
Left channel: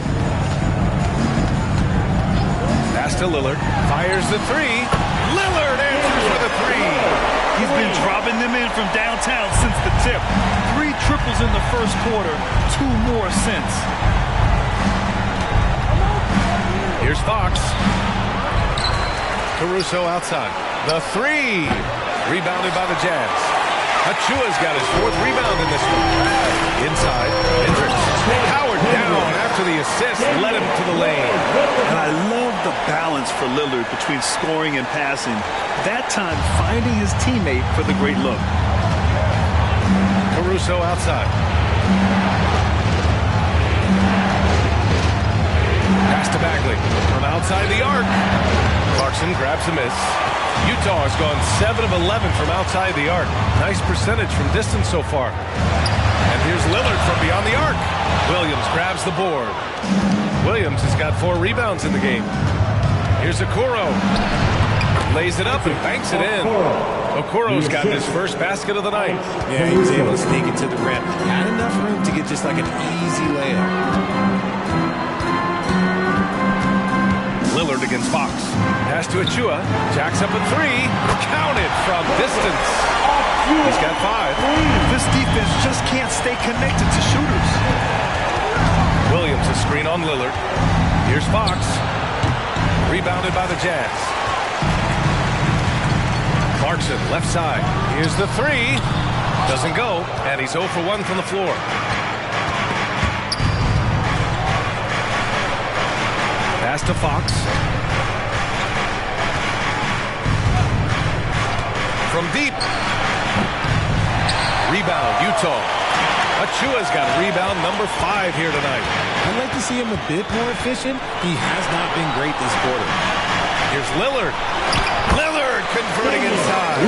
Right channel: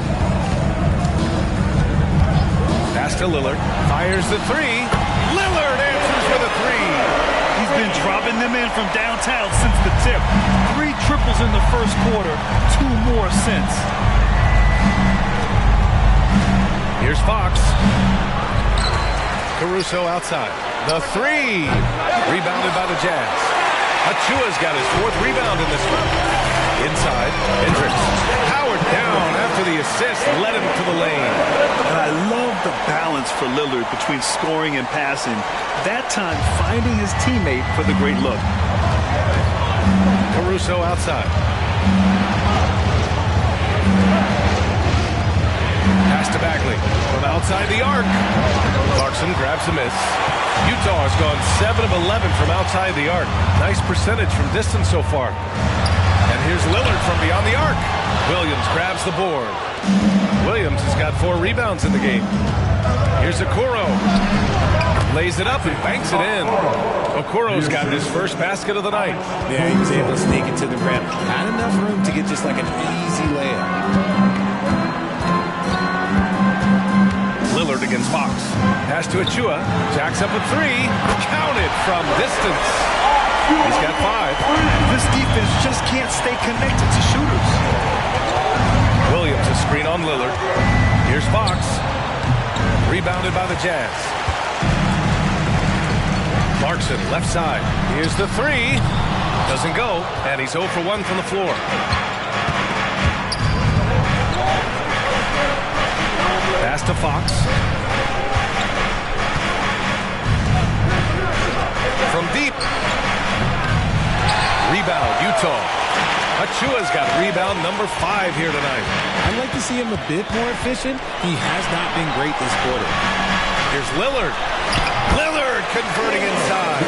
Pass to Lillard. Fires the three. Lillard answers with a three. He's been dropping them in from downtown since the tip. 3 triples in the first quarter, 2 more since. Here's Fox. Caruso outside. The three. Rebounded by the Jazz. Achua's got his 4th rebound in this one. Inside, Hendricks. Howard down after the assist, led him to the lane. And I love the balance for Lillard between scoring and passing. That time finding his teammate for the great look. Caruso outside. Pass to Bagley from outside the arc. Clarkson grabs a miss. Utah has gone 7 of 11 from outside the arc. Nice percentage from distance so far. And here's Lillard from beyond the arc. Williams grabs the board. Williams has got 4 rebounds in the game. Here's Okoro. Lays it up and banks it in. Okoro's got his first basket of the night. Yeah, he was able to sneak it to the rim. Had enough room to get just like an easy layup. Lillard against Fox. Pass to Achua. Jacks up a 3. Counted from distance. He's got 5. This defense just can't stay connected to shooters. Williams a screen on Lillard. Here's Fox. Rebounded by the Jazz. Clarkson left side. Here's the 3. Doesn't go. And he's 0 for 1 from the floor. Pass to Fox. From deep. Rebound, Utah. Achua's got rebound number 5 here tonight. I'd like to see him a bit more efficient. He has not been great this quarter. Here's Lillard. Lillard converting inside.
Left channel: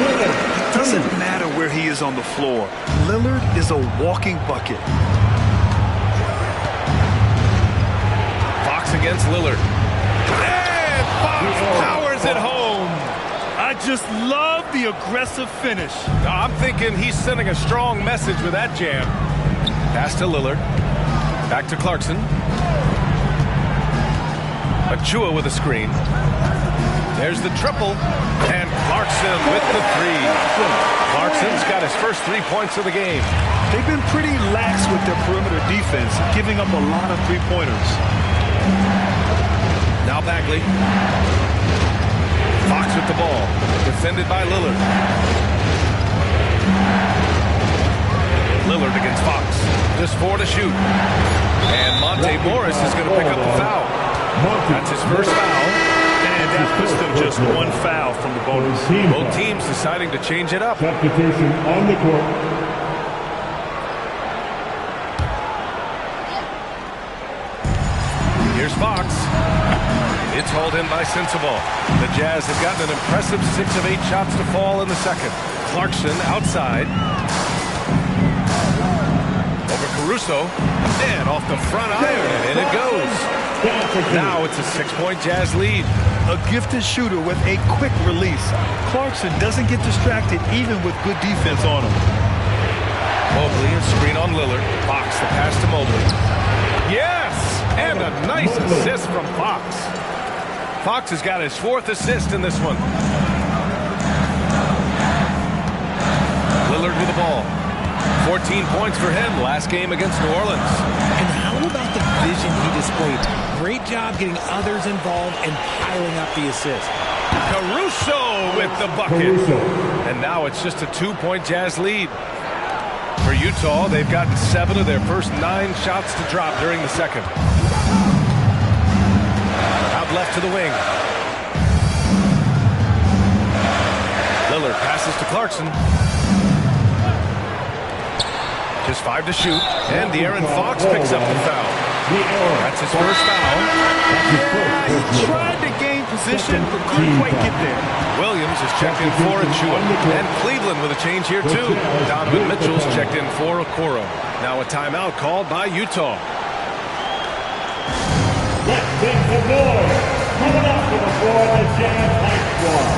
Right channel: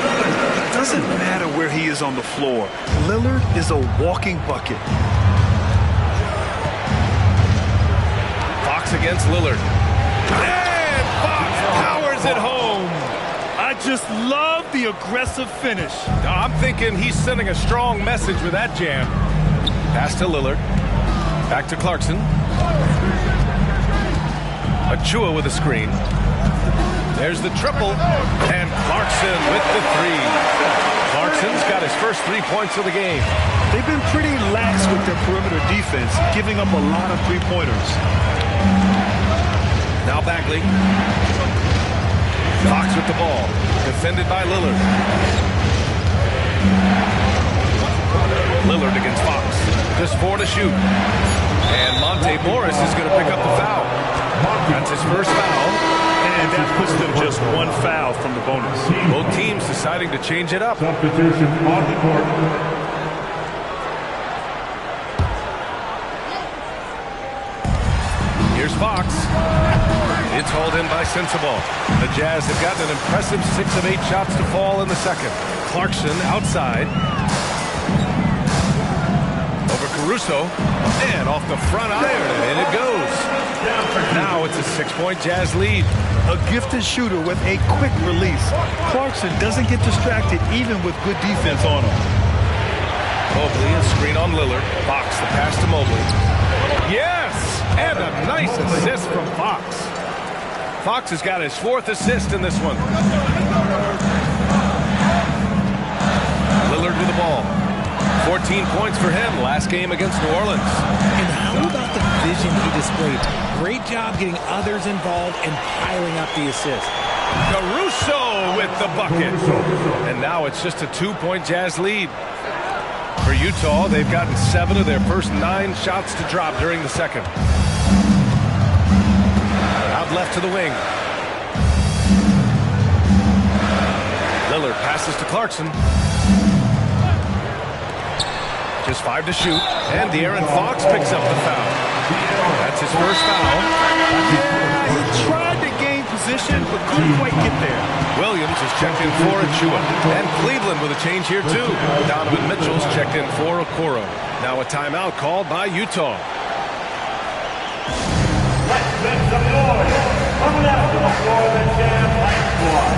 It doesn't matter where he is on the floor. Lillard is a walking bucket. Fox against Lillard. And Fox powers it home. I just love the aggressive finish. I'm thinking he's sending a strong message with that jam. Pass to Lillard. Back to Clarkson. Achua with a screen. There's the triple. And Clarkson with the 3. Clarkson's got his first 3 points of the game. They've been pretty lax with their perimeter defense, giving up a lot of 3-pointers. Now Bagley. Fox with the ball. Defended by Lillard. Lillard against Fox. Just 4 to shoot. And Monte Morris is going to pick up the foul. That's his first foul. And that puts them just one foul from the bonus. Both teams deciding to change it up. Substitution on the court. Here's Fox. It's hauled in by Sensabaugh. The Jazz have gotten an impressive 6 of 8 shots to fall in the second. Clarkson outside. Over Caruso. And off the front iron, and in it goes. Now it's a 6-point Jazz lead. A gifted shooter with a quick release. Clarkson doesn't get distracted even with good defense on him. Mobley, a screen on Lillard. Fox, the pass to Mobley. Yes! And a nice assist from Fox. Fox has got his 4th assist in this one. Lillard with the ball. 14 points for him last game against New Orleans. And how about the vision he displayed? Great job getting others involved and piling up the assist. Caruso with the bucket. And now it's just a 2-point Jazz lead. For Utah, they've gotten 7 of their first 9 shots to drop during the second. Out left to the wing. Lillard passes to Clarkson. Just 5 to shoot. And De'Aaron Fox picks up the foul. That's his first foul. Yeah, he tried to gain position, but couldn't quite get there. Williams is checked in for Achua. And Cleveland with a change here, too. Donovan Mitchell's checked in for Okoro. Now a timeout called by Utah. Let's make some noise. Coming out from the floor, the Jazz High Squad.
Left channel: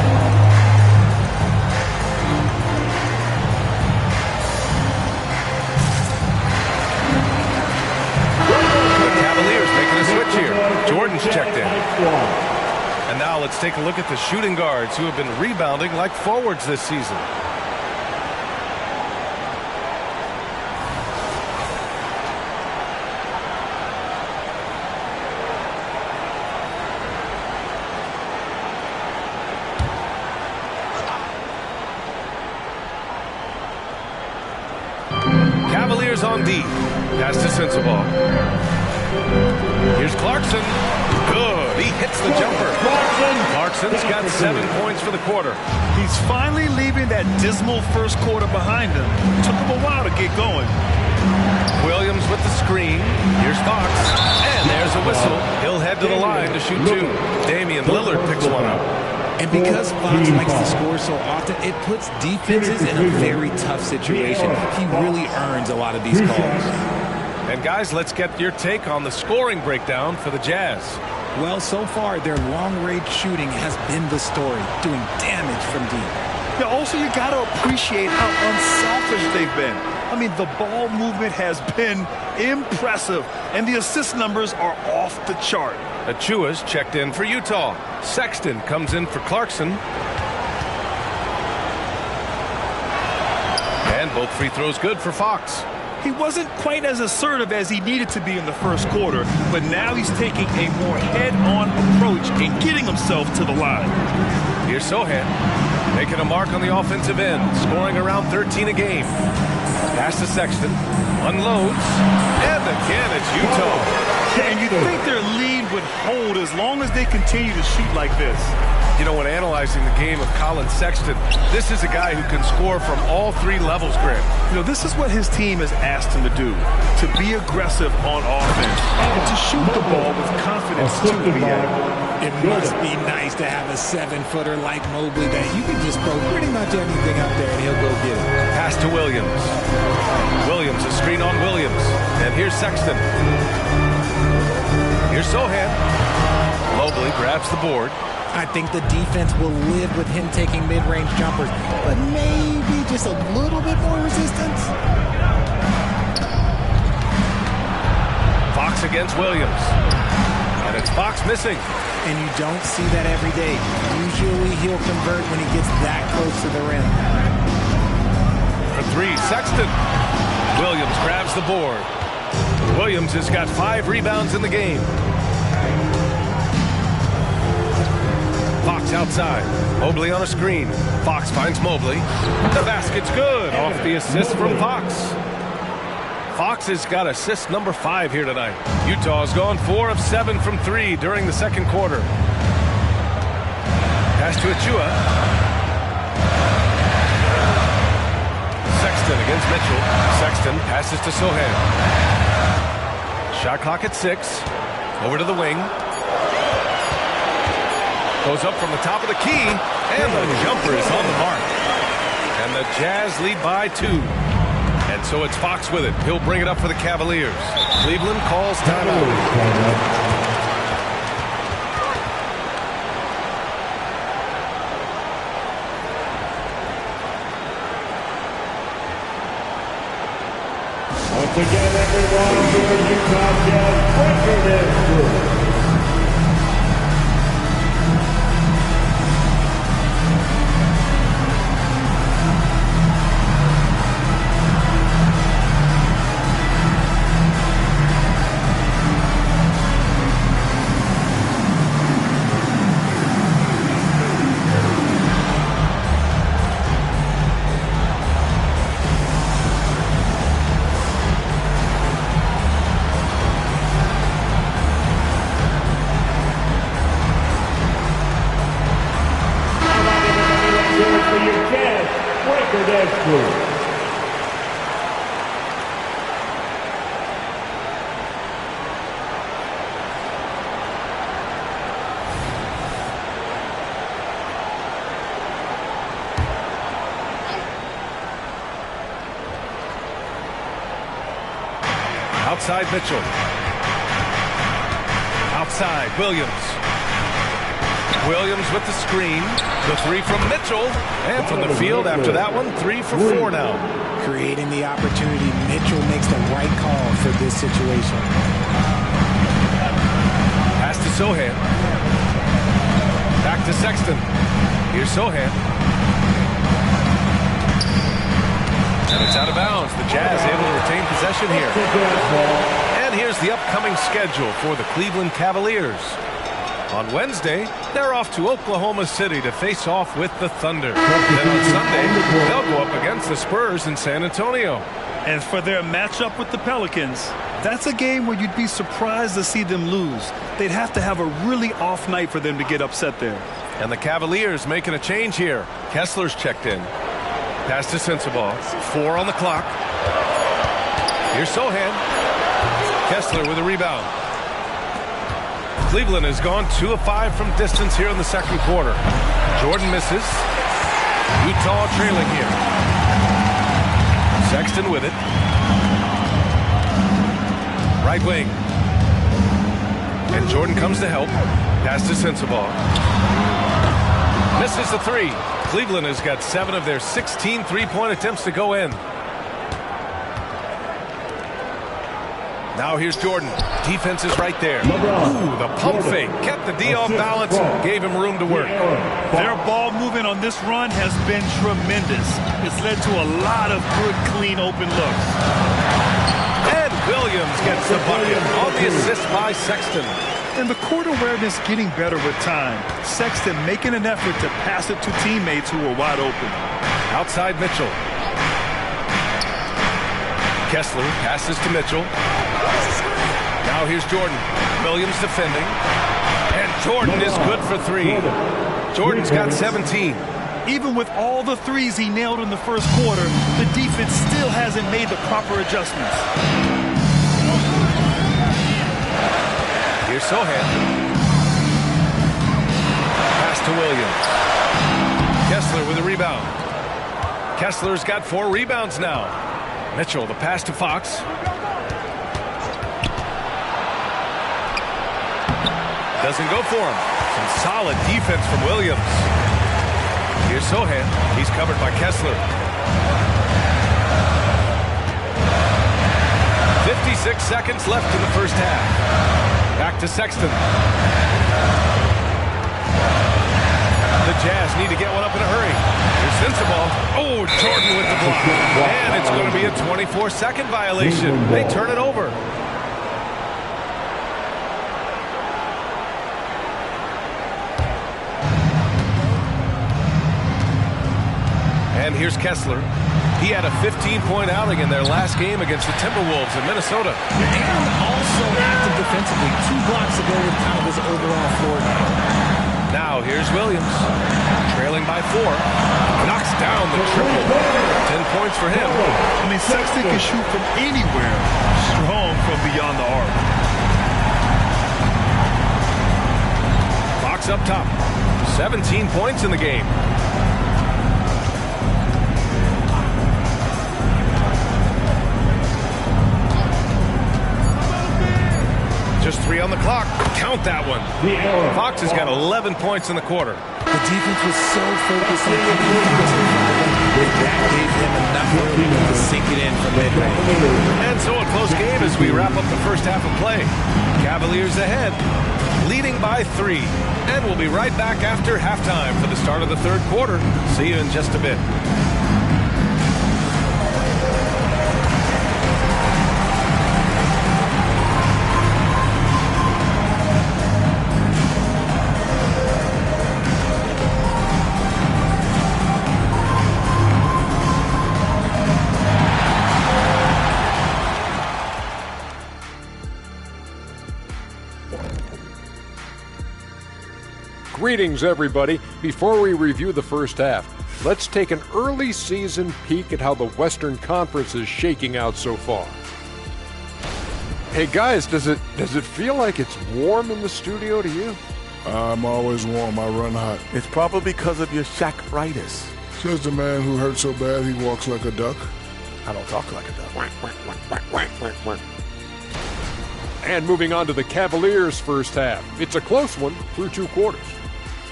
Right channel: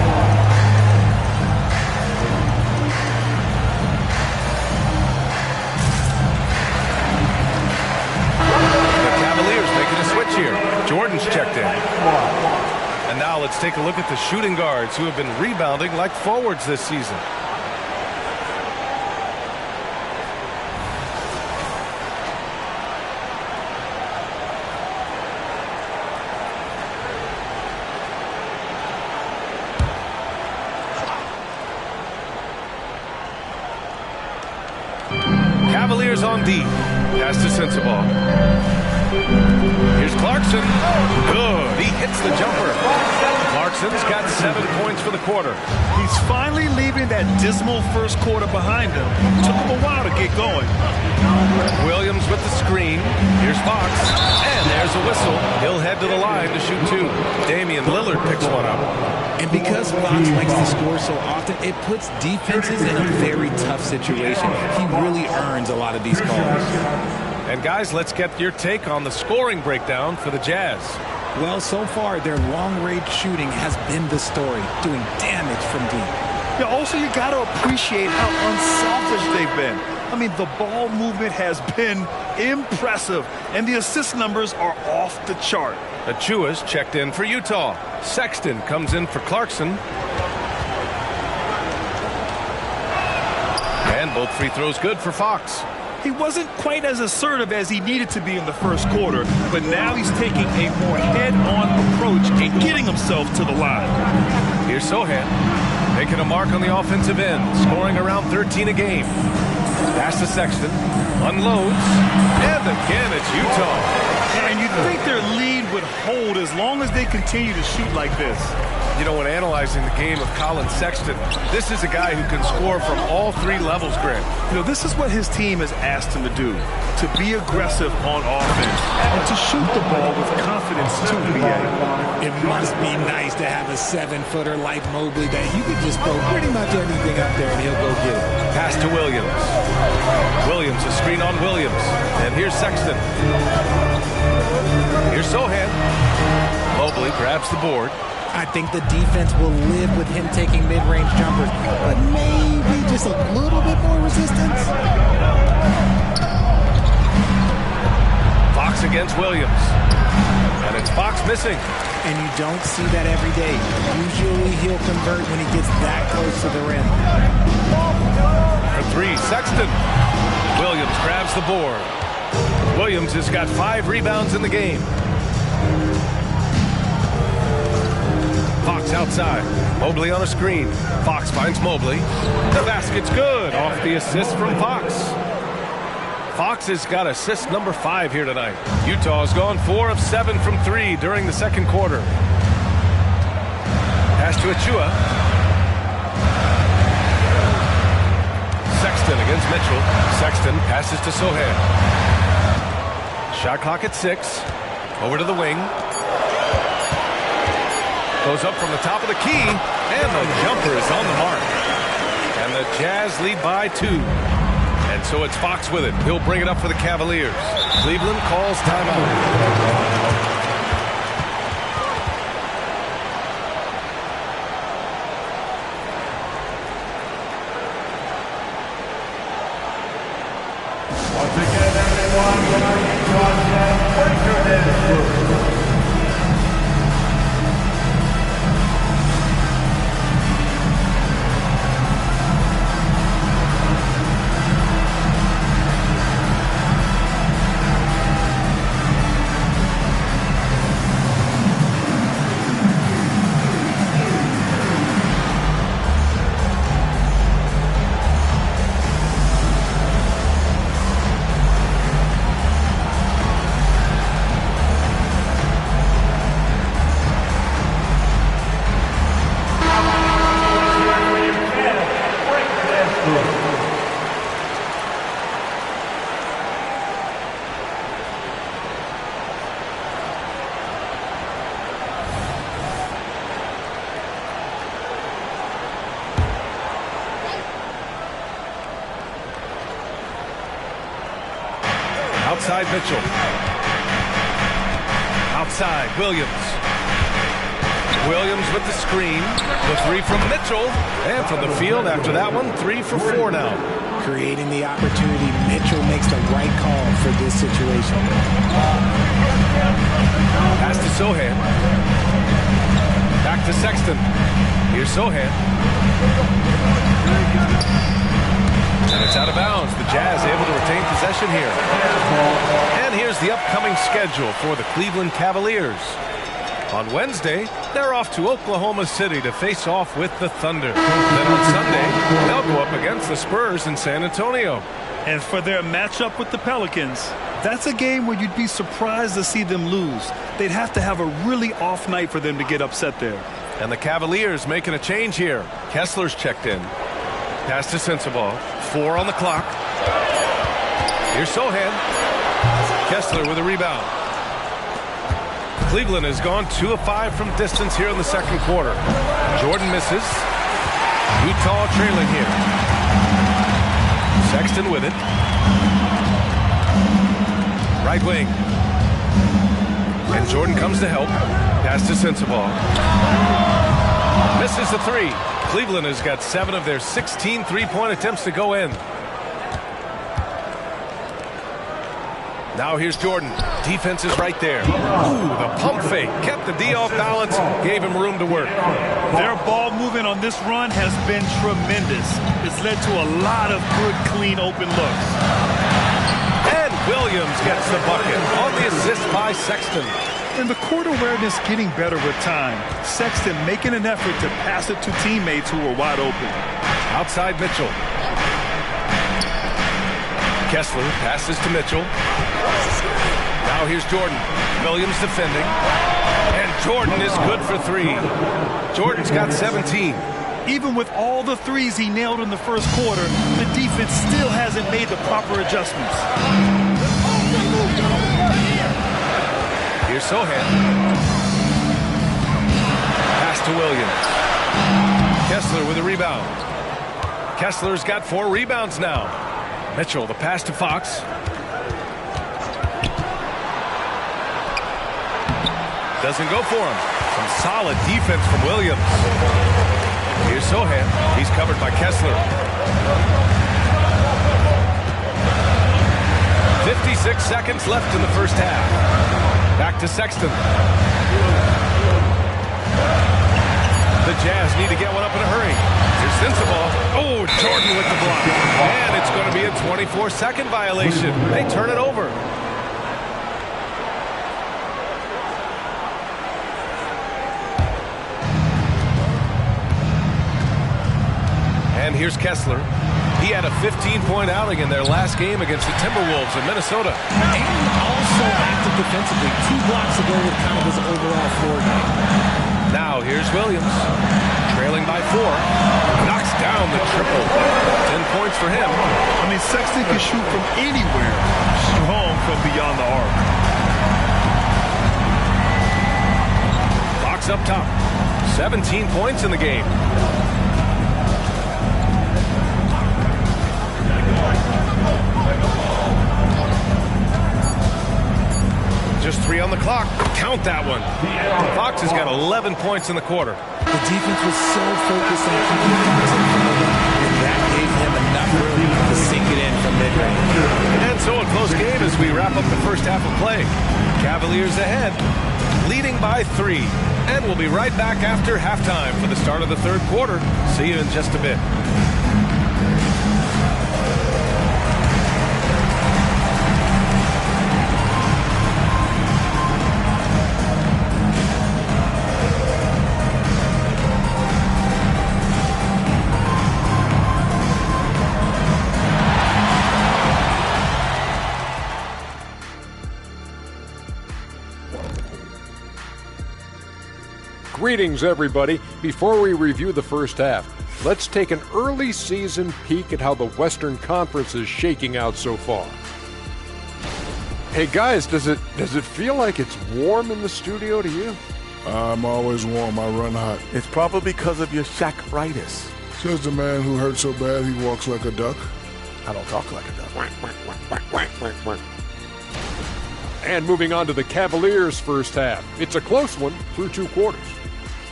Cavaliers making a switch here. Jordan's checked in. And now let's take a look at the shooting guards who have been rebounding like forwards this season. Cavaliers on D. Pass to Sensabaugh. Here's Clarkson. Good. He hits the jumper. Clarkson's got 7 points for the quarter. He's finally leaving that dismal first quarter behind him. Took him a while to get going. Williams with the screen. Here's Fox. And there's a whistle. He'll head to the line to shoot 2. Damian Lillard picks one up. And because Fox likes to score so often, it puts defenses in a very tough situation. He really earns a lot of these calls. And guys, let's get your take on the scoring breakdown for the Jazz. Well, so far, their long-range shooting has been the story, doing damage from deep. Yeah, also, you got to appreciate how unselfish they've been. I mean, the ball movement has been impressive, and the assist numbers are off the chart. Achua's checked in for Utah. Sexton comes in for Clarkson. And both free throws good for Fox. He wasn't quite as assertive as he needed to be in the first quarter, but now he's taking a more head-on approach and getting himself to the line. Here's Sohan, making a mark on the offensive end, scoring around 13 a game. Pass to Sexton, unloads, and again it's Utah. And you'd think their lead would hold as long as they continue to shoot like this. You know, when analyzing the game of Colin Sexton, this is a guy who can score from all 3 levels, Grant. You know, this is what his team has asked him to do, to be aggressive on offense and to shoot the ball with confidence too, B.A. It must be nice to have a 7-footer like Mobley that you can just throw pretty much anything up there and he'll go get it. Pass to Williams. Williams, a screen on Williams. And here's Sexton. Here's Sohan. Mobley grabs the board. I think the defense will live with him taking mid-range jumpers, but maybe just a little bit more resistance. Fox against Williams. And it's Fox missing. And you don't see that every day. Usually he'll convert when he gets that close to the rim. For 3, Sexton. Williams grabs the board. Williams has got 5 rebounds in the game. Fox outside. Mobley on a screen. Fox finds Mobley. The basket's good off the assist from Fox. Fox has got assist number 5 here tonight. Utah's gone 4 of 7 from 3 during the second quarter. Pass to Achua. Sexton against Mitchell. Sexton passes to Sohan. Shot clock at 6. Over to the wing. Goes up from the top of the key, and the jumper is on the mark. And the Jazz lead by 2. And so it's Fox with it. He'll bring it up for the Cavaliers. Cleveland calls timeout. Once again, everyone, for the Utah Jazz Breaker Dance Crew. Outside Mitchell. Outside Williams. Williams with the screen. The 3 from Mitchell. And from the field after that one, 3 for 4 now. Creating the opportunity. Mitchell makes the right call for this situation. Pass to Sohan. Back to Sexton. Here's Sohan. And it's out of bounds. The Jazz able to retain possession here. And here's the upcoming schedule for the Cleveland Cavaliers. On Wednesday, they're off to Oklahoma City to face off with the Thunder. Then on Sunday, they'll go up against the Spurs in San Antonio. And for their matchup with the Pelicans, that's a game where you'd be surprised to see them lose. They'd have to have a really off night for them to get upset there. And the Cavaliers making a change here. Kessler's checked in. Pass to Sensabaugh. 4 on the clock. Here's Sohan. Kessler with a rebound. Cleveland has gone 2 of 5 from distance here in the second quarter. Jordan misses. Utah trailing here. Sexton with it. Right wing. And Jordan comes to help. Pass to Sensabaugh. Misses the 3. Cleveland has got 7 of their 16 three-point attempts to go in. Now here's Jordan. Defense is right there. Ooh, the pump fake. Kept the D off balance. Gave him room to work. Their ball movement on this run has been tremendous. It's led to a lot of good, clean, open looks. And Williams gets the bucket on the assist by Sexton. And the court awareness getting better with time. Sexton making an effort to pass it to teammates who were wide open. Outside Mitchell. Kessler passes to Mitchell. Now here's Jordan. Williams defending. And Jordan is good for 3. Jordan's got 17. Even with all the threes he nailed in the first quarter, the defense still hasn't made the proper adjustments. Here's Sohan. Pass to Williams. Kessler with a rebound. Kessler's got 4 rebounds now. Mitchell, the pass to Fox. Doesn't go for him. Some solid defense from Williams. Here's Sohan. He's covered by Kessler. 56 seconds left in the first half. Back to Sexton. The Jazz need to get one up in a hurry. Here's Sensabaugh. Oh, Jordan with the block. And it's going to be a 24-second violation. They turn it over. And here's Kessler. He had a 15-point outing in their last game against the Timberwolves in Minnesota. And also active defensively. 2 blocks ago with kind of his overall floor game. Now here's Williams. Trailing by 4. Knocks down the triple. 10 points for him. I mean, Sexton can shoot from anywhere. Strong from beyond the arc. Fox up top. 17 points in the game. Just 3 on the clock. Count that one. Fox has got 11 points in the quarter. The defense was so focused on keeping Fox in front of them that that gave him enough room to sink it in from mid-range. And so a close game as we wrap up the first half of play. Cavaliers ahead, leading by 3. And we'll be right back after halftime for the start of the third quarter. See you in just a bit. Greetings, everybody. Before we review the first half, let's take an early season peek at how the Western Conference is shaking out so far. Hey guys, does it feel like it's warm in the studio to you? I'm always warm. I run hot. It's probably because of your Shaq-ritis. Says the man who hurt so bad he walks like a duck. I don't talk like a duck. And moving on to the Cavaliers' first half. It's a close one through 2 quarters.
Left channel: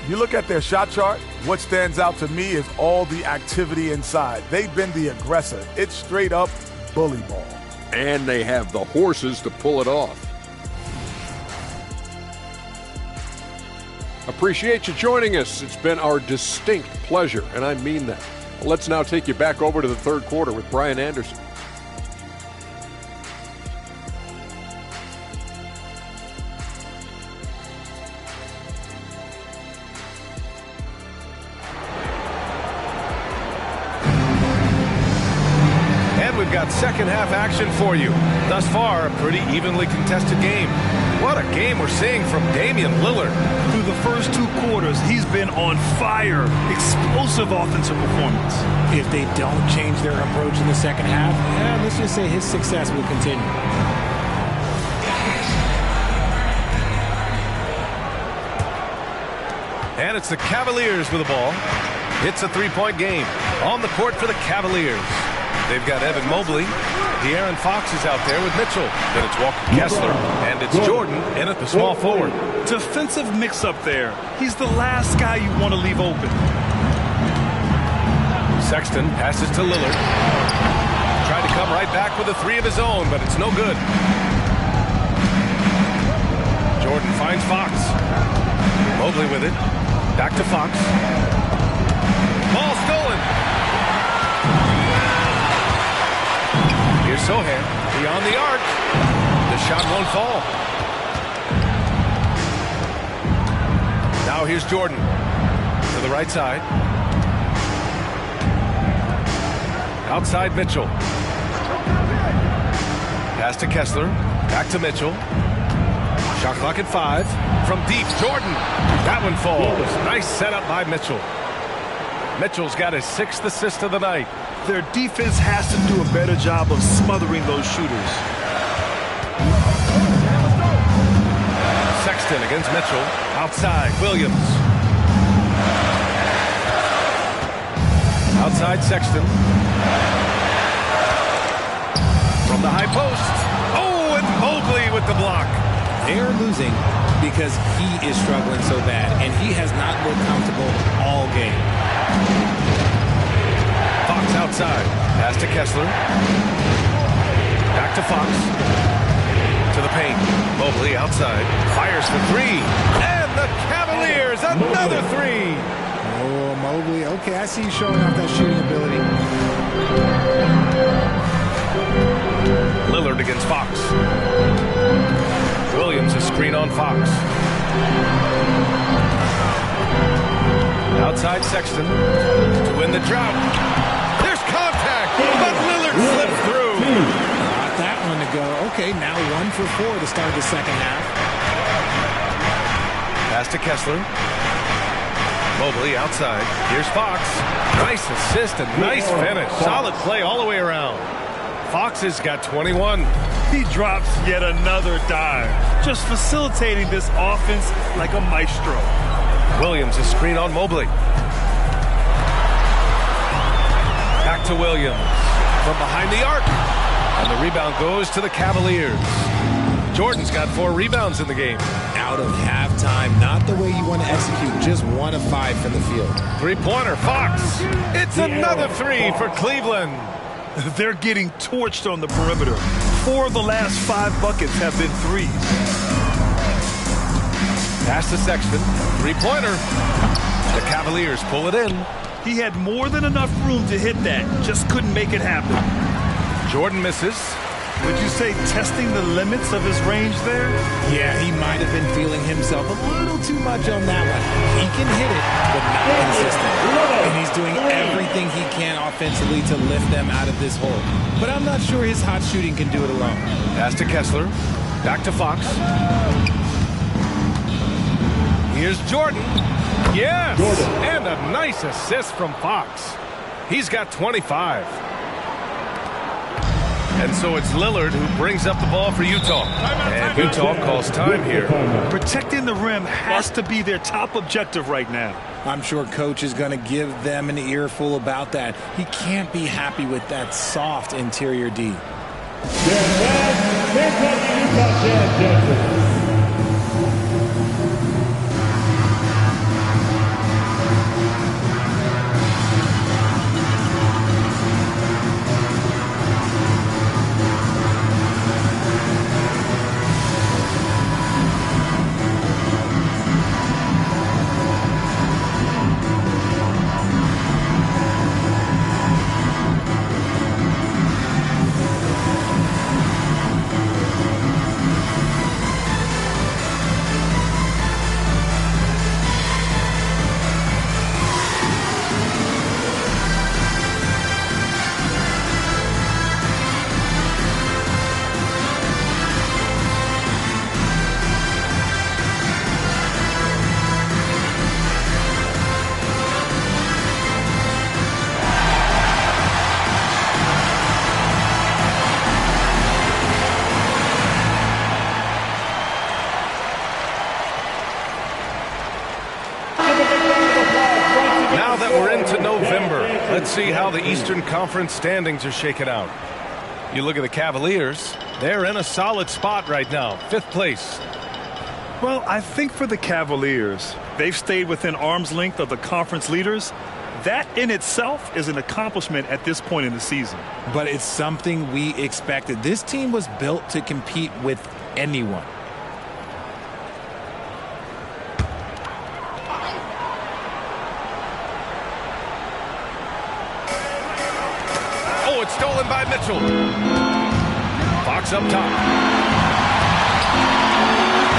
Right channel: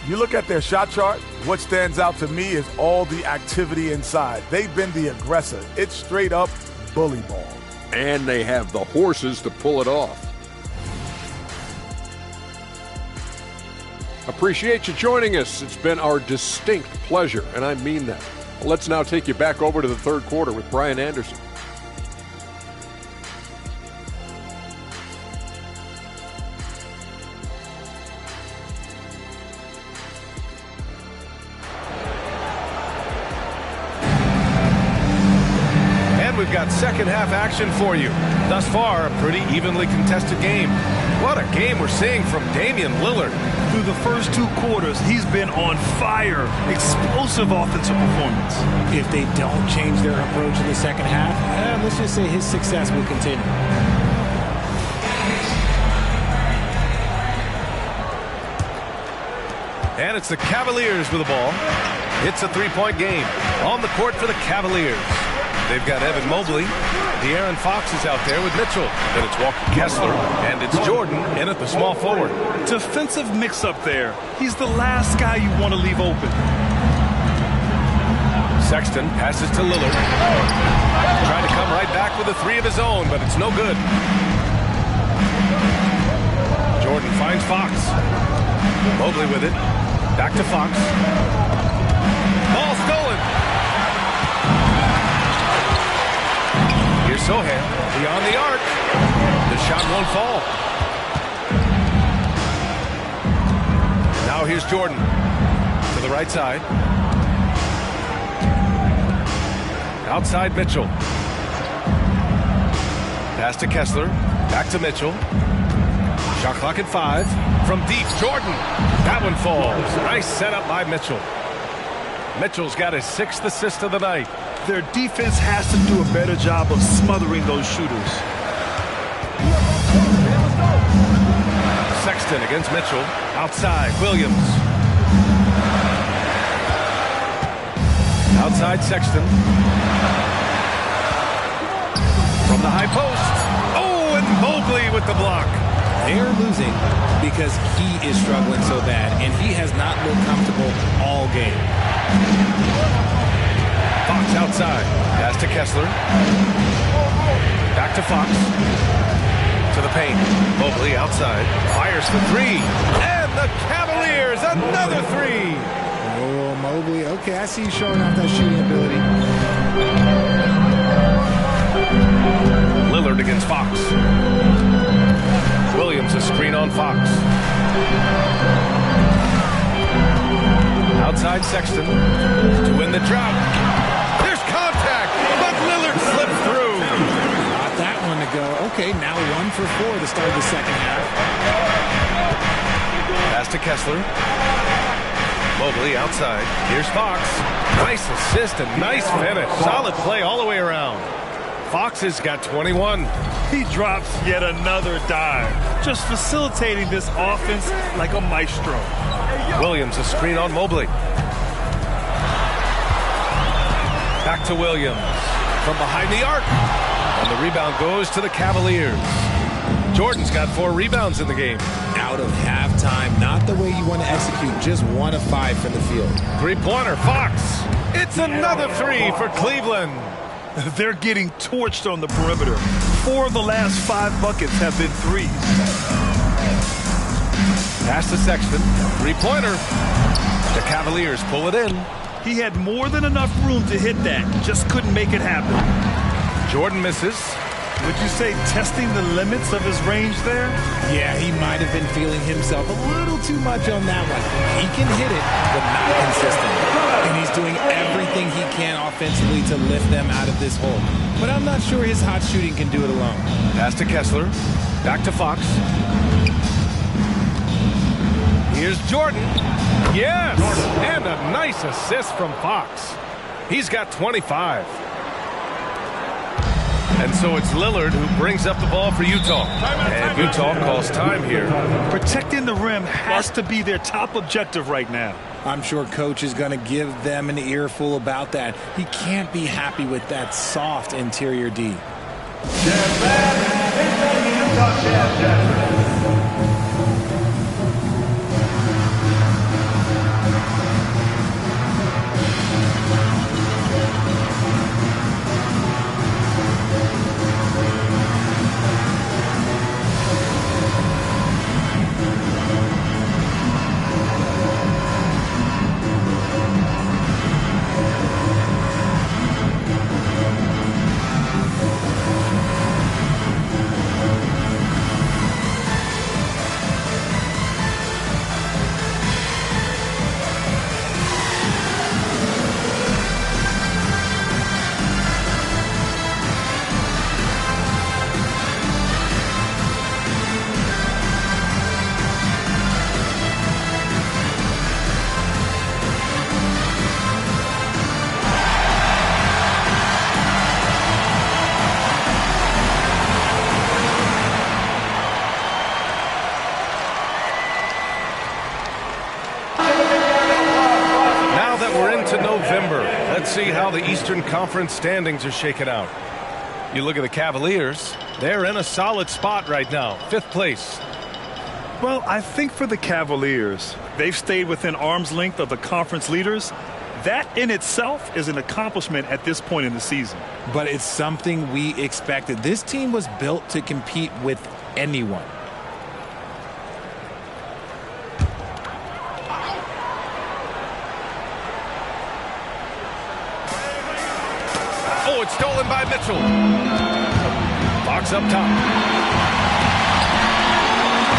You look at their shot chart, what stands out to me is all the activity inside. They've been the aggressor. It's straight up bully ball. And they have the horses to pull it off. Appreciate you joining us. It's been our distinct pleasure, and I mean that. Let's now take you back over to the third quarter with Brian Anderson. And we've got second half action for you. Thus far, a pretty evenly contested game. What a game we're seeing from Damian Lillard. Through the first 2 quarters, he's been on fire. Explosive offensive performance. If they don't change their approach in the second half, let's just say his success will continue. And it's the Cavaliers with the ball. It's a 3-point game on the court for the Cavaliers. They've got Evan Mobley. De'Aaron Fox is out there with Mitchell. Then it's Walker Kessler. And it's Jordan in at the small forward. Defensive mix-up there. He's the last guy you want to leave open. Sexton passes to Lillard. Tried to come right back with a 3 of his own, but it's no good. Jordan finds Fox. Mobley with it. Back to Fox. Ball stolen. Here's Sohan beyond the arc. The shot won't fall. Now here's Jordan to the right side. Outside Mitchell. Pass to Kessler. Back to Mitchell. Shot clock at 5. From deep, Jordan. That one falls. Nice setup by Mitchell. Mitchell's got his 6th assist of the night. Their defense has to do a better job of smothering those shooters. Sexton against Mitchell. Outside, Williams. Outside Sexton. From the high post. Oh, and Mobley with the block. They're losing because he is struggling so bad, and he has not looked comfortable all game. Fox outside. Pass to Kessler. Back to Fox. To the paint. Mobley outside. Fires for 3. And the Cavaliers, another 3. Oh, Mobley. Okay, I see you showing off that shooting ability. Lillard against Fox. Williams a screen on Fox. Outside Sexton to win the drought. contact, but Lillard slipped through. Got that one to go. Okay, now 1 for 4 to start the second half. Pass to Kessler. Mobley outside. Here's Fox. Nice assist and nice finish. Solid play all the way around. Fox has got 21. He drops yet another dive, just facilitating this offense like a maestro. Williams, a screen on Mobley. Back to Williams from behind the arc. And the rebound goes to the Cavaliers. Jordan's got 4 rebounds in the game. Out of halftime, not the way you want to execute, just 1 of 5 from the field. Three-pointer, Fox. It's another 3 for Cleveland. They're getting torched on the perimeter. 4 of the last 5 buckets have been threes. Pass to Sexton. Three-pointer. The Cavaliers pull it in. He had more than enough room to hit that. Just couldn't make it happen. Jordan misses. Would you say testing the limits of his range there? Yeah, he might have been feeling himself a little too much on that one. He can hit it, but not consistent. And he's doing everything he can offensively to lift them out of this hole. But I'm not sure his hot shooting can do it alone. Pass to Kessler. Back to Fox. Here's Jordan. Yes! And a nice assist from Fox. He's got 25. And so it's Lillard who brings up the ball for Utah. And Utah calls time here. Protecting the rim has to be their top objective right now. I'm sure coach is going to give them an earful about that. He can't be happy with that soft interior D. To November. Let's see how the Eastern Conference standings are shaken out. You look at the Cavaliers, they're in a solid spot right now, 5th place. Well, I think for the Cavaliers, they've stayed within arm's length of the conference leaders. That in itself is an accomplishment at this point in the season. But it's something we expected. This team was built to compete with anyone. Oh, it's stolen by Mitchell. Fox up top.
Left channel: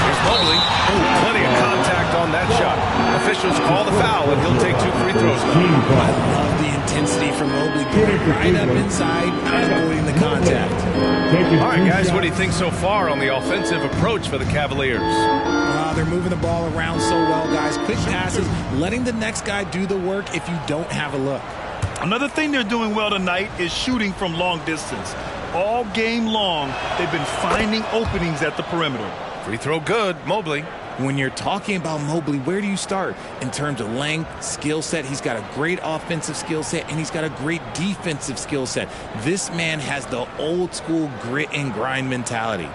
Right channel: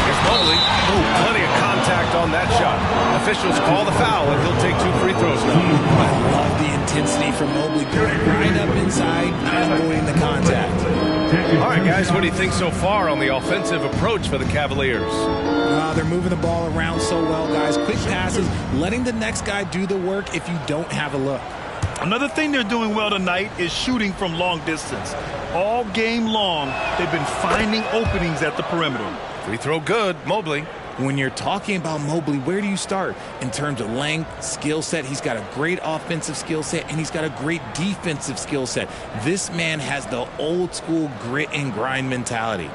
Here's Mobley. Oh, plenty of contact on that shot. Officials call the foul, and he'll take 2 free throws now. I love the intensity from Mobley, going right up inside, not avoiding the contact. All right, guys, what do you think so far on the offensive approach for the Cavaliers? They're moving the ball around so well, guys. Quick passes, letting the next guy do the work if you don't have a look. Another thing they're doing well tonight is shooting from long distance. All game long, they've been finding openings at the perimeter. Free throw good, Mobley. When you're talking about Mobley, where do you start? In terms of length, skill set, he's got a great offensive skill set, and he's got a great defensive skill set. This man has the old school grit and grind mentality.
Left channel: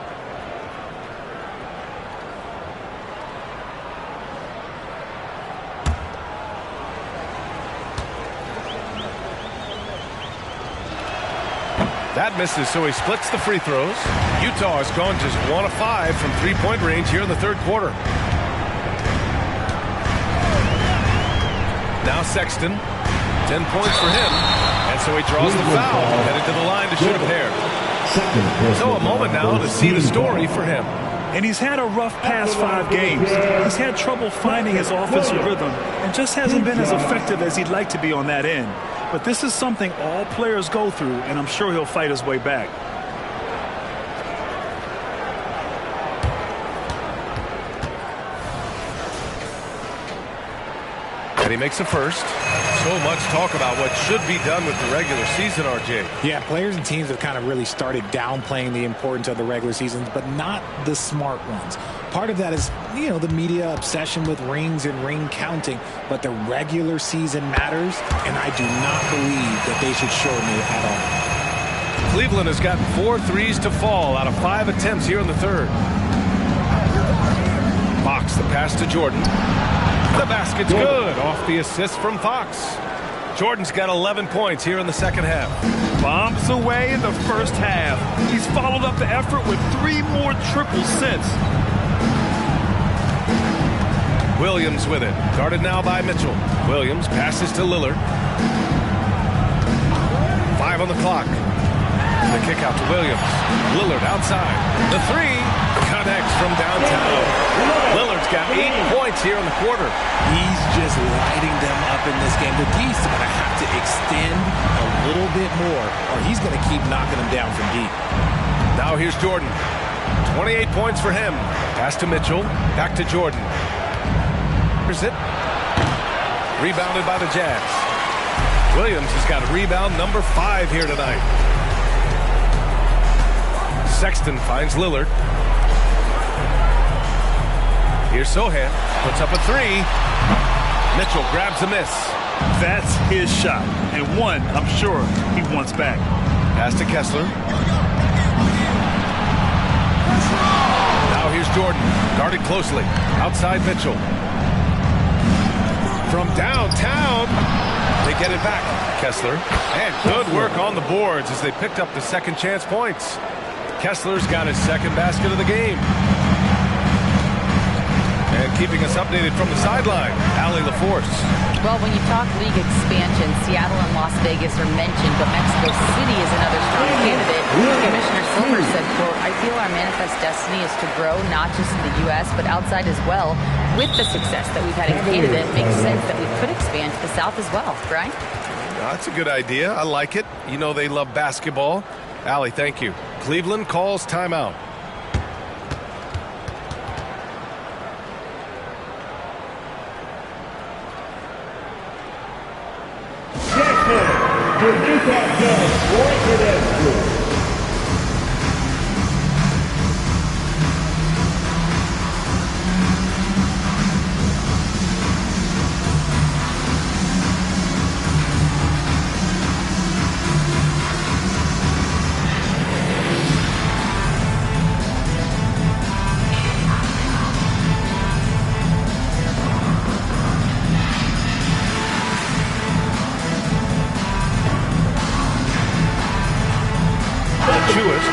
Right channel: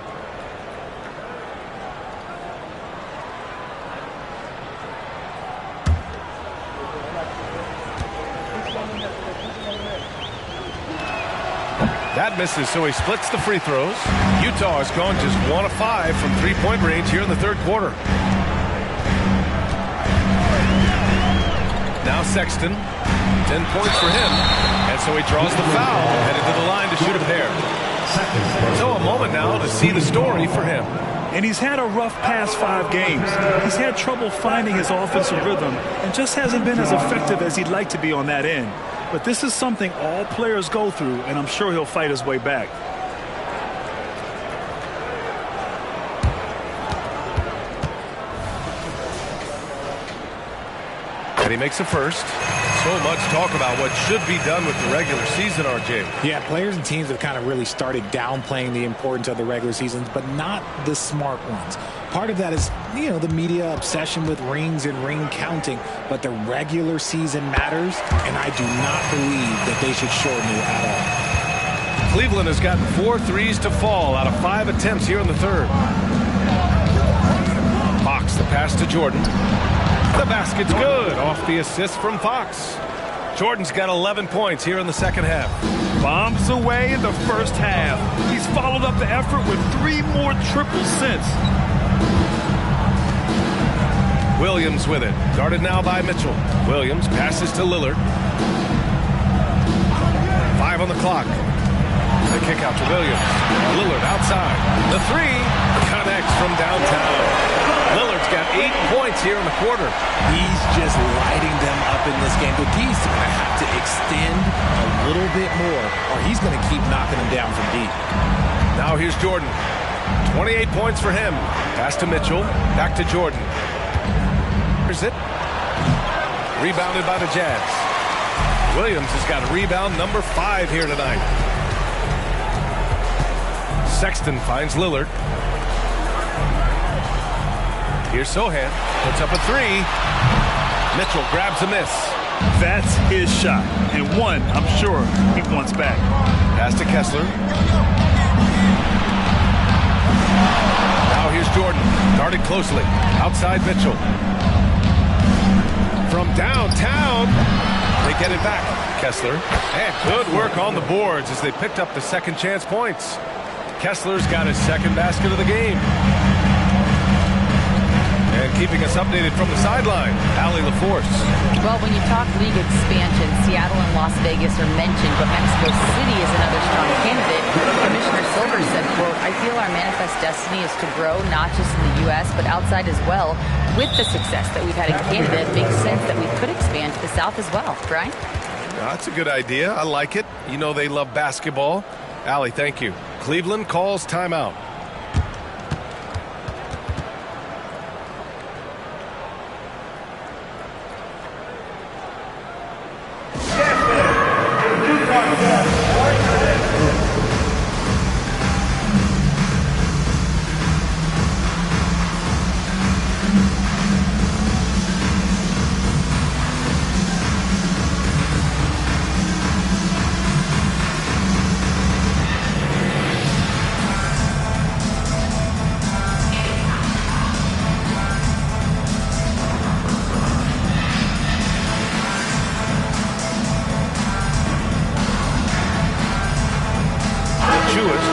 That misses, so he splits the free throws. Utah has gone just 1 of 5 from 3-point range here in the 3rd quarter. Now Sexton, 10 points for him, and so he draws the foul, headed to the line to shoot a pair. So a moment now to see the story for him. And he's had a rough past 5 games. He's had trouble finding his offensive rhythm and just hasn't been as effective as he'd like to be on that end. But this is something all players go through, and I'm sure he'll fight his way back. And he makes a first. So much talk about what should be done with the regular season, RJ. Yeah, players and teams have kind of really started downplaying the importance of the regular seasons, but not the smart ones. Part of that is, the media obsession with rings and ring counting, but the regular season matters, and I do not believe that they should shorten it at all. Cleveland has gotten 4 threes to fall out of 5 attempts here in the third. Fox, the pass to Jordan. The basket's good off the assist from Fox. Jordan's got 11 points here in the second half. Bombs away in the first half. He's followed up the effort with 3 more triples since. Williams with it. Guarded now by Mitchell. Williams passes to Lillard. 5 on the clock. The kick out to Williams. Lillard outside. The 3 connects from downtown. Lillard's got 8 points here in the quarter. He's just lighting them up in this game. The D's going to have to extend a little bit more, or he's going to keep knocking them down from deep. Now here's Jordan. 28 points for him. Pass to Mitchell. Back to Jordan. Here's it. Rebounded by the Jazz. Williams has got a rebound number 5 here tonight. Sexton finds Lillard. Here's Sohan. Puts up a 3. Mitchell grabs a miss. That's his shot, and one I'm sure he wants back. Pass to Kessler. Now here's Jordan. Guarded closely. Outside Mitchell. From downtown. They get it back. Kessler. And good work on the boards as they picked up the second chance points. Kessler's got his second basket of the game. And keeping us updated from the sideline, Allie LaForce. Well, when you talk league expansion, Seattle and Las Vegas are mentioned, but Mexico City is another strong candidate. Commissioner Silver said, quote, "I feel our manifest destiny is to grow not just in the U.S., but outside as well. With the success that we've had in Canada, it makes sense that we could expand to the South as well." Brian? That's a good idea. I like it. They love basketball. Allie, thank you. Cleveland calls timeout.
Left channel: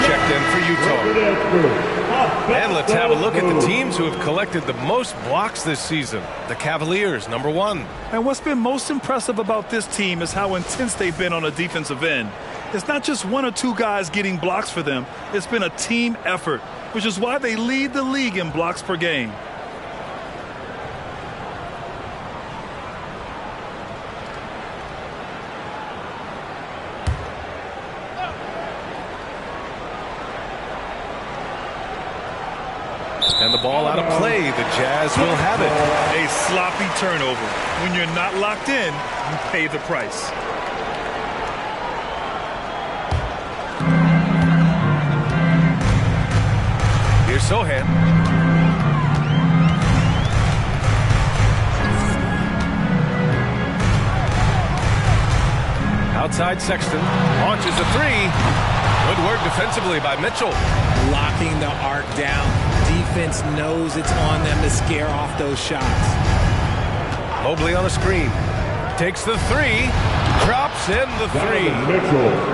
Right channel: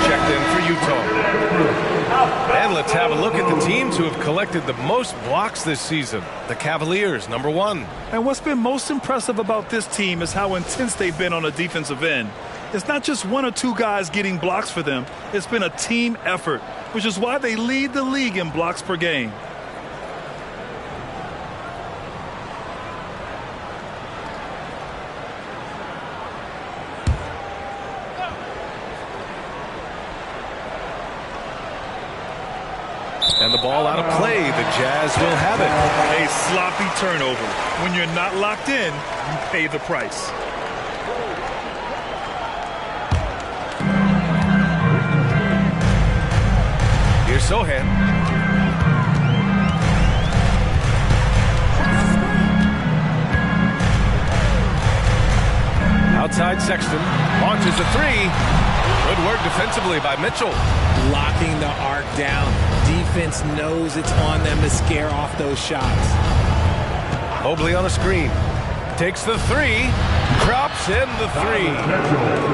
Checked in for Utah. And let's have a look at the teams who have collected the most blocks this season. The Cavaliers, number 1. And what's been most impressive about this team is how intense they've been on the defensive end. It's not just 1 or 2 guys getting blocks for them. It's been a team effort, which is why they lead the league in blocks per game. And the ball out of play. The Jazz will have it. A sloppy turnover. When you're not locked in, you pay the price. Here's Sohan. Outside Sexton. Launches a 3. Good work defensively by Mitchell. Locking the arc down. Defense knows it's on them to scare off those shots. Mobley on a screen. Takes the 3. Drops in the 3.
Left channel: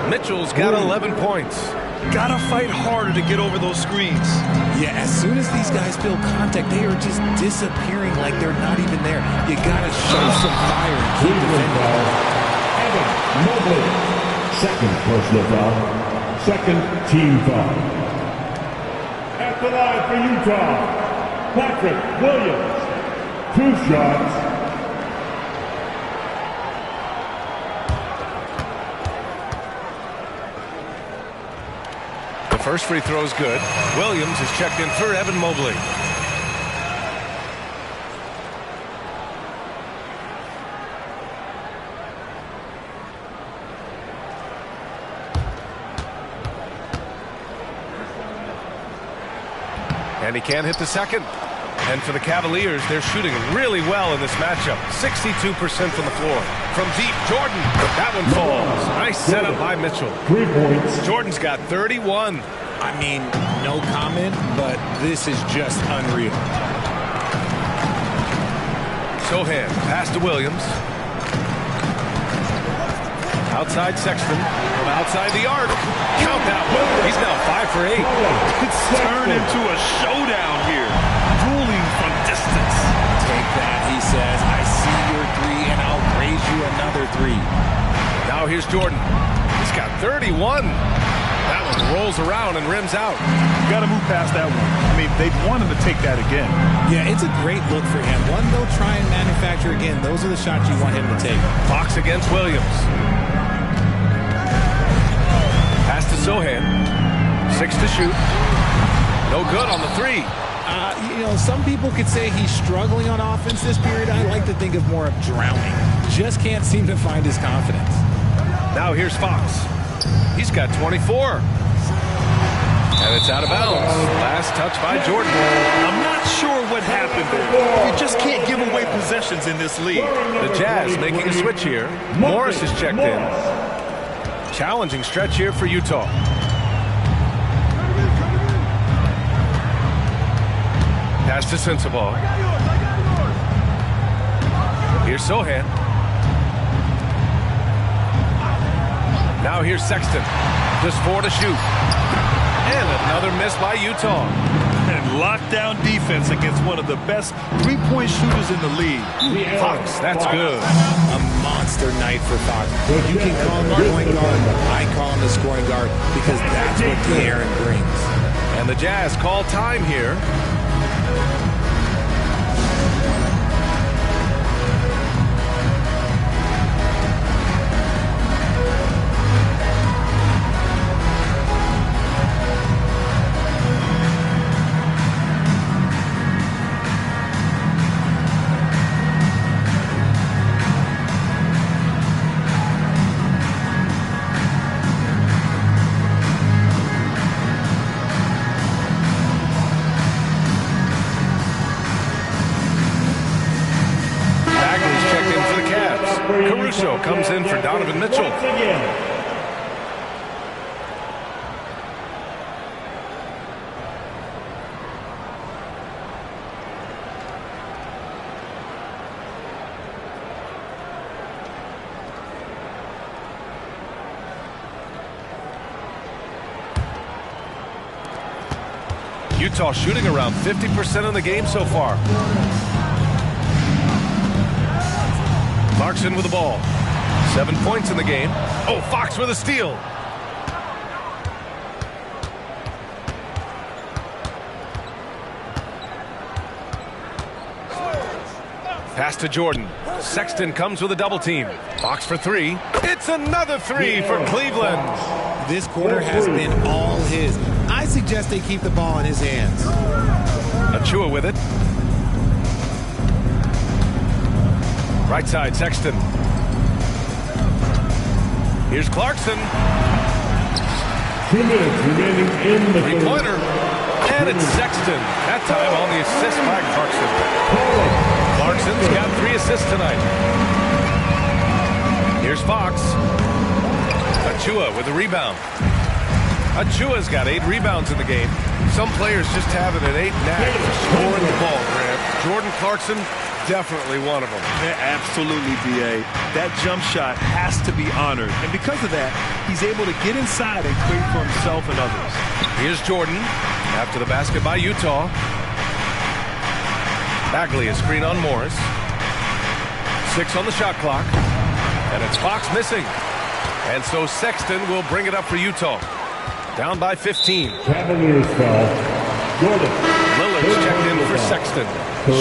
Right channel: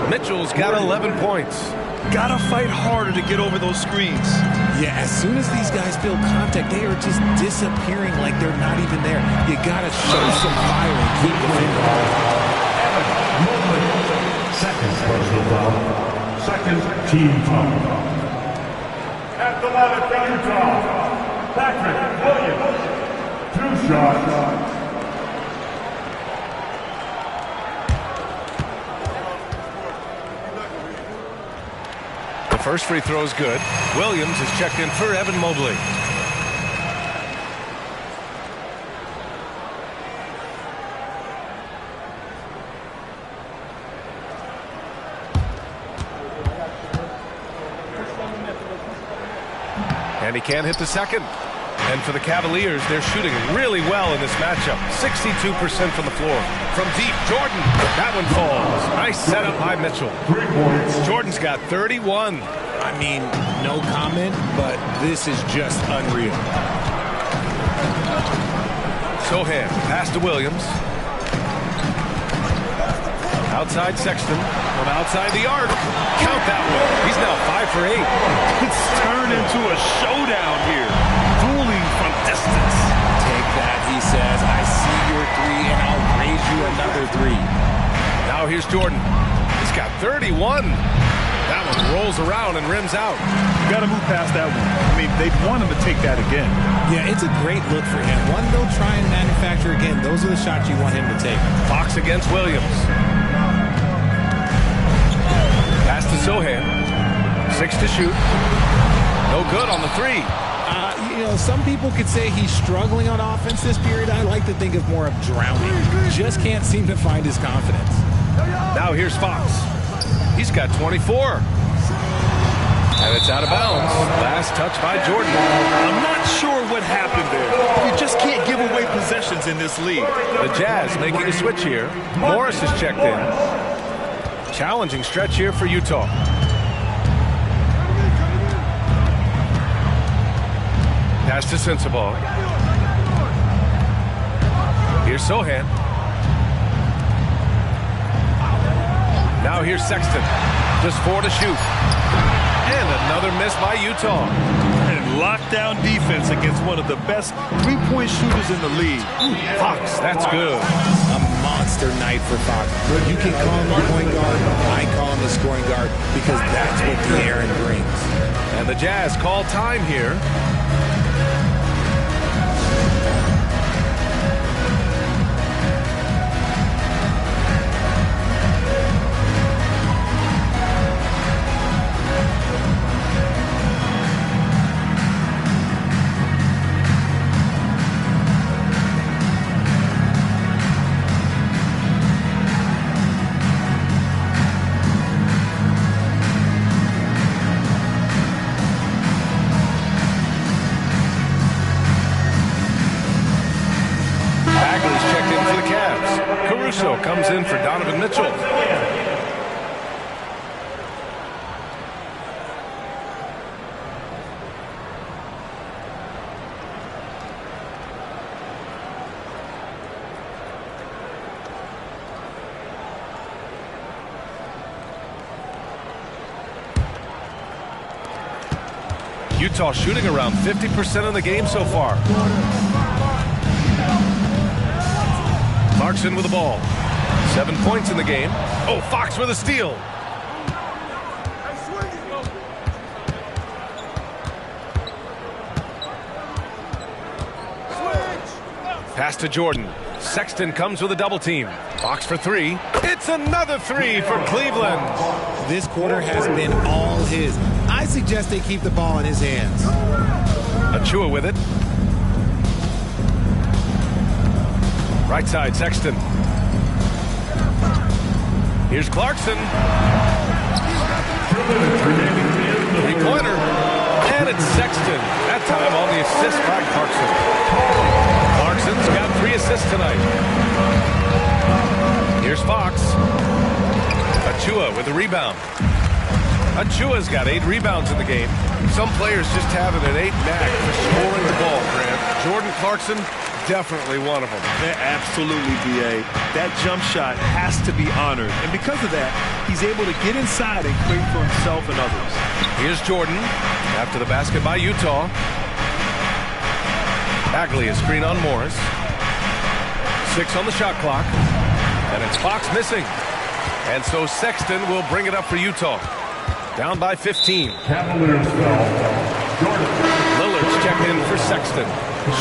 Mitchell's got 11 points. Gotta fight harder to get over those screens. Yeah, as soon as these guys feel contact, they are just disappearing like they're not even there. You gotta show some fire and keep defending. Mobley. Second personal foul. Second team foul. At At the line for Utah, Patrick Williams. 2 shots. The first free throw is good. Williams is checked in for Evan Mobley. And he can't hit the second. And for the Cavaliers, they're shooting really well in this matchup. 62% from the floor. From deep, Jordan. That one falls. Nice setup by Mitchell. 3 points. Jordan's got 31. I mean, no comment, but this is just unreal. Sohan, pass to Williams. Outside Sexton. From outside the arc. Count that one. He's now 5 for 8. It's turned into a showdown here. Dueling from distance. Take that, he says. I see your 3, and I'll raise you another 3. Now here's Jordan. He's got 31. That one rolls around and rims out. Got to move past that one. I mean, they'd want him to take that again. Yeah, it's a great look for him. One they'll try and manufacture again. Those are the shots you want him to take. Fox against Williams. Pass to Sohan. 6 to shoot. No good on the 3. You know, some people could say he's struggling on offense this period. I like to think of more of drowning. Just can't seem to find his confidence. Now here's Fox. He's got 24. And it's out of bounds. Last touch by Jordan. I'm not sure what happened there. You just can't give away possessions in this league. The Jazz making a switch here. Morris is checked in. Challenging stretch here for Utah. Pass to Sensabaugh. Here's Sohan. Now here's Sexton. Just 4 to shoot. And another miss by Utah. And lockdown defense against one of the best three-point shooters in the league. Fox, that's good. A monster night for Fox. You can call him a point guard. I call him a scoring guard because that's what De'Aaron brings. And the Jazz call time here. Caruso comes in for Donovan Mitchell. Utah shooting around 50% in the game so far. Clarkson with the ball. 7 points in the game. Oh, Fox with a steal. Pass to Jordan. Sexton comes with a double team. Fox for 3. It's another 3 for Cleveland. This quarter has been all his. I suggest they keep the ball in his hands. Achua with it. Right side, Sexton. Here's Clarkson. 2 minutes remaining in the three-pointer. And it's Sexton. That time on the assist by Clarkson. Clarkson's got 3 assists tonight. Here's Fox. Achua with the rebound. Achua's got 8 rebounds in the game. Some players just have an innate knack for scoring the ball, Grant. Jordan Clarkson, definitely one of them. Yeah, absolutely, B.A. That jump shot has to be honored. And because of that, he's able to get inside and create for himself and others. Here's Jordan after the basket by Utah. Bagley, a screen on Morris. 6 on the shot clock. And it's Fox missing. And so Sexton will bring it up for Utah. Down by 15. Cavaliers foul. Lillard's checked in for Sexton.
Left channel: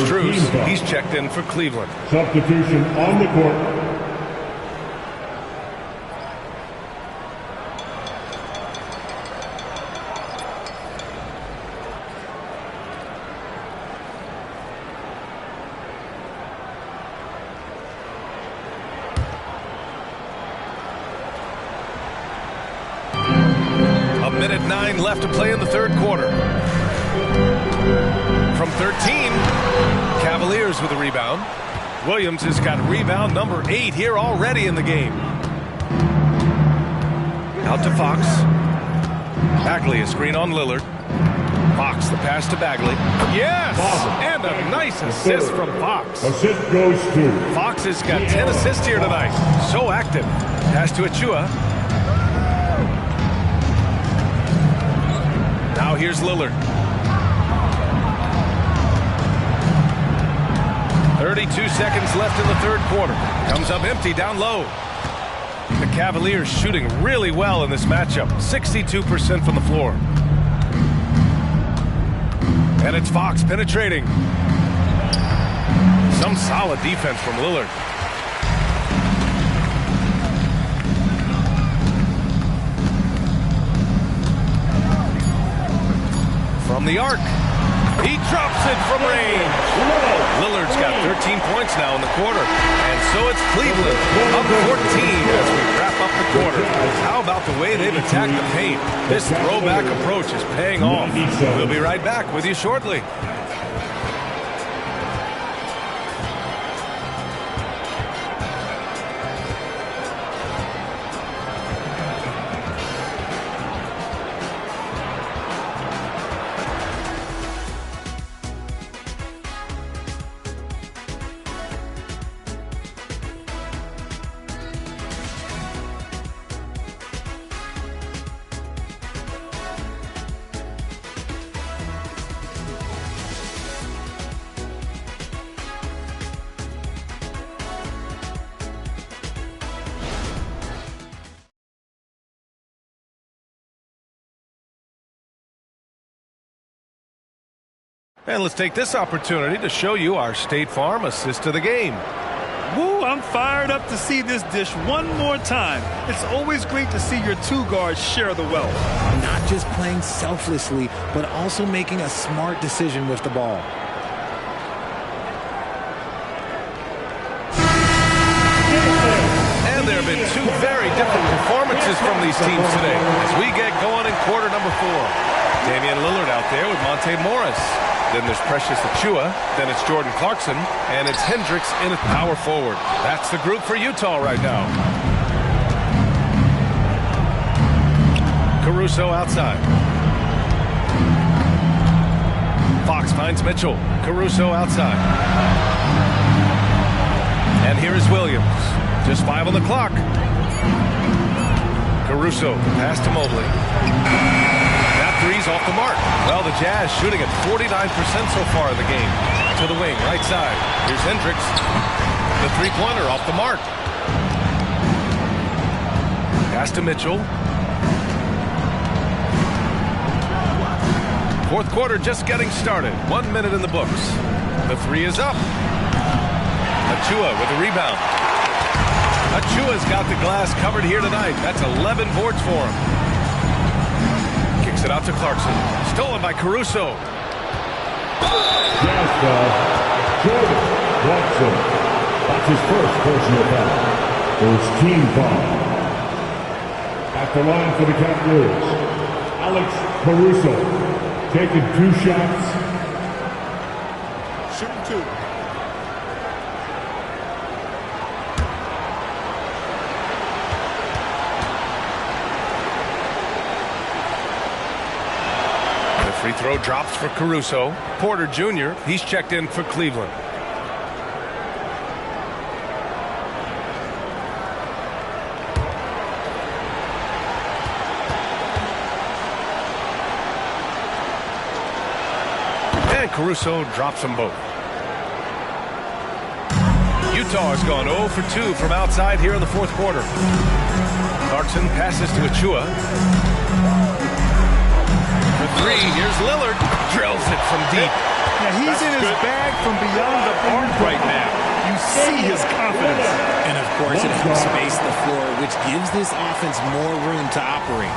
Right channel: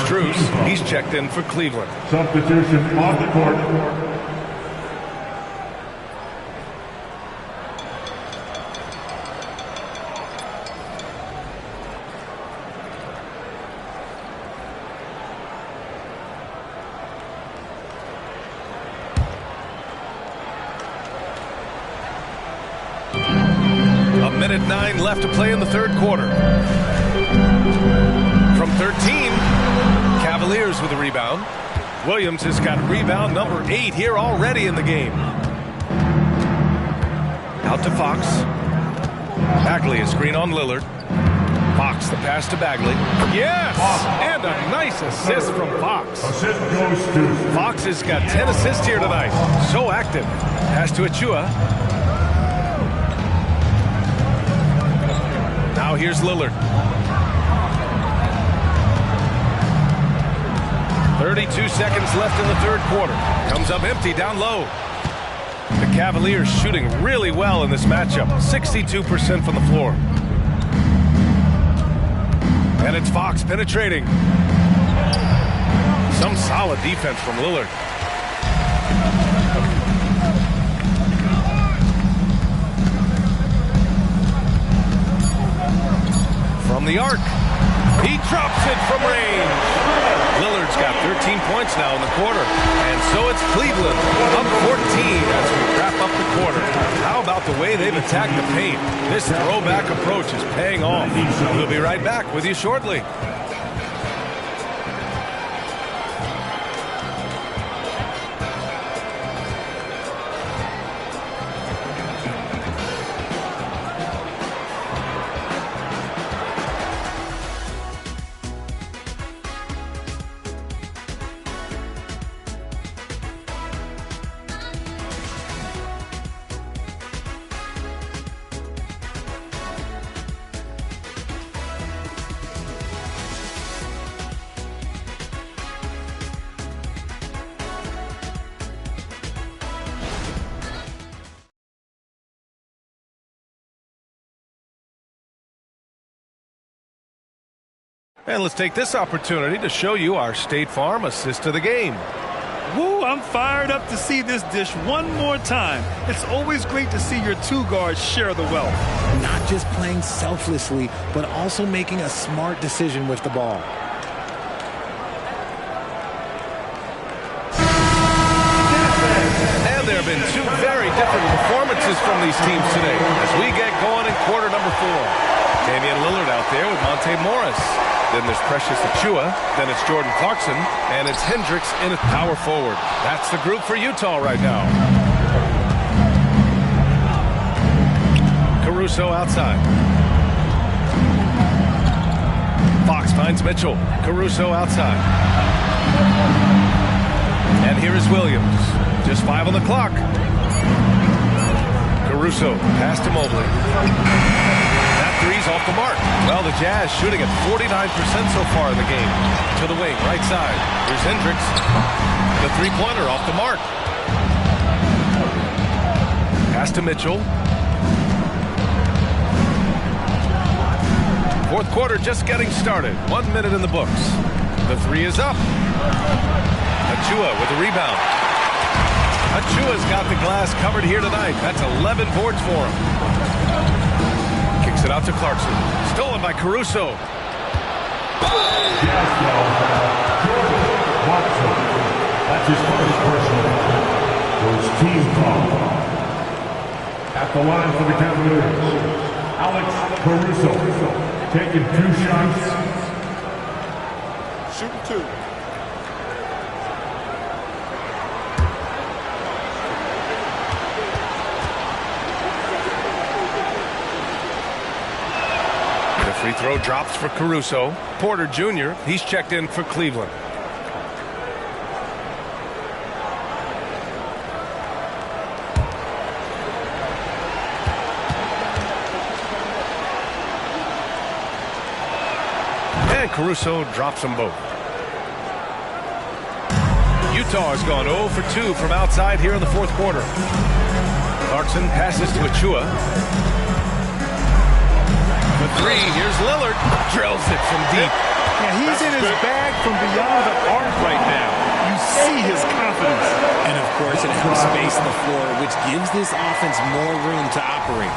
Strus, he's checked in for Cleveland. Substitution on the court. A minute 9 left to play in the third quarter. From 13, Cavaliers with a rebound. Williams has got rebound number 8 here already in the game. Out to Fox. Bagley, a screen on Lillard. Fox, the pass to Bagley. Yes! And a nice assist from Fox. Assist goes to Fox has got 10 assists here tonight. So active. Pass to Achua. Now here's Lillard. 32 seconds left in the third quarter. Comes up empty down low. The Cavaliers shooting really well in this matchup. 62% from the floor. And it's Fox penetrating. Some solid defense from Lillard. From the arc. He drops it from range. Lillard's got 13 points now in the quarter. And so it's Cleveland up 14 as we wrap up the quarter. How about the way they've attacked the paint? This throwback approach is paying off. We'll be right back with you shortly. And let's take this opportunity to show you our State Farm assist to the game. Woo, I'm fired up to see this dish one more time. It's always great to see your two guards share the wealth. Not just playing selflessly, but also making a smart decision with the ball. And there have been two very different performances from these teams today as we get going in quarter number 4. Damian Lillard out there with Monte Morris. Then there's Precious Achua. Then it's Jordan Clarkson. And it's Hendricks in at power forward. That's the group for Utah right now. Caruso outside. Fox finds Mitchell. Caruso outside. And here is Williams. Just 5 on the clock. Caruso, pass to Mobley. That three's off the mark. Well, the Jazz shooting at 49% so far in the game. To the wing, right side. Here's Hendricks. The three-pointer off the mark. Pass to Mitchell. Fourth quarter just getting started. 1 minute in the books. The three is up. Achua with a rebound. Achua's got the glass covered here tonight. That's 11 boards for him. Kicks it out to Clarkson. Stolen by Caruso. Jazz foul. Jordan Clarkson. That's his first personal foul. First team foul. At the line for the Cavaliers, Alex Caruso. Taking 2 shots. Shooting 2. Free throw drops for Caruso. Porter Jr., he's checked in for Cleveland. And Caruso drops them both. Utah has gone 0 for 2 from outside here in the fourth quarter. Clarkson passes to Achua. For three, here's Lillard. Drills it from deep. Yeah, he's in his bag from beyond the arc right now. You see his confidence. And, of course, it helps space the floor, which gives this offense more room to operate.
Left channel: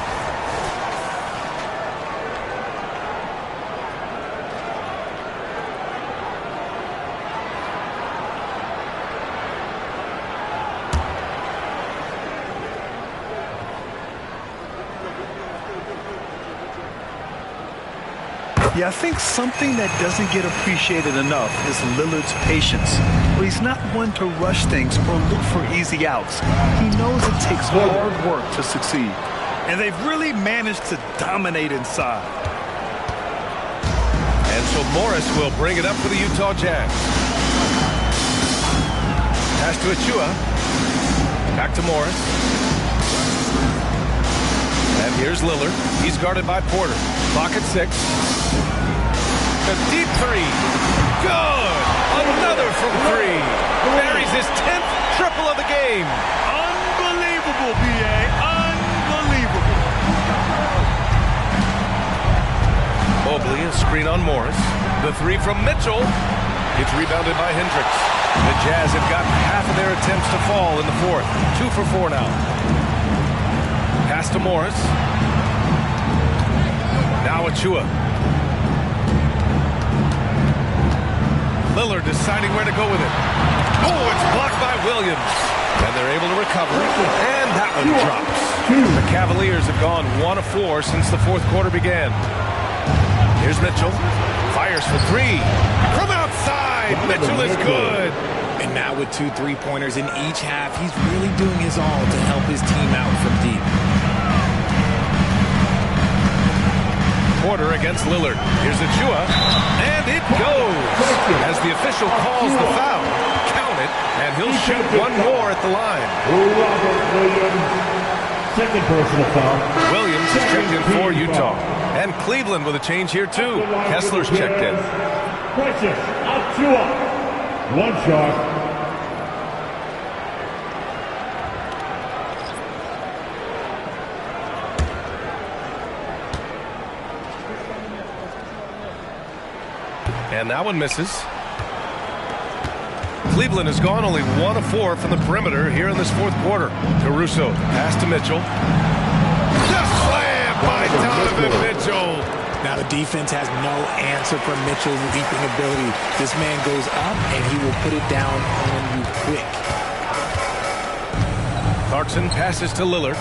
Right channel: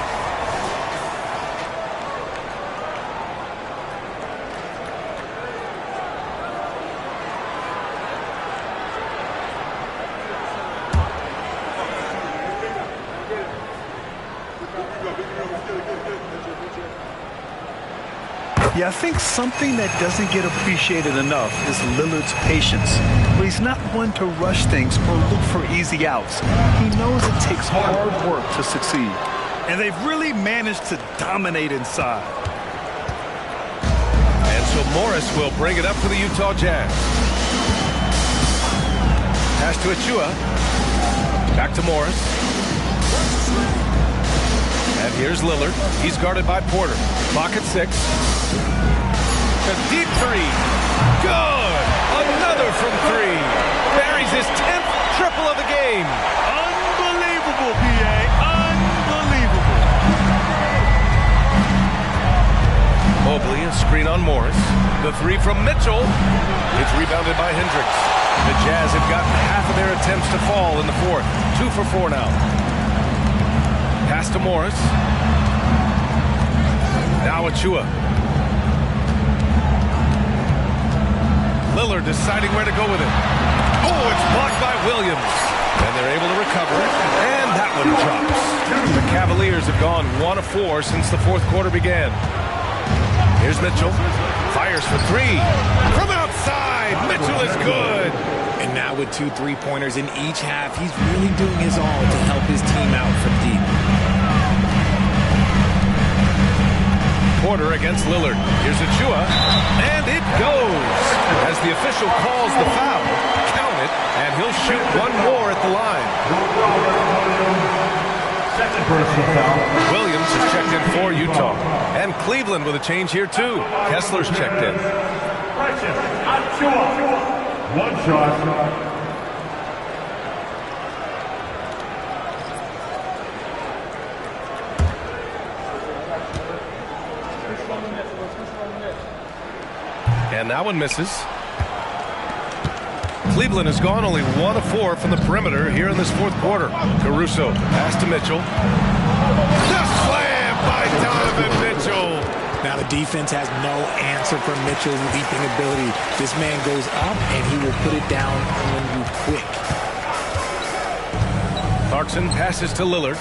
Yeah, I think something that doesn't get appreciated enough is Lillard's patience. But he's not one to rush things or look for easy outs. He knows it takes hard work to succeed. And they've really managed to dominate inside. And so Morris will bring it up for the Utah Jazz. Pass to Achua. Back to Morris. And here's Lillard. He's guarded by Porter. Clock at 6. A deep three. Good. Another from three. Buries his 10th triple of the game. Unbelievable, PA. Unbelievable. Mobley, a screen on Morris. The three from Mitchell. It's rebounded by Hendricks. The Jazz have gotten half of their attempts to fall in the fourth. 2 for 4 now. Pass to Morris. Now Achua. Lillard deciding where to go with it. Oh, it's blocked by Williams. And they're able to recover. And that one drops. The Cavaliers have gone 1 of 4 since the fourth quarter began. Here's Mitchell. Fires for three. From outside. Mitchell is good. And now with 2 3-pointers in each half, he's really doing his all to help his team out from deep. Porter against Lillard. Here's Achua. And it goes. As the official calls the foul, count it, and he'll shoot one more at the line. Robert Williams, second personal foul. Williams has checked in for Utah. And Cleveland with a change here, too. Kessler's checked in. Precious Achua. One shot. And that one misses. Cleveland has gone only 1 of 4 from the perimeter here in this fourth quarter. Caruso, pass to Mitchell. The slam by Donovan Mitchell. Now the defense has no answer for Mitchell's leaping ability. This man goes up and he will put it down on you quick. Clarkson passes to Lillard.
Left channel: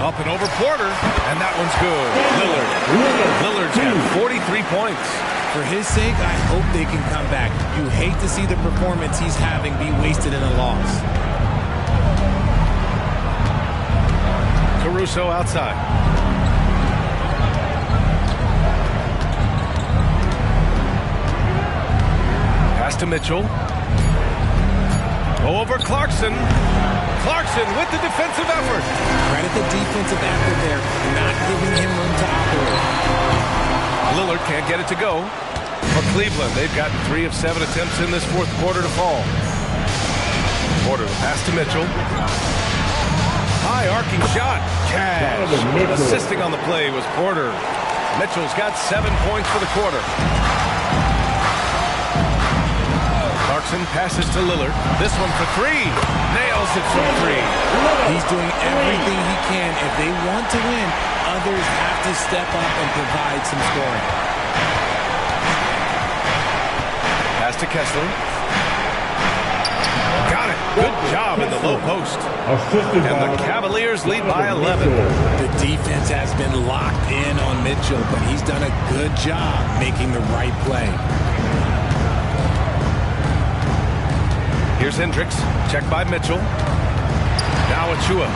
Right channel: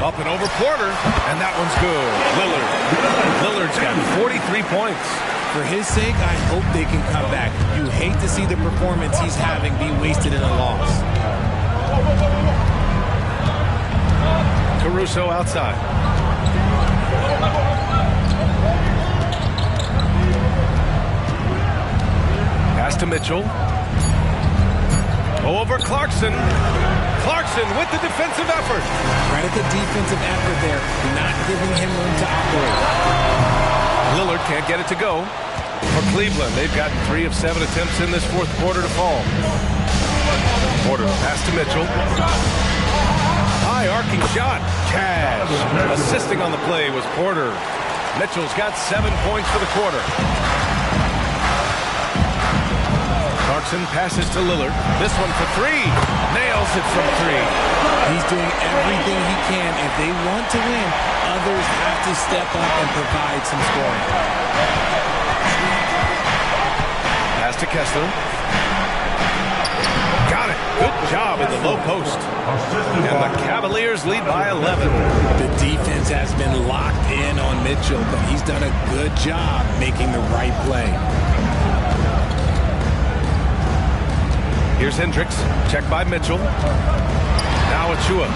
Up and over Porter, and that one's good. Lillard's got 43 points. For his sake, I hope they can come back. You hate to see the performance he's having be wasted in a loss. Caruso outside. Pass to Mitchell. Over Clarkson. Clarkson with the defensive effort. Credit the defensive effort there, not giving him room to operate. Lillard can't get it to go. For Cleveland, they've gotten 3 of 7 attempts in this fourth quarter to fall. Porter, pass to Mitchell. High arcing shot. Cash. Assisting on the play was Porter. Mitchell's got 7 points for the quarter. Clarkson passes to Lillard. This one for three. Nails it from 3. He's doing everything he can. If they want to win, others have to step up and provide some scoring. Pass to Kessler. Got it. Good job in the low post. And the Cavaliers lead by 11. The defense has been locked in on Mitchell, but he's done a good job making the right play. Here's Hendricks. Check by Mitchell. Now Achua.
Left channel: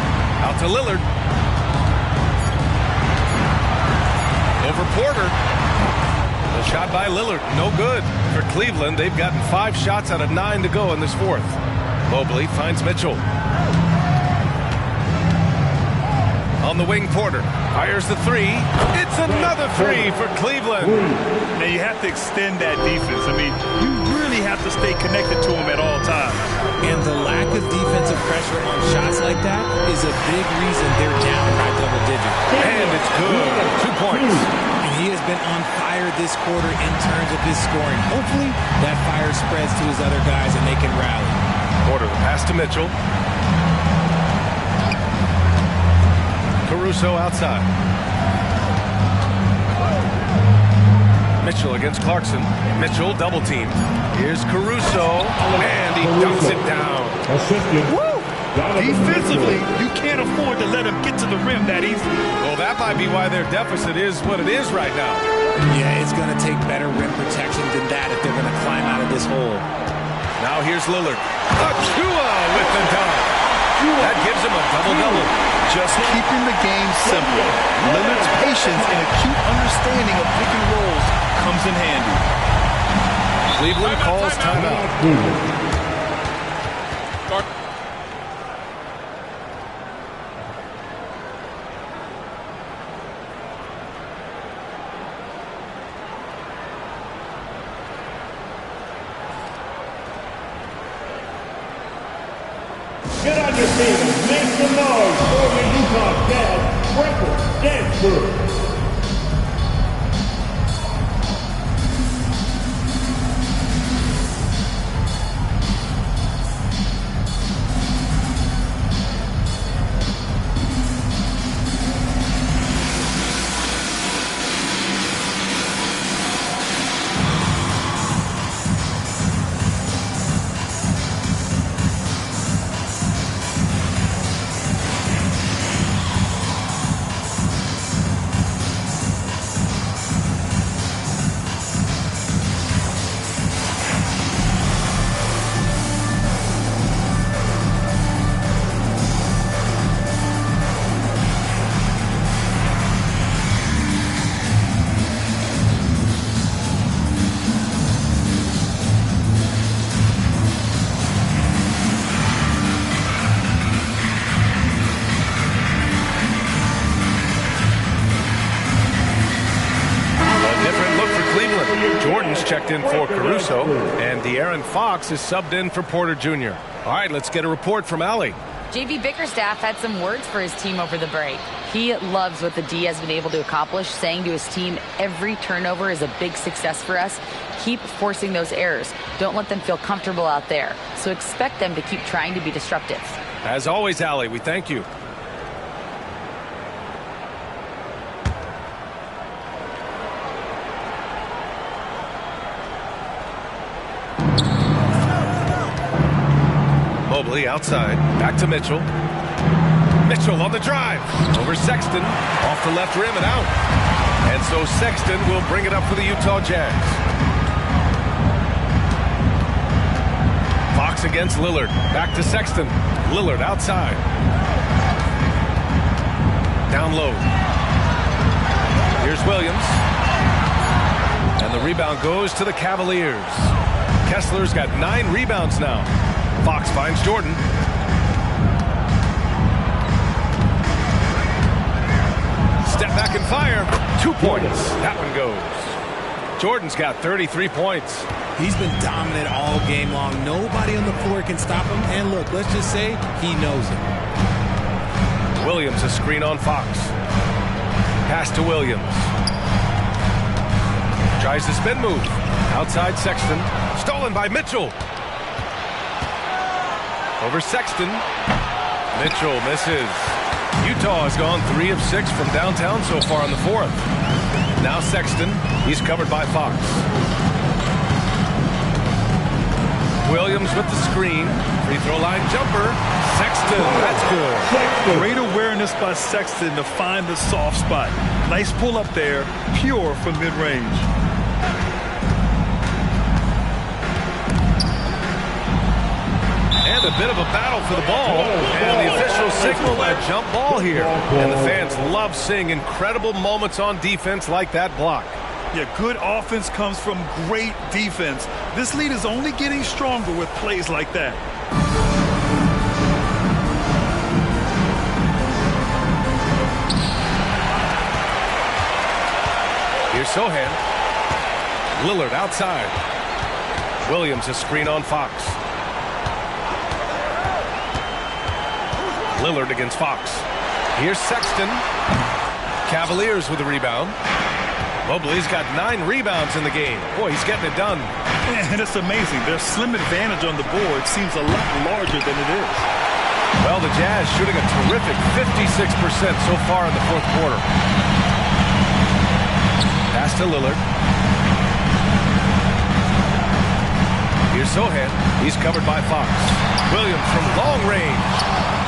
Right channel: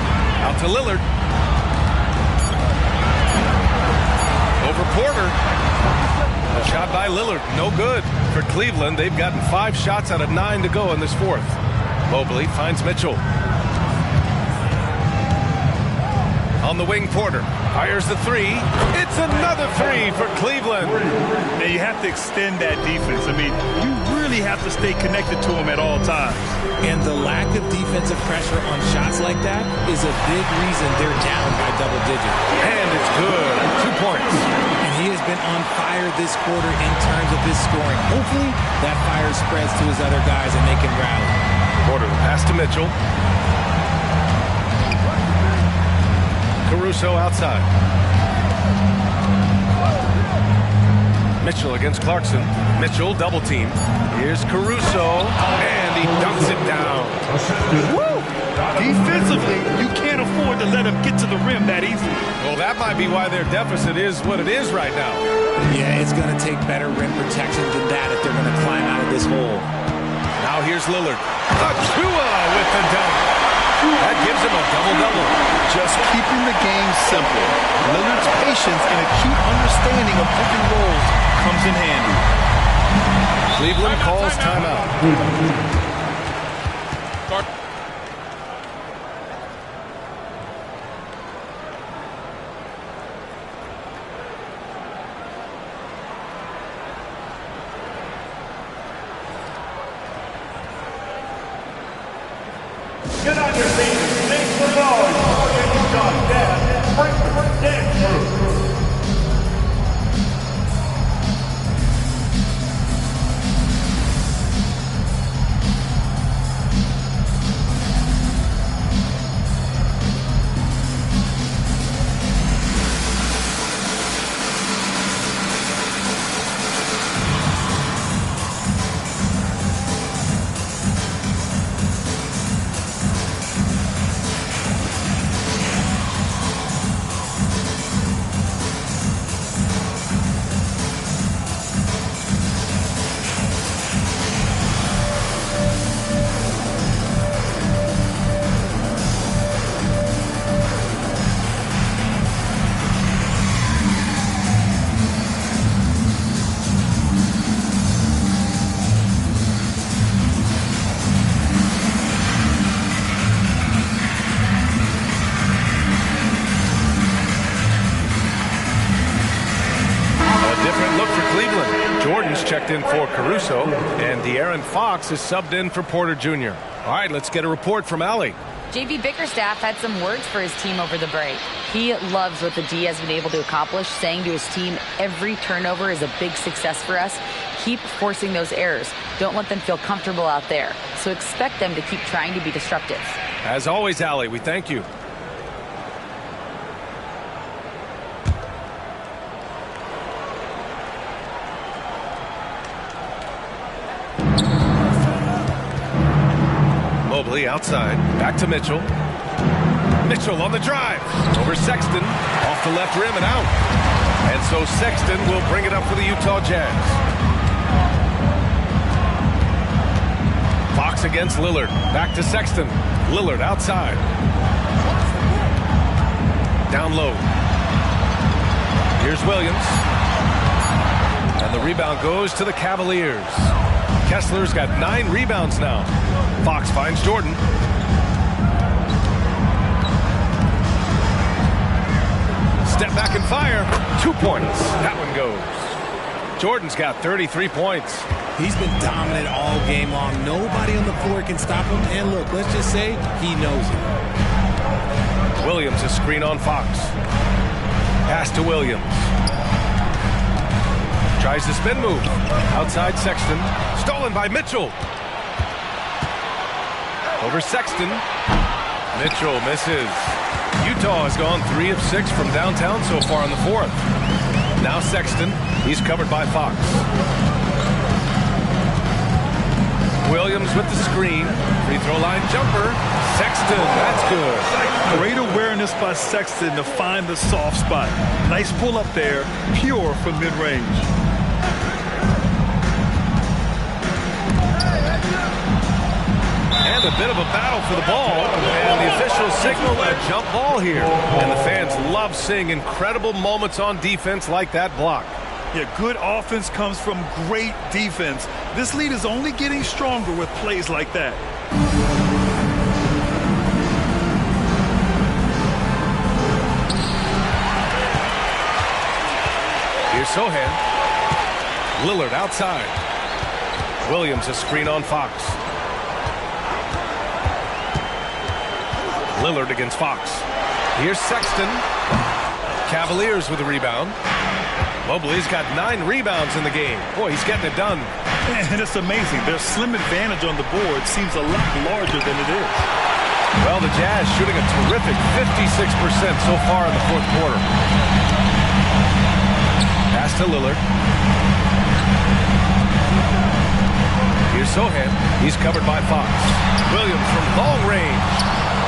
Out to Lillard. Over Porter. A shot by Lillard. No good. For Cleveland, they've gotten 5 shots out of 9 to go in this fourth. Mobley finds Mitchell. On the wing, Porter. Fires the three. It's another three for Cleveland. Now you have to extend that defense. I mean, you really have to stay connected to them at all times. And the lack of defensive pressure on shots like that is a big reason they're down by double digits. And it's good. 2 points. And he has been on fire this quarter in terms of his scoring. Hopefully that fire spreads to his other guys and they can rally. Porter, the pass to Mitchell. Caruso outside. Mitchell against Clarkson. Mitchell double team. Here's Caruso, and he dunks it down. Woo! Defensively, you can't afford to let him get to the rim that easily. Well, that might be why their deficit is what it is right now. Yeah, it's going to take better rim protection than that if they're going to climb out of this hole. Now here's Lillard. Achua with the dunk. That gives him a double-double. Just keeping the game simple. Lillard's patience and acute understanding of pick and rolls comes in handy. Cleveland calls timeout. Get on your feet and make some noise for the Utah Jazz Sprinkle Dance Crew. Jordan's checked in for Caruso, and De'Aaron Fox is subbed in for Porter Jr. All right, let's get a report from Allie. JV Bickerstaff had some words for his team over the break. He loves what the D has been able to accomplish, saying to his team, every turnover is a big success for us. Keep forcing those errors. Don't let them feel comfortable out there. So expect them to keep trying to be disruptive. As always, Allie, we thank you. Mobley outside. Back to Mitchell. Mitchell on the drive. Over Sexton. Off the left rim and out. And so Sexton will bring it up for the Utah Jazz. Fox against Lillard. Back to Sexton. Lillard outside. Down low. Here's Williams. And the rebound goes to the Cavaliers. Kessler's got 9 rebounds now. Fox finds Jordan. Step back and fire. 2 points. That one goes. Jordan's got 33 points. He's been dominant all game long. Nobody on the floor can stop him. And look, let's just say he knows it. Williams a screen on Fox. Pass to Williams. Tries the spin move. Outside Sexton. Stolen by Mitchell. Over Sexton. Mitchell misses. Utah has gone 3 of 6 from downtown so far in the 4th. Now Sexton. He's covered by Fox. Williams with the screen. Free throw line jumper. Sexton. That's good. Great awareness by Sexton to find the soft spot. Nice pull up there. Pure from mid-range. And a bit of a battle for the ball. And the officials signal a jump ball here. And the fans love seeing incredible moments on defense like that block. Yeah, good offense comes from great defense. This lead is only getting stronger with plays like that. Sohan. Lillard outside. Williams a screen on Fox. Lillard against Fox. Here's Sexton. Cavaliers with a rebound. Mobley's got 9 rebounds in the game. Boy, he's getting it done. And it's amazing. Their slim advantage on the board seems a lot larger than it is. Well, the Jazz shooting a terrific 56% so far in the fourth quarter. Pass to Lillard. Here's Sohan. He's covered by Fox. Williams from long range.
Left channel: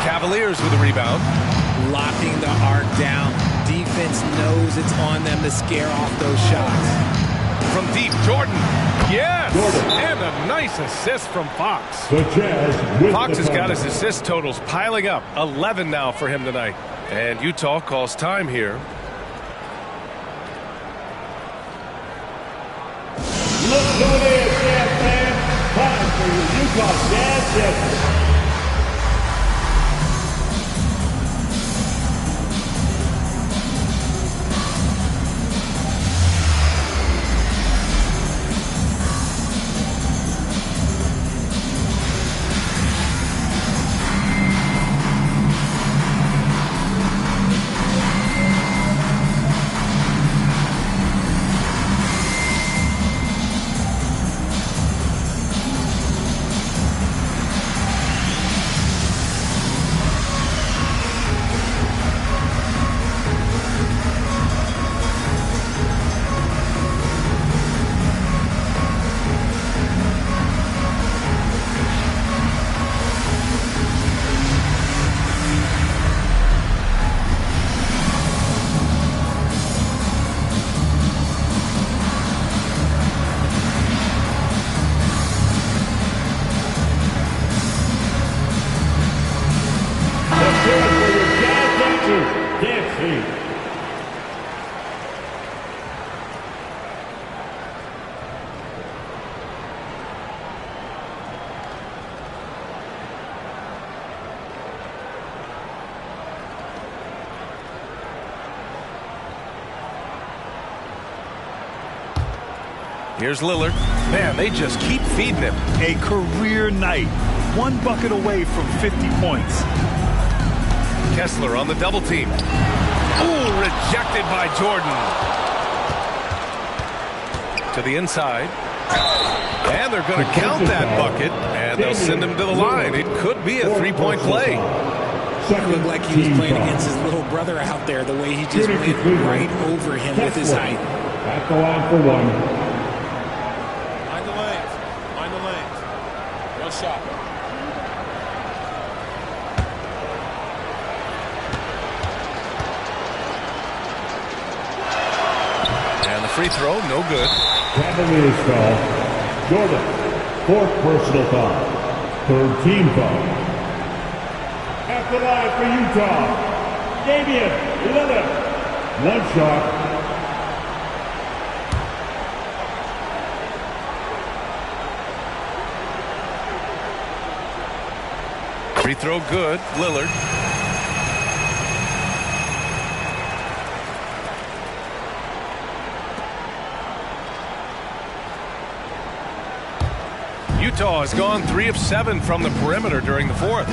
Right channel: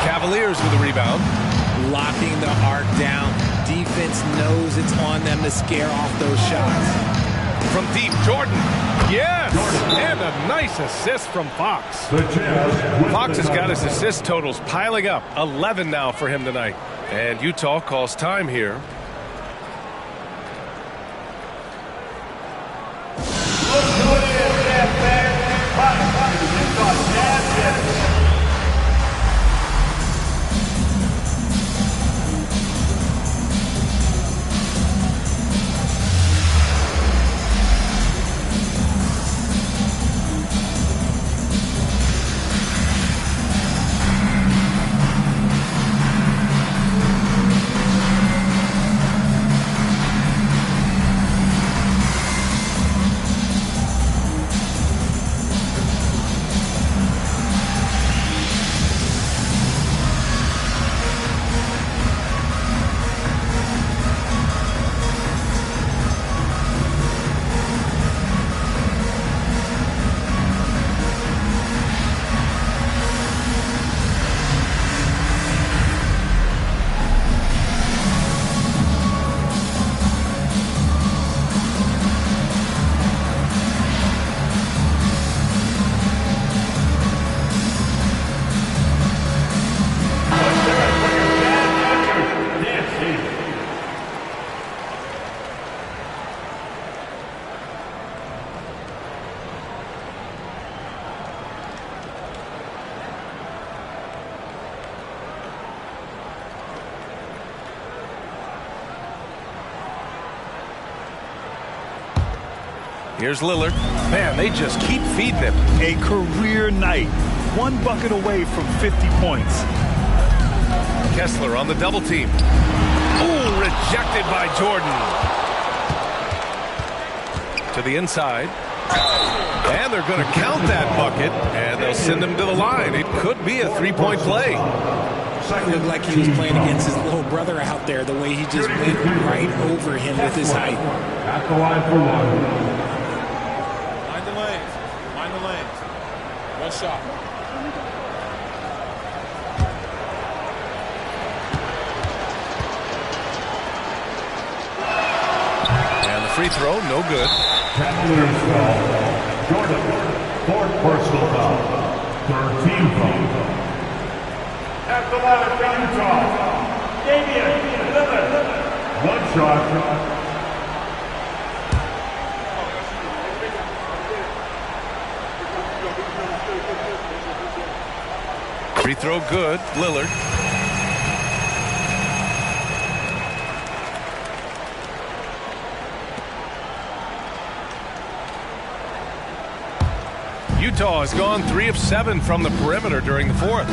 Cavaliers with a rebound. Locking the arc down. Defense knows it's on them to scare off those shots. From deep, Jordan. Yes! And a nice assist from Fox. The Jazz Fox has got his assist totals piling up. 11 now for him tonight. And Utah calls time here. Look who it is, Jazz fans. Time for your Utah Jazz hits. Here's Lillard. Man, they just keep feeding him. A career night. 1 bucket away from 50 points. Kessler on the double team. Ooh, rejected by Jordan. To the inside. And they're going to count that bucket, and they'll send him to the line. It could be a 3-point play. It looked like he was playing against his little brother out there, the way he just went right over him with his height. At the line for one. Mind the lanes. Mind the lanes. One shot. And the free throw, no good. Cavaliers foul. Jordan, 4th personal foul. 3rd team foul. At the line for Utah, Damian Lillard. 1 shot. Free throw good, Lillard. Utah has gone 3 of 7 from the perimeter during the fourth.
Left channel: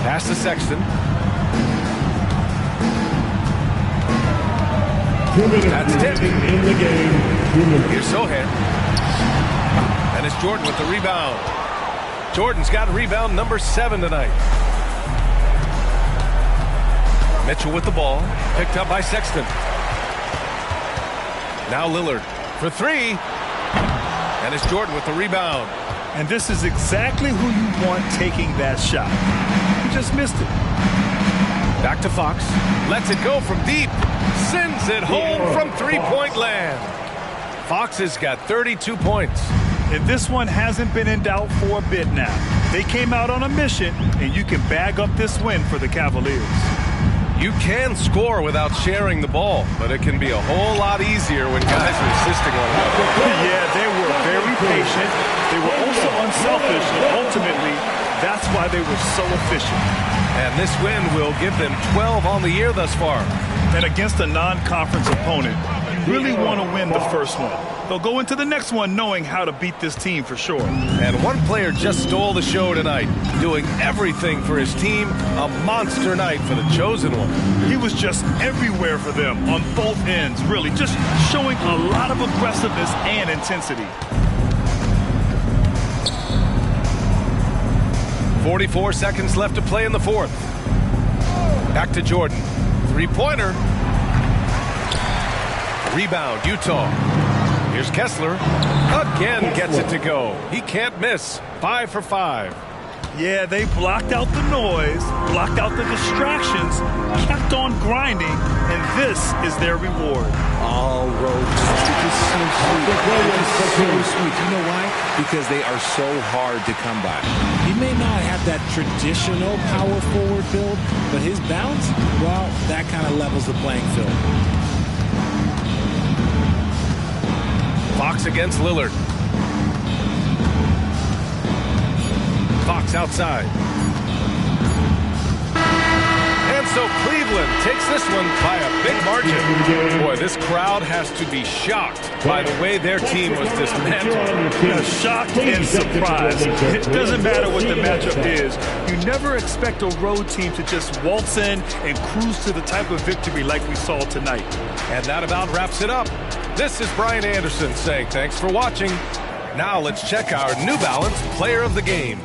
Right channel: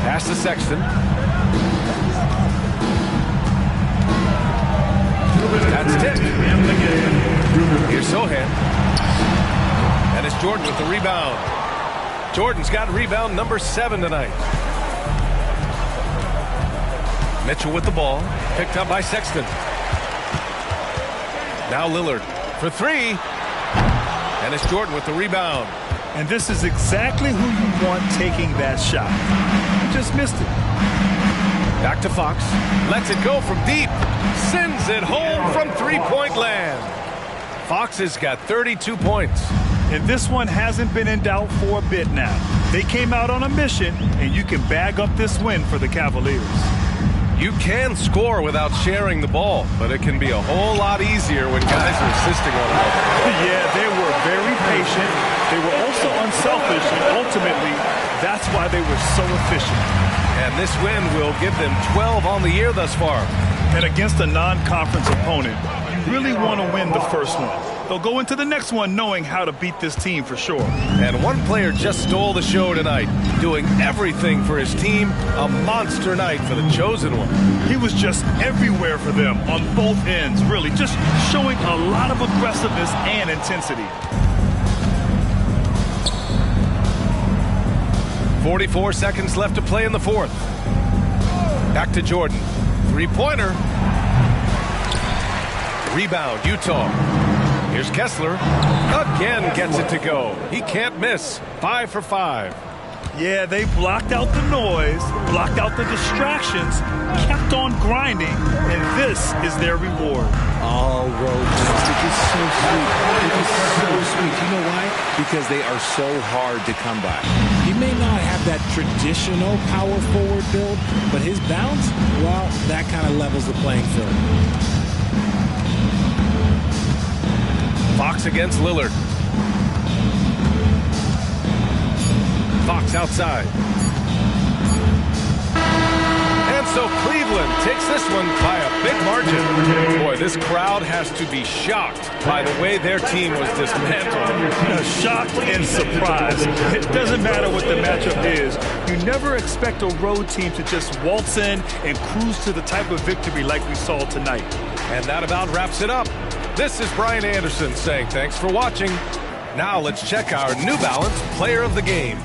Pass to Sexton. That's tipped. Here's Sohan. And it's Jordan with the rebound. Jordan's got rebound number 7 tonight. Mitchell with the ball. Picked up by Sexton. Now Lillard for 3. And it's Jordan with the rebound. And this is exactly who you want taking that shot. You just missed it. Back to Fox. Lets it go from deep. Sends it home from 3-point land. Fox has got 32 points. And this one hasn't been in doubt for a bit now. They came out on a mission, and you can bag up this win for the Cavaliers. You can score without sharing the ball, but it can be a whole lot easier when guys are assisting one another. Yeah, they were very patient. They were also unselfish, and ultimately, that's why they were so efficient. And this win will give them 12 on the year thus far. And against a non-conference opponent, you really want to win the first one. They'll go into the next one knowing how to beat this team for sure. And one player just stole the show tonight, doing everything for his team. A monster night for the chosen one. He was just everywhere for them on both ends, really, just showing a lot of aggressiveness and intensity. 44 seconds left to play in the fourth. Back to Jordan. Three-pointer. Rebound, Utah. Here's Kessler. Again gets it to go. He can't miss. 5 for 5. Yeah, they blocked out the noise, blocked out the distractions, kept on grinding, and this is their reward. Oh, road it is so sweet. It is so sweet. You know why? Because they are so hard to come by. He may not have that traditional power forward build, but his bounce, well, that kind of levels the playing field. Fox against Lillard. Fox outside. And so Cleveland takes this one by a big margin. Boy, this crowd has to be shocked by the way their team was dismantled. Shocked and surprised. It doesn't matter what the matchup is. You never expect a road team to just waltz in and cruise to the type of victory like we saw tonight. And that about wraps it up. This is Brian Anderson saying thanks for watching. Now let's check our New Balance Player of the Game.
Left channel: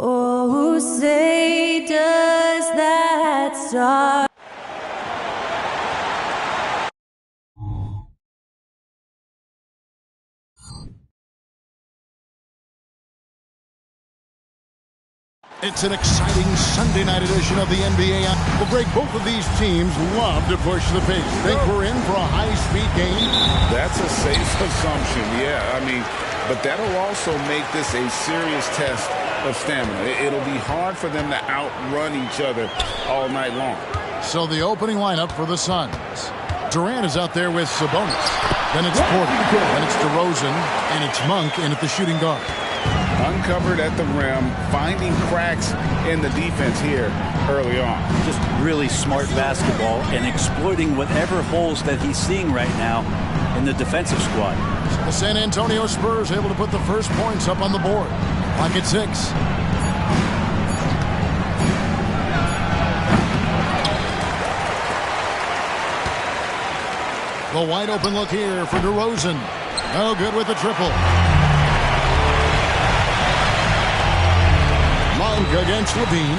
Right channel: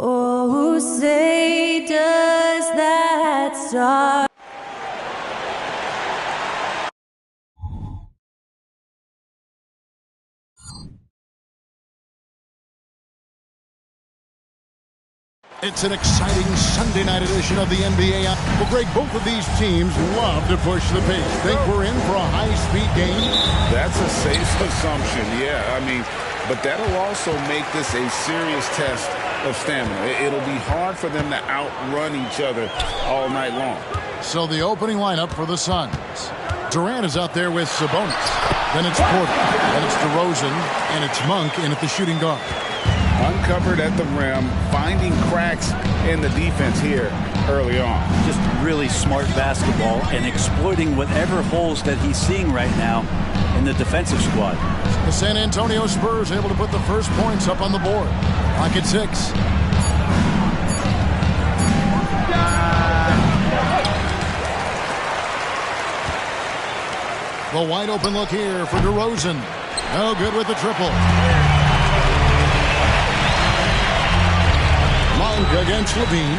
Oh, say does that star It's an exciting Sunday night edition of the NBA. Well, Greg, both of these teams love to push the pace. Think we're in for a high-speed game? That's a safe assumption, yeah. I mean, but that'll also make this a serious test of stamina. It'll be hard for them to outrun each other all night long. So the opening lineup for the Suns. Durant is out there with Sabonis. Then it's Porter. Then it's DeRozan. And it's Monk in at the shooting guard. Uncovered at the rim, finding cracks in the defense here early on. Just really smart basketball and exploiting whatever holes that he's seeing right now in the defensive squad. The San Antonio Spurs able to put the first points up on the board. Clock at 6. The wide open look here for DeRozan. No good with the triple. Monk against Levine.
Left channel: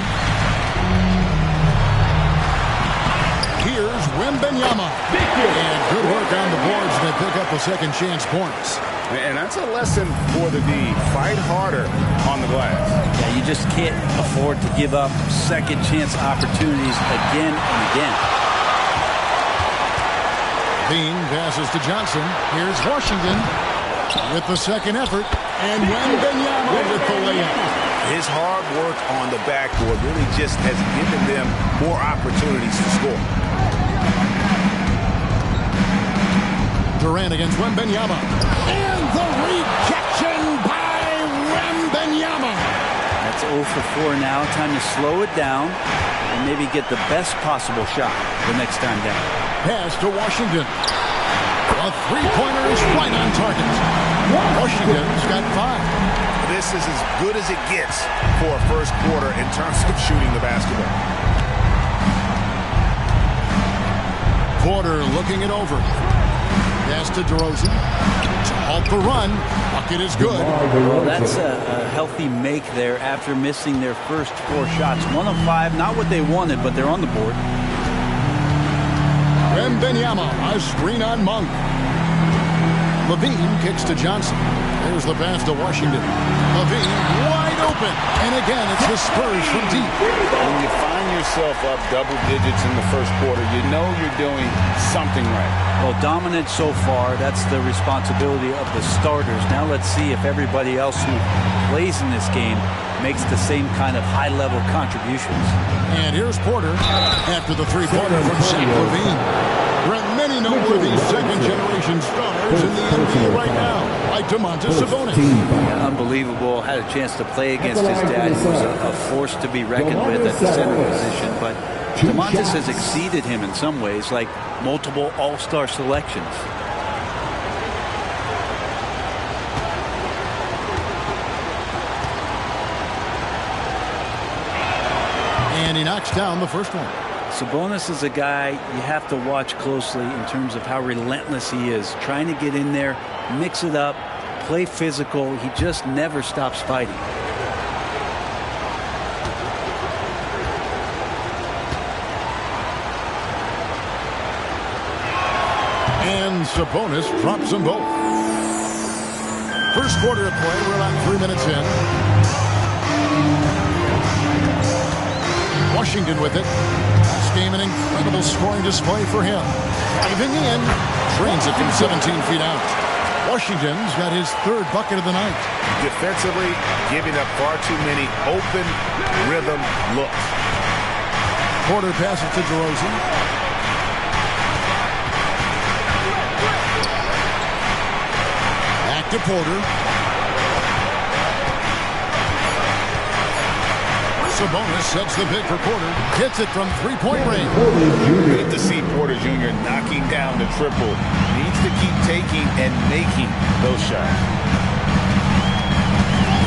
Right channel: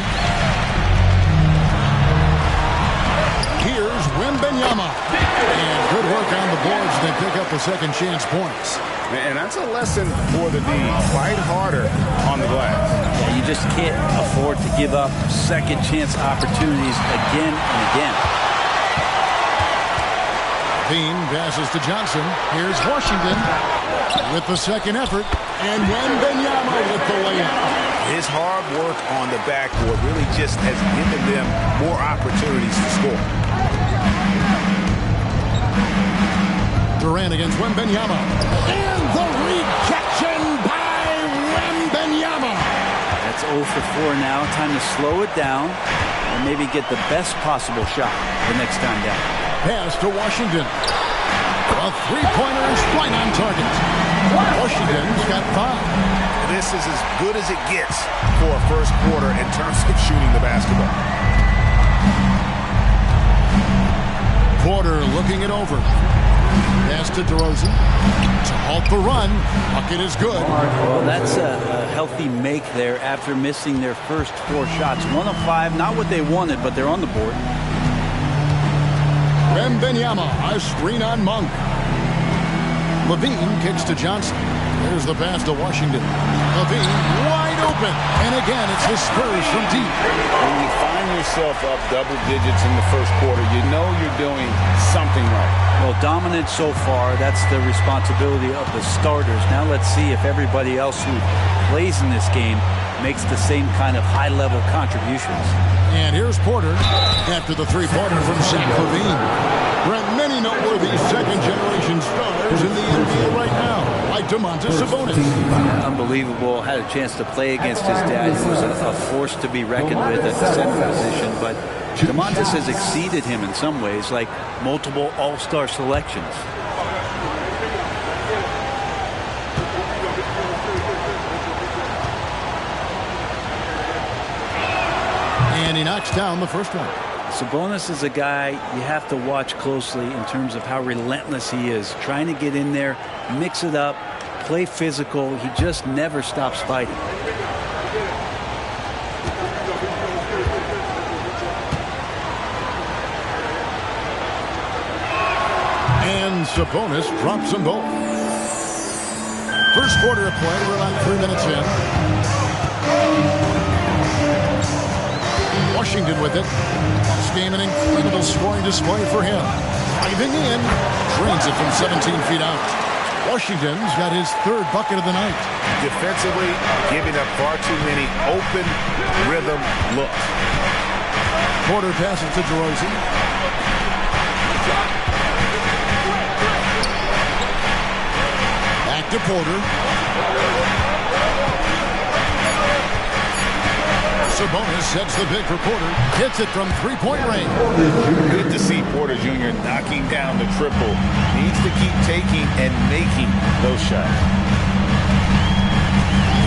Here's Wembanyama. And good work on the boards. They pick up the second chance points. And that's a lesson for the D. Fight harder on the glass. Yeah, you just can't afford to give up second chance opportunities again and again. Levine passes to Johnson. Here's Washington with the second effort. And Wembanyama with the layup. His hard work on the backboard really just has given them more opportunities to score. Durant against Wembanyama. And the rejection by Wembanyama. That's 0 for 4 now. Time to slow it down and maybe get the best possible shot the next time down. Pass to Washington. A three-pointer is right on target. Washington's got 5. This is as good as it gets for a first quarter in terms of shooting the basketball. Porter looking it over. Pass to DeRozan to halt the run. Bucket is good. Well, that's a healthy make there after missing their first 4 shots. 1 of 5, not what they wanted, but they're on the board. Wembanyama, a screen on Monk. Levine kicks to Johnson. There's the pass to Washington. Levine wide open. And again, it's the Spurs from deep. When you find yourself up double digits in the first quarter, you know you're doing something right. Well, dominant so far. That's the responsibility of the starters. Now let's see if everybody else who plays in this game makes the same kind of high-level contributions. And here's Porter after the three-pointer from Zach LaVine. There are many noteworthy second-generation stars in the NBA right now, like Domantas Sabonis. Yeah, unbelievable. Had a chance to play against his dad, who was a force to be reckoned with at the center position. But Domantas has exceeded him in some ways, like multiple all-star selections. And he knocks down the first one. Sabonis is a guy you have to watch closely in terms of how relentless he is. Trying to get in there, mix it up, play physical. He just never stops fighting. And Sabonis drops them both. First quarter of play, we're about 3 minutes in. Washington with it. This game an incredible scoring display for him. Driving in, drains it from 17 feet out. Washington's got his 3rd bucket of the night. Defensively, giving up far too many open rhythm looks. Porter passes to DeRozan. Back to Porter. Sabonis sets the pick for Porter. Hits it from three-point range. Good to see Porter Jr. knocking down the triple. Needs to keep taking and making those shots.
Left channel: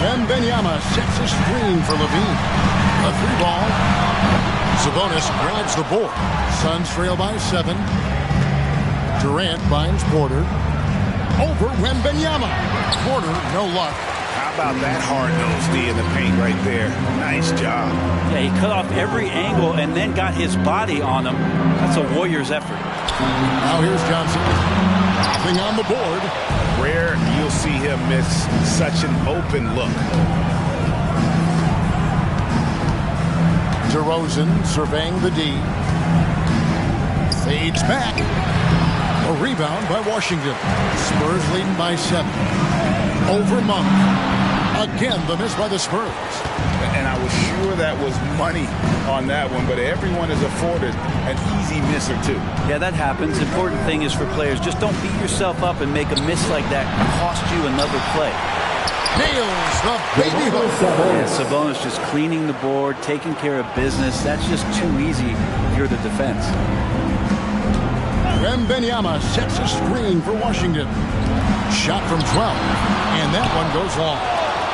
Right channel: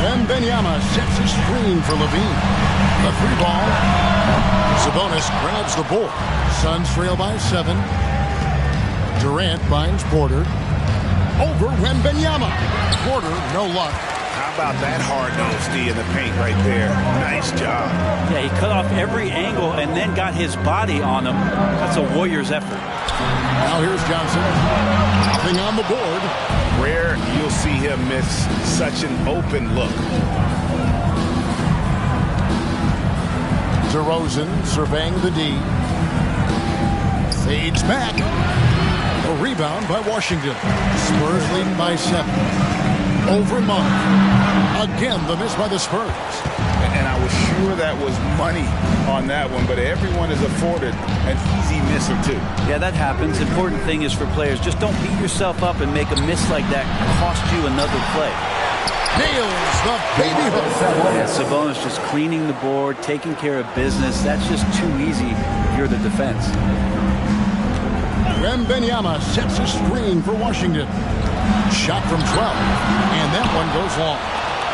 Wembanyama sets a screen for Levine. A 3-ball. Sabonis grabs the board. Suns trail by 7. Durant finds Porter. Over Wembanyama. Porter, no luck. How about that hard-nosed D in the paint right there? Nice job. Yeah, he cut off every angle and then got his body on him. That's a Warriors effort. Now here's Johnson. Nothing on the board. Rare you'll see him miss such an open look. DeRozan surveying the D. Fades back. A rebound by Washington. Spurs leading by 7. Over Monk. Again, the miss by the Spurs. And I was sure that was money on that one, but everyone is afforded an easy miss or two. Yeah, that happens. Important thing is for players, just don't beat yourself up and make a miss like that cost you another play. Nails the baby hook. Yeah, Sabonis just cleaning the board, taking care of business. That's just too easy if you're the defense. Wembanyama sets a screen for Washington. Shot from 12. And that one goes long.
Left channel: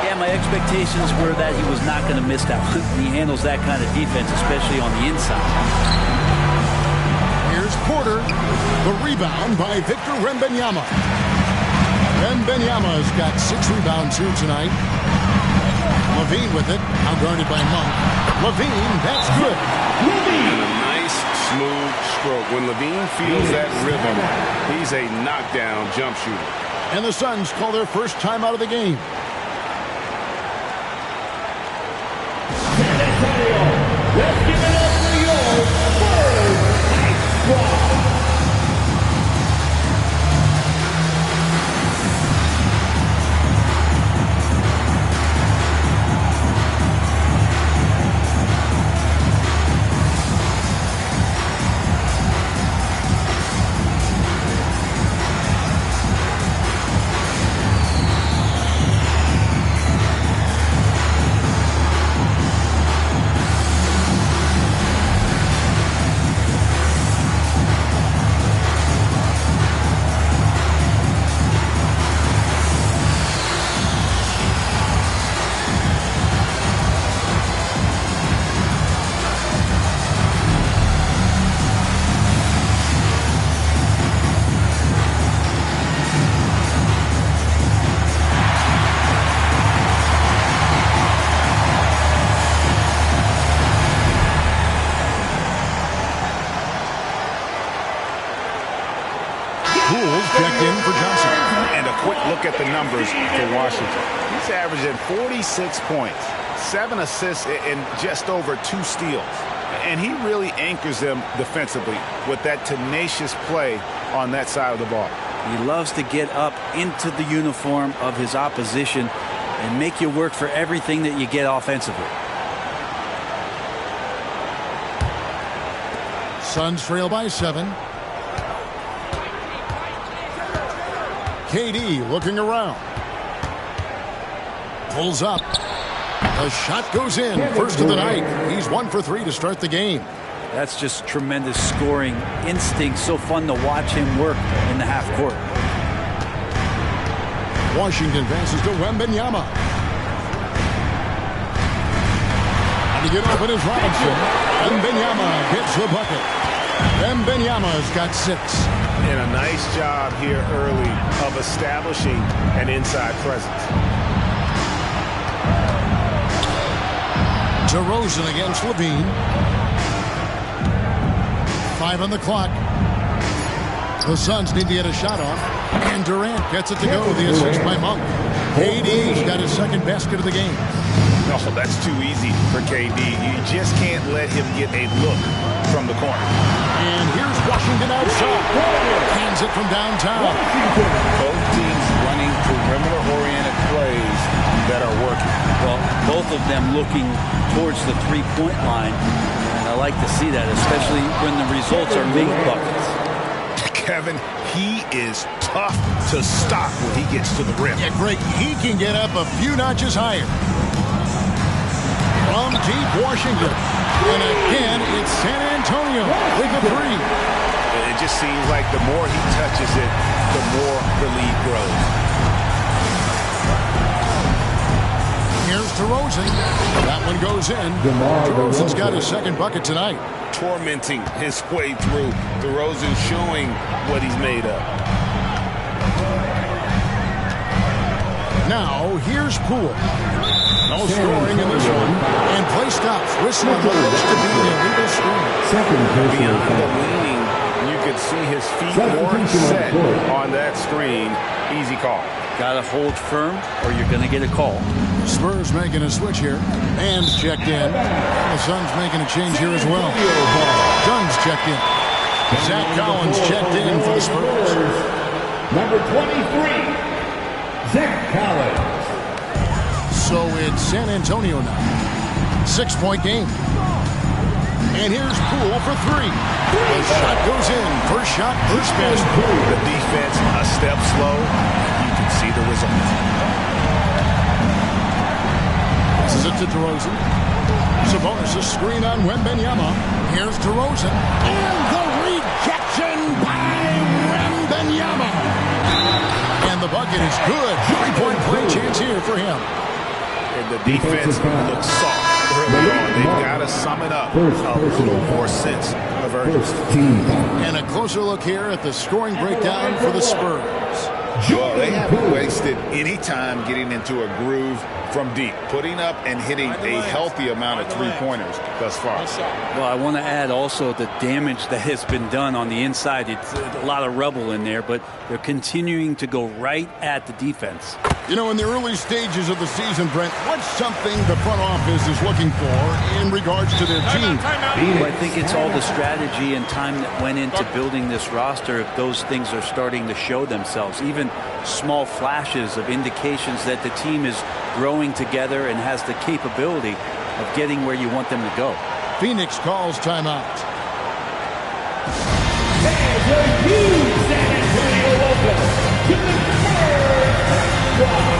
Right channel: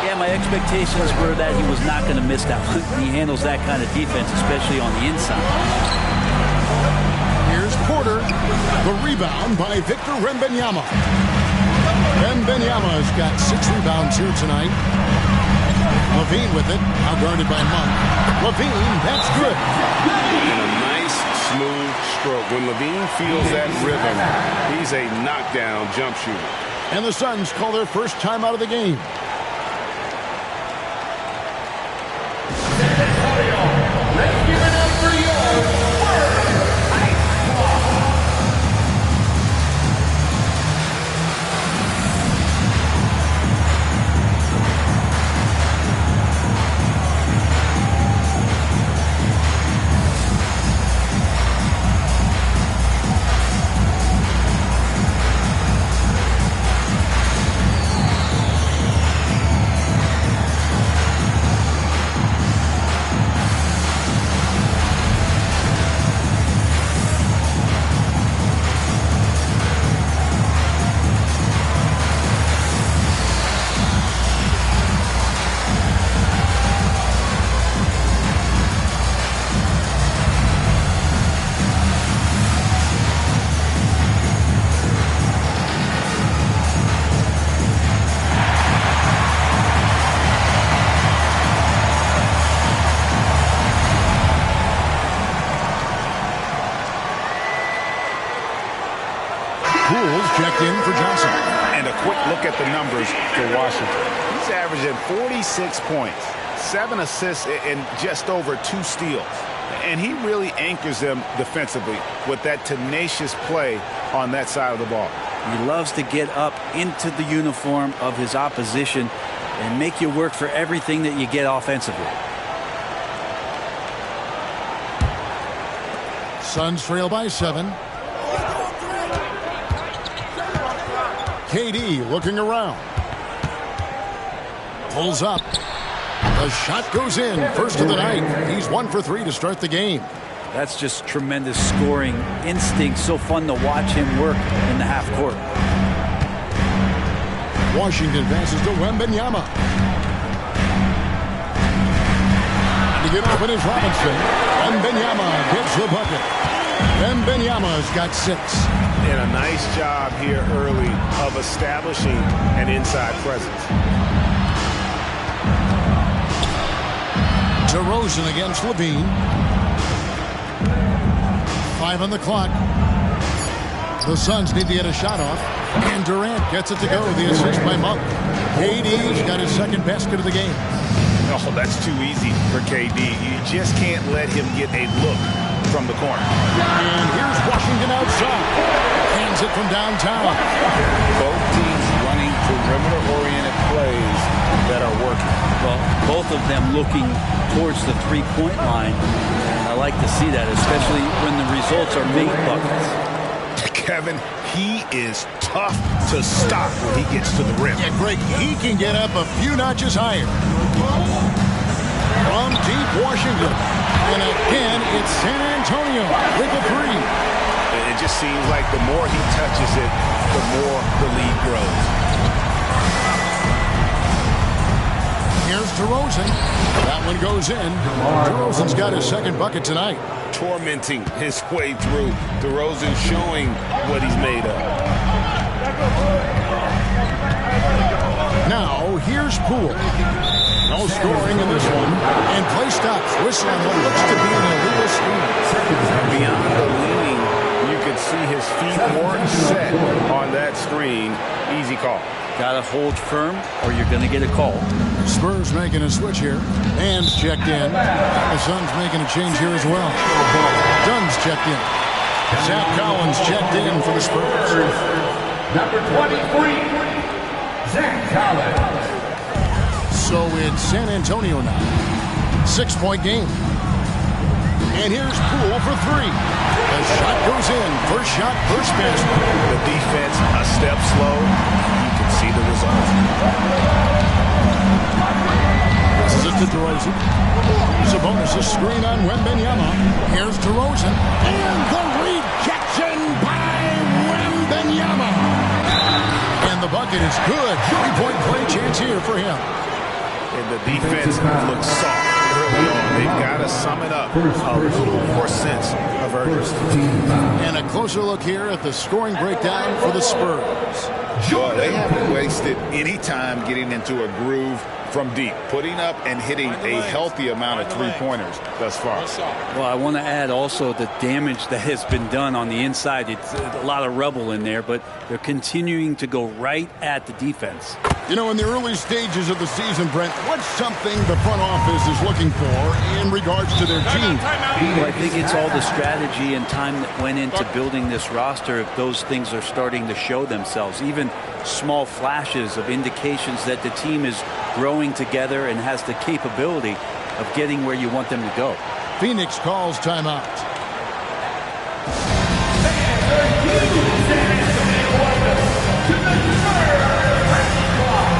Yeah, my expectations were that he was not going to miss that one. He handles that kind of defense, especially on the inside. Here's Porter. The rebound by Victor Wembanyama. Wembanyama's got 6 rebounds here tonight. Levine with it, outguarded by Monk. Levine, that's good. And a nice, smooth stroke. When Levine feels that rhythm, he's a knockdown jump shooter. And the Suns call their first time out of the game. Let's give it up for your first Ice Squad. Checked in for Johnson. And a quick look at the numbers for Washington. He's averaging 46 points, 7 assists, and just over 2 steals. And he really anchors them defensively with that tenacious play on that side of the ball. He loves to get up into the uniform of his opposition and make you work for everything that you get offensively. Suns trail by 7. KD looking around. Pulls up. The shot goes in. First of the night. He's 1 for 3 to start the game. That's just tremendous scoring instinct. So fun to watch him work in the half court. Washington passes to Wembanyama. And to get open is Robinson. Wembanyama gets the bucket. Wembanyama's got 6. And a nice job here early of establishing an inside presence. DeRozan against Levine. 5 on the clock. The Suns need to get a shot off. And Durant gets it to go. The assist by Monk. KD's got his second basket of the game. No, that's too easy for KD. You just can't let him get a look from the corner. And here's Washington outside. Hands it from downtown. Both teams running perimeter-oriented plays that are working. Well, both of them looking towards the three-point line. And I like to see that, especially when the results are made buckets. Kevin, he is tough to stop when he gets to the rim. Yeah, Greg, he can get up a few notches higher. From deep Washington. And again, it's San Antonio with a 3. It just seems like the more he touches it, the more the lead grows. Here's DeRozan. That one goes in. DeRozan's got his second bucket tonight. Tormenting his way through. DeRozan showing what he's made of. Now, here's Poole. No scoring in this one. And play stops. Whistle on what looks to be an illegal screen. Beyond the leaning, you could see his feet weren't set on that screen. Easy call. Got to hold firm or you're going to get a call. Spurs making a switch here. And checked in. And the Suns making a change here as well. Dunn's checked in. Zach Collins checked in for the Spurs. Number 23, Zach Collins. So it's San Antonio now. 6-point game. And here's Poole for 3. The shot goes in. First shot, first basket. The defense a step slow. You can see the results. This is it to DeRozan. Sabonis a screen on Wembanyama. Here's DeRozan. And the rejection by Wembanyama. And And the bucket is good. 3-point play chance here for him. And the defense looks soft early on. They've got to sum it up. A little more sense of urgency. And a closer look here at the scoring breakdown for the Spurs. Well, they haven't wasted any time getting into a groove from deep, putting up and hitting a healthy amount of three-pointers thus far. Well, I want to add also the damage that has been done on the inside. It's a lot of rubble in there, but they're continuing to go right at the defense. You know, in the early stages of the season, Brent, what's something the front office is looking for in regards to their team? Well, I think it's all the strategy and time that went into building this roster. If those things are starting to show themselves, even small flashes of indications that the team is growing together and has the capability of getting where you want them to go. Phoenix calls timeout. And a huge San Antonio welcome to the Spurs Squad.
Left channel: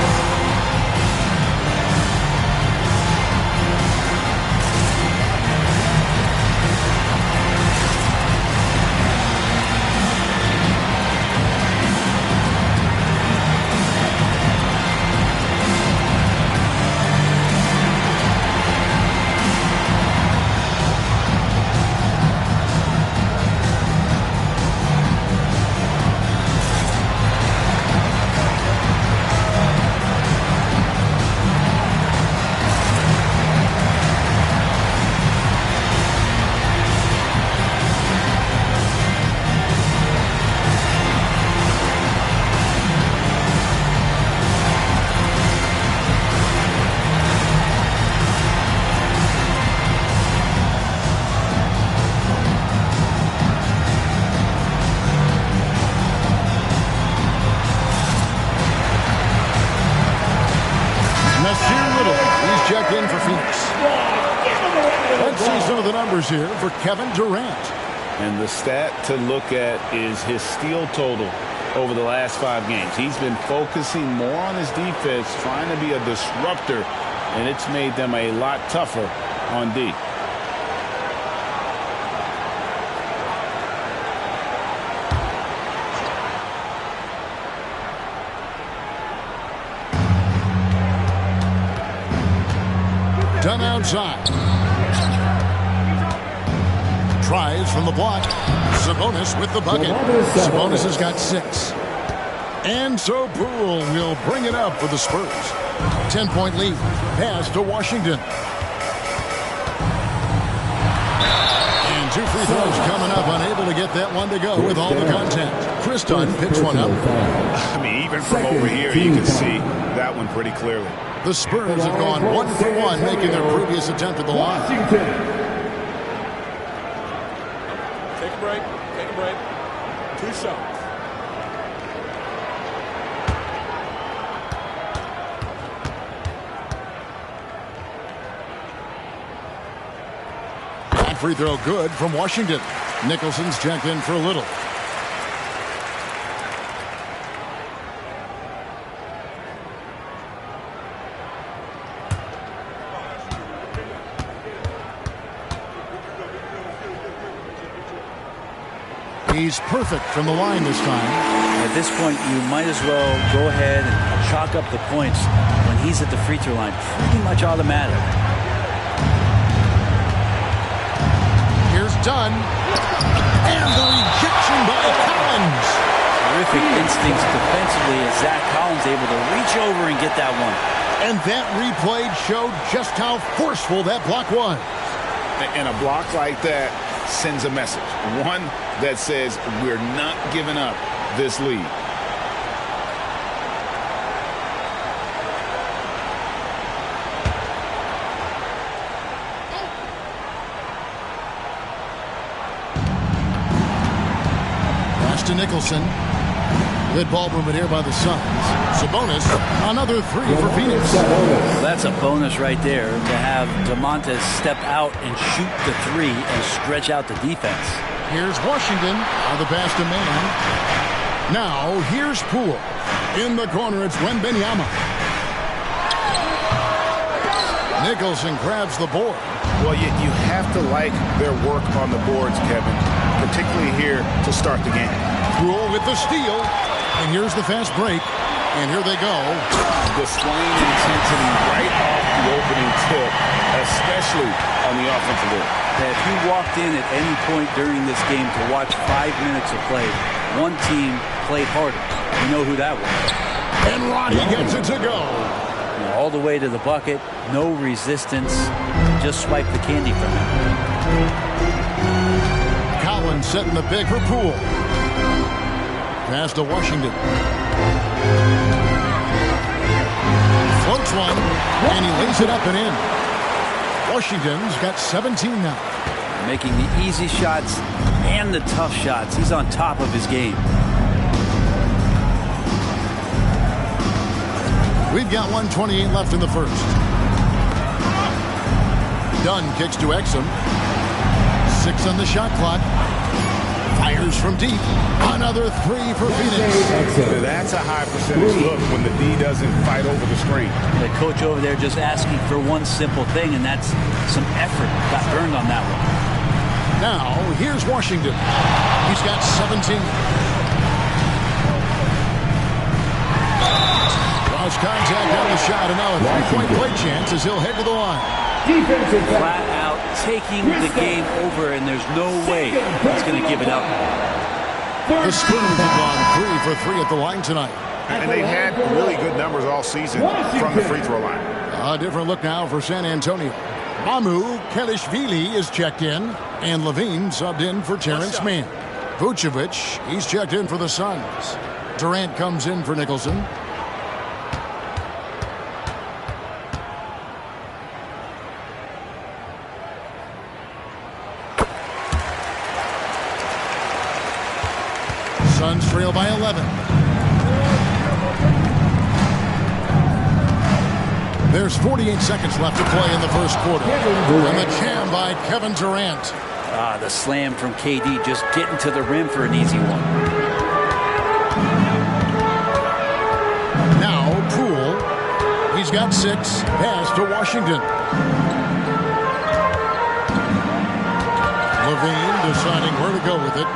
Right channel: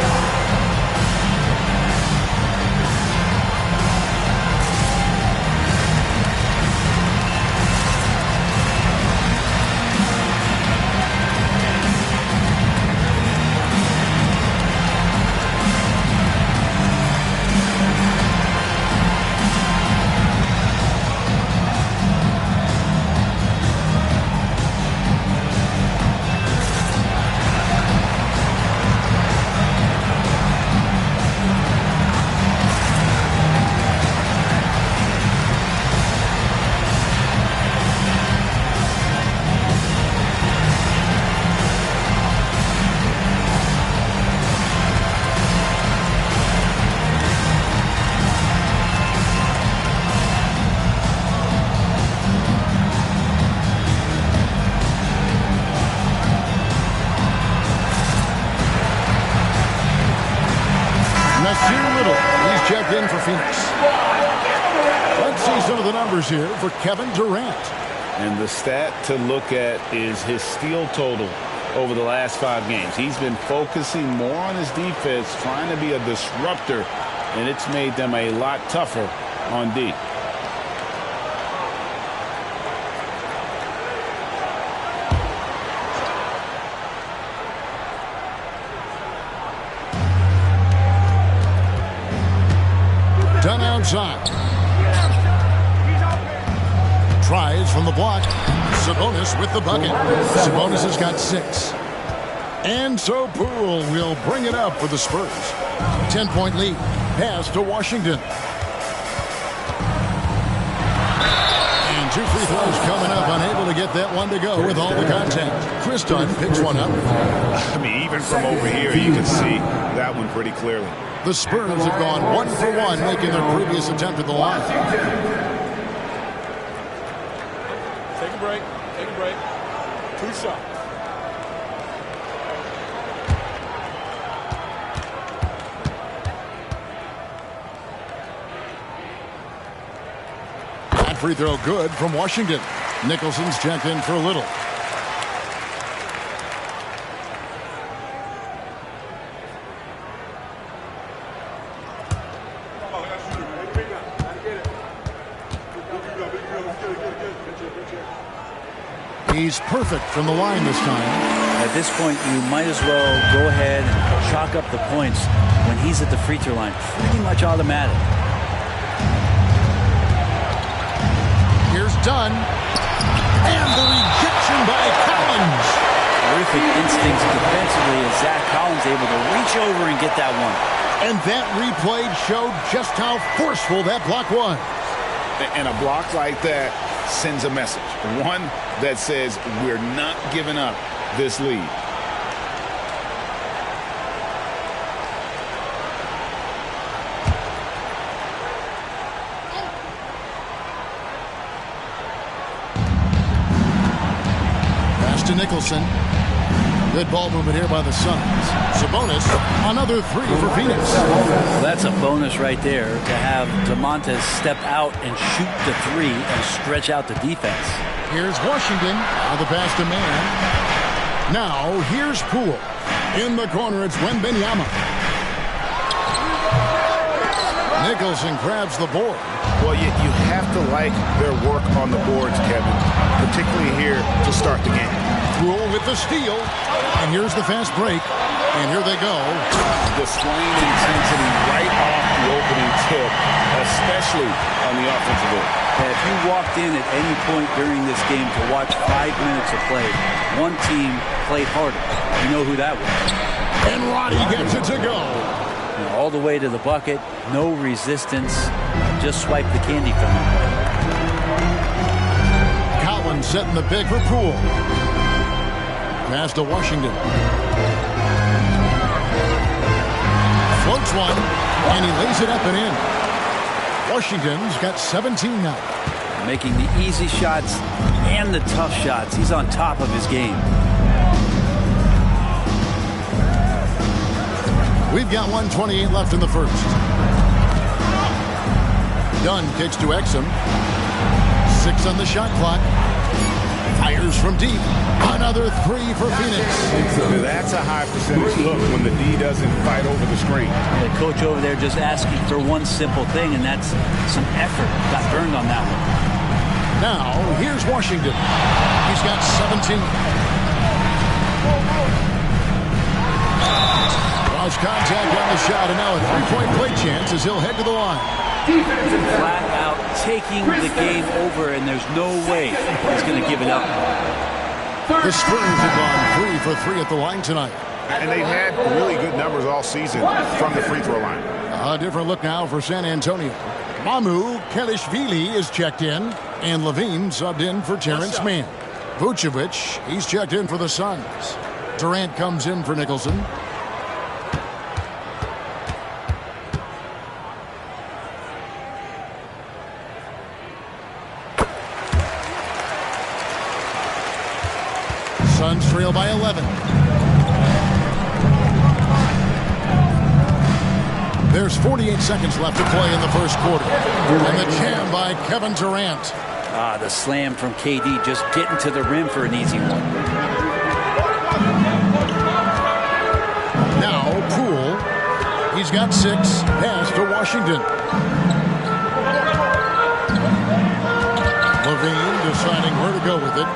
Checked in for Phoenix. Let's see some of the numbers here for Kevin Durant. And the stat to look at is his steal total over the last 5 games. He's been focusing more on his defense, trying to be a disruptor, and it's made them a lot tougher on D. Done outside. Tries from the block. Sabonis with the bucket. Sabonis has got 6. And so Poole will bring it up for the Spurs. 10-point lead. Pass to Washington. And 2 free throws coming up. Unable to get that one to go with all the contact. Chris Dunn picks one up. I mean, even from over here, you can see that one pretty clearly. The Spurs have gone 1 for 1, making their previous attempt at the line. Take a break. Take a break. 2 shots. That free throw good from Washington. Nicholson's checked in for a little. He's perfect from the line this time. At this point, you might as well go ahead and chalk up the points when he's at the free throw line. Pretty much automatic. Here's Dunn. And the rejection by Collins. Terrific instincts defensively as Zach Collins able to reach over and get that one. And that replay showed just how forceful that block was. And a block like that sends a message. One that says we're not giving up this lead. Pass to Nicholson. Good ball movement here by the Suns. Sabonis, another 3 for Phoenix. Well, that's a bonus right there to have DeMontis step out and shoot the 3 and stretch out the defense. Here's Washington. Now the pass to man. Now here's Poole. In the corner, it's Wembanyama. Nicholson grabs the board. Well, you have to like their work on the boards, Kevin, particularly here to start the game. Poole with the steal. And here's the fast break. And here they go. Displaying intensity right off the opening tip, especially on the offensive end. If you walked in at any point during this game to watch 5 minutes of play, one team played harder. You know who that was. And Roddy gets it to go. You know, all the way to the bucket, no resistance, just swipe the candy from him. Collins setting the pick for Poole. Pass to Washington. Floats one, and he lays it up and in. Washington's got 17 now. Making the easy shots and the tough shots. He's on top of his game. We've got 1:28 left in the first. Dunn kicks to Exum. 6 on the shot clock. Fires from deep. Another 3 for Phoenix. That's a high percentage look when the D doesn't fight over the screen. The coach over there just asking for one simple thing, and that's some effort. Got burned on that one. Now, here's Washington. He's got 17. Lost contact on the shot, and now a three-point play chance as he'll head to the line. Flat out taking the game over, and there's no way he's going to give it up. The Spurs have gone 3 for 3 at the line tonight. And they've had really good numbers all season from the free throw line. A different look now for San Antonio. Mamu Kelishvili is checked in, and Levine subbed in for Terrence Mann. Vucevic, he's checked in for the Suns. Durant comes in for Nicholson. Suns trail by 11. There's 48 seconds left to play in the first quarter. And the jam by Kevin Durant. The slam from KD, just getting to the rim for an easy one. Now Poole. He's got 6. Pass to Washington. Levine deciding where to go with it.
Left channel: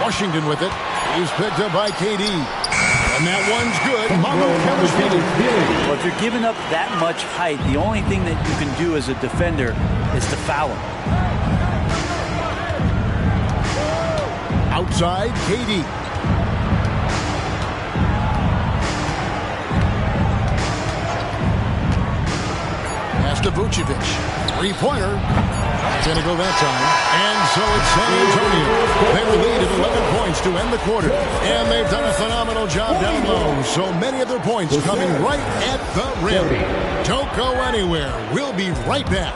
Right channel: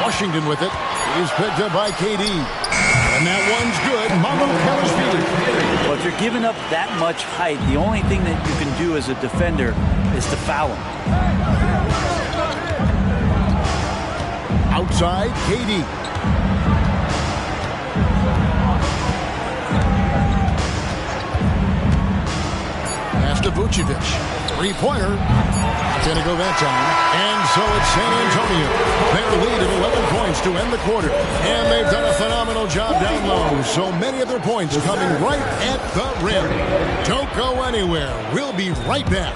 Washington with it. He's picked up by KD. And that one's good. Mamu Kelishvili. Well, if you're giving up that much height, the only thing that you can do as a defender is to foul him. Outside, KD. Pass to Vucevic. Three-pointer. Not going to go that time. And so it's San Antonio. Their lead at 11 points to end the quarter. And they've done a phenomenal job down low. So many of their points coming right at the rim. Don't go anywhere. We'll be right back.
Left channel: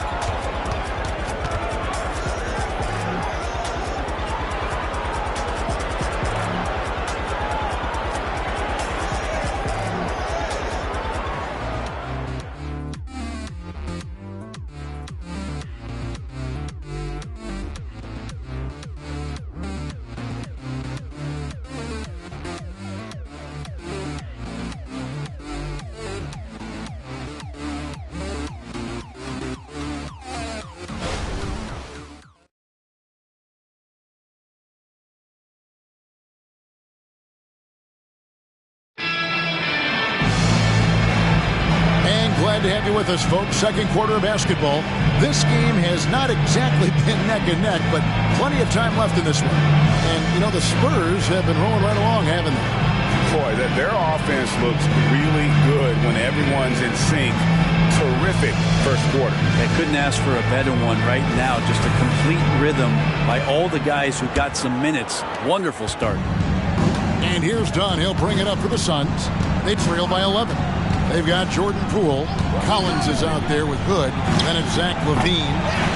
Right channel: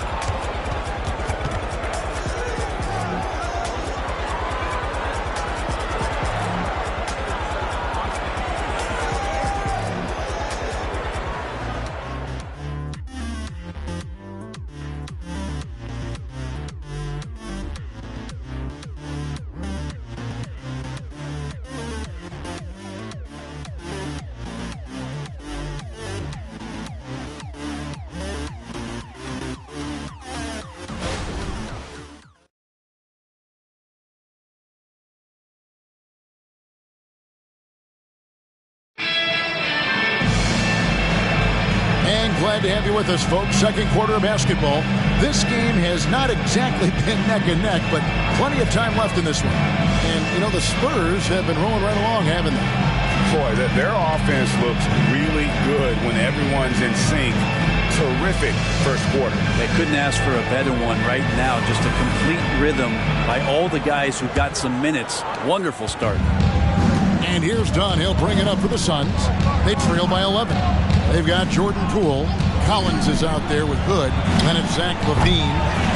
Glad to have you with us, folks. Second quarter of basketball. This game has not exactly been neck and neck, but plenty of time left in this one. And, you know, the Spurs have been rolling right along, haven't they? Boy, their offense looks really good when everyone's in sync. Terrific first quarter. I couldn't ask for a better one right now. Just a complete rhythm by all the guys who got some minutes. Wonderful start. And here's Dunn. He'll bring it up for the Suns. They trail by 11. They've got Jordan Poole. Collins is out there with Hood. Then it's Zach LaVine.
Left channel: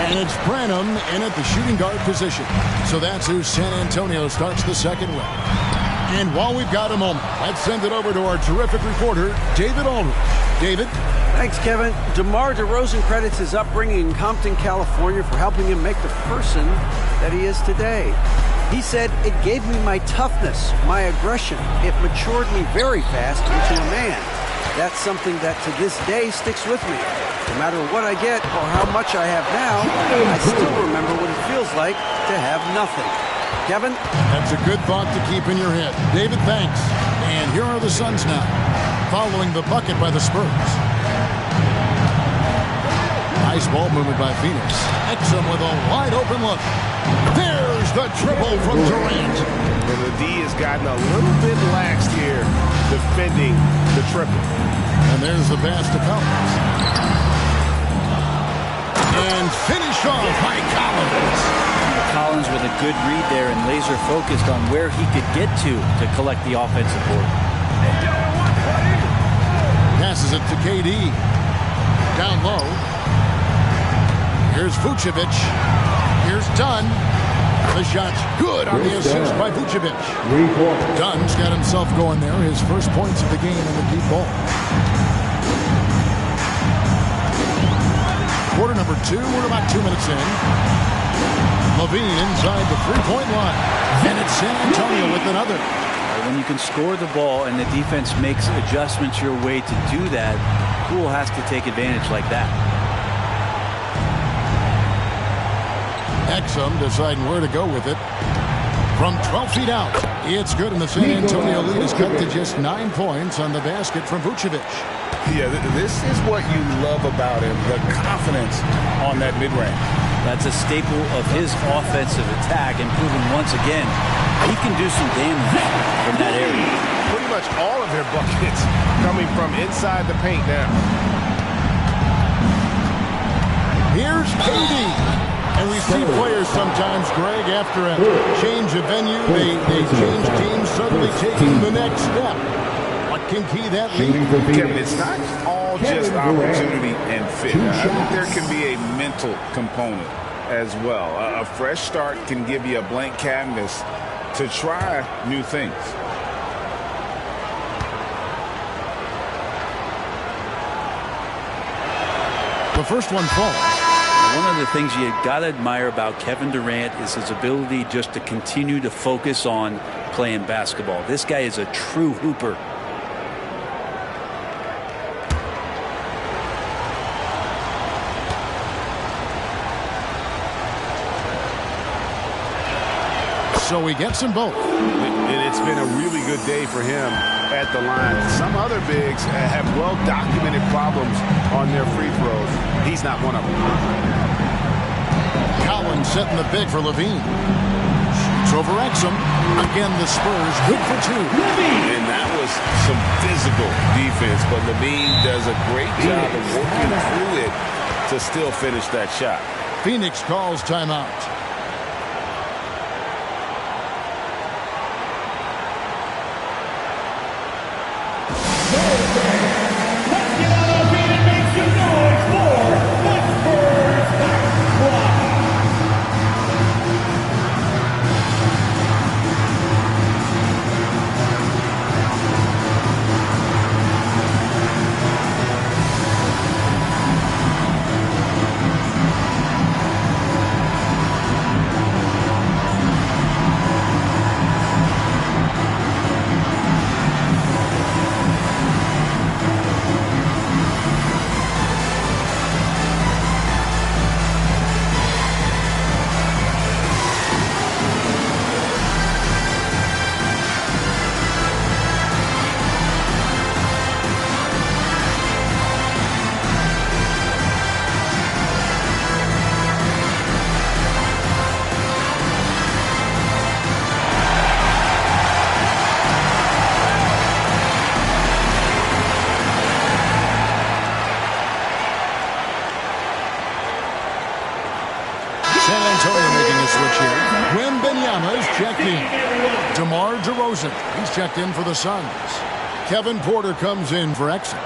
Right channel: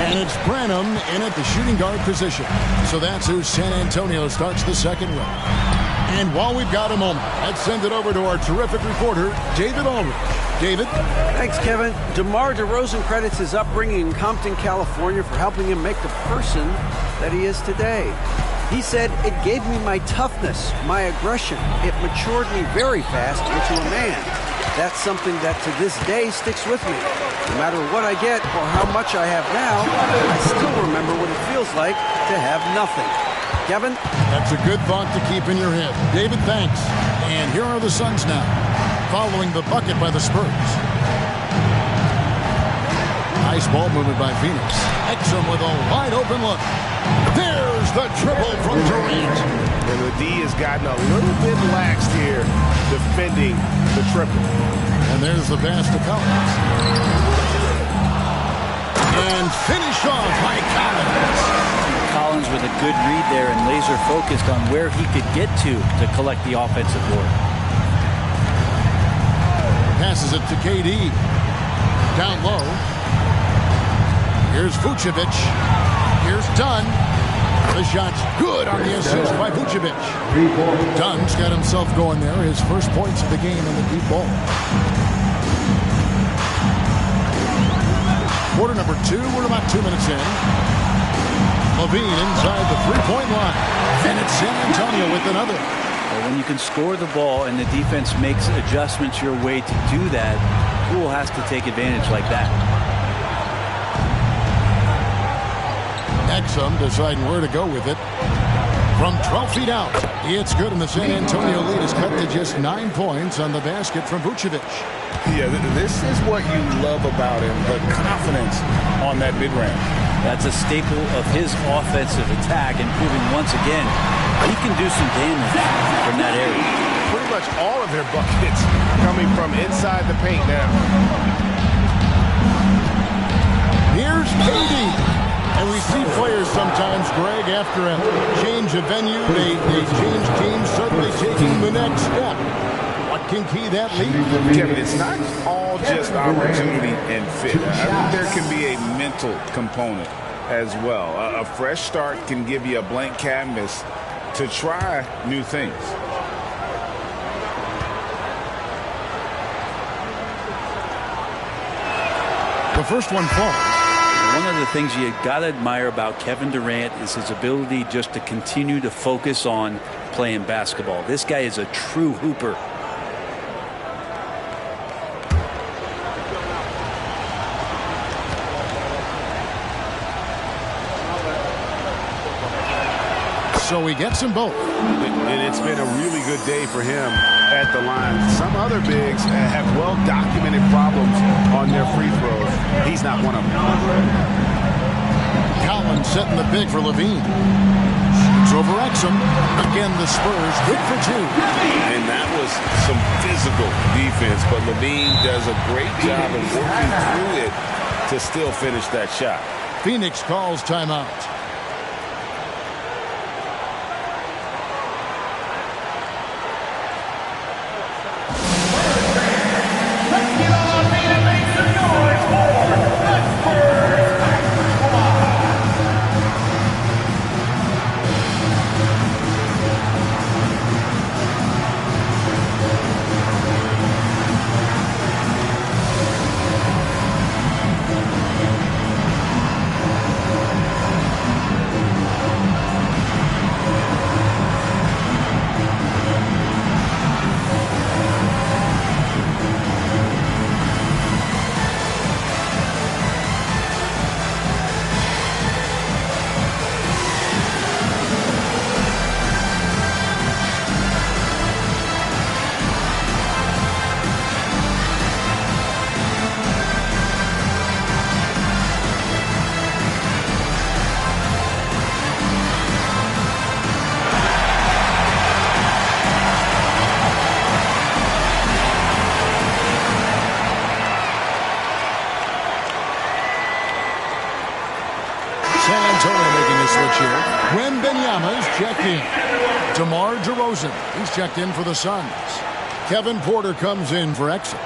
And it's Branham in at the shooting guard position. So that's who San Antonio starts the second with. And while we've got a moment, let's send it over to our terrific reporter, David Aldridge. David? Thanks, Kevin. DeMar DeRozan credits his upbringing in Compton, California for helping him make the person that he is today. He said, "It gave me my toughness, my aggression. It matured me very fast into a man. That's something that to this day sticks with me. No matter what I get or how much I have now, I still remember what it feels like to have nothing." Kevin? That's a good thought to keep in your head. David, thanks. And here are the Suns now, following the bucket by the Spurs. Nice ball movement by Phoenix. Exum with a wide open look. There's the triple from Durant. And the D has gotten a little bit laxed here defending the triple. And there's the pass to Collins. And finished off by Collins. Collins with a good read there and laser focused on where he could get to collect the offensive board. Passes it to KD. Down low. Here's Vucevic. Here's Dunn. The shot's good on the assist by Vucevic. Dunn's got himself going there. His first points of the game on the deep ball. Quarter number 2. We're about 2 minutes in. Levine inside the three-point line. And it's San Antonio with another. When you can score the ball and the defense makes adjustments your way to do that, Poole has to take advantage like that. Exum deciding where to go with it. From 12 feet out, it's good, and the San Antonio lead is cut to just 9 points on the basket from Vucevic. Yeah, this is what you love about him, the confidence on that mid-range. That's a staple of his offensive attack, and proving once again he can do some damage from that area. Pretty much all of their buckets coming from inside the paint now. Here's KD. And we see players sometimes, Greg, after a change of venue, they change teams, suddenly taking the next step. What can key that lead? Kevin, it's not all just opportunity and fit. I think there can be a mental component as well. A fresh start can give you a blank canvas to try new things. The first one falls. One of the things you got to admire about Kevin Durant is his ability just to continue to focus on playing basketball. This guy is a true hooper. So he gets them both. And it's been a really good day for him at the line. Some other bigs have well-documented problems on their free throws. He's not one of them. Collins setting the big for Levine. Shoots over Exum. Again, the Spurs good for 2. And that was some physical defense, but Levine does a great job of working through it to still finish that shot. Phoenix calls timeout. San Antonio making a switch here. Wembanyama's checked in. DeMar DeRozan, he's checked in for the Suns. Kevin Porter comes in for Exum.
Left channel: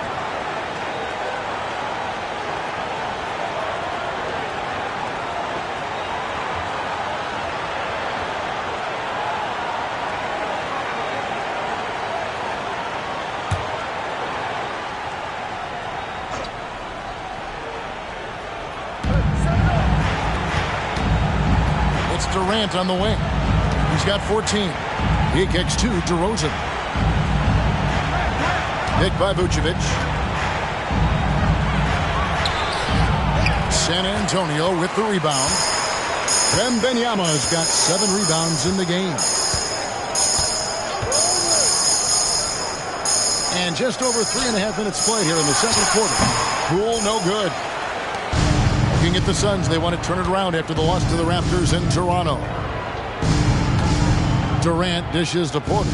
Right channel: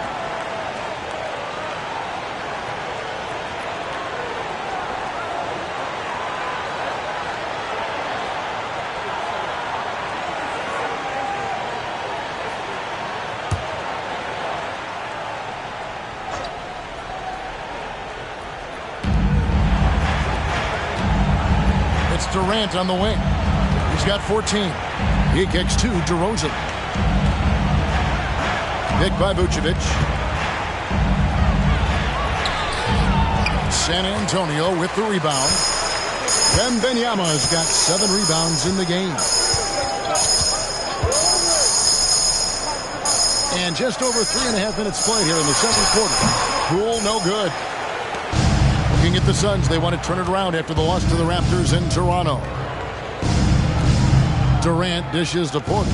It's Durant on the wing. He's got 14. He kicks to DeRozan. Picked by Vucevic. San Antonio with the rebound. Wembanyama's got 7 rebounds in the game. And just over 3.5 minutes played here in the second quarter. Poole, no good. Looking at the Suns, they want to turn it around after the loss to the Raptors in Toronto. Durant dishes to Porter.